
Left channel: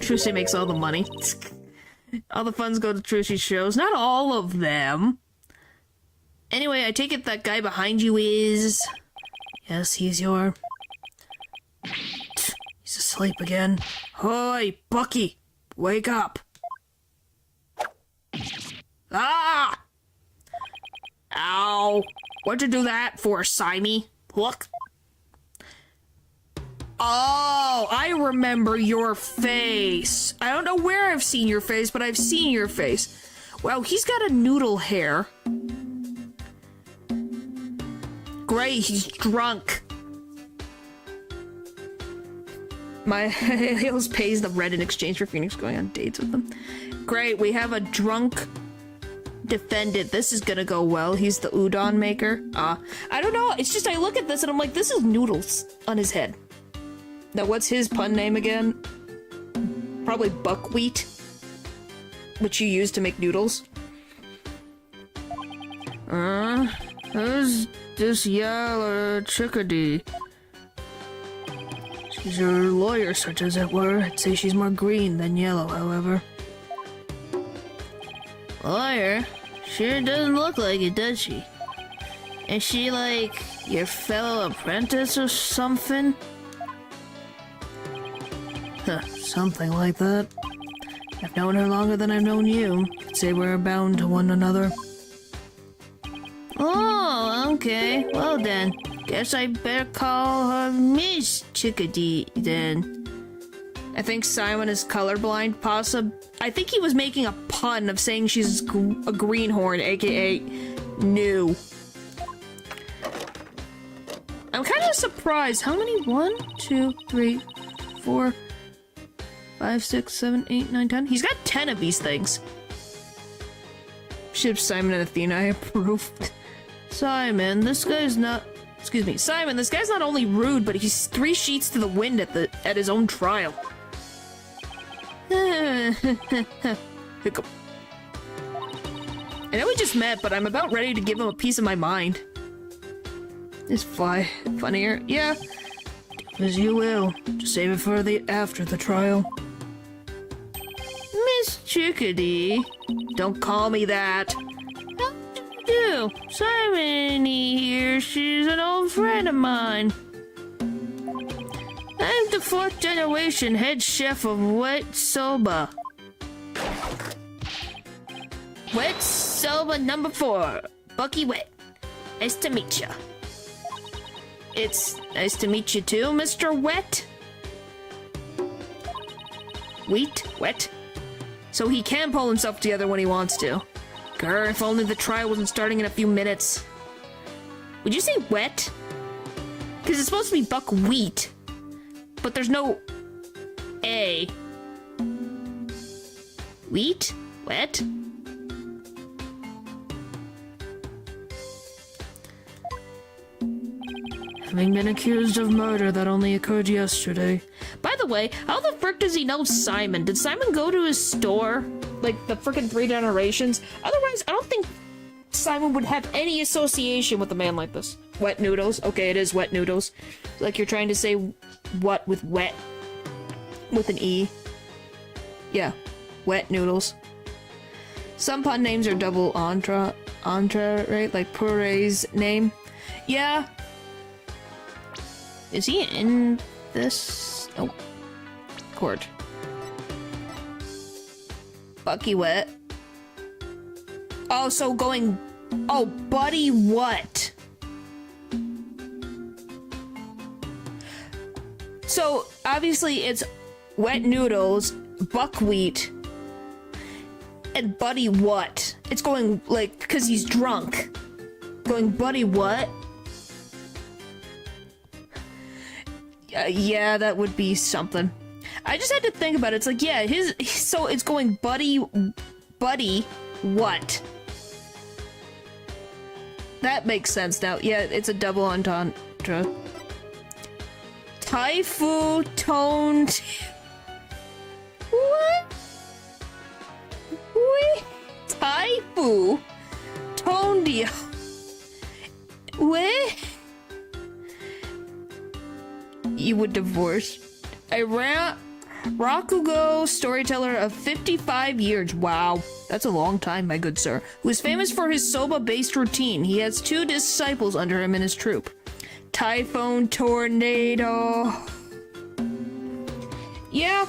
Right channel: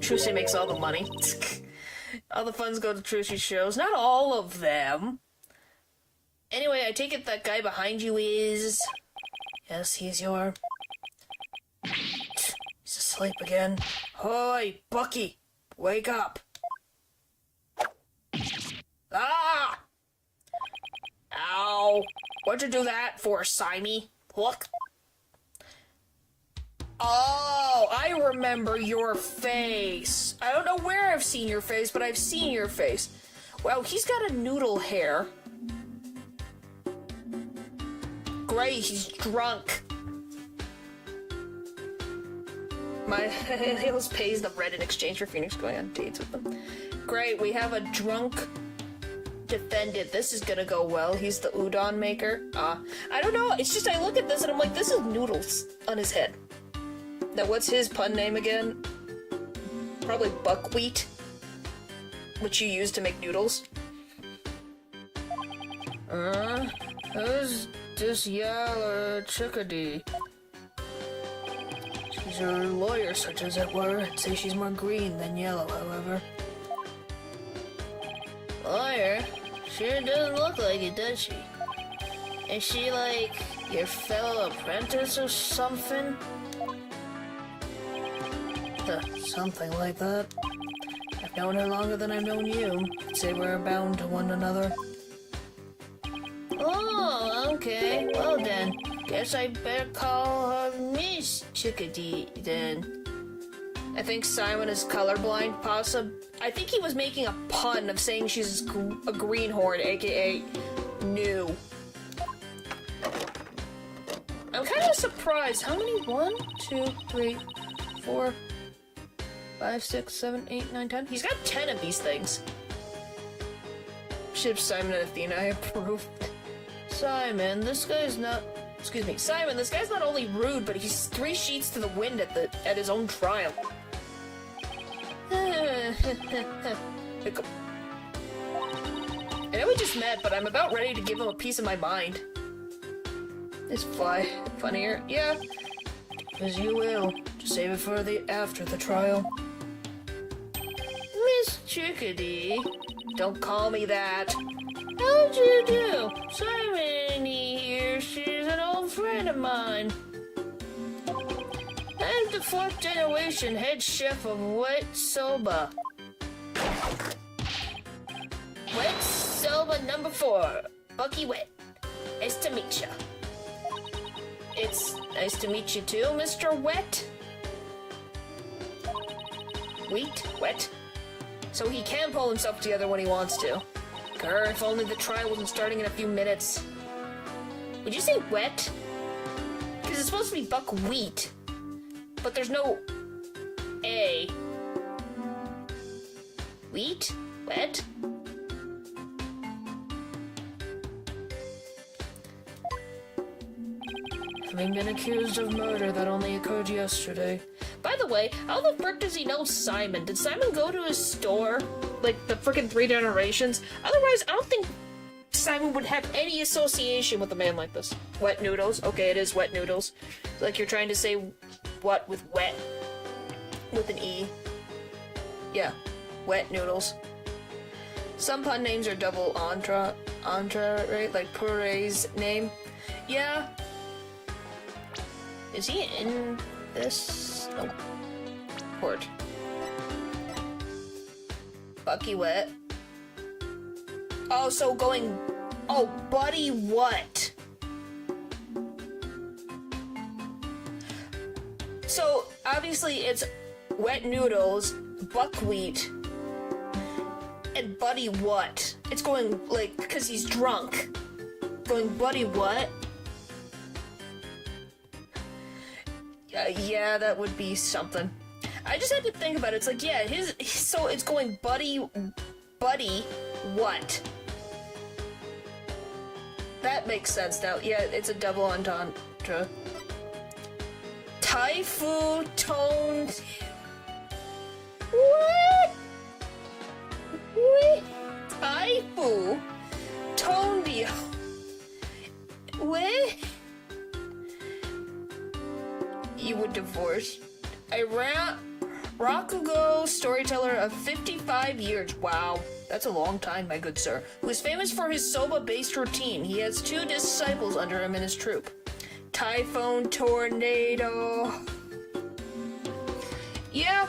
Trucy makes all the money. All the funds go to Trucy's shows. Not all of them. Anyway, I take it that guy behind you is... Yes, he's your... He's asleep again. Hoy, Bucky! Wake up! Ah! Ow! What'd you do that for, Simey? Look. Oh, I remember your face. I don't know where I've seen your face, but I've seen your face. Wow, he's got a noodle hair. Great, he's drunk. My Hales pays the red in exchange for Phoenix going on dates with them. Great, we have a drunk defendant. This is gonna go well. He's the udon maker. I don't know. It's just I look at this and I'm like, this is noodles on his head. Now, what's his pun name again? Probably buckwheat, which you use to make noodles. Who's this yellow chickadee? She's your lawyer, such as it were. I'd say she's more green than yellow, however. Lawyer? Sure doesn't look like it, does she? Is she like your fellow apprentice or something? Something like that. I've known her longer than I've known you. I'd say we're bound to one another. Oh, okay. Well then, guess I better call her Miss Chickadee then. I think Simon is colorblind, I think he was making a pun of saying she's a greenhorn, aka new. I'm kind of surprised. How many? 1, 2, 3, 4, 5, 6, 7, 8, 9, 10. He's got 10 of these things. Ship Simon and Athena, I approved. Simon, this guy's not... Excuse me, Simon, this guy's not only rude, but he's 3 sheets to the wind at his own trial. Hiccup. I know we just met, but I'm about ready to give him a piece of my mind. Is Fly funnier? Yeah. As you will. Just save it for after the trial. Miss Chickadee? Don't call me that. How'd you do? Simon here, she's an old friend of mine. I'm the 4th generation head chef of Wet Soba. Wet Soba number 4, Bucky Wet. Nice to meet ya. It's nice to meet you too, Mr. Wet. Wet? So he can pull himself together when he wants to. Grr, if only the trial wasn't starting in a few minutes. Would you say wet? Because it's supposed to be buckwheat. But there's no A. Wheat? Wet? Having been accused of murder that only occurred yesterday. By the way, how the frick does he know Simon? Did Simon go to his store? Like, the frickin' 3 generations? Otherwise, I don't think Simon would have any association with a man like this. Wet noodles. Okay, it is wet noodles. Like you're trying to say what with wet? With an E. Yeah. Wet noodles. Some pun names are double entre, right? Like Puree's name. Yeah. Is he in this? Nope. Court. Bucky Wet. Oh, so going... Oh, Buddy what? So, obviously it's wet noodles, buckwheat, and Buddy what? It's going, like, because he's drunk. Going, Buddy what? Yeah, that would be something. I just had to think about it. It's like, yeah, so it's going Buddy what? That makes sense now. Yeah, it's a double entendre. Taifu toned. What? Wait. Taifu toned. What? You would divorce. Rakugo, storyteller of 55 years. Wow, that's a long time, my good sir. Who is famous for his soba-based routine. He has 2 disciples under him in his troupe. Typhoon Tornado. Yeah.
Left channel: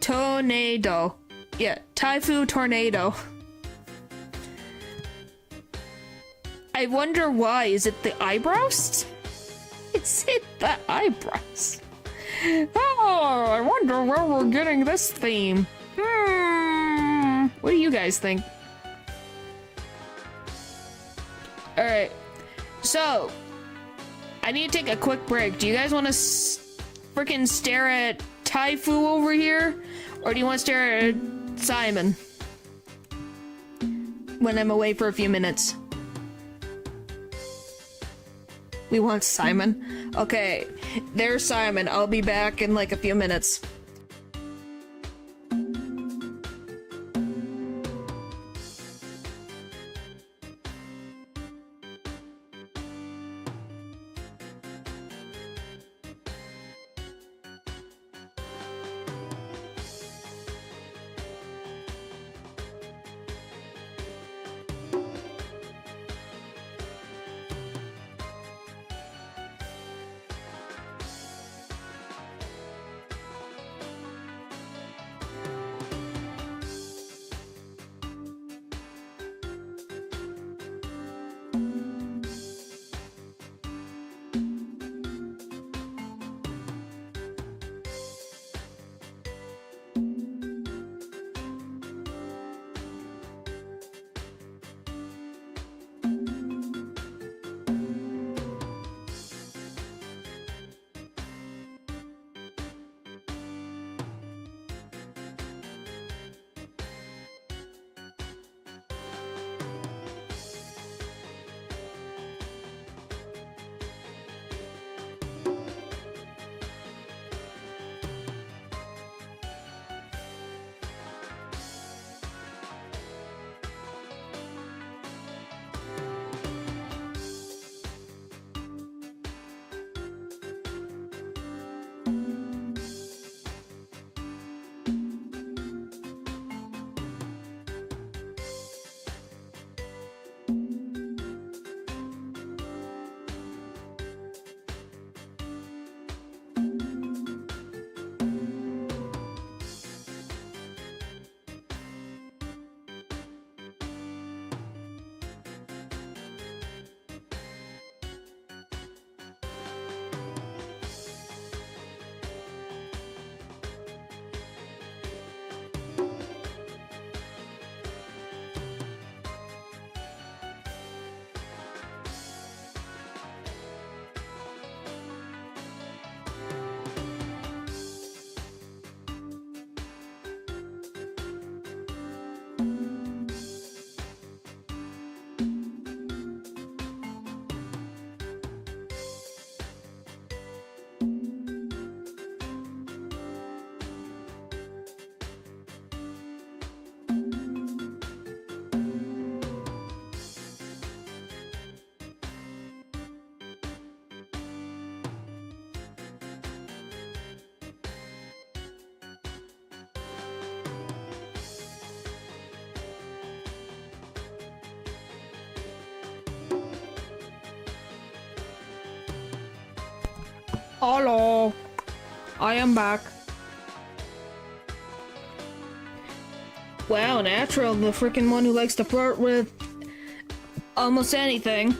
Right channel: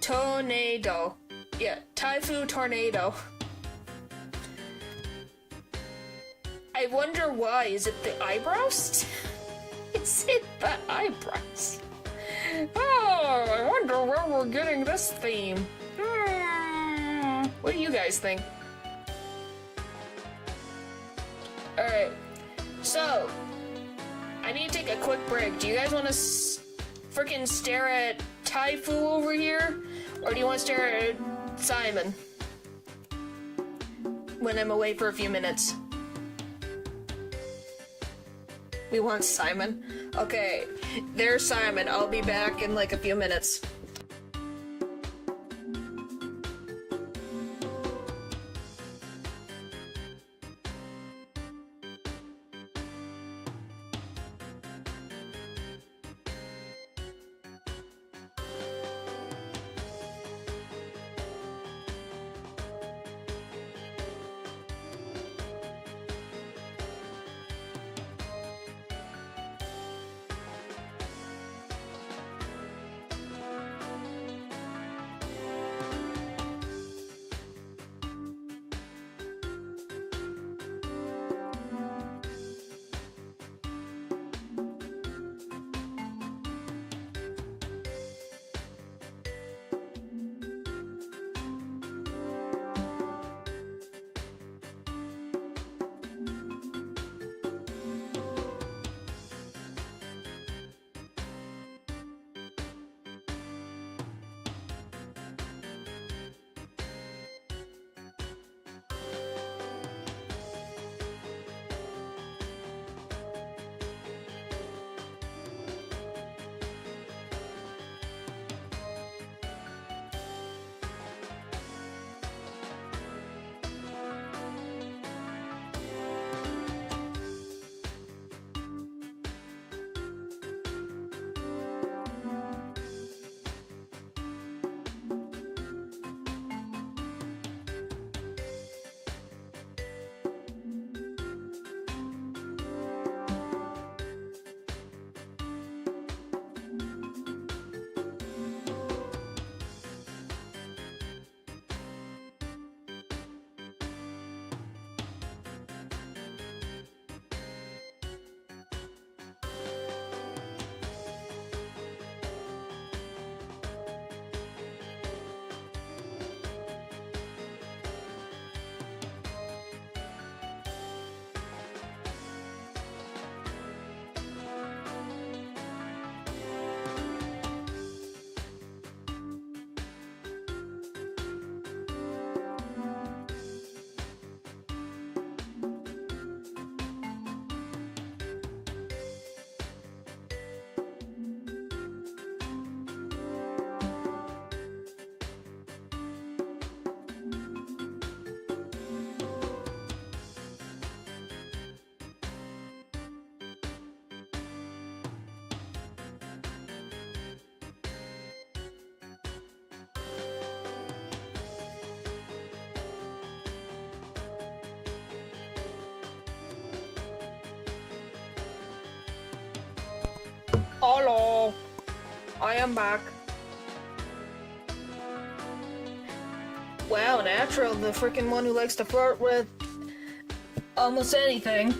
Tornado. Yeah, Typhoon Tornado. I wonder why. Is it the eyebrows? Is it the eyebrows? Oh, I wonder where we're getting this theme. What do you guys think? Alright, so I need to take a quick break. Do you guys want to freaking stare at Taifu over here? Or do you want to stare at Simon? When I'm away for a few minutes. We want Simon. Okay, there's Simon. I'll be back in like a few minutes. Hello. I am back. Wow, Natural, the freaking one who likes to flirt with almost anything.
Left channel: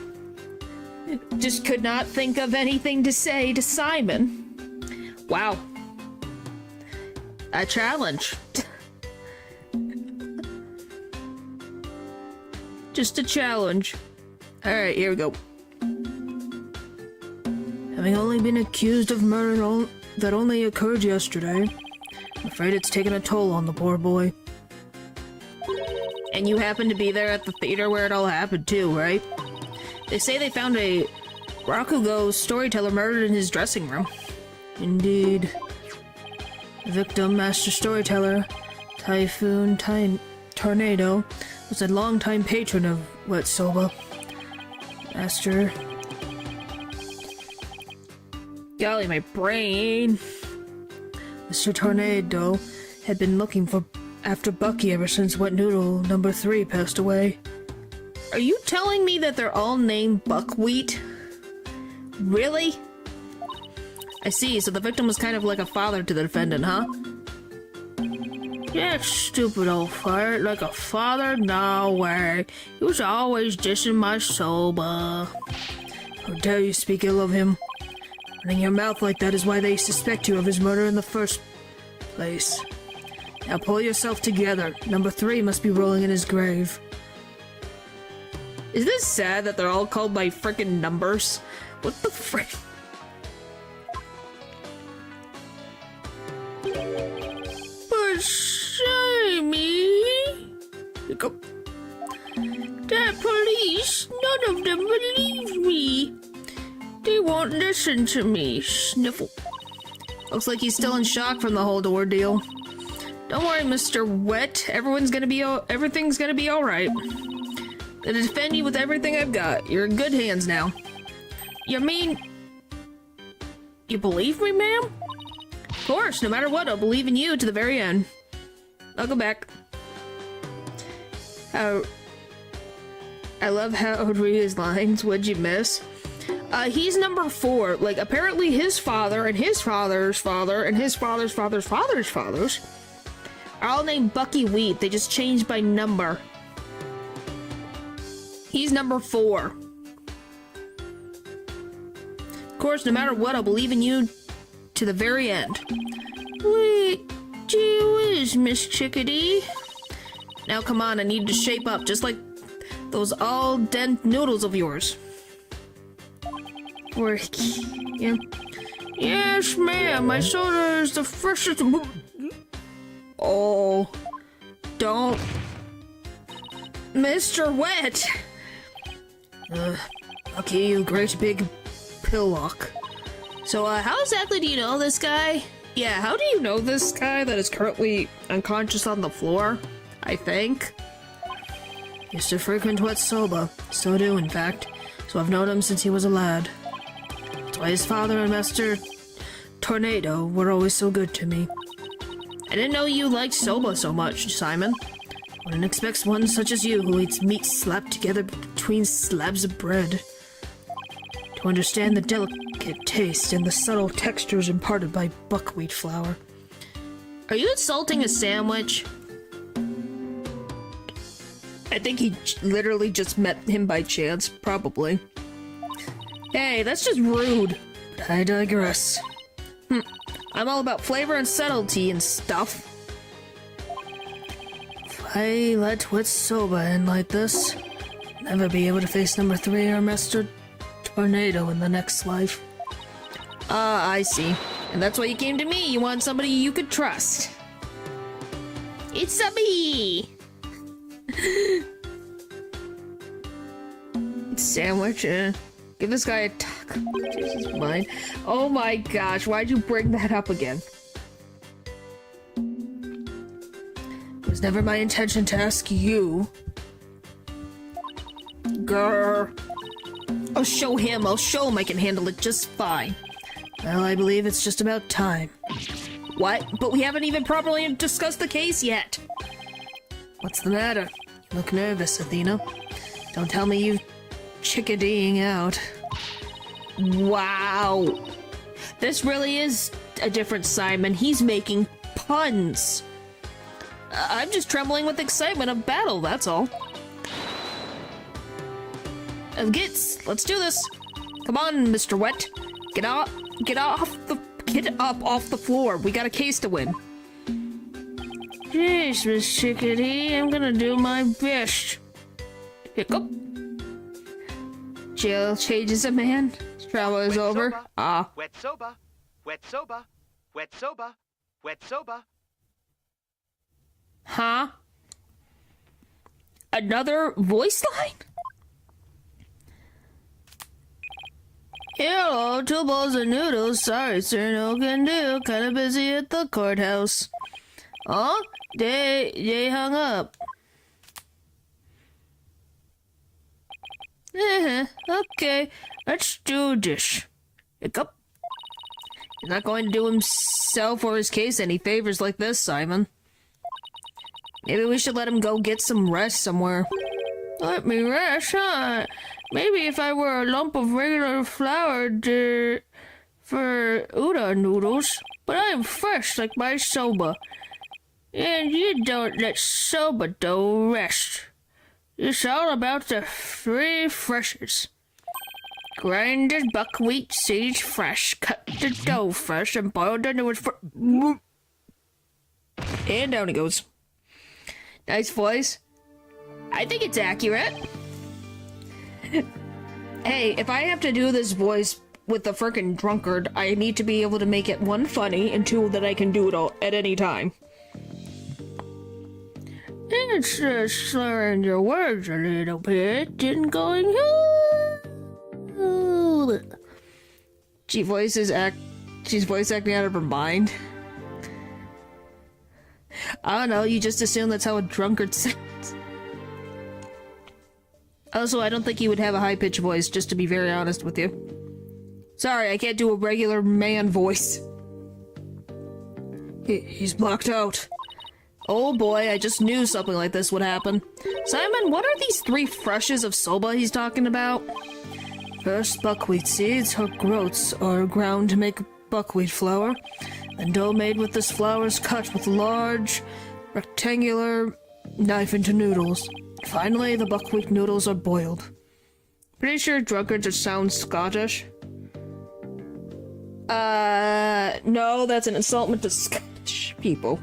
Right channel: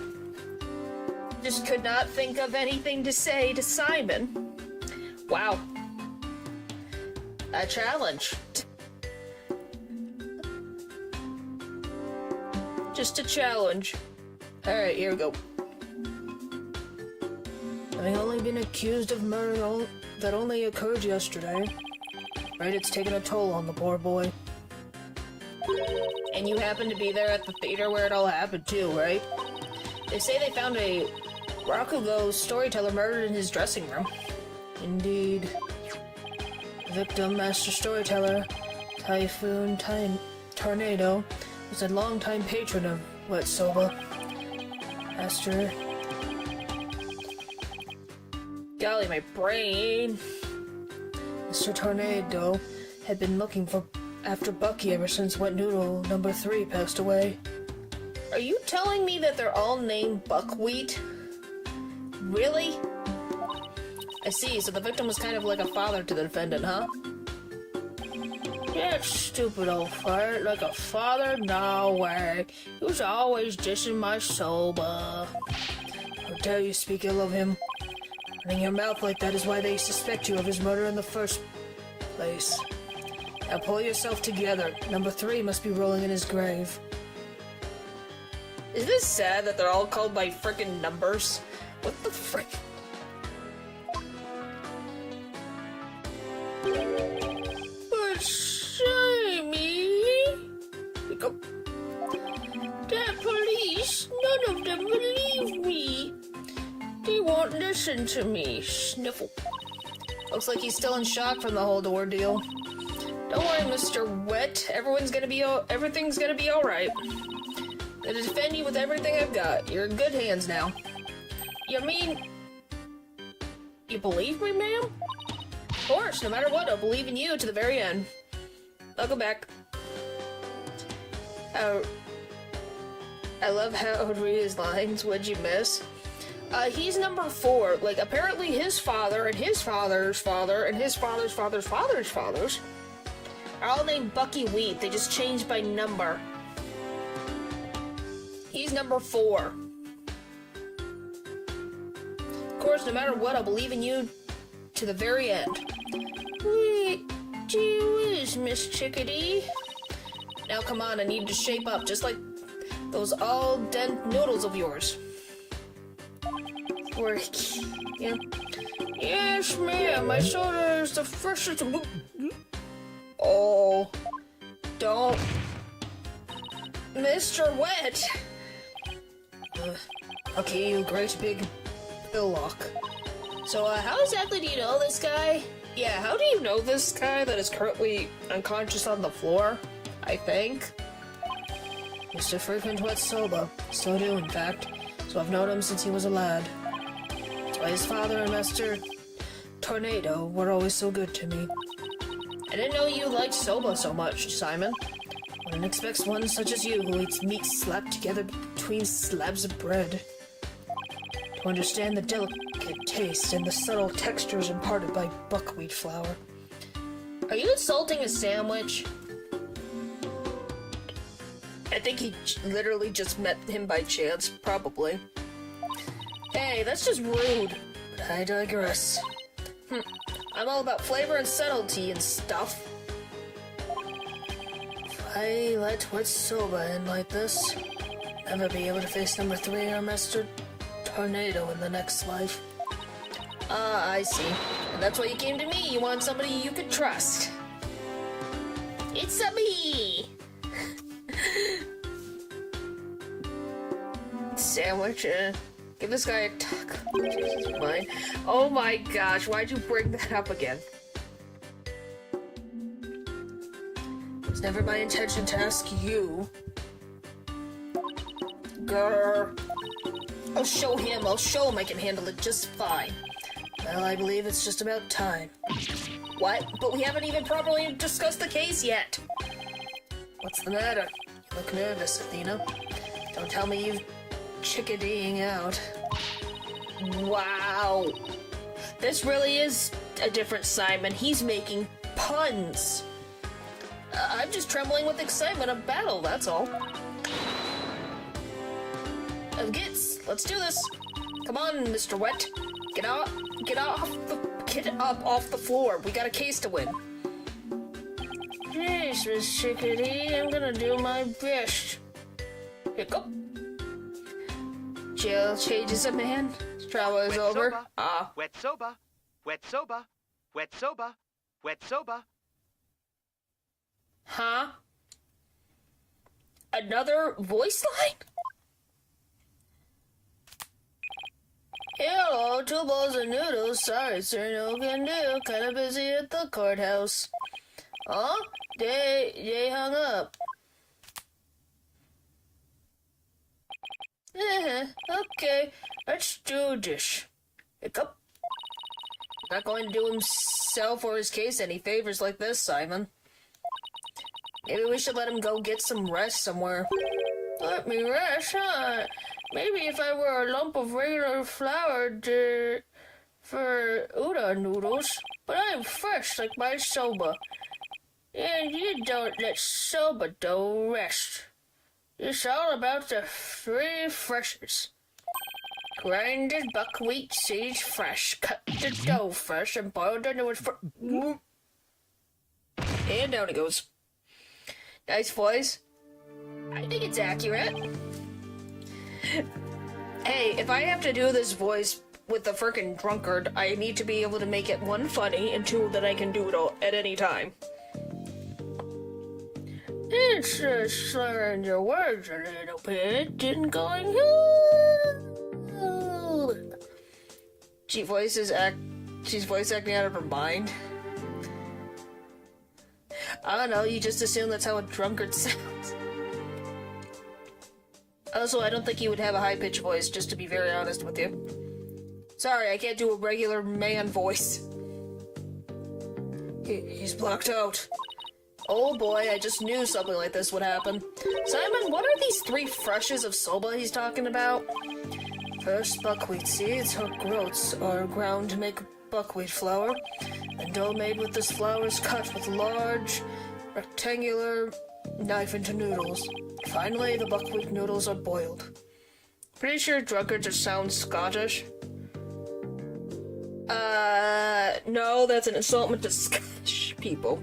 Just could not think of anything to say to Simon. Wow. A challenge. Just a challenge. Alright, here we go. Having only been accused of murder that only occurred yesterday, I'm afraid it's taken a toll on the poor boy. And you happened to be there at the theater where it all happened too, right? They say they found a Rakugo storyteller murdered in his dressing room. Indeed. The victim, master storyteller, Typhoon Tornado, was a longtime patron of Wetsoba. Master... Golly, my brain! Mr. Tornado had been looking after Bucky ever since Wet Noodle number 3 passed away. Are you telling me that they're all named Buckwheat? Really? I see, so the victim was kind of like a father to the defendant, huh? Yeah, stupid old fart. Like a father? No way. He was always dissing my soba. How dare you speak ill of him? Running your mouth like that is why they suspect you of his murder in the first place. Now pull yourself together. Number 3 must be rolling in his grave. Is this sad that they're all called by frickin' numbers? What the frick? But Sammy... Go. The police, none of them believe me. They won't listen to me. Sniffle. Looks like he's still in shock from the whole ordeal. Don't worry, Mr. Wet. Everything's gonna be alright. Gonna defend you with everything I've got. You're in good hands now. You mean... You believe me, ma'am? Of course, no matter what, I'll believe in you to the very end. I'll go back. I love how I would read his lines. What'd you miss? He's number 4. Like, apparently his father and his father's father and his father's father's father's fathers are all named Bucky Wheat. They just changed by number. He's number 4. Of course, no matter what, I'll believe in you to the very end. Wait, gee whiz, Miss Chickadee. Now come on, I need to shape up, just like those all-dent noodles of yours. Yeah. Yes, ma'am, my soda is the freshest... Oh, don't... Mr. Wet! Okay, you great big pillock. So, how exactly do you know this guy? Yeah, how do you know this guy that is currently unconscious on the floor? I think. Used to frequent Wetsoba. Still do, in fact. So I've known him since he was a lad. That's why his father and Master Tornado were always so good to me. I didn't know you liked soba so much, Simon. One expects one such as you who eats meat slapped together between slabs of bread to understand the delicate taste and the subtle textures imparted by buckwheat flour. Are you insulting a sandwich? I think he literally just met him by chance, probably. Hey, that's just rude. I digress. I'm all about flavor and subtlety and stuff. If I let Wetsoba in like this, I'll never be able to face number 3 or Master Tornado in the next life. I see. And that's why you came to me. You want somebody you could trust. It's a me! Sandwich, give this guy a taco. Jesus, mine. Oh my gosh, why'd you bring that up again? It was never my intention to ask you. Grr. I'll show him I can handle it just fine. Well, I believe it's just about time. What? But we haven't even properly discussed the case yet. What's the matter? You look nervous, Athena. Don't tell me you've chickadeeing out. Wow. This really is a different Simon. He's making puns. I'm just trembling with excitement of battle, that's all. Gits, let's do this. Come on, Mr. Wet. Get up off the floor. We got a case to win. Jeez, Miss Chickadee, I'm gonna do my best. Hiccup. Jail changes a man. Trauma is over. Soba. Ah. Wet soba. Wet soba. Wet soba. Wet soba. Huh? Another voice line? Hello, 2 bowls of noodles. Sorry, sir, no can do. Kinda busy at the courthouse. Oh, they hung up. Okay, let's do this. Hiccup. He's not going to do himself or his case any favors like this, Simon. Maybe we should let him go get some rest somewhere. Let me rest, huh? Maybe if I were a lump of regular flour for udon noodles. But I'm fresh like my soba. And you don't let soba dough rest. It's all about the 3 freshes. Grinded buckwheat seeds fresh, cut the dough fresh, and boiled the noodles for... And down it goes. Nice voice. I think it's accurate. Hey, if I have to do this voice with the frickin' drunkard, I need to be able to make it 1, funny, and 2, that I can do it all at any time. It's slurring your words a little bit and going... She's voice acting out of her mind. I don't know, you just assume that's how a drunkard sounds. Also, I don't think he would have a high-pitched voice, just to be very honest with you. Sorry, I can't do a regular man voice. He's blocked out. Oh boy, I just knew something like this would happen. Simon, what are these 3 freshes of soba he's talking about? First, buckwheat seeds or groats are ground to make buckwheat flour, and dough made with this flour is cut with large, rectangular knife into noodles. Finally, the buckwheat noodles are boiled. Pretty sure drunkard just sounds Scottish. No, that's an insultment to Scottish people.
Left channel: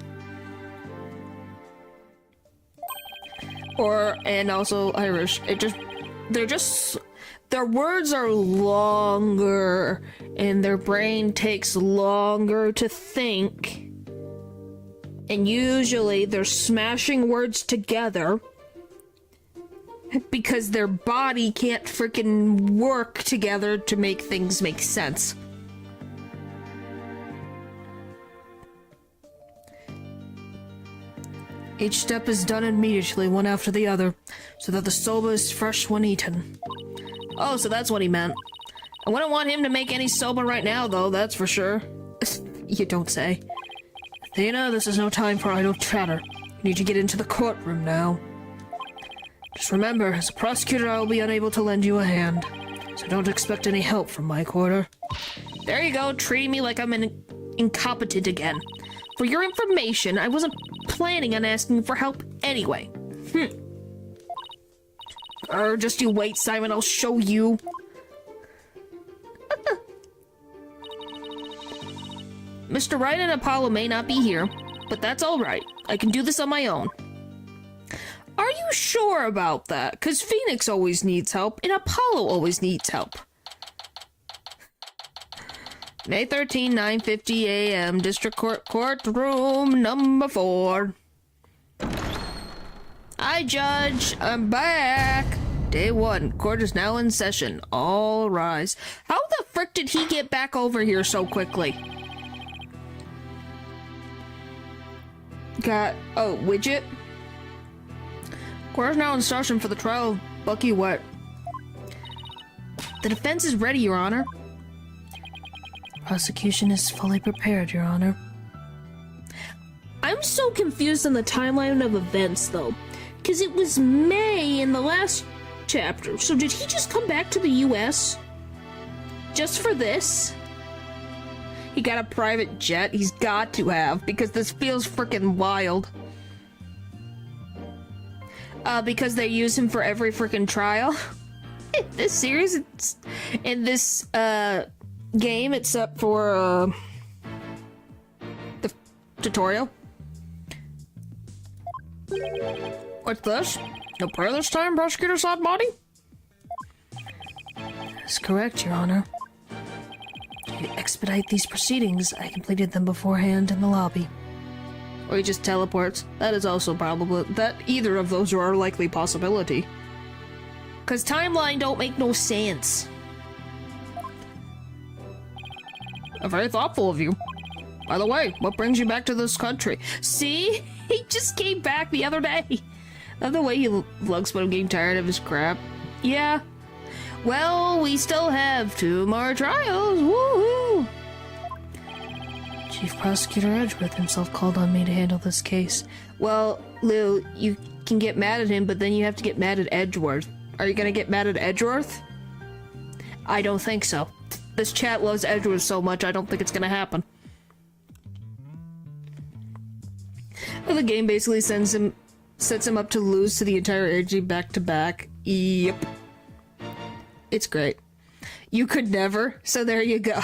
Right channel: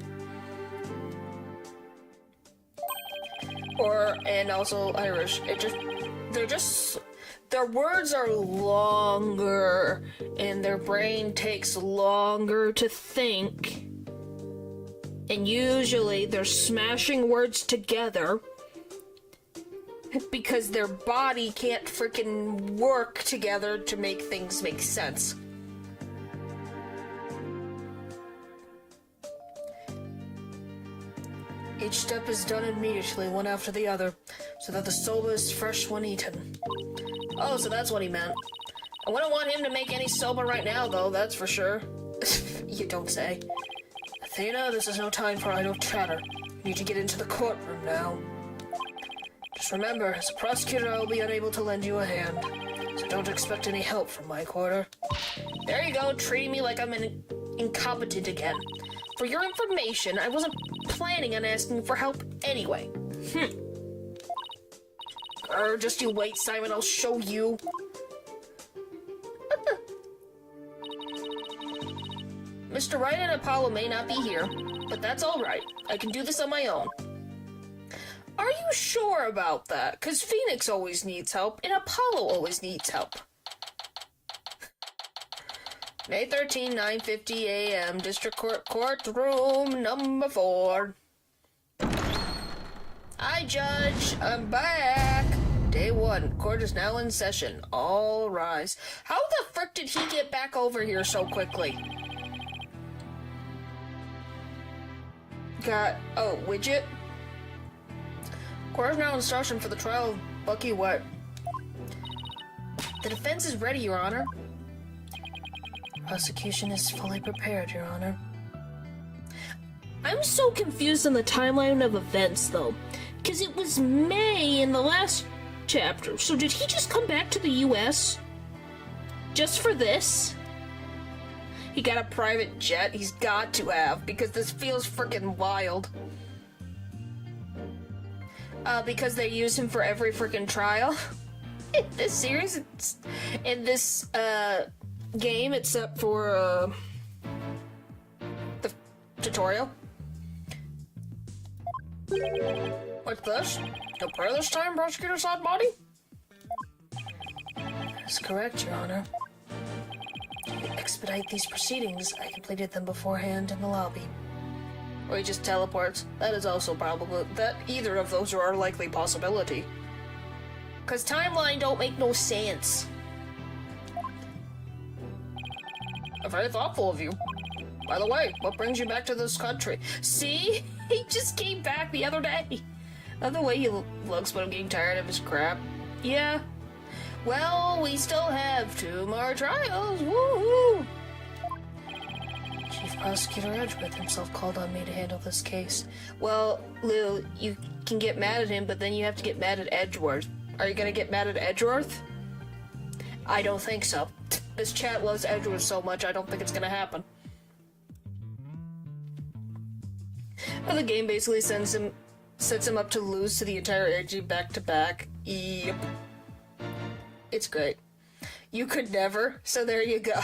And also Irish. Their words are longer, and their brain takes longer to think. And usually they're smashing words together because their body can't freaking work together to make things make sense. Each step is done immediately, one after the other, so that the soba is fresh when eaten. Oh, so that's what he meant. I wouldn't want him to make any soba right now, though, that's for sure. You don't say. Athena, this is no time for idle chatter. You need to get into the courtroom now. Just remember, as a prosecutor, I will be unable to lend you a hand, so don't expect any help from my quarter. There you go, treating me like I'm incompetent again. For your information, I wasn't planning on asking for help anyway. Just you wait, Simon, I'll show you. Mr. Wright and Apollo may not be here, but that's alright. I can do this on my own. Are you sure about that? Because Phoenix always needs help, and Apollo always needs help. May 13, 9:50 a.m. District Court Courtroom number 4. Hi, Judge. I'm back. Day 1. Court is now in session. All rise. How the frick did he get back over here so quickly? Widget? Court is now in session for the trial of Bucky Wet. The defense is ready, Your Honor. Prosecution is fully prepared, Your Honor. I'm so confused on the timeline of events, though. Because it was May in the last chapter. So did he just come back to the U.S. just for this? He got a private jet. He's got to have, because this feels freaking wild. Because they use him for every freaking trial. This series, in this game, except for the tutorial. What's this? No prayer this time, Prosecutor Sodbody? That's correct, Your Honor. To expedite these proceedings, I completed them beforehand in the lobby. Or he just teleports. That is also probable. That either of those are a likely possibility. Cause timeline don't make no sense. Very thoughtful of you. By the way, what brings you back to this country? See? He just came back the other day. Love the way he looks when I'm getting tired of his crap. Yeah. Well, we still have 2 more trials. Woohoo! Chief Prosecutor Edgeworth himself called on me to handle this case. Well, Lou, you can get mad at him, but then you have to get mad at Edgeworth. Are you gonna get mad at Edgeworth? I don't think so. This chat loves Edgeworth so much, I don't think it's gonna happen. Well, the game basically sets him up to lose to the entire AG back-to-back. Yep. It's great. You could never, so there you go.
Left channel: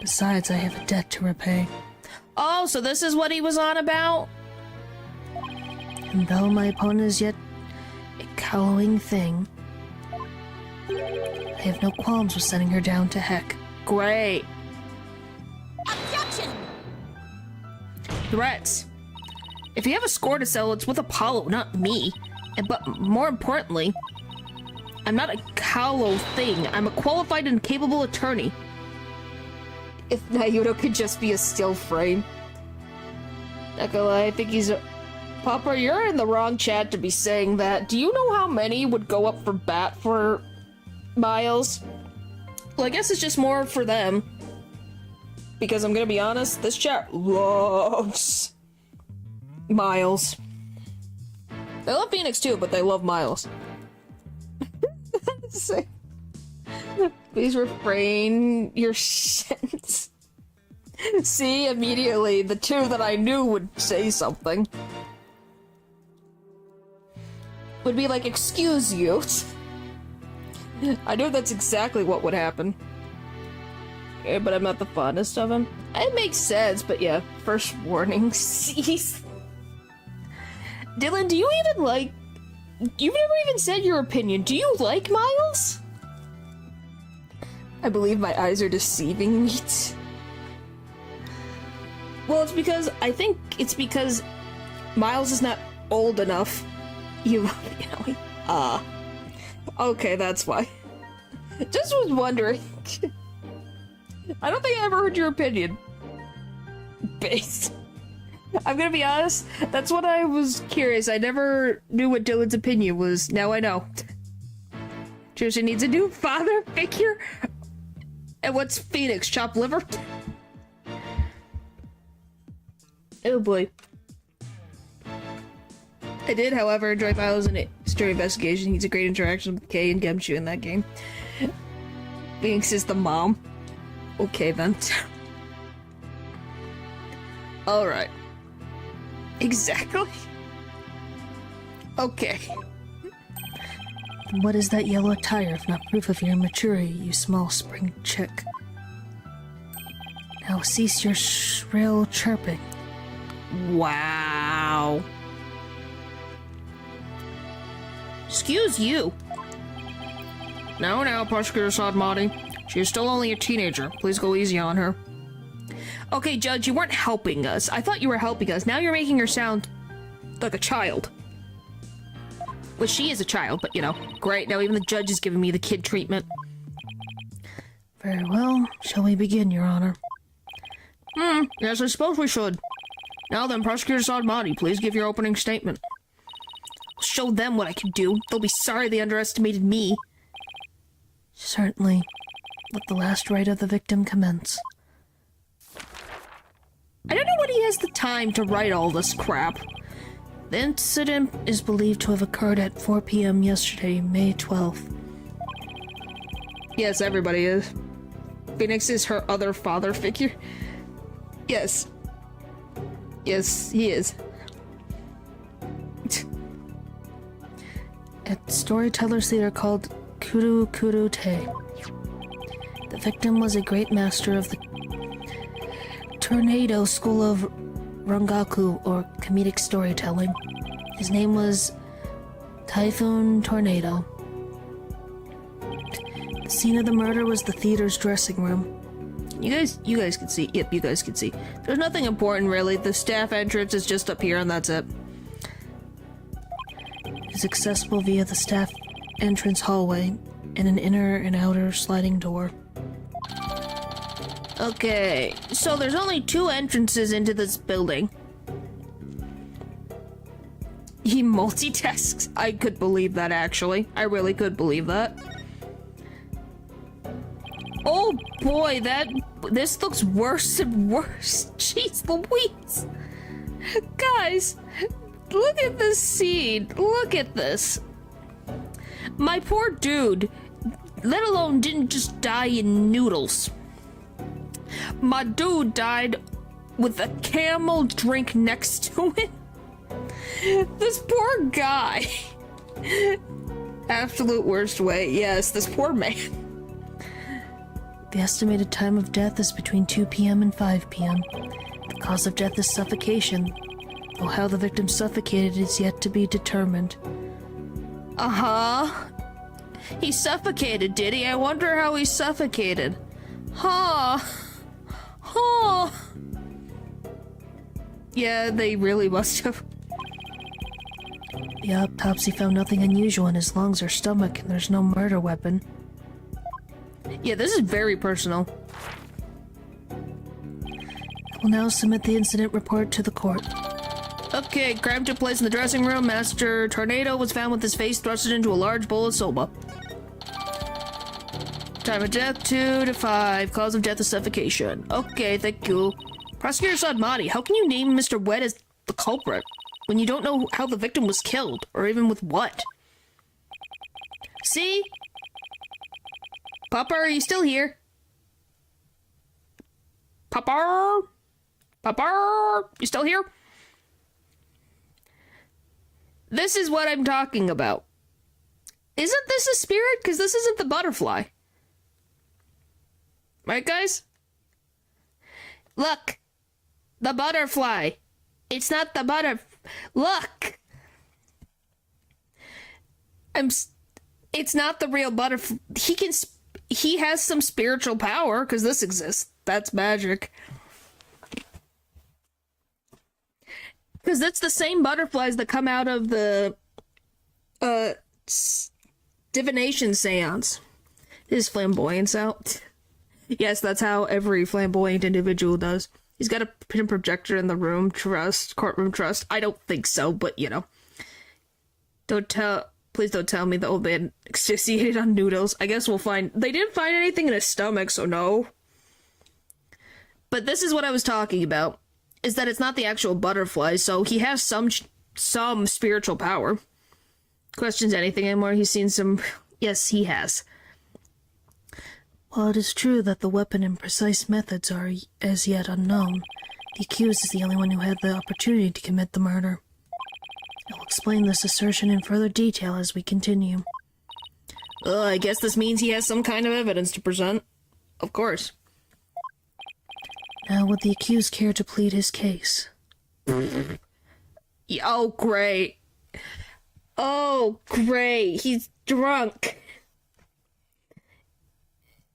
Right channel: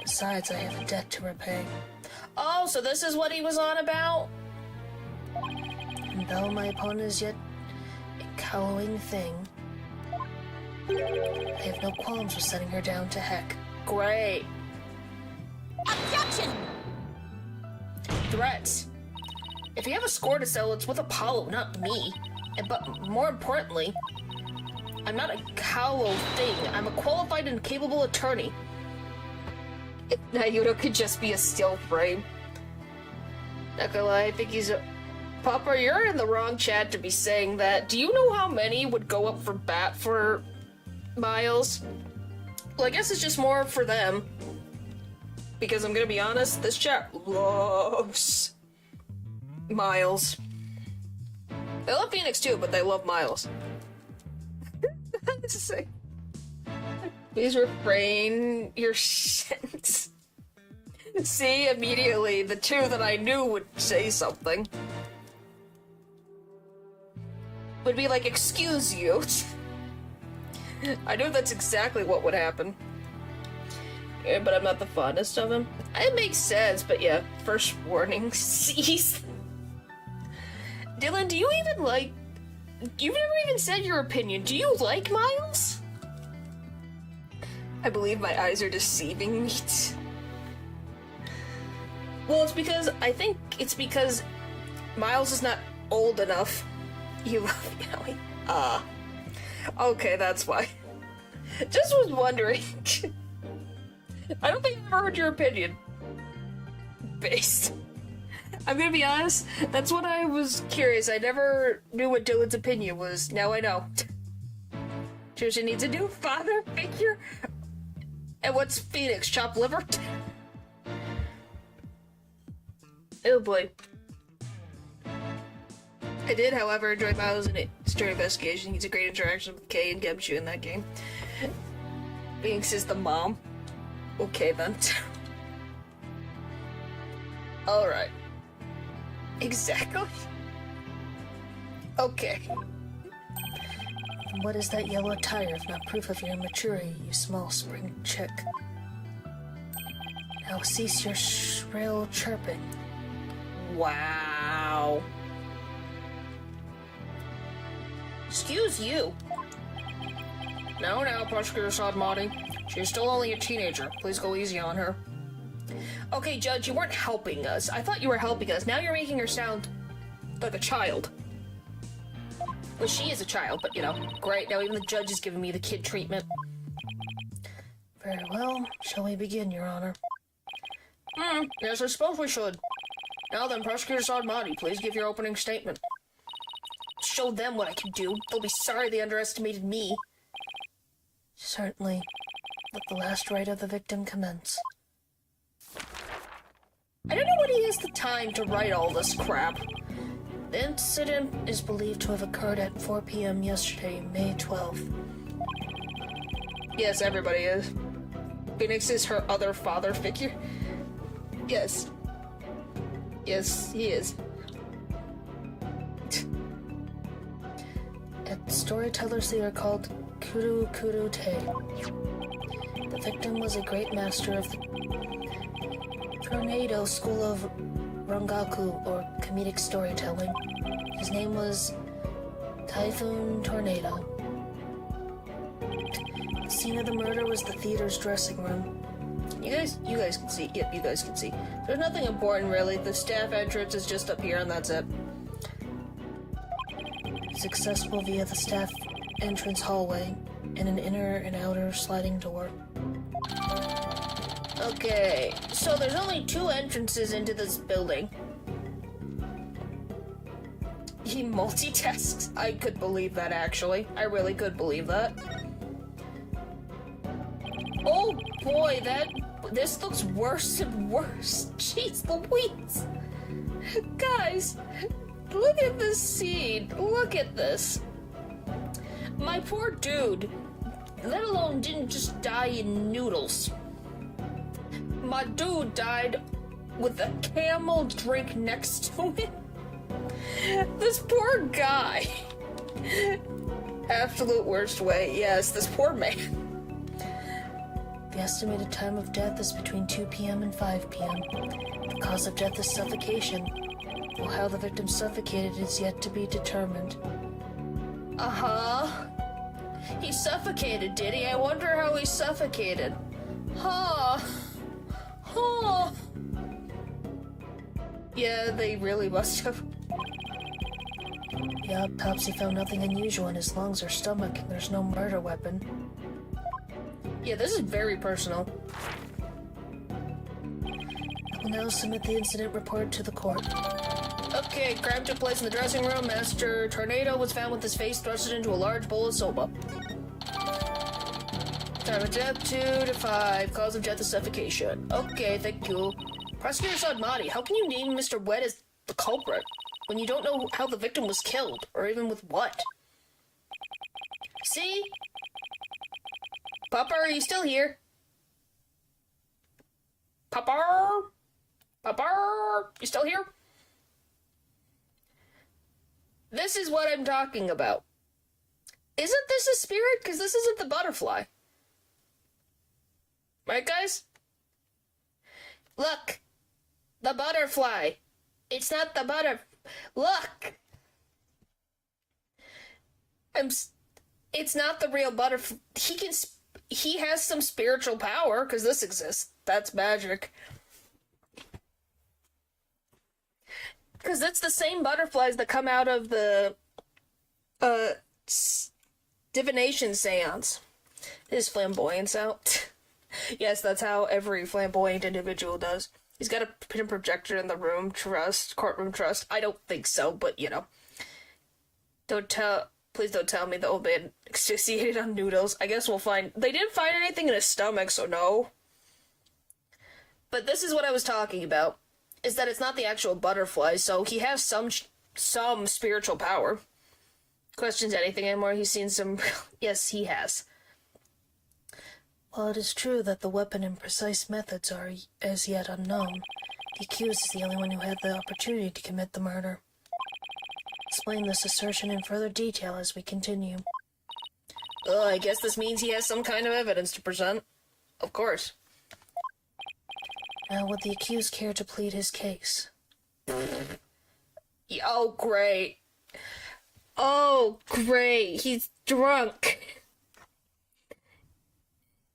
Besides, I have a debt to repay. Oh, so this is what he was on about? And though my opponent is yet a cowling thing, I have no qualms with sending her down to heck. Great. Objection! Threats. If you have a score to settle, it's with Apollo, not me. But more importantly, I'm not a callow thing. I'm a qualified and capable attorney. If Nayudo could just be a still frame. Not gonna lie, I think he's a... Papa, you're in the wrong chat to be saying that. Do you know how many would go up for bat for Miles? Well, I guess it's just more for them. Because I'm gonna be honest, this chat loves Miles. They love Phoenix too, but they love Miles. Please refrain your sentence. See, immediately, the 2 that I knew would say something. Would be like, excuse you. I know that's exactly what would happen. Yeah, but I'm not the fondest of him. It makes sense, but yeah, first warning, cease. Dylan, do you even like... You've never even said your opinion. Do you like Miles? I believe my eyes are deceiving me. Well, it's because... I think it's because Miles is not old enough. You love me. Okay, that's why. Just was wondering. I don't think I ever heard your opinion. Based. I'm gonna be honest, that's what I was curious. I never knew what Dylan's opinion was. Now I know. Trisha needs a new father figure? And what's Phoenix? Chopped liver? Oh boy. I did, however, enjoy Miles in Story Investigation. He's a great interaction with Kay and Gemshu in that game. Phoenix is the mom. Okay then. Alright. Exactly. Okay. What is that yellow tire if not proof of your maturity, you small spring chick? Now cease your shrill chirping. Wow. Excuse you. Now, Prosecutor Sadmati. She is still only a teenager. Please go easy on her. Okay, Judge, you weren't helping us. I thought you were helping us. Now you're making her sound like a child. Well, she is a child, but you know. Great, now even the judge is giving me the kid treatment. Very well. Shall we begin, Your Honor? Yes, I suppose we should. Now then, Prosecutor Sadmati, please give your opening statement. Show them what I can do. They'll be sorry they underestimated me. Certainly. Let the last right of the victim commence. I don't know when he has the time to write all this crap. The incident is believed to have occurred at 4 p.m. yesterday, May 12th. Yes, everybody is. Phoenix is her other father figure. Yes. Yes, he is. At storytellers theater called Kuru Kuru Te. The victim was a great master of the Tornado School of Rangaku, or comedic storytelling. His name was Typhoon Tornado. The scene of the murder was the theater's dressing room. You guys can see. Yep, you guys can see. There's nothing important really. The staff entrance is just up here and that's it. It is accessible via the staff entrance hallway and an inner and outer sliding door. Okay, so there's only 2 entrances into this building. He multitasks. I could believe that, actually. I really could believe that. Oh boy, this looks worse and worse. Jeez Louise. Guys, look at this scene. Look at this. My poor dude, let alone didn't just die in noodles. My dude died with a camel drink next to him. This poor guy. Absolute worst way. Yes, this poor man. The estimated time of death is between 2 p.m. and 5 p.m. The cause of death is suffocation, though how the victim suffocated is yet to be determined. Uh-huh. He suffocated, did he? I wonder how he suffocated. Huh. Huh. Yeah, they really must have. The autopsy found nothing unusual in his lungs or stomach, and there's no murder weapon. Yeah, this is very personal. I will now submit the incident report to the court. Okay, crime took place in the dressing room. Master Tornado was found with his face thrusted into a large bowl of soba. Time of death, 2 to 5. Cause of death is suffocation. Okay, thank you. Prosecutor Sadmati, how can you name Mr. Wet as the culprit when you don't know how the victim was killed, or even with what? See? Papa, are you still here? Papa? Papa? You still here? This is what I'm talking about. Isn't this a spirit? Because this isn't the butterfly. Right, guys? Look! The butterfly! It's not the Look! It's not the real butterfly. He has some spiritual power, because this exists. That's magic. Because that's the same butterflies that come out of the, divination seance. His flamboyance out. Yes, that's how every flamboyant individual does. He's got a pin projector in the room, courtroom trust. I don't think so, but you know. Please don't tell me the old man asphyxiated on noodles. I guess we'll find. They didn't find anything in his stomach, so no. But this is what I was talking about. Is that it's not the actual butterfly, so he has some spiritual power. Questions anything anymore? He's seen some. Yes, he has. While it is true that the weapon and precise methods are as yet unknown, the accused is the only one who had the opportunity to commit the murder. I will explain this assertion in further detail as we continue. I guess this means he has some kind of evidence to present. Of course. Now, would the accused care to plead his case? Oh, great. Oh, great. He's drunk.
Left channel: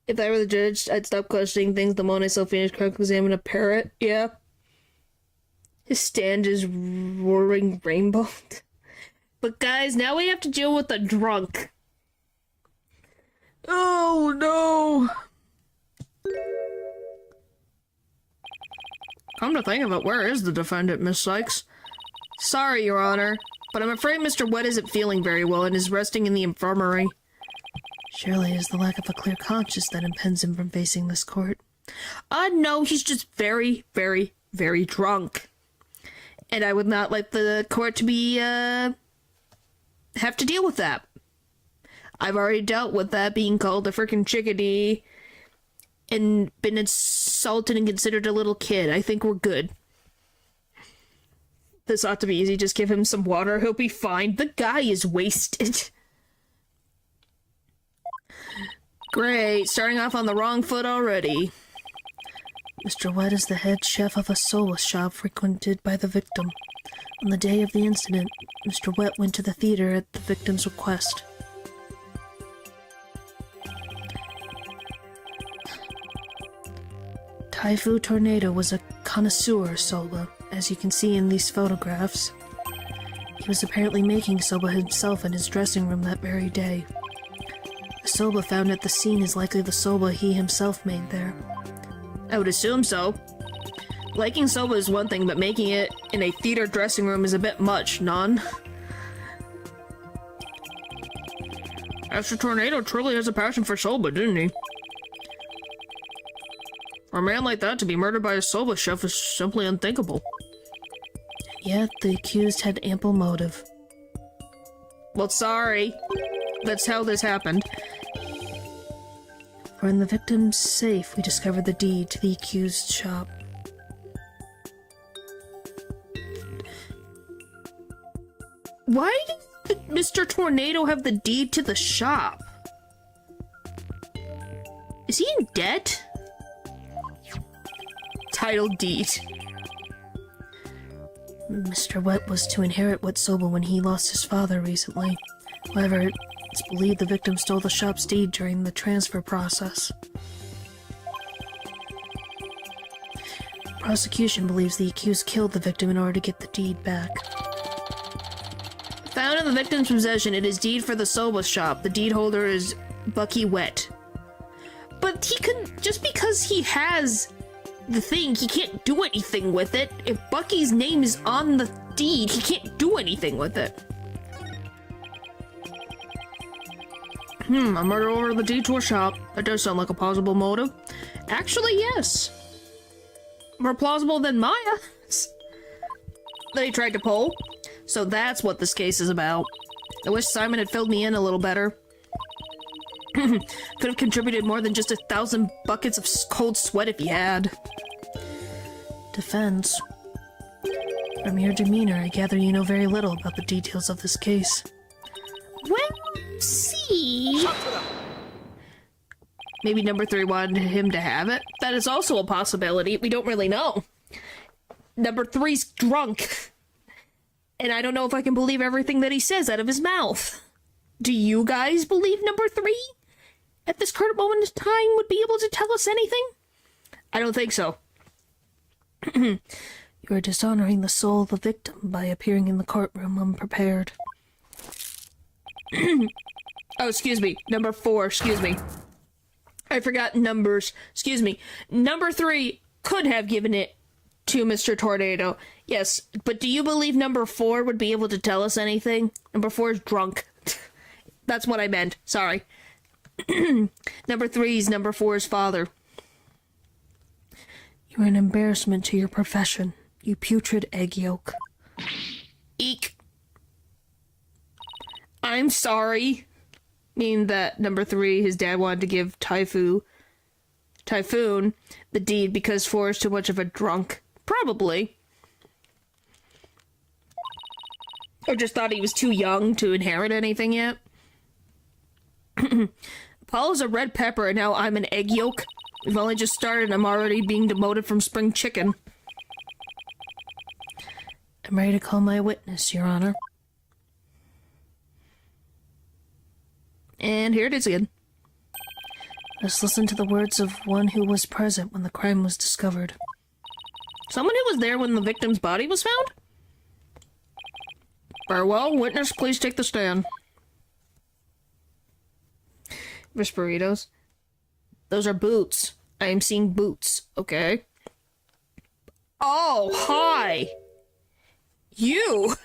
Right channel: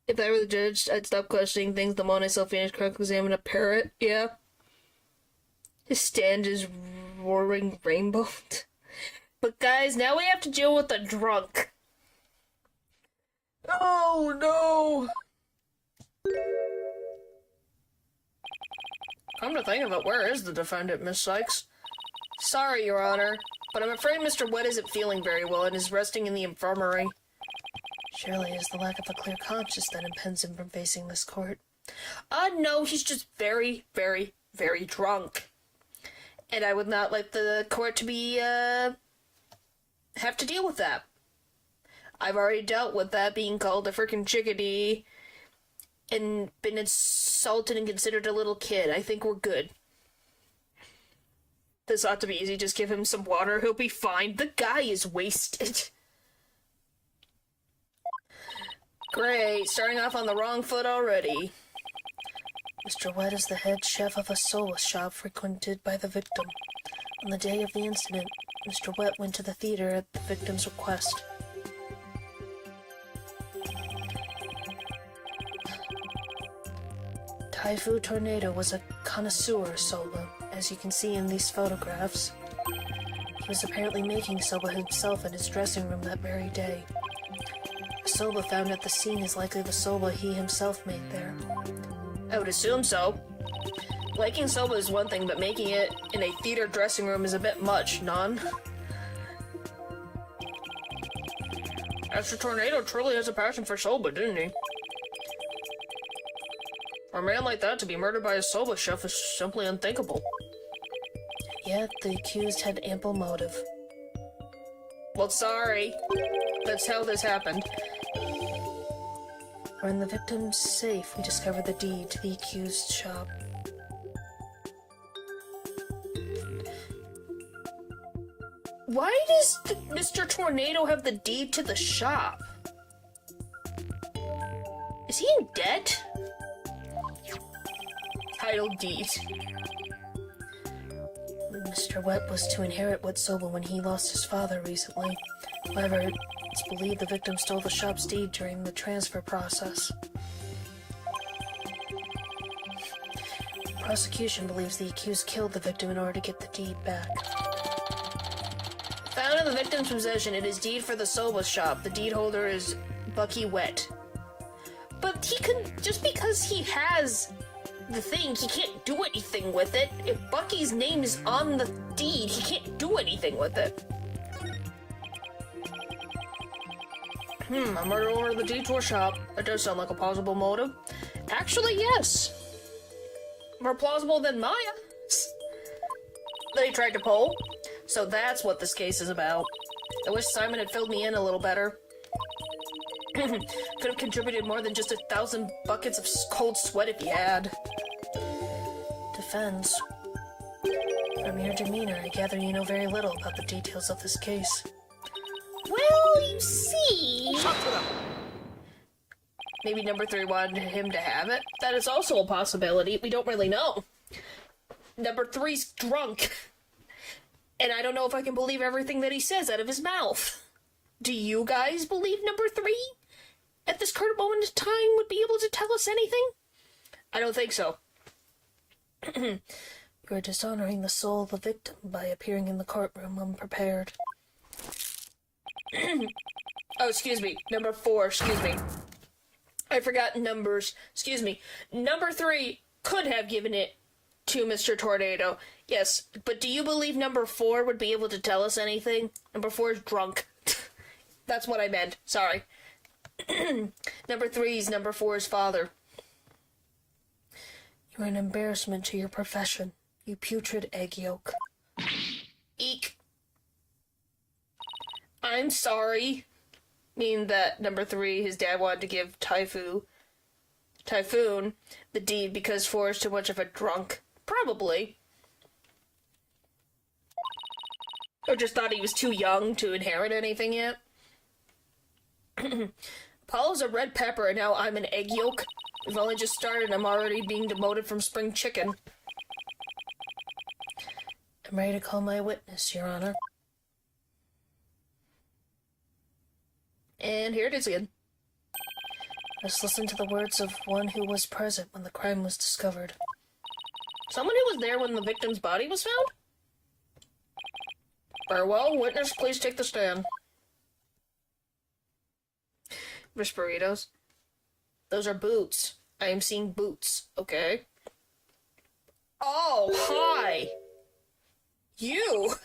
If I were the judge, I'd stop questioning things the moment I saw finished cross-examine a parrot. Yeah. His stand is roaring rainbow. But guys, now we have to deal with the drunk. Oh, no. Come to think of it, where is the defendant, Miss Sykes? Sorry, Your Honor, but I'm afraid Mr. Wet isn't feeling very well and is resting in the infirmary. Surely it is the lack of a clear conscience that impeds him from facing this court. No, he's just very, very, very drunk. And I would not like the court to be, have to deal with that. I've already dealt with that being called a frickin' chickadee and been insulted and considered a little kid. I think we're good. This ought to be easy. Just give him some water. He'll be fine. The guy is wasted. Great. Starting off on the wrong foot already. Mr. Wet is the head chef of a soba shop frequented by the victim. On the day of the incident, Mr. Wet went to the theater at the victim's request. Taifu Tornado was a connoisseur of soba, as you can see in these photographs. He was apparently making soba himself in his dressing room that very day. The soba found at the scene is likely the soba he himself made there. I would assume so. Liking soba is one thing, but making it in a theater dressing room is a bit much, non? Master Tornado truly has a passion for soba, didn't he? For a man like that to be murdered by a soba chef is simply unthinkable. Yet the accused had ample motive. Well, sorry. That's how this happened. For in the victim's safe, we discovered the deed to the accused's shop. Why does Mr. Tornado have the deed to the shop? Is he in debt? Title deed. Mr. Wet was to inherit Wet Soba when he lost his father recently. However, it's believed the victim stole the shop's deed during the transfer process. Prosecution believes the accused killed the victim in order to get the deed back. Found in the victim's possession, it is deed for the soba shop. The deed holder is Bucky Wet. But he could, just because he has the thing, he can't do anything with it. If Bucky's name is on the deed, he can't do anything with it. A murder over the deed to a shop. That does sound like a plausible motive. Actually, yes. More plausible than Maya that he tried to pull. So that's what this case is about. I wish Simon had filled me in a little better. Could have contributed more than just 1,000 buckets of cold sweat if he had. Defense. From your demeanor, I gather you know very little about the details of this case. Well, you see... Maybe number 3 wanted him to have it. That is also a possibility. We don't really know. Number 3's drunk. And I don't know if I can believe everything that he says out of his mouth. Do you guys believe number 3? At this current moment in time would be able to tell us anything? I don't think so. You are dishonoring the soul of the victim by appearing in the courtroom unprepared. Oh, excuse me. Number 4, excuse me. I forgot numbers. Excuse me. Number 3 could have given it to Mr. Tornado. Yes, but do you believe number 4 would be able to tell us anything? Number 4 is drunk. That's what I meant. Sorry. Number 3 is number 4's father. You are an embarrassment to your profession, you putrid egg yolk. Eek. I'm sorry. Meaning that number 3, his dad wanted to give Typhoon the deed because 4 is too much of a drunk. Probably. Or just thought he was too young to inherit anything yet. Paula's a red pepper and now I'm an egg yolk. We've only just started and I'm already being demoted from spring chicken. I'm ready to call my witness, Your Honor. And here it is again. Let's listen to the words of one who was present when the crime was discovered. Someone who was there when the victim's body was found? Very well. Witness, please take the stand. Burritos. Those are boots. I am seeing boots. Okay. Oh, hi! You!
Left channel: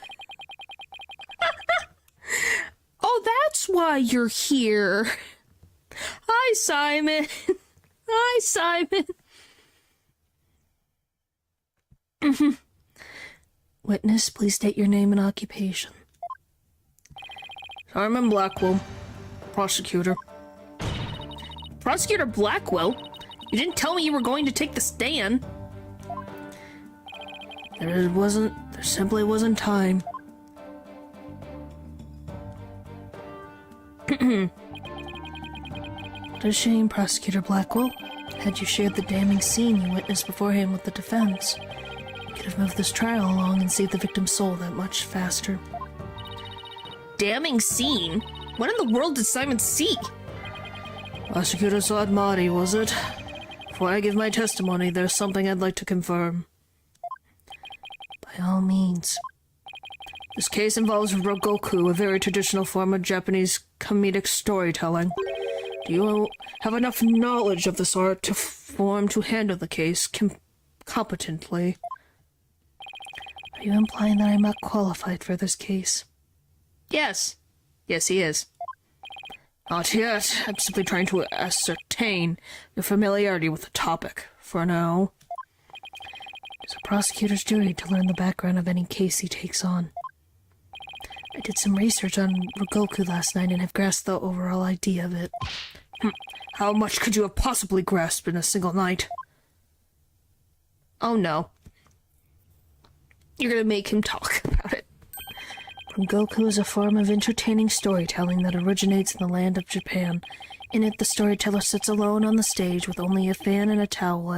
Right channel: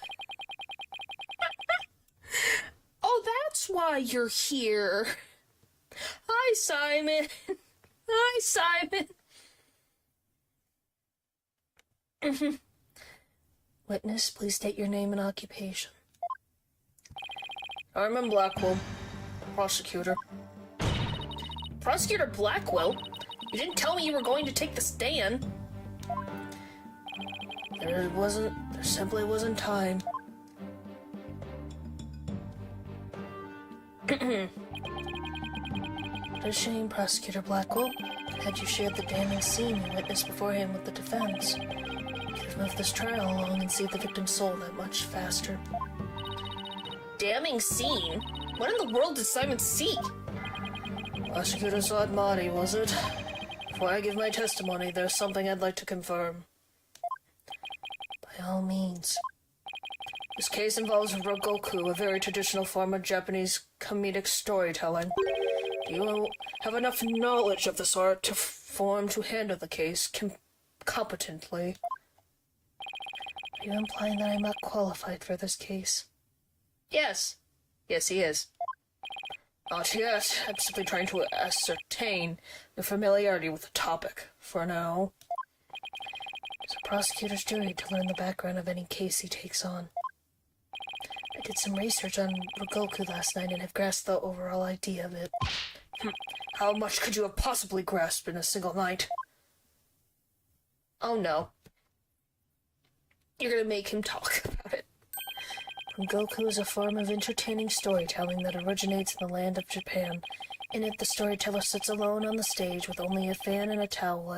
Oh, that's why you're here. Hi, Simon. Hi, Simon. Witness, please state your name and occupation. Simon Blackwell. Prosecutor. Prosecutor Blackwell? You didn't tell me you were going to take the stand. There simply wasn't time. What a shame, Prosecutor Blackwell. Had you shared the damning scene you witnessed beforehand with the defense, you could have moved this trial along and saved the victim's soul that much faster. Damning scene? What in the world did Simon seek? Prosecutor Saad Mahdi, was it? Before I give my testimony, there's something I'd like to confirm. By all means. This case involves Rogoku, a very traditional form of Japanese comedic storytelling. Do you have enough knowledge of this art to handle the case competently? Are you implying that I'm not qualified for this case? Yes. Yes, he is. Not yet. I'm simply trying to ascertain your familiarity with the topic, for now. It's a prosecutor's duty to learn the background of any case he takes on. I did some research on Rogoku last night and have grasped the overall idea of it. How much could you have possibly grasped in a single night? Oh no. You're gonna make him talk about it. Rogoku is a form of entertaining storytelling that originates in the land of Japan. In it, the storyteller sits alone on the stage with only a fan and a towel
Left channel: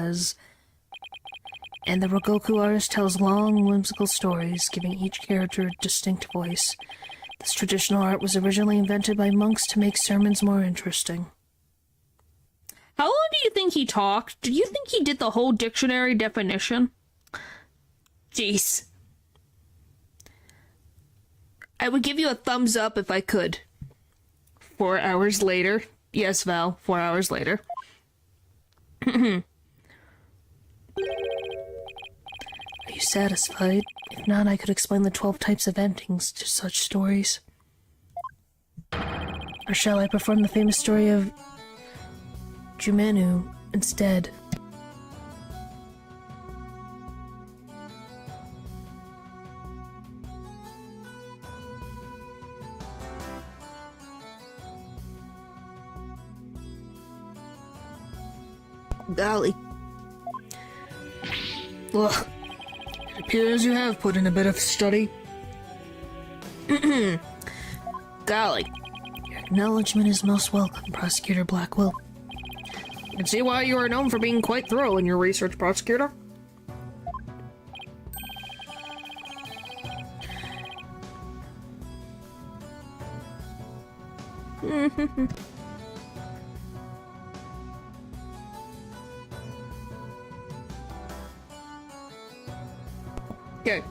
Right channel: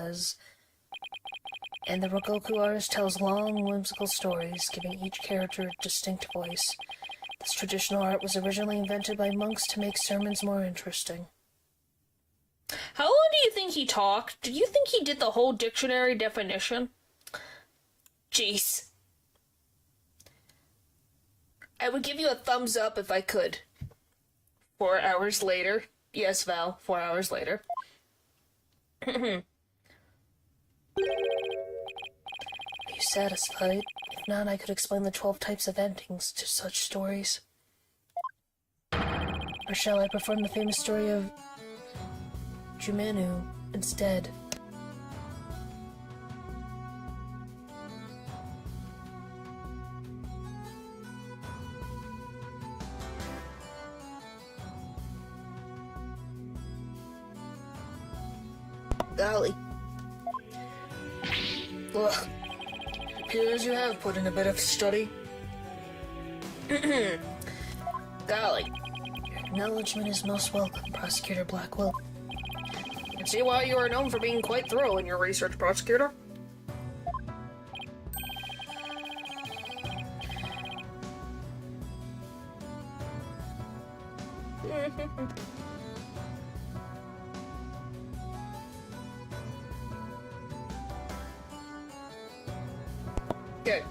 and the Rogoku artist tells long, whimsical stories, giving each character a distinct voice. This traditional art was originally invented by monks to make sermons more interesting. How long do you think he talked? Do you think he did the whole dictionary definition? Jeez. I would give you a thumbs up if I could. 4 hours later. Yes, Val, 4 hours later. Are you satisfied? If not, I could explain the 12 types of endings to such stories. Or shall I perform the famous story of Jumenu instead? Golly. Look, it appears you have put in a bit of study. Golly. Your acknowledgement is most welcome, Prosecutor Blackwell. I can see why you are known for being quite thorough in your research, Prosecutor. Okay.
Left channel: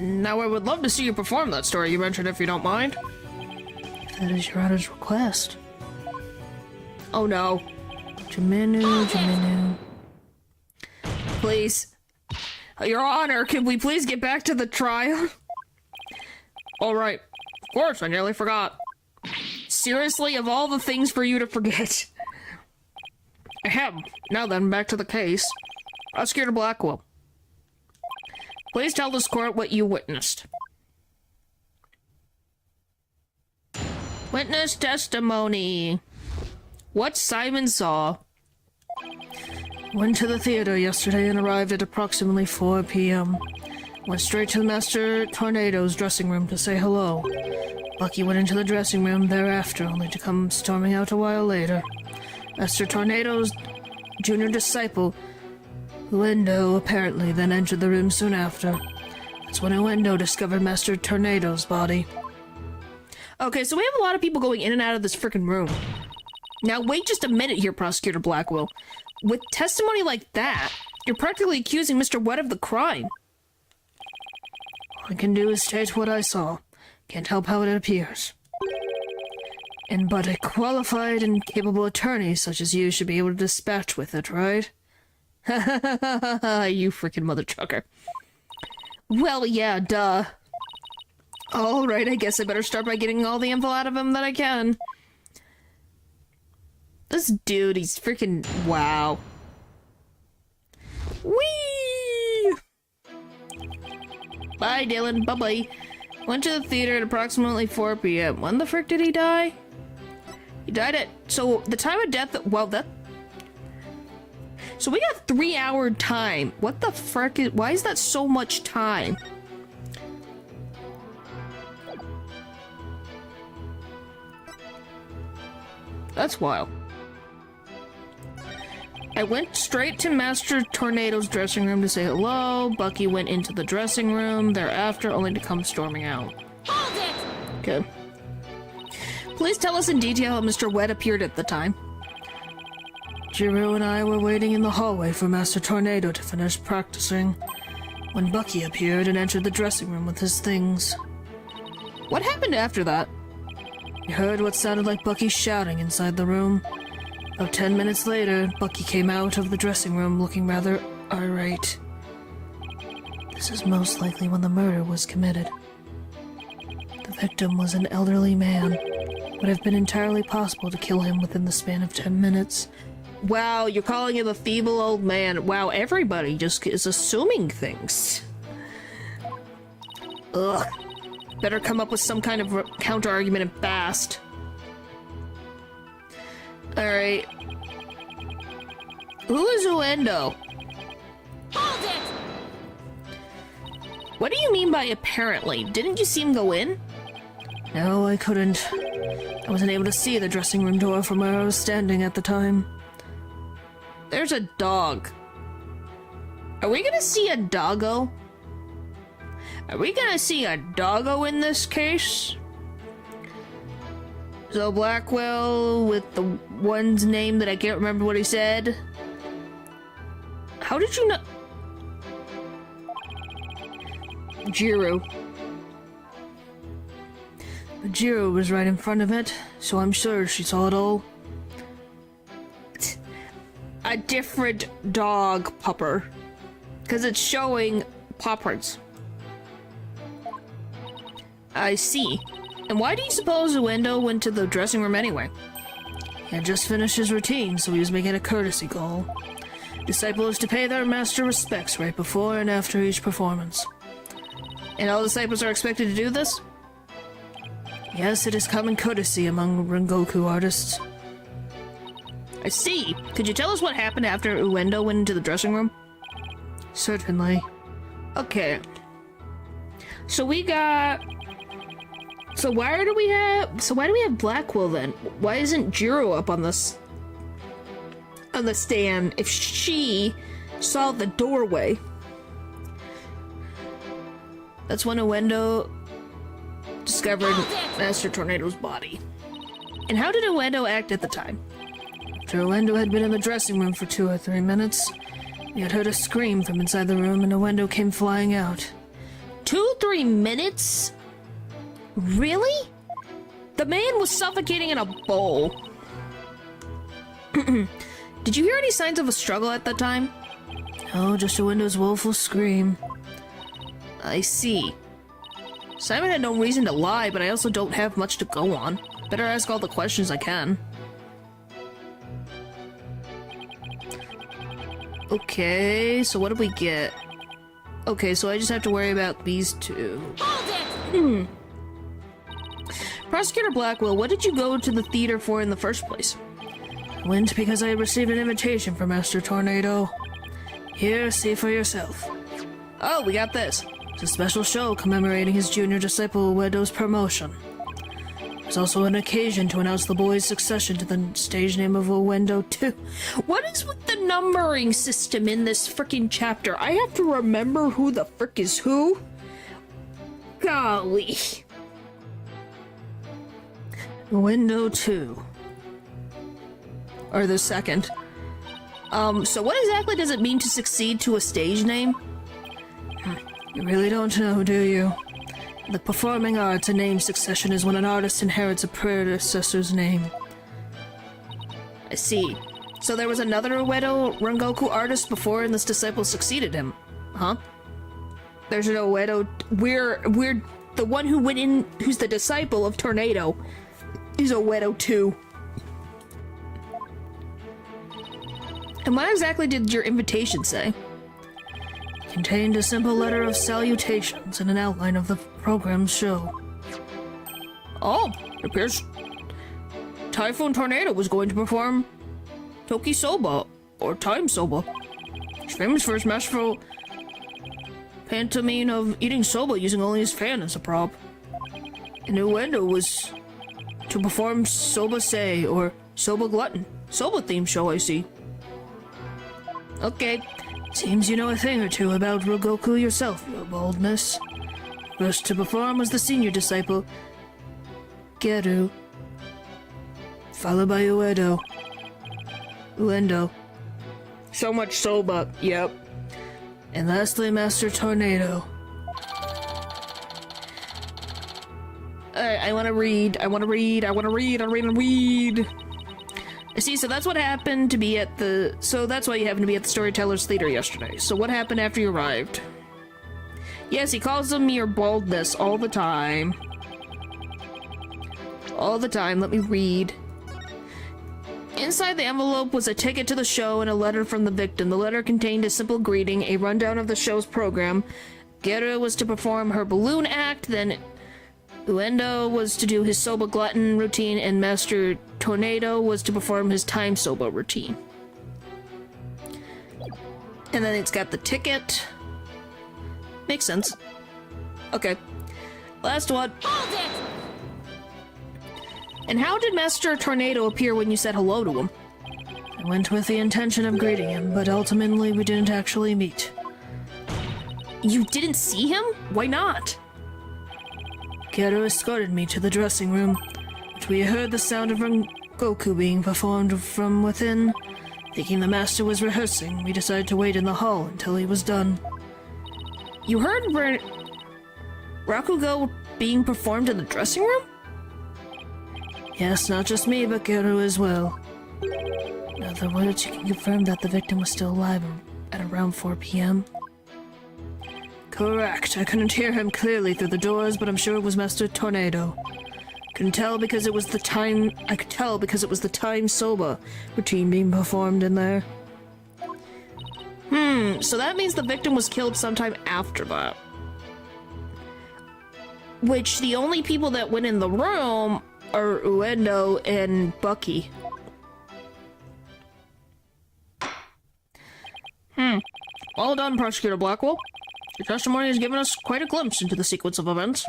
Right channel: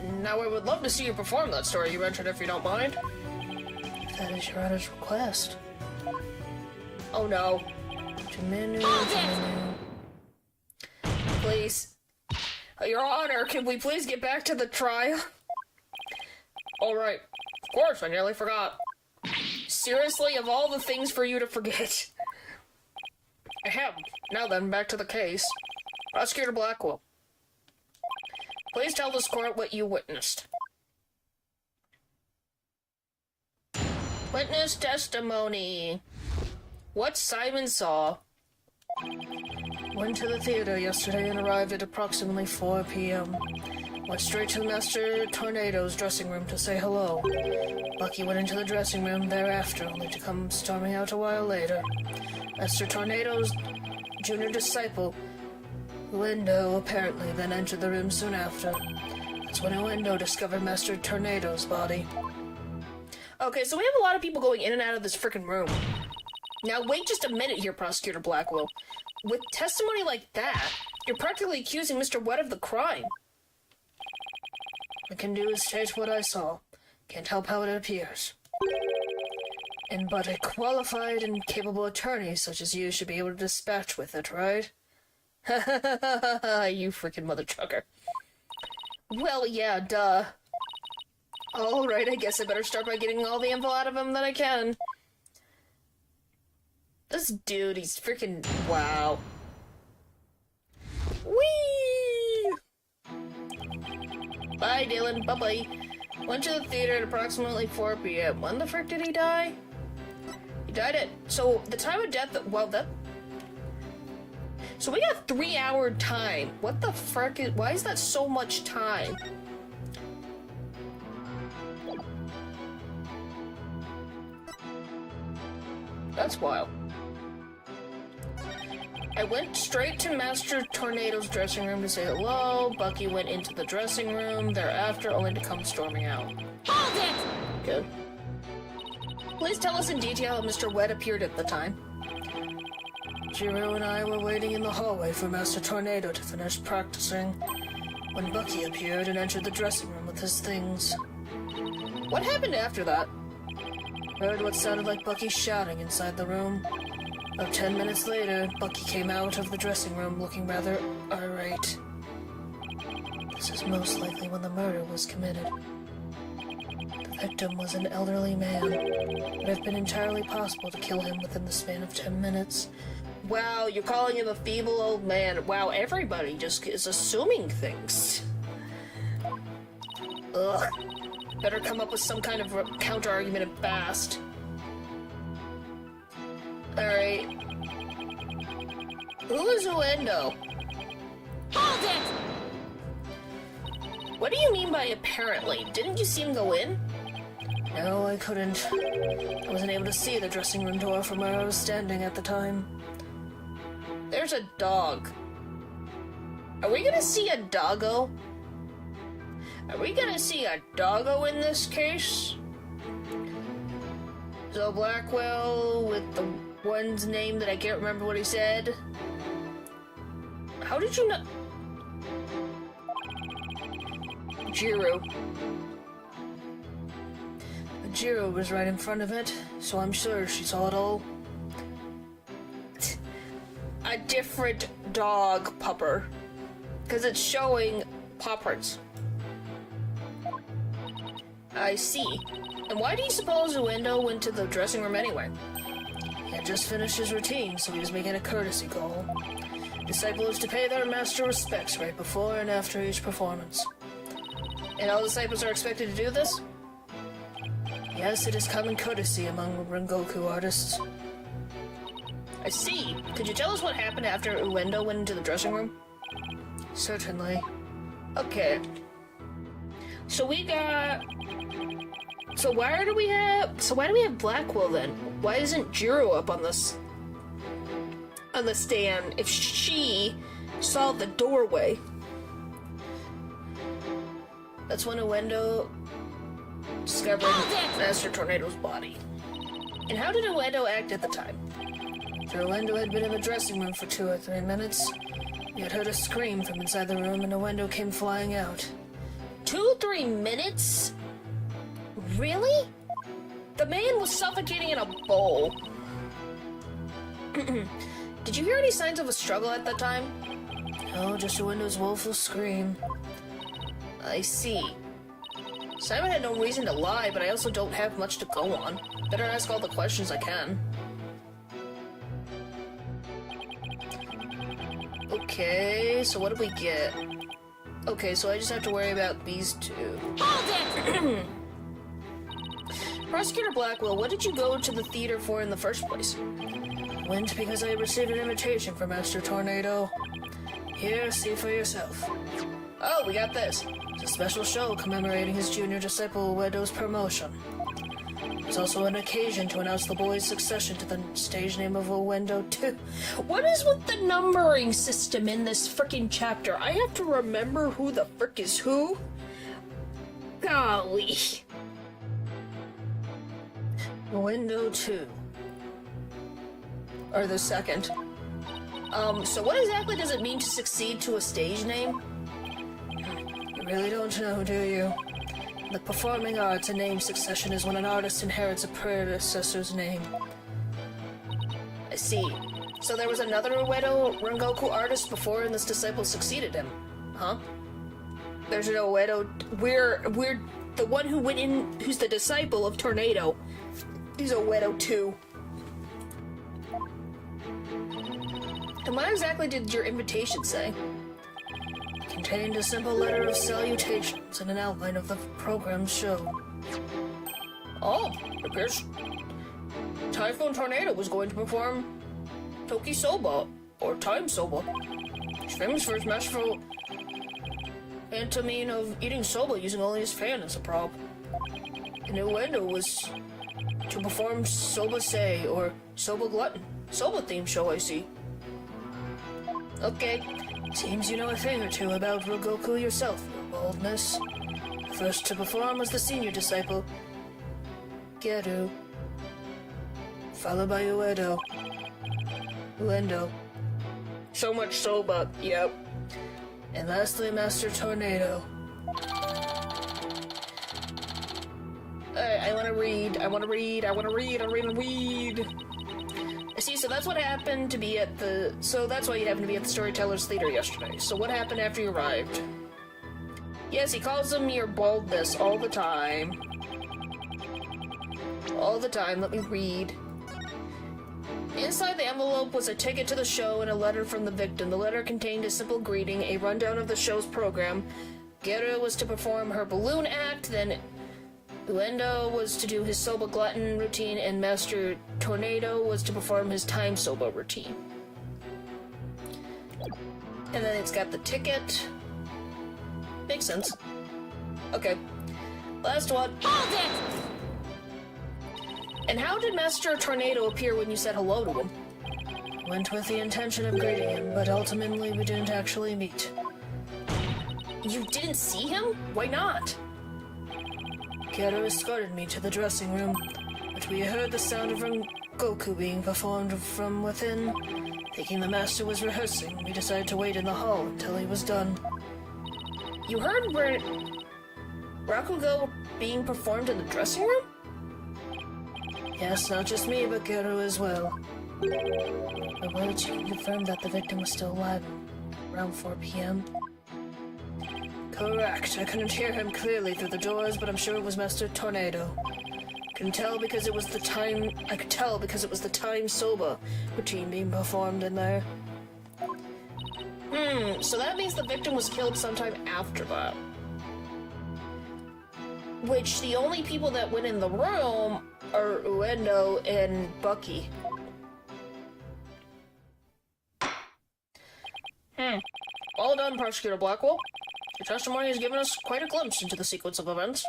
Now I would love to see you perform that story you mentioned, if you don't mind. If that is Your Honor's request. Oh no. Jumenu. Please. Your Honor, can we please get back to the trial? Alright. Of course, I nearly forgot. Seriously, of all the things for you to forget. Ahem. Now then, back to the case. Prosecutor Blackwell. Please tell this court what you witnessed. Witness testimony. What Simon saw. Went to the theater yesterday and arrived at approximately 4 p.m. Went straight to Master Tornado's dressing room to say hello. Lucky went into the dressing room thereafter, only to come storming out a while later. Master Tornado's junior disciple, Uendo, apparently then entered the room soon after. That's when Uendo discovered Master Tornado's body. Okay, so we have a lot of people going in and out of this freaking room. Now wait just a minute here, Prosecutor Blackwell. With testimony like that, you're practically accusing Mr. Wett of the crime. All I can do is state what I saw. Can't help how it appears. And but a qualified and capable attorney such as you should be able to dispatch with it, right? Ha ha ha ha ha, you freaking mother trucker. Well, yeah, duh. Alright, I guess I better start by getting all the info out of him that I can. This dude, he's freaking... wow. Whee! Bye, Dylan. Bye-bye. Went to the theater at approximately 4 p.m. When the frick did he die? He He died at... So, the time of death... Well, that... So we got 3-hour time. What the frick is... Why is that so much time? That's wild. I went straight to Master Tornado's dressing room to say hello. Bucky went into the dressing room thereafter, only to come storming out. Hold it! Okay. Please tell us in detail how Mr. Wet appeared at the time. Jiro and I were waiting in the hallway for Master Tornado to finish practicing when Bucky appeared and entered the dressing room with his things. What happened after that? We heard what sounded like Bucky shouting inside the room. About 10 minutes later, Bucky came out of the dressing room looking rather irate. This is most likely when the murder was committed. The victim was an elderly man. It would have been entirely possible to kill him within the span of 10 minutes. Wow, you're calling him a feeble old man. Wow, everybody just is assuming things. Ugh. Better come up with some kind of counter-argument at best. Alright. Who is Uendo? Hold it! What do you mean by apparently? Didn't you see him go in? No, I couldn't. I wasn't able to see the dressing room door from where I was standing at the time. There's a dog. Are we gonna see a doggo? Are we gonna see a doggo in this case? So Blackwell with the one's name that I can't remember what he said. How did you know? Jiro. Jiro was right in front of it, so I'm sure she saw it all. A different dog pupper. Because it's showing paw prints. I see. And why do you suppose Uendo went to the dressing room anyway? He had just finished his routine, so he was making a courtesy call. Disciples to pay their master respects right before and after each performance. And all disciples are expected to do this? Yes, it is common courtesy among Rengoku artists. I see. Could you tell us what happened after Uendo went into the dressing room? Certainly. Okay. So we got... So why do we have Blackwell then? Why isn't Jiro up on this... on the stand if she saw the doorway? That's when Uendo discovered Master Tornado's body. And how did Uendo act at the time? After Uendo had been in the dressing room for 2 or 3 minutes, we had heard a scream from inside the room and Uendo came flying out. 2-3 minutes? Really? The man was suffocating in a bowl. Did you hear any signs of a struggle at that time? No, just Uendo's woeful scream. I see. Simon had no reason to lie, but I also don't have much to go on. Better ask all the questions I can. Okay, so what did we get? Okay, so I just have to worry about these two. Hold it! Prosecutor Blackwell, what did you go to the theater for in the first place? I went because I had received an invitation from Master Tornado. Here, see for yourself. Oh, we got this. It's a special show commemorating his junior disciple Uendo's promotion. It's also an occasion to announce the boy's succession to the stage name of Uendo 2. What is with the numbering system in this frickin' chapter? I have to remember who the frick is who? Golly. Uendo 2. Or the second. So what exactly does it mean to succeed to a stage name? You really don't know, do you? In the performing arts, a name succession is when an artist inherits a predecessor's name. I see. So there was another Uedo Rengoku artist before and this disciple succeeded him. Huh? There's an Uedo... We're the one who went in, who's the disciple of Tornado. He's Uedo 2. And what exactly did your invitation say? It contained a simple letter of salutations and an outline of the program's show. Oh, it appears Typhoon Tornado was going to perform Toki Soba, or Time Soba. He's famous for his masterful pantomime of eating soba using only his fan as a prop. And Uendo was to perform Soba Sei, or Soba Glutton. Soba themed show, I see. Okay, seems you know a thing or two about Rogoku yourself, your boldness. First to perform was the senior disciple, Geru, followed by Uendo. So much soba, yep. And lastly, Master Tornado. I wanna read. I see, so that's what happened to be at the... So that's why you happened to be at the Storyteller's Theater yesterday. So what happened after you arrived? Yes, he calls them your baldness all the time. All the time, let me read. Inside the envelope was a ticket to the show and a letter from the victim. The letter contained a simple greeting, a rundown of the show's program. Geru was to perform her balloon act, then Uendo was to do his Soba Glutton routine, and Master Tornado was to perform his Time Soba routine. And then it's got the ticket. Makes sense. Okay. Last one. Hold it! And how did Master Tornado appear when you said hello to him? I went with the intention of greeting him, but ultimately we didn't actually meet. You didn't see him? Why not? Geru escorted me to the dressing room, but we heard the sound of Goku being performed from within. Thinking the master was rehearsing, we decided to wait in the hall until he was done. You heard Rakugo being performed in the dressing room? Yes, not just me, but Geru as well. In other words, you can confirm that the victim was still alive at around 4 p.m.? Correct. I couldn't hear him clearly through the doors, but I'm sure it was Master Tornado. I could tell because it was the Time Soba routine being performed in there. So that means the victim was killed sometime after that. Which the only people that went in the room are Uendo and Bucky. Well done, Prosecutor Blackwell. Your testimony has given us quite a glimpse into the sequence of events.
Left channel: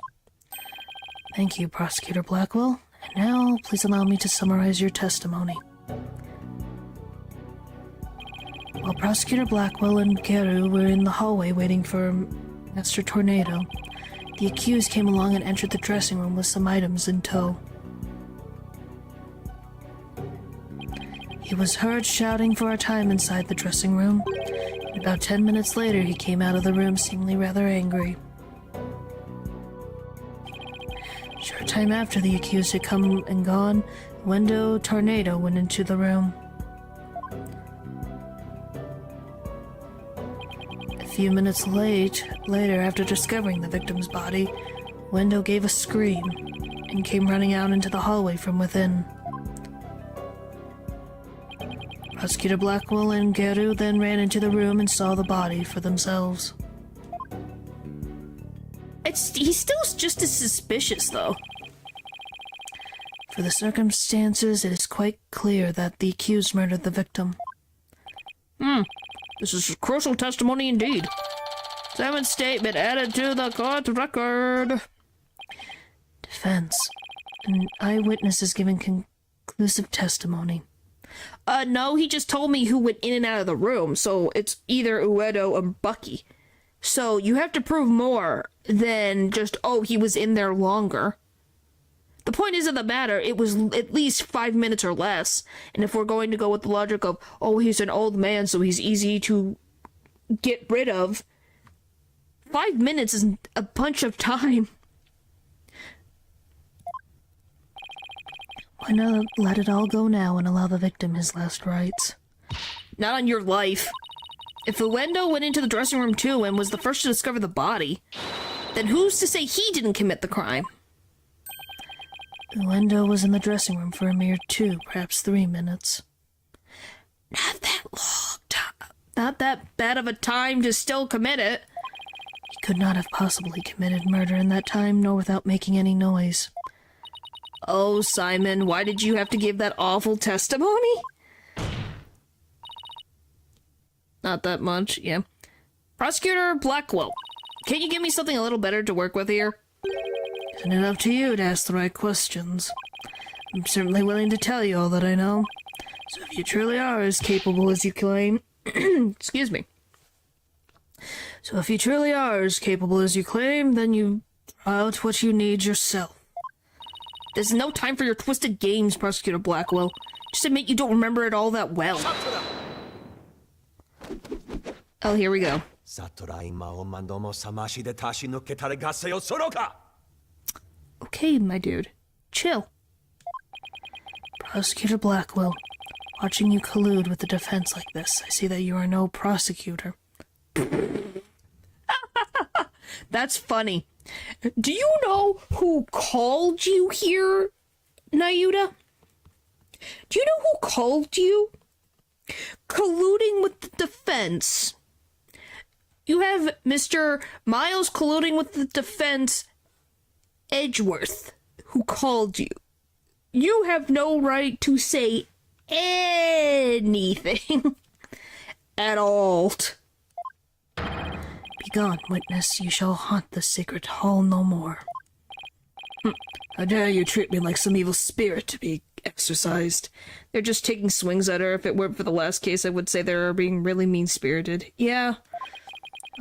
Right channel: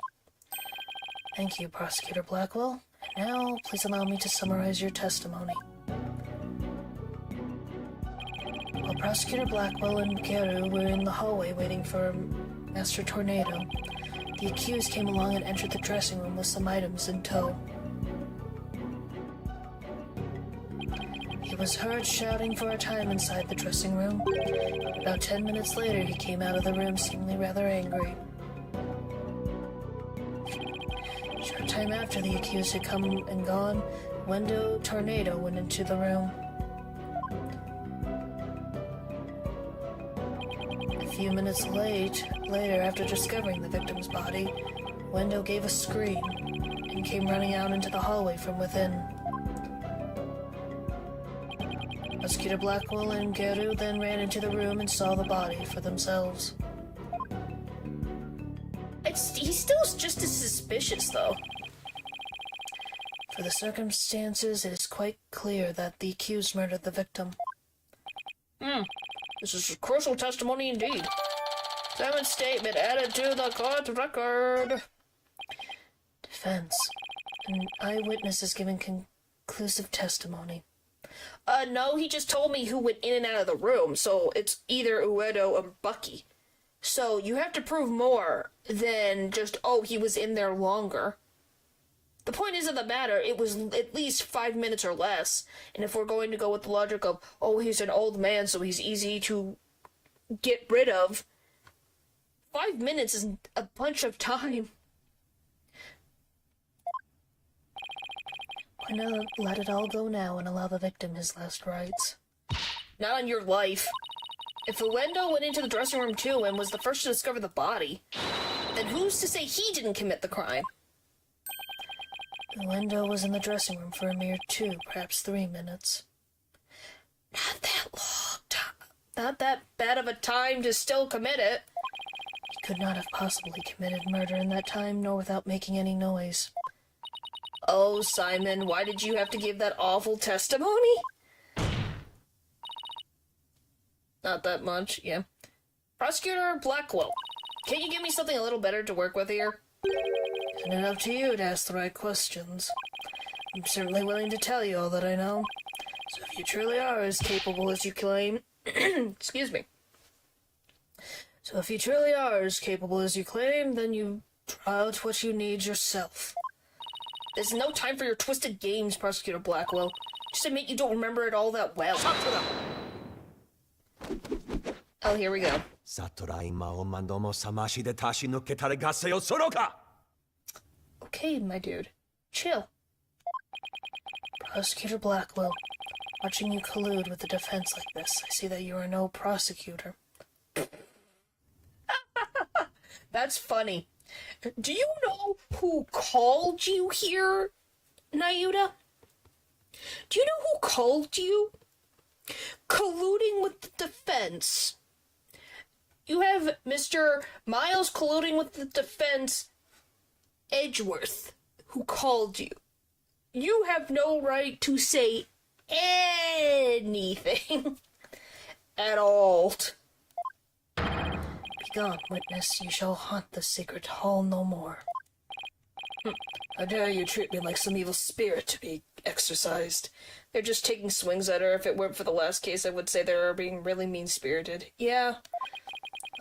Thank you, Prosecutor Blackwell. And now, please allow me to summarize your testimony. While Prosecutor Blackwell and Geru were in the hallway waiting for Master Tornado, the accused came along and entered the dressing room with some items in tow. He was heard shouting for a time inside the dressing room. About 10 minutes later, he came out of the room seemingly rather angry. A short time after the accused had come and gone, Uendo Tornado went into the room. A few minutes later, after discovering the victim's body, Uendo gave a scream and came running out into the hallway from within. Prosecutor Blackwell and Geru then ran into the room and saw the body for themselves. He's still just as suspicious, though. For the circumstances, it is quite clear that the accused murdered the victim. This is a crucial testimony indeed. Examined statement added to the court record. Defense. An eyewitness is giving conclusive testimony. No, he just told me who went in and out of the room, so it's either Uedo or Bucky. So you have to prove more than just, oh, he was in there longer. The point is of the matter, it was at least 5 minutes or less, and if we're going to go with the logic of, oh, he's an old man, so he's easy to get rid of, 5 minutes is a bunch of time. Why not let it all go now and allow the victim his last rites? Not on your life. If Uendo went into the dressing room too and was the first to discover the body, then who's to say he didn't commit the crime? Uendo was in the dressing room for a mere 2, perhaps 3 minutes. Not that long time. Not that bad of a time to still commit it. He could not have possibly committed murder in that time, nor without making any noise. Oh, Simon, why did you have to give that awful testimony? Not that much, yeah. Prosecutor Blackwell, can't you give me something a little better to work with here? Isn't it up to you to ask the right questions? I'm certainly willing to tell you all that I know. So if you truly are as capable as you claim... Excuse me. So if you truly are as capable as you claim, then you try out what you need yourself. There's no time for your twisted games, Prosecutor Blackwell. Just admit you don't remember it all that well. Oh, here we go. Okay, my dude. Chill. Prosecutor Blackwell, watching you collude with the defense like this, I see that you are no prosecutor. That's funny. Do you know who called you here, Nayuta? Do you know who called you? Colluding with the defense. You have Mr. Miles colluding with the defense, Edgeworth, who called you. You have no right to say anything at all. Begone, witness. You shall haunt the sacred hall no more. How dare you treat me like some evil spirit to be exorcised? They're just taking swings at her. If it weren't for the last case, I would say they're being really mean-spirited. Yeah.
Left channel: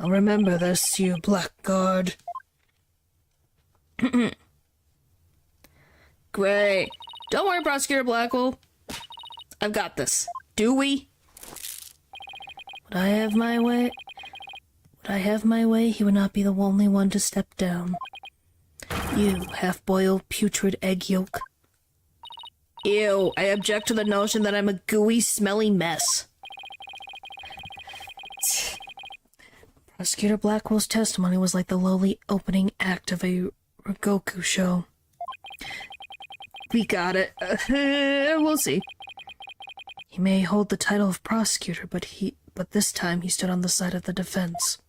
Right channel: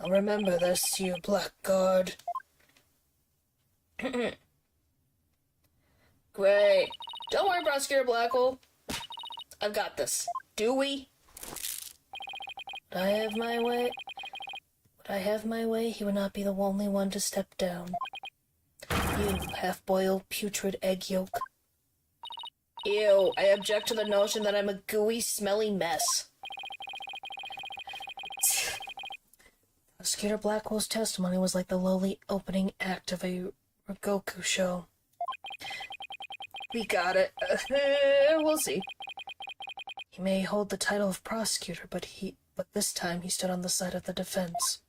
I'll remember this, you blackguard. Great. Don't worry, Prosecutor Blackwell. I've got this. Do we? Would I have my way? Would I have my way, he would not be the only one to step down. You, half-boiled, putrid egg yolk. Ew, I object to the notion that I'm a gooey, smelly mess. Prosecutor Blackwell's testimony was like the lowly opening act of a Ragoku show. We got it. We'll see. He may hold the title of prosecutor, but this time he stood on the side of the defense.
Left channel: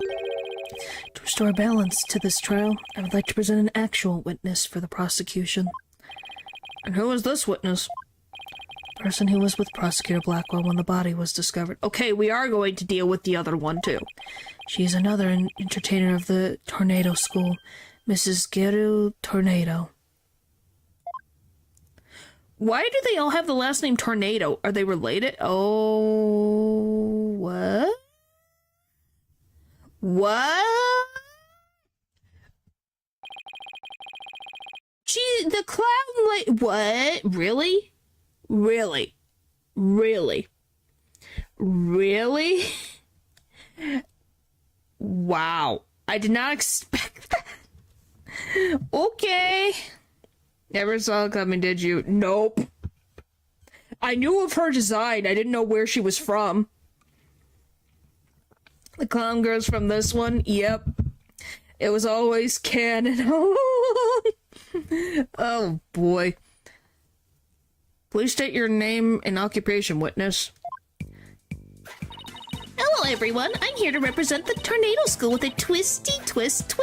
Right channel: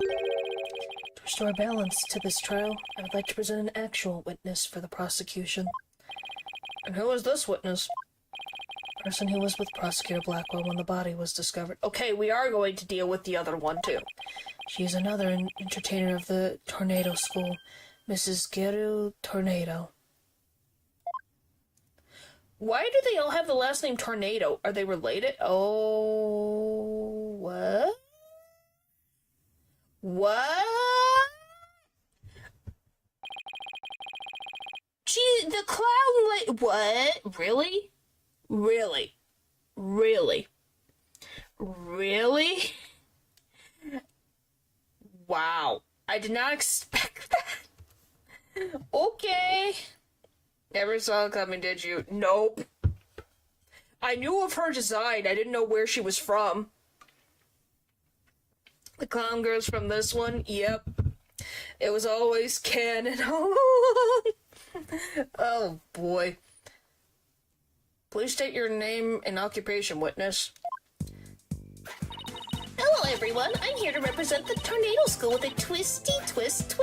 To restore balance to this trial, I would like to present an actual witness for the prosecution. And who is this witness? The person who was with Prosecutor Blackwell when the body was discovered. Okay, we are going to deal with the other one, too. She is another entertainer of the Tornado School, Mrs. Geru Tornado. Why do they all have the last name Tornado? Are they related? Oh, what? What? Gee, the clown, like, what? Really? Really? Really? Really? Wow. I did not expect that. Okay. Never saw it coming, did you? Nope. I knew of her design. I didn't know where she was from. The clown girl's from this one? Yep. It was always canon. Oh, boy. Please state your name and occupation, witness. Hello, everyone. I'm here to represent the Tornado School with a twisty twist.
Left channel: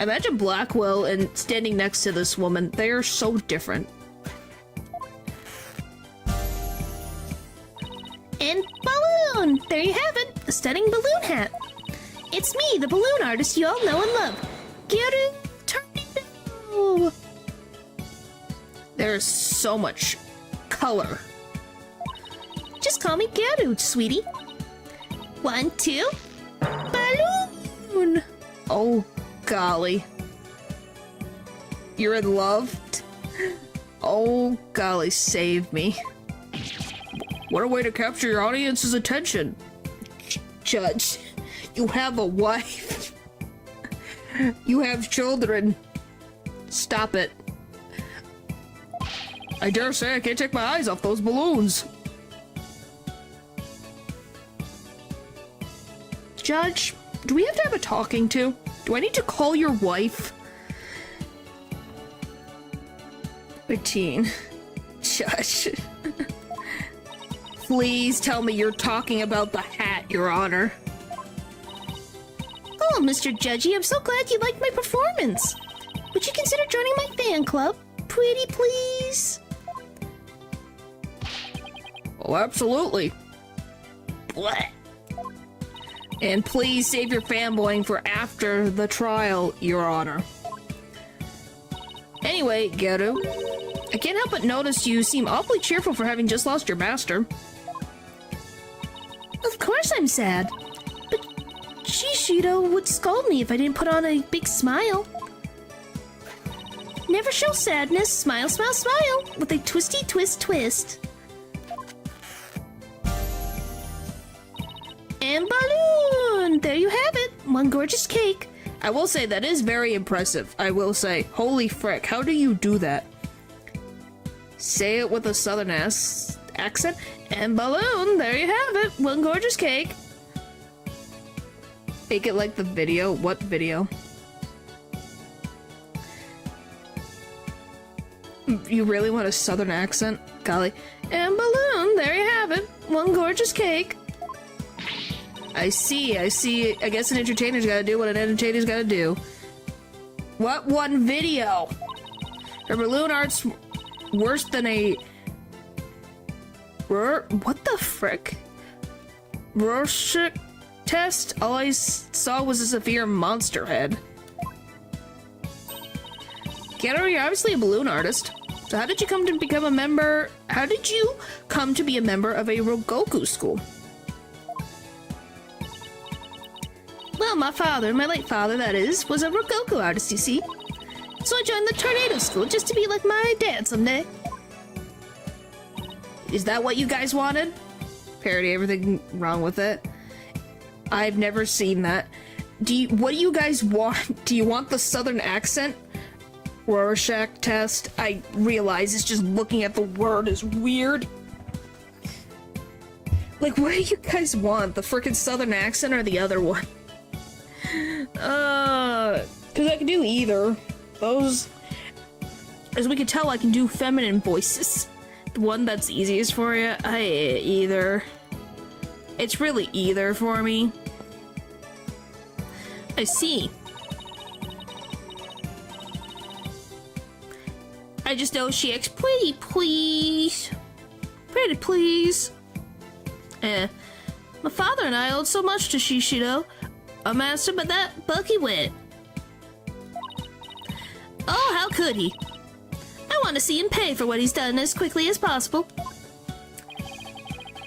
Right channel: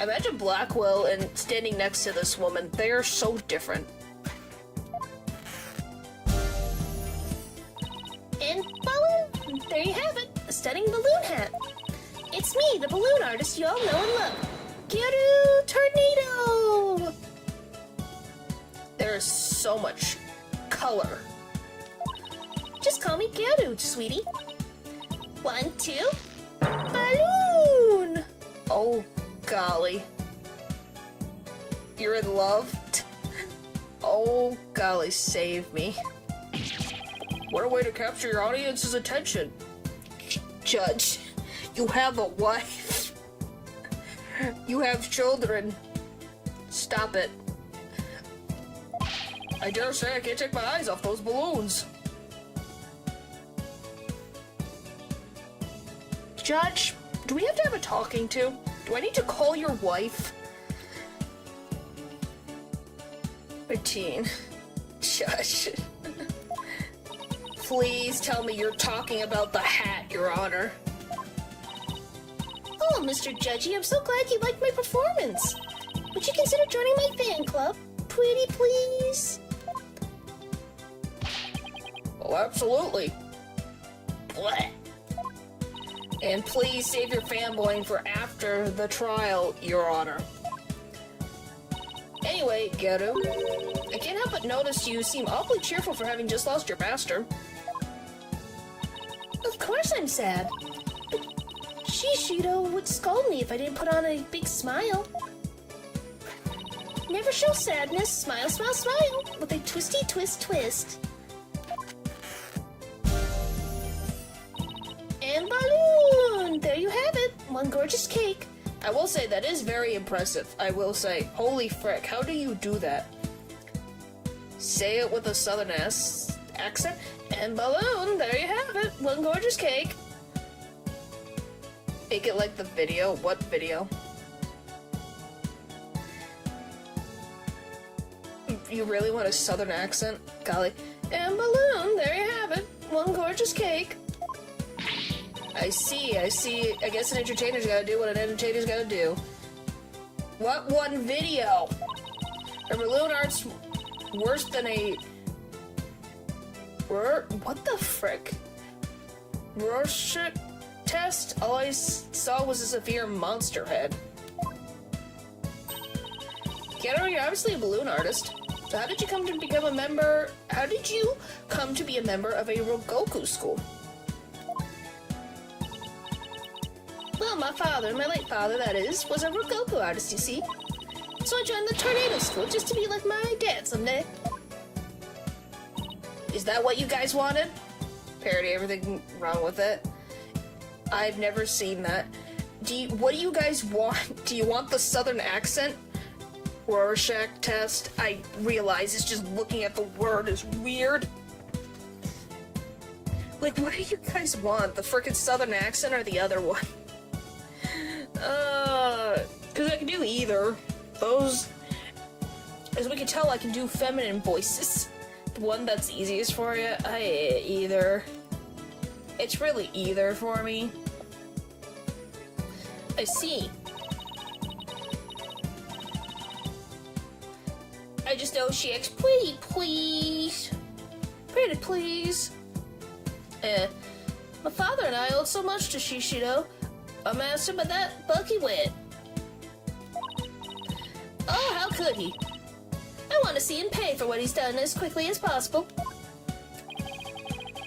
Imagine Blackwell and standing next to this woman. They are so different. And balloon! There you have it, the stunning balloon hat. It's me, the balloon artist you all know and love, Geru Tornado! There's so much color. Just call me Geru, sweetie. 1, 2, balloon! Oh, golly. You're in love? Oh, golly, save me. What a way to capture your audience's attention. Judge, you have a wife. You have children. Stop it. I dare say I can't take my eyes off those balloons. Judge, do we have to have a talking to? Do I need to call your wife? 15. Judge. Please tell me you're talking about the hat, Your Honor. Oh, Mr. Judgy, I'm so glad you liked my performance. Would you consider joining my fan club? Pretty please? Oh, absolutely. What? And please save your fanboying for after the trial, Your Honor. Anyway, Geru, I can't help but notice you seem awfully cheerful for having just lost your master. Of course I'm sad. But Shishido would scold me if I didn't put on a big smile. Never show sadness, smile, smile, smile, with a twisty twist twist. And balloon! There you have it, one gorgeous cake. I will say that is very impressive. I will say, holy frick, how do you do that? Say it with a southern accent, and balloon, there you have it, one gorgeous cake. Make it like the video. What video? You really want a southern accent? Golly. And balloon, there you have it, one gorgeous cake. I see. I guess an entertainer's gotta do what an entertainer's gotta do. What one video? Her balloon art's worse than a... What the frick? Rorschach test? All I saw was a severe monster head. Keanu, you're obviously a balloon artist. So how did you come to become a member... How did you come to be a member of a Rogoku school? Well, my father, my late father that is, was a Rogoku artist, you see. So I joined the tornado school just to be like my dad someday. Is that what you guys wanted? Parody everything wrong with it. I've never seen that. What do you guys want? Do you want the southern accent? Rorschach test? I realize it's just looking at the word is weird. Like, what do you guys want? The frickin' southern accent or the other one? Because I can do either. Those... As we can tell, I can do feminine voices. The one that's easiest for you, either. It's really either for me. I see. I just know she acts pretty please. Pretty please. My father and I owed so much to Shishido, our master, but that Bucky went. Oh, how could he? I want to see him pay for what he's done as quickly as possible.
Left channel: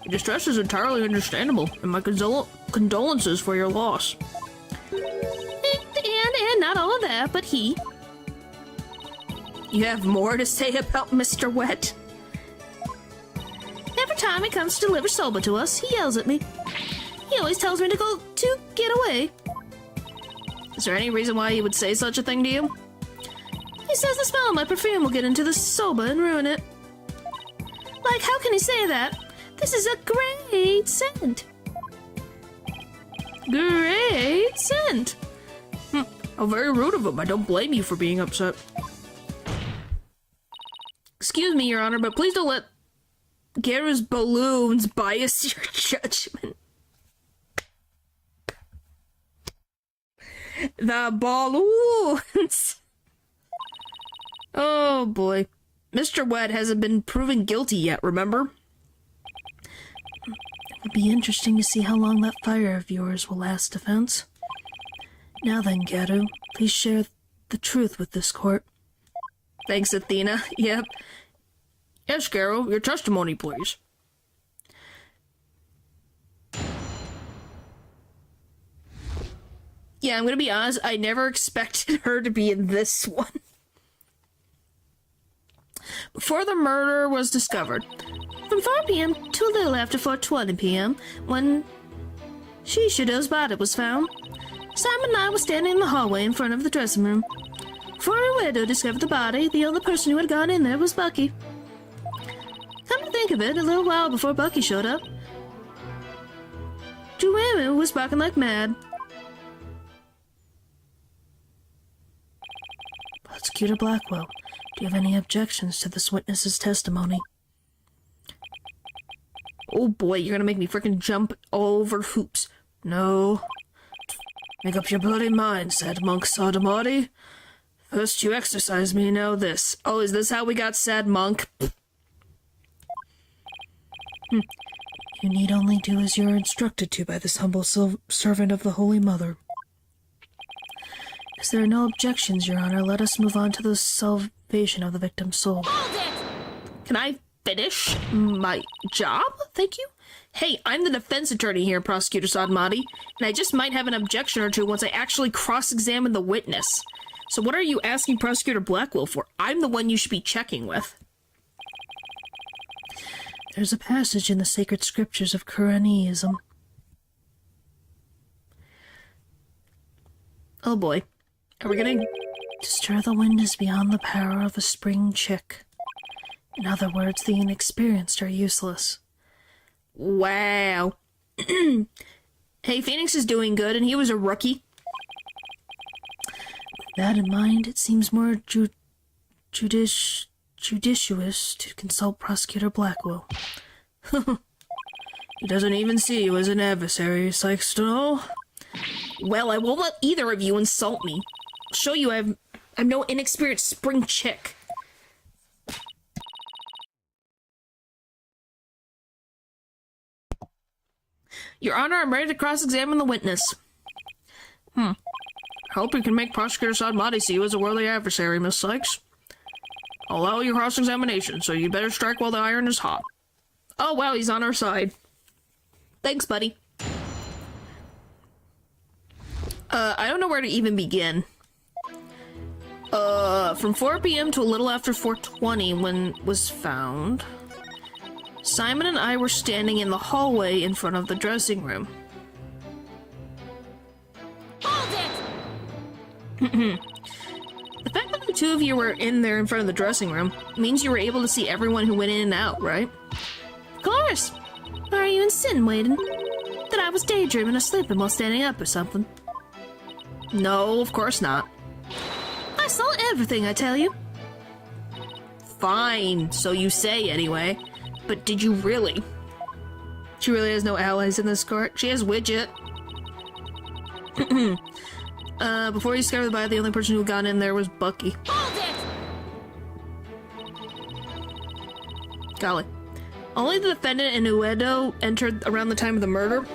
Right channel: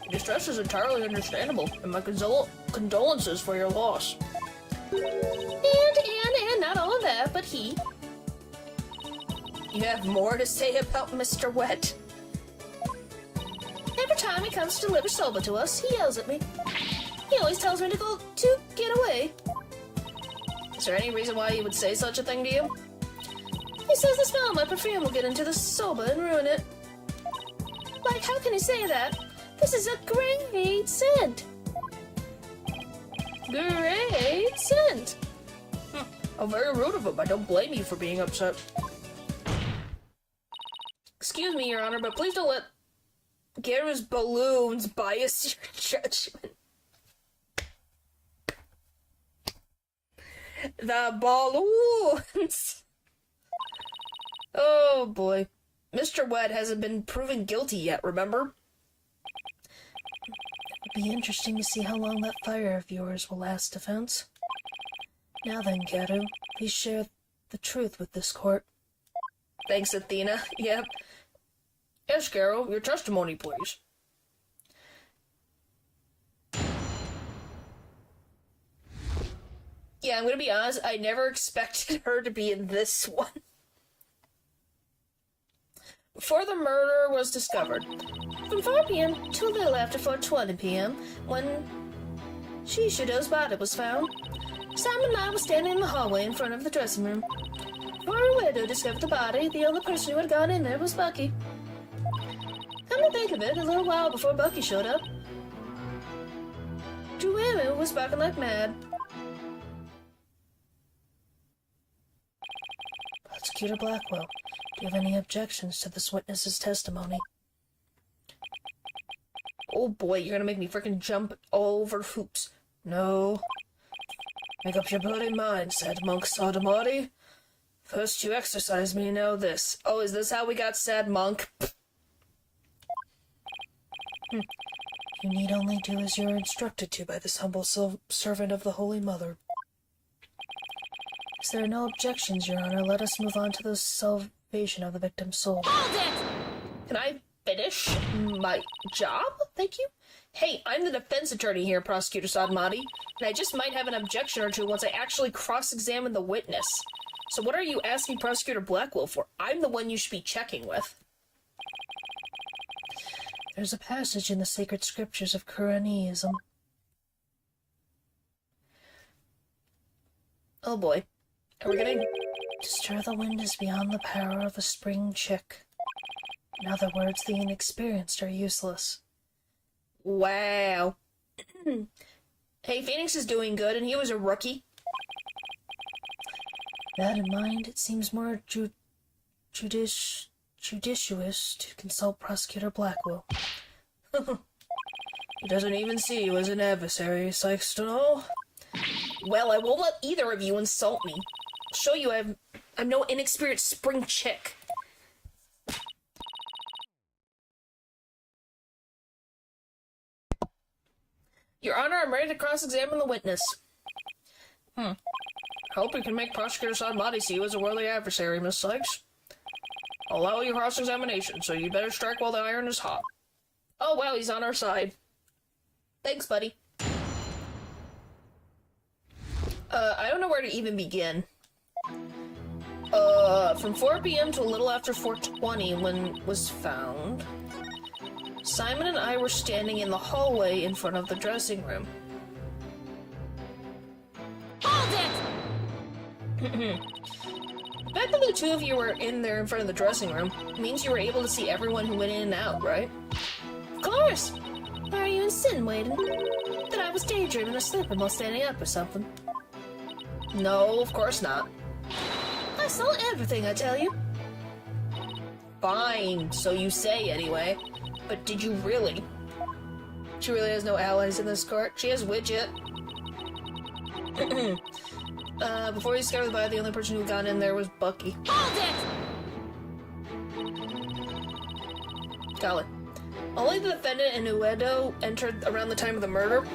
Your distress is entirely understandable, and my condolences for your loss. And not all of that, but he. You have more to say about Mr. Wet? Every time he comes to deliver soba to us, he yells at me. He always tells me to get away. Is there any reason why he would say such a thing to you? He says the smell of my perfume will get into the soba and ruin it. Like, how can he say that? This is a great scent. Great scent. How very rude of him. I don't blame you for being upset. Excuse me, Your Honor, but please don't let Geru's balloons bias your judgment. The balloons! Oh boy. Mr. Wet hasn't been proven guilty yet, remember? It would be interesting to see how long that fire of yours will last, defense. Now then, Geru, please share the truth with this court. Thanks, Athena. Yep. Yes, Geru, your testimony, please. Yeah, I'm gonna be honest, I never expected her to be in this one. Before the murder was discovered, from 4 p.m. to a little after 4:20 p.m., when Shishido's body was found, Simon and I were standing in the hallway in front of the dressing room. Before a widow discovered the body, the only person who had gone in there was Bucky. Come to think of it, a little while before Bucky showed up, Juemu was barking like mad. Prosecutor Blackwell, do you have any objections to this witness's testimony? Oh boy, you're gonna make me frickin' jump over hoops. No. Make up your bloody mind, said Monk Sodomati. First you exercise me, now this. Oh, is this how we got sad monk? You need only do as you are instructed to by this humble servant of the Holy Mother. As there are no objections, Your Honor, let us move on to the salvation of the victim's soul. Hold it! Can I finish my job? Thank you. Hey, I'm the defense attorney here, Prosecutor Sadmati, and I just might have an objection or two once I actually cross-examine the witness. So what are you asking Prosecutor Blackwell for? I'm the one you should be checking with. There's a passage in the sacred scriptures of Quranism. Oh boy. Are we gonna... To stir the wind is beyond the power of a spring chick. In other words, the inexperienced are useless. Wow. Hey, Phoenix is doing good, and he was a rookie. With that in mind, it seems more judicious to consult Prosecutor Blackwell. He doesn't even see you as an adversary, Sykes to know. Well, I won't let either of you insult me. I'll show you I'm no inexperienced spring chick. Your Honor, I'm ready to cross-examine the witness. I hope you can make Prosecutor Sadmati see you as a worthy adversary, Miss Sykes. I'll allow your cross-examination, so you better strike while the iron is hot. Oh, wow, he's on our side. Thanks, buddy. I don't know where to even begin. From 4 p.m. to a little after 4:20 when was found, Simon and I were standing in the hallway in front of the dressing room. Hold it! The fact that the two of you were in there in front of the dressing room means you were able to see everyone who went in and out, right? Of course! Why are you insinuating that I was daydreaming or sleeping while standing up or something? No, of course not. I saw everything, I tell you. Fine, so you say anyway. But did you really? She really has no allies in this court. She has Widget. Before you discovered the body, the only person who got in there was Bucky. Hold it! Golly. Only the defendant and Uedo entered around the time of the murder.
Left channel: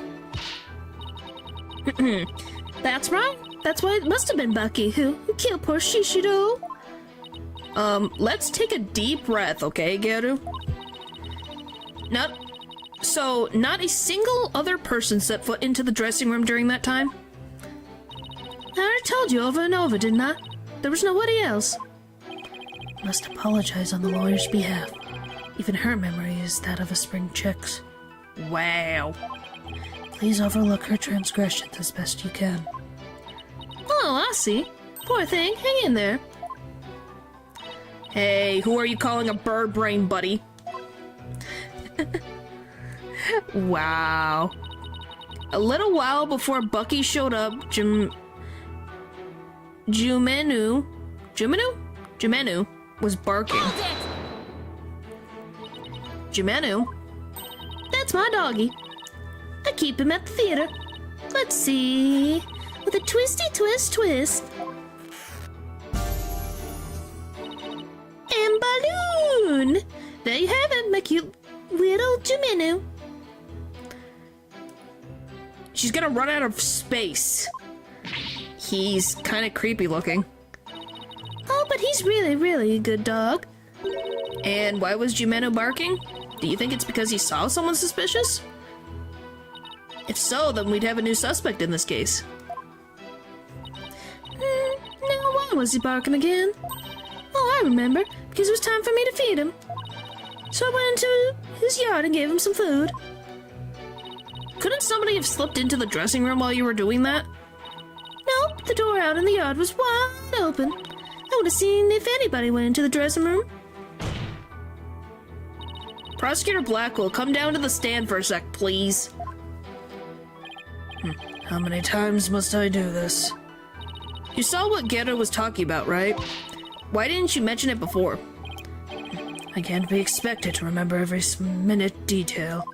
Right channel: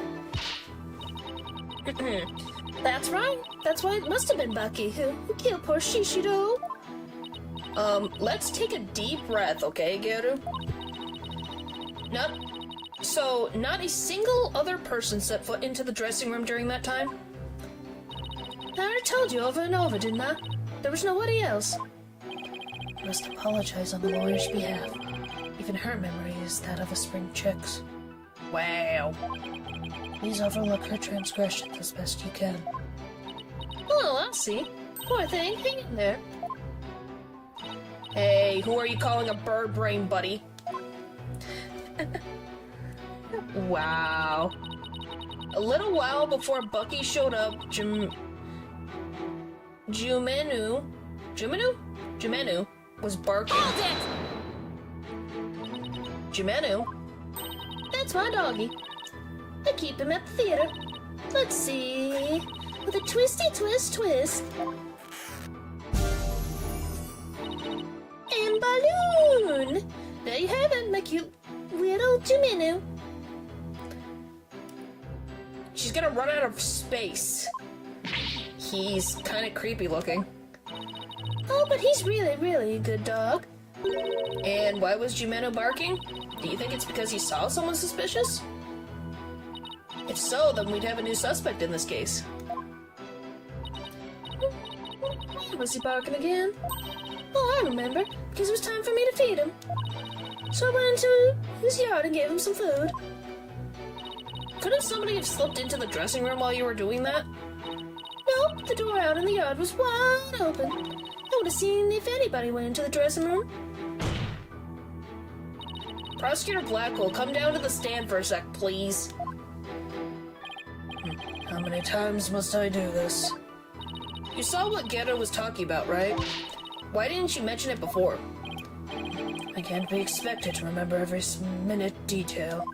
That's right. That's why it must have been Bucky who killed poor Shishido. Let's take a deep breath, okay, Geru? So, not a single other person set foot into the dressing room during that time? I already told you over and over, didn't I? There was nobody else. I must apologize on the lawyer's behalf. Even her memory is that of a spring chick's. Wow. Please overlook her transgressions as best you can. Oh, I see. Poor thing, hang in there. Hey, who are you calling a bird brain, buddy? Wow. A little while before Bucky showed up, Jumenu was barking. Hold it! Jumenu? That's my doggy. I keep him at the theater. Let's see. With a twisty twist. And balloon! There you have it, my cute little Jumenu. She's gonna run out of space. He's kind of creepy looking. Oh, but he's really, really a good dog. And why was Jumenu barking? Do you think it's because he saw someone suspicious? If so, then we'd have a new suspect in this case. Now why was he barking again? Oh, I remember. Because it was time for me to feed him. So I went into his yard and gave him some food. Couldn't somebody have slipped into the dressing room while you were doing that? Nope, the door out in the yard was wide open. I would have seen if anybody went into the dressing room. Prosecutor Blackwell, come down to the stand for a sec, please. How many times must I do this? You saw what Gero was talking about, right? Why didn't you mention it before? I can't be expected to remember every minute detail.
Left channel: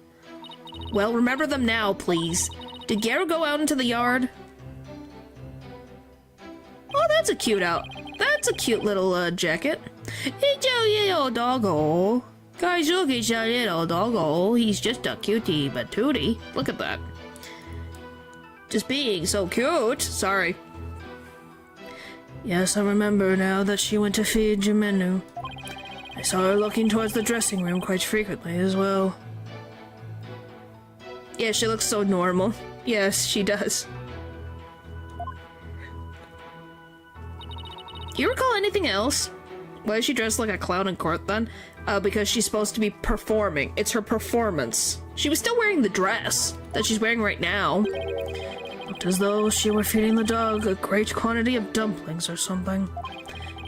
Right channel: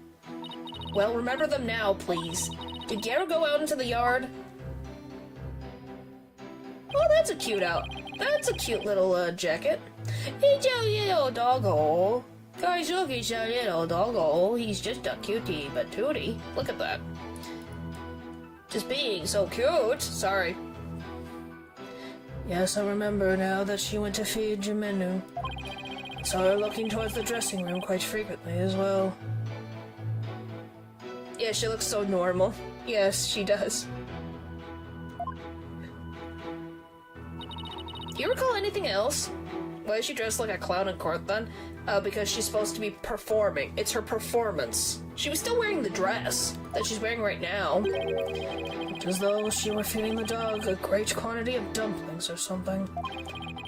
Well, remember them now, please. Did Gero go out into the yard? Oh, That's a cute That's a cute little jacket. It's a little doggo. Guys, look, it's a little doggo. He's just a cutie patootie. Look at that. Just being so cute. Sorry. Yes, I remember now that she went to feed Jimenu. I saw her looking towards the dressing room quite frequently as well. Yeah, she looks so normal. Yes, she does. Do you recall anything else? Why is she dressed like a clown in court then? Because she's supposed to be performing. It's her performance. She was still wearing the dress that she's wearing right now. Looked as though she were feeding the dog a great quantity of dumplings or something.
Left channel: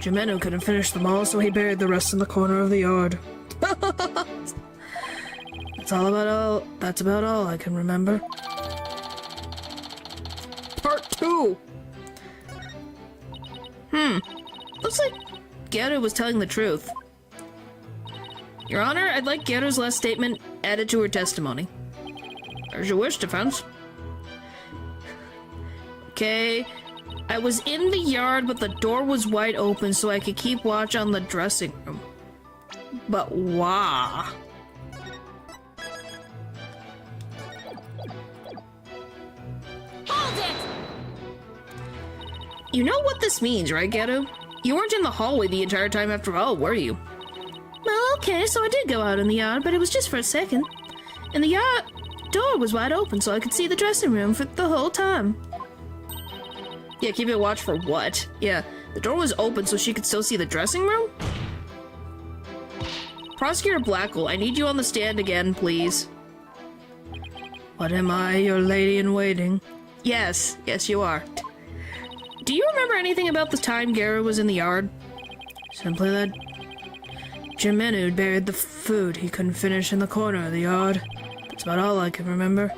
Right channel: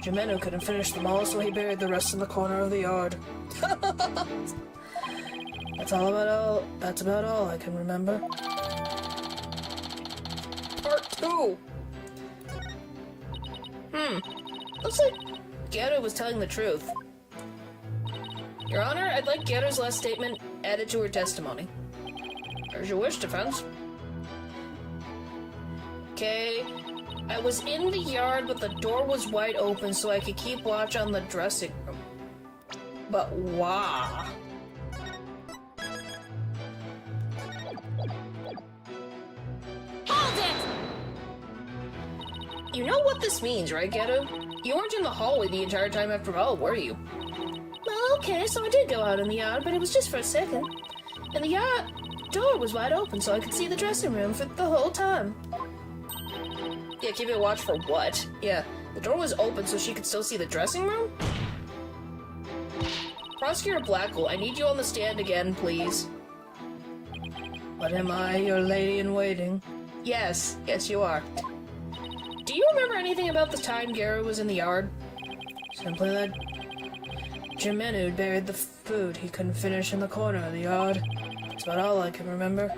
Jimenu couldn't finish them all, so he buried the rest in the corner of the yard. That's about all I can remember. Part 2! Looks like Geru was telling the truth. Your Honor, I'd like Geru's last statement added to her testimony. As you wish, defense. Okay. I was in the yard, but the door was wide open so I could keep watch on the dressing room. But why? Hold it! You know what this means, right, Geru? You weren't in the hallway the entire time after all, were you? Well, okay, so I did go out in the yard, but it was just for a second. And the yard door was wide open so I could see the dressing room for the whole time. Yeah, keep it watch for what? Yeah, the door was open so she could still see the dressing room? Prosecutor Blackwell, I need you on the stand again, please. What am I, your lady in waiting? Yes, yes you are. Do you remember anything about the time Geru was in the yard? Simply that Jimenu buried the food he couldn't finish in the corner of the yard. That's about all I can remember.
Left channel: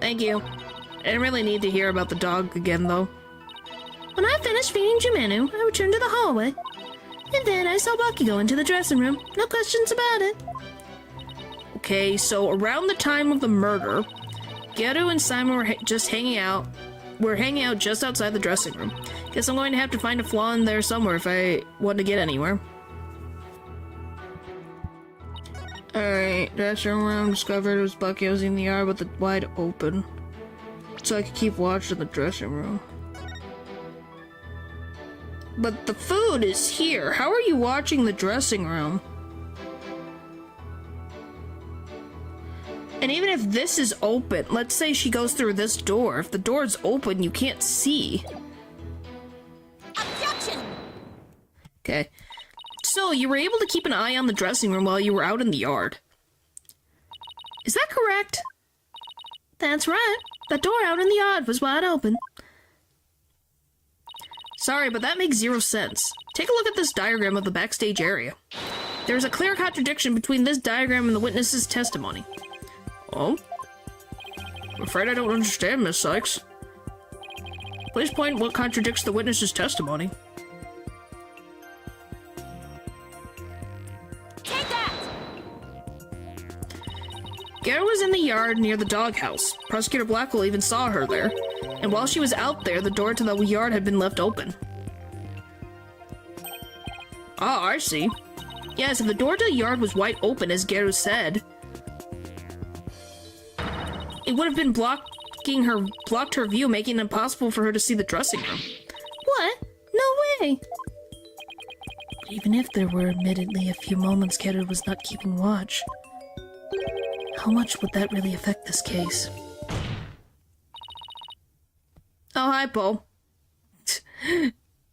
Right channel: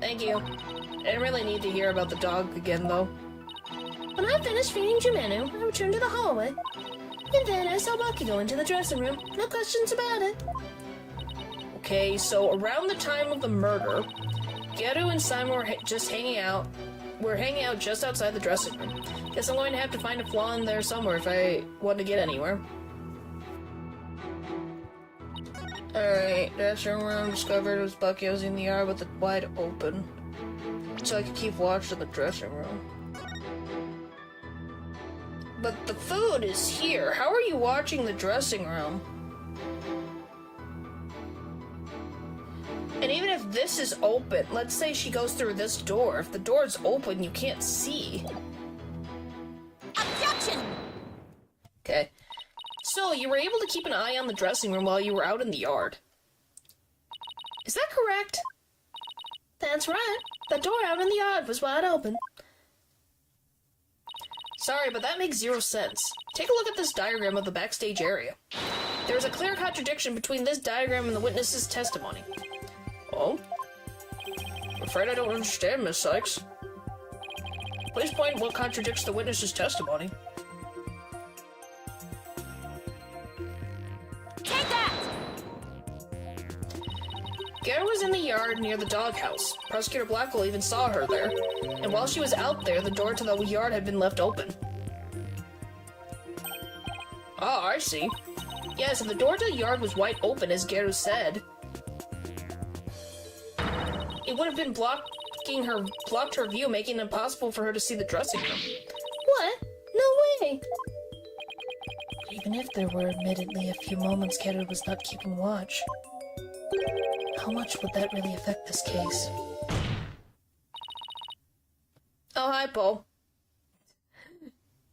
Thank you. I didn't really need to hear about the dog again, though. When I finished feeding Jimenu, I returned to the hallway. And then I saw Bucky go into the dressing room. No questions about it. Okay, so around the time of the murder, Geru and Simon were just hanging out. We're hanging out just outside the dressing room. Guess I'm going to have to find a flaw in there somewhere if I want to get anywhere. Alright, dressing room discovered it was Bucky. I was in the yard with it wide open. So I could keep watch in the dressing room. But the food is here. How are you watching the dressing room? And even if this is open, let's say she goes through this door. If the door is open, you can't see. Objection! Okay. So, you were able to keep an eye on the dressing room while you were out in the yard. Is that correct? That's right. The door out in the yard was wide open. Sorry, but that makes zero sense. Take a look at this diagram of the backstage area. There's a clear contradiction between this diagram and the witness's testimony. Oh? I'm afraid I don't understand, Miss Sykes. Please point what contradicts the witness's testimony. Take that! Geru was in the yard near the doghouse. Prosecutor Blackwell even saw her there. And while she was out there, the door to the yard had been left open. Oh, I see. Yes, if the door to the yard was wide open, as Geru said, it would have been blocked her view, making it impossible for her to see the dressing room. What? No way! Even if there were admittedly a few moments Geru was not keeping watch, how much would that really affect this case? Oh, hi, Paul.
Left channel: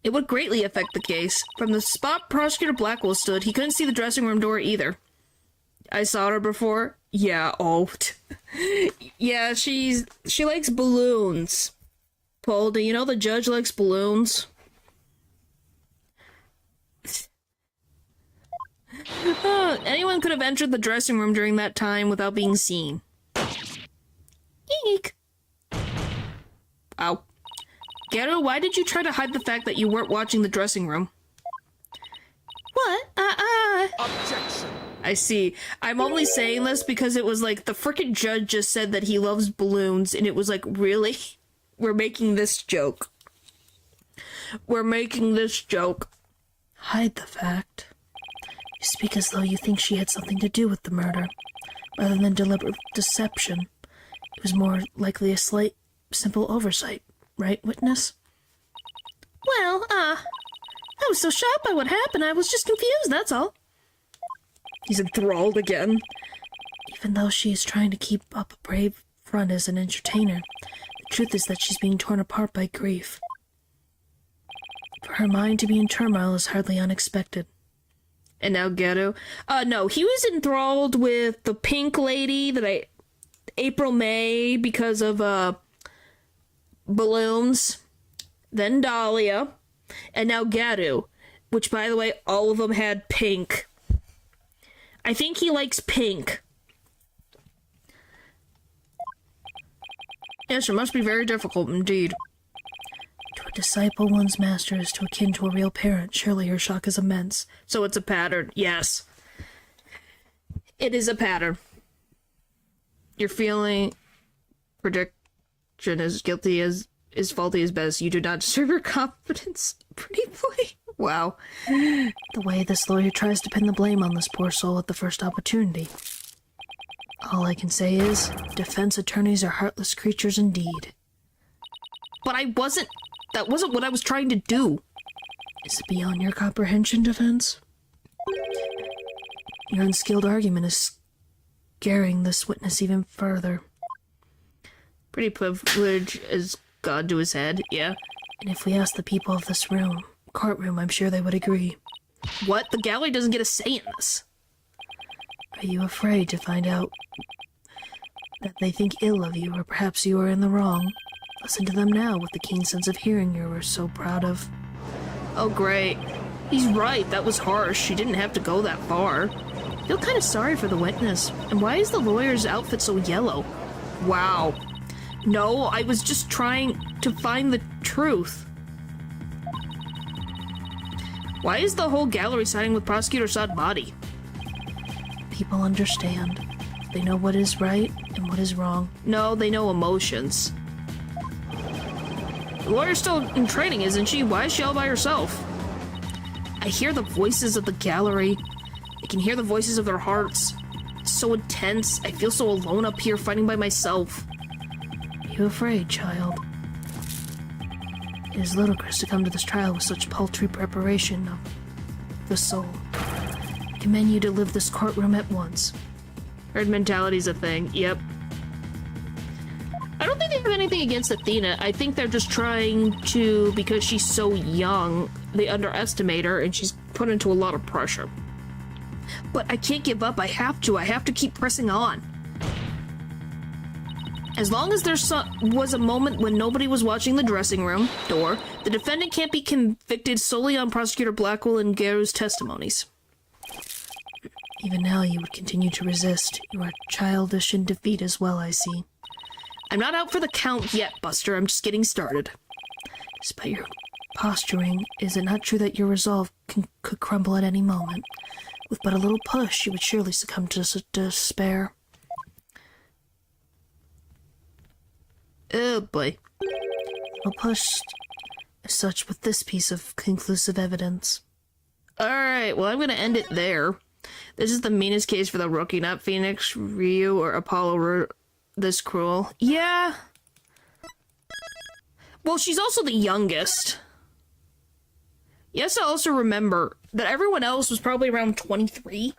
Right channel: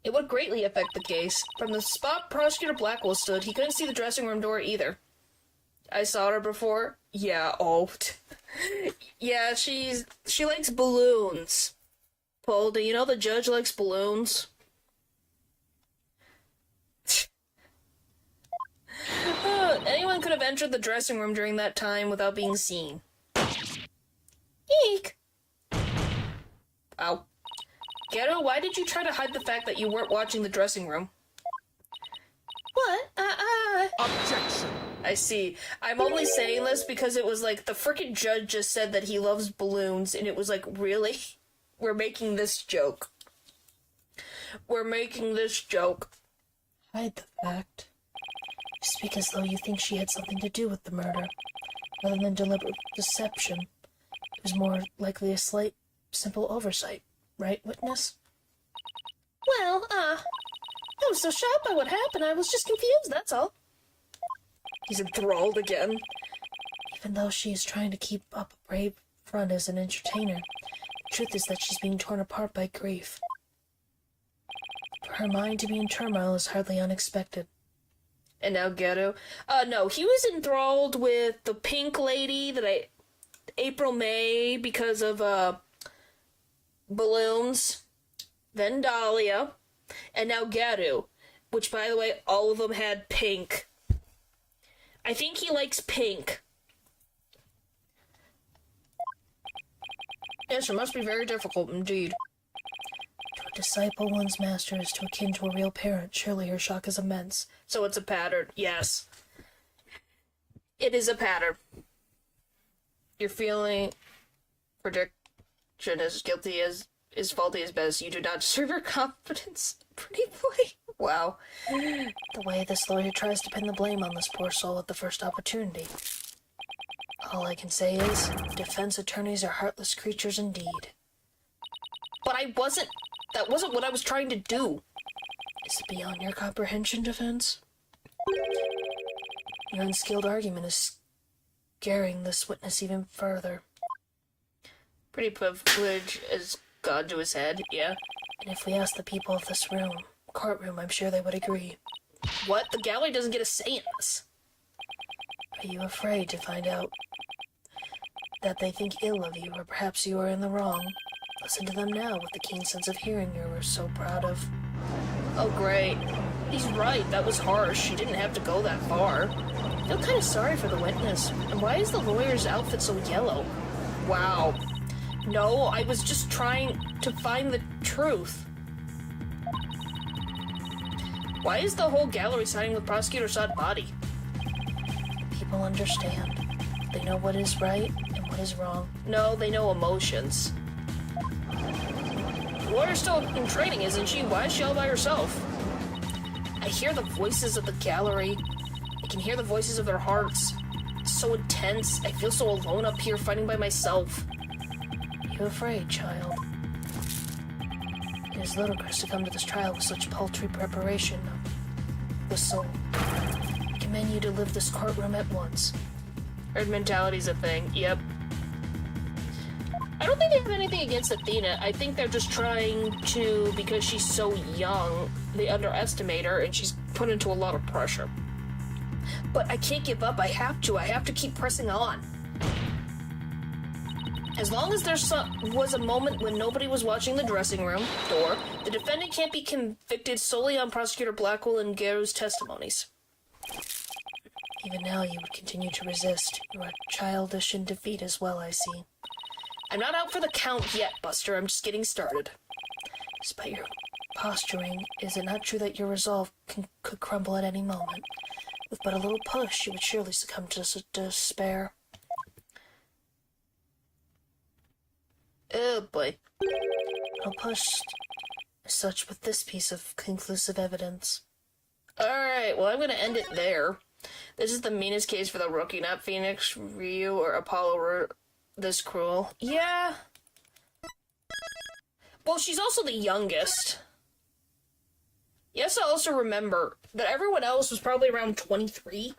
It would greatly affect the case. From the spot Prosecutor Blackwell stood, he couldn't see the dressing room door either. I saw her before. Yeah, oh. Yeah, she likes balloons. Paul, do you know the judge likes balloons? Anyone could have entered the dressing room during that time without being seen. Eek! Ow. Geru, why did you try to hide the fact that you weren't watching the dressing room? What? Objection! I see. I'm only saying this because it was like, the frickin' judge just said that he loves balloons, and it was like, really? We're making this joke. We're making this joke. Hide the fact. You speak as though you think she had something to do with the murder, rather than deliberate deception. It was more likely a slight, simple oversight, right, witness? Well, I was so shocked by what happened, I was just confused, that's all. He's enthralled again. Even though she is trying to keep up a brave front as an entertainer, the truth is that she's being torn apart by grief. For her mind to be in turmoil is hardly unexpected. And now Ghetto. No, he was enthralled with the pink lady that April May because of, balloons. Then Dahlia. And now Ghetto. Which, by the way, all of them had pink. I think he likes pink. Yes, it must be very difficult indeed. To a disciple, one's master is akin to a real parent. Surely her shock is immense. So it's a pattern, yes. It is a pattern. Your feeling prediction as guilty as faulty as best. You do not deserve your confidence, pretty boy. Wow. The way this lawyer tries to pin the blame on this poor soul at the first opportunity. All I can say is, defense attorneys are heartless creatures indeed. But that wasn't what I was trying to do. Is it beyond your comprehension, defense? Your unskilled argument is scaring this witness even further. Pretty privilege as God to his head, yeah. And if we ask the people of this courtroom, I'm sure they would agree. What? The gallery doesn't get a say in this. Are you afraid to find out that they think ill of you, or perhaps you are in the wrong? Listen to them now with the keen sense of hearing you were so proud of. Oh, great. He's right, that was harsh. She didn't have to go that far. I feel kind of sorry for the witness. And why is the lawyer's outfit so yellow? Wow. No, I was just trying to find the truth. Why is the whole gallery siding with Prosecutor Saad Body? People understand. They know what is right and what is wrong. No, they know emotions. The lawyer's still in training, isn't she? Why is she all by herself? I hear the voices of the gallery. I can hear the voices of their hearts. It's so intense. I feel so alone up here fighting by myself. Are you afraid, child? It is ludicrous to come to this trial with such paltry preparation of the soul. I commend you to leave this courtroom at once. Herd mentality's a thing, yep. I don't think they have anything against Athena. I think they're just trying to, because she's so young, they underestimate her and she's put into a lot of pressure. But I can't give up. I have to keep pressing on. As long as there was a moment when nobody was watching the dressing room door, the defendant can't be convicted solely on Prosecutor Blackwell and Garu's testimonies. Even now you would continue to resist. You are childish in defeat as well, I see. I'm not out for the count yet, Buster. I'm just getting started. Despite your posturing, is it not true that your resolve could crumble at any moment? With but a little push, you would surely succumb to despair. Oh, boy. No push as such with this piece of conclusive evidence. Alright, well, I'm gonna end it there. This is the meanest case for the rookie, not Phoenix, Ryu, or Apollo were this cruel. Yeah. Well, she's also the youngest. You have to also remember that everyone else was probably around 23.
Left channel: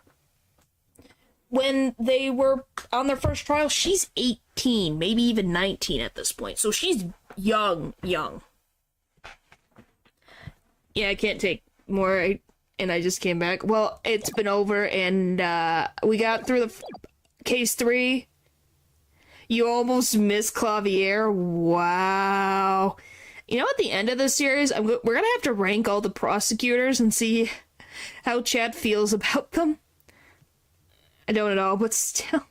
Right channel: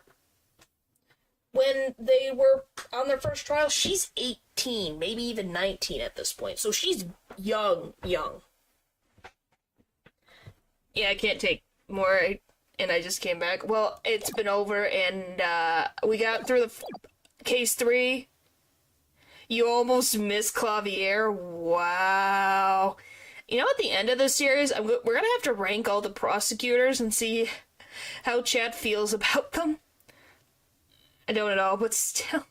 When they were on their first trial, she's 18, maybe even 19 at this point. So she's young. Yeah, I can't take more, and I just came back. Well, it's been over, and we got through the case 3. You almost missed Clavier. Wow. You know, at the end of this series, we're gonna have to rank all the prosecutors and see how Chad feels about them. I don't know, but still.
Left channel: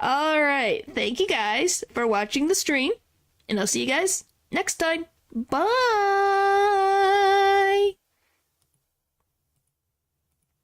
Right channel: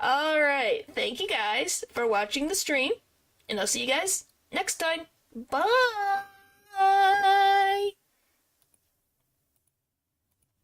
Alright, thank you guys for watching the stream, and I'll see you guys next time. Bye!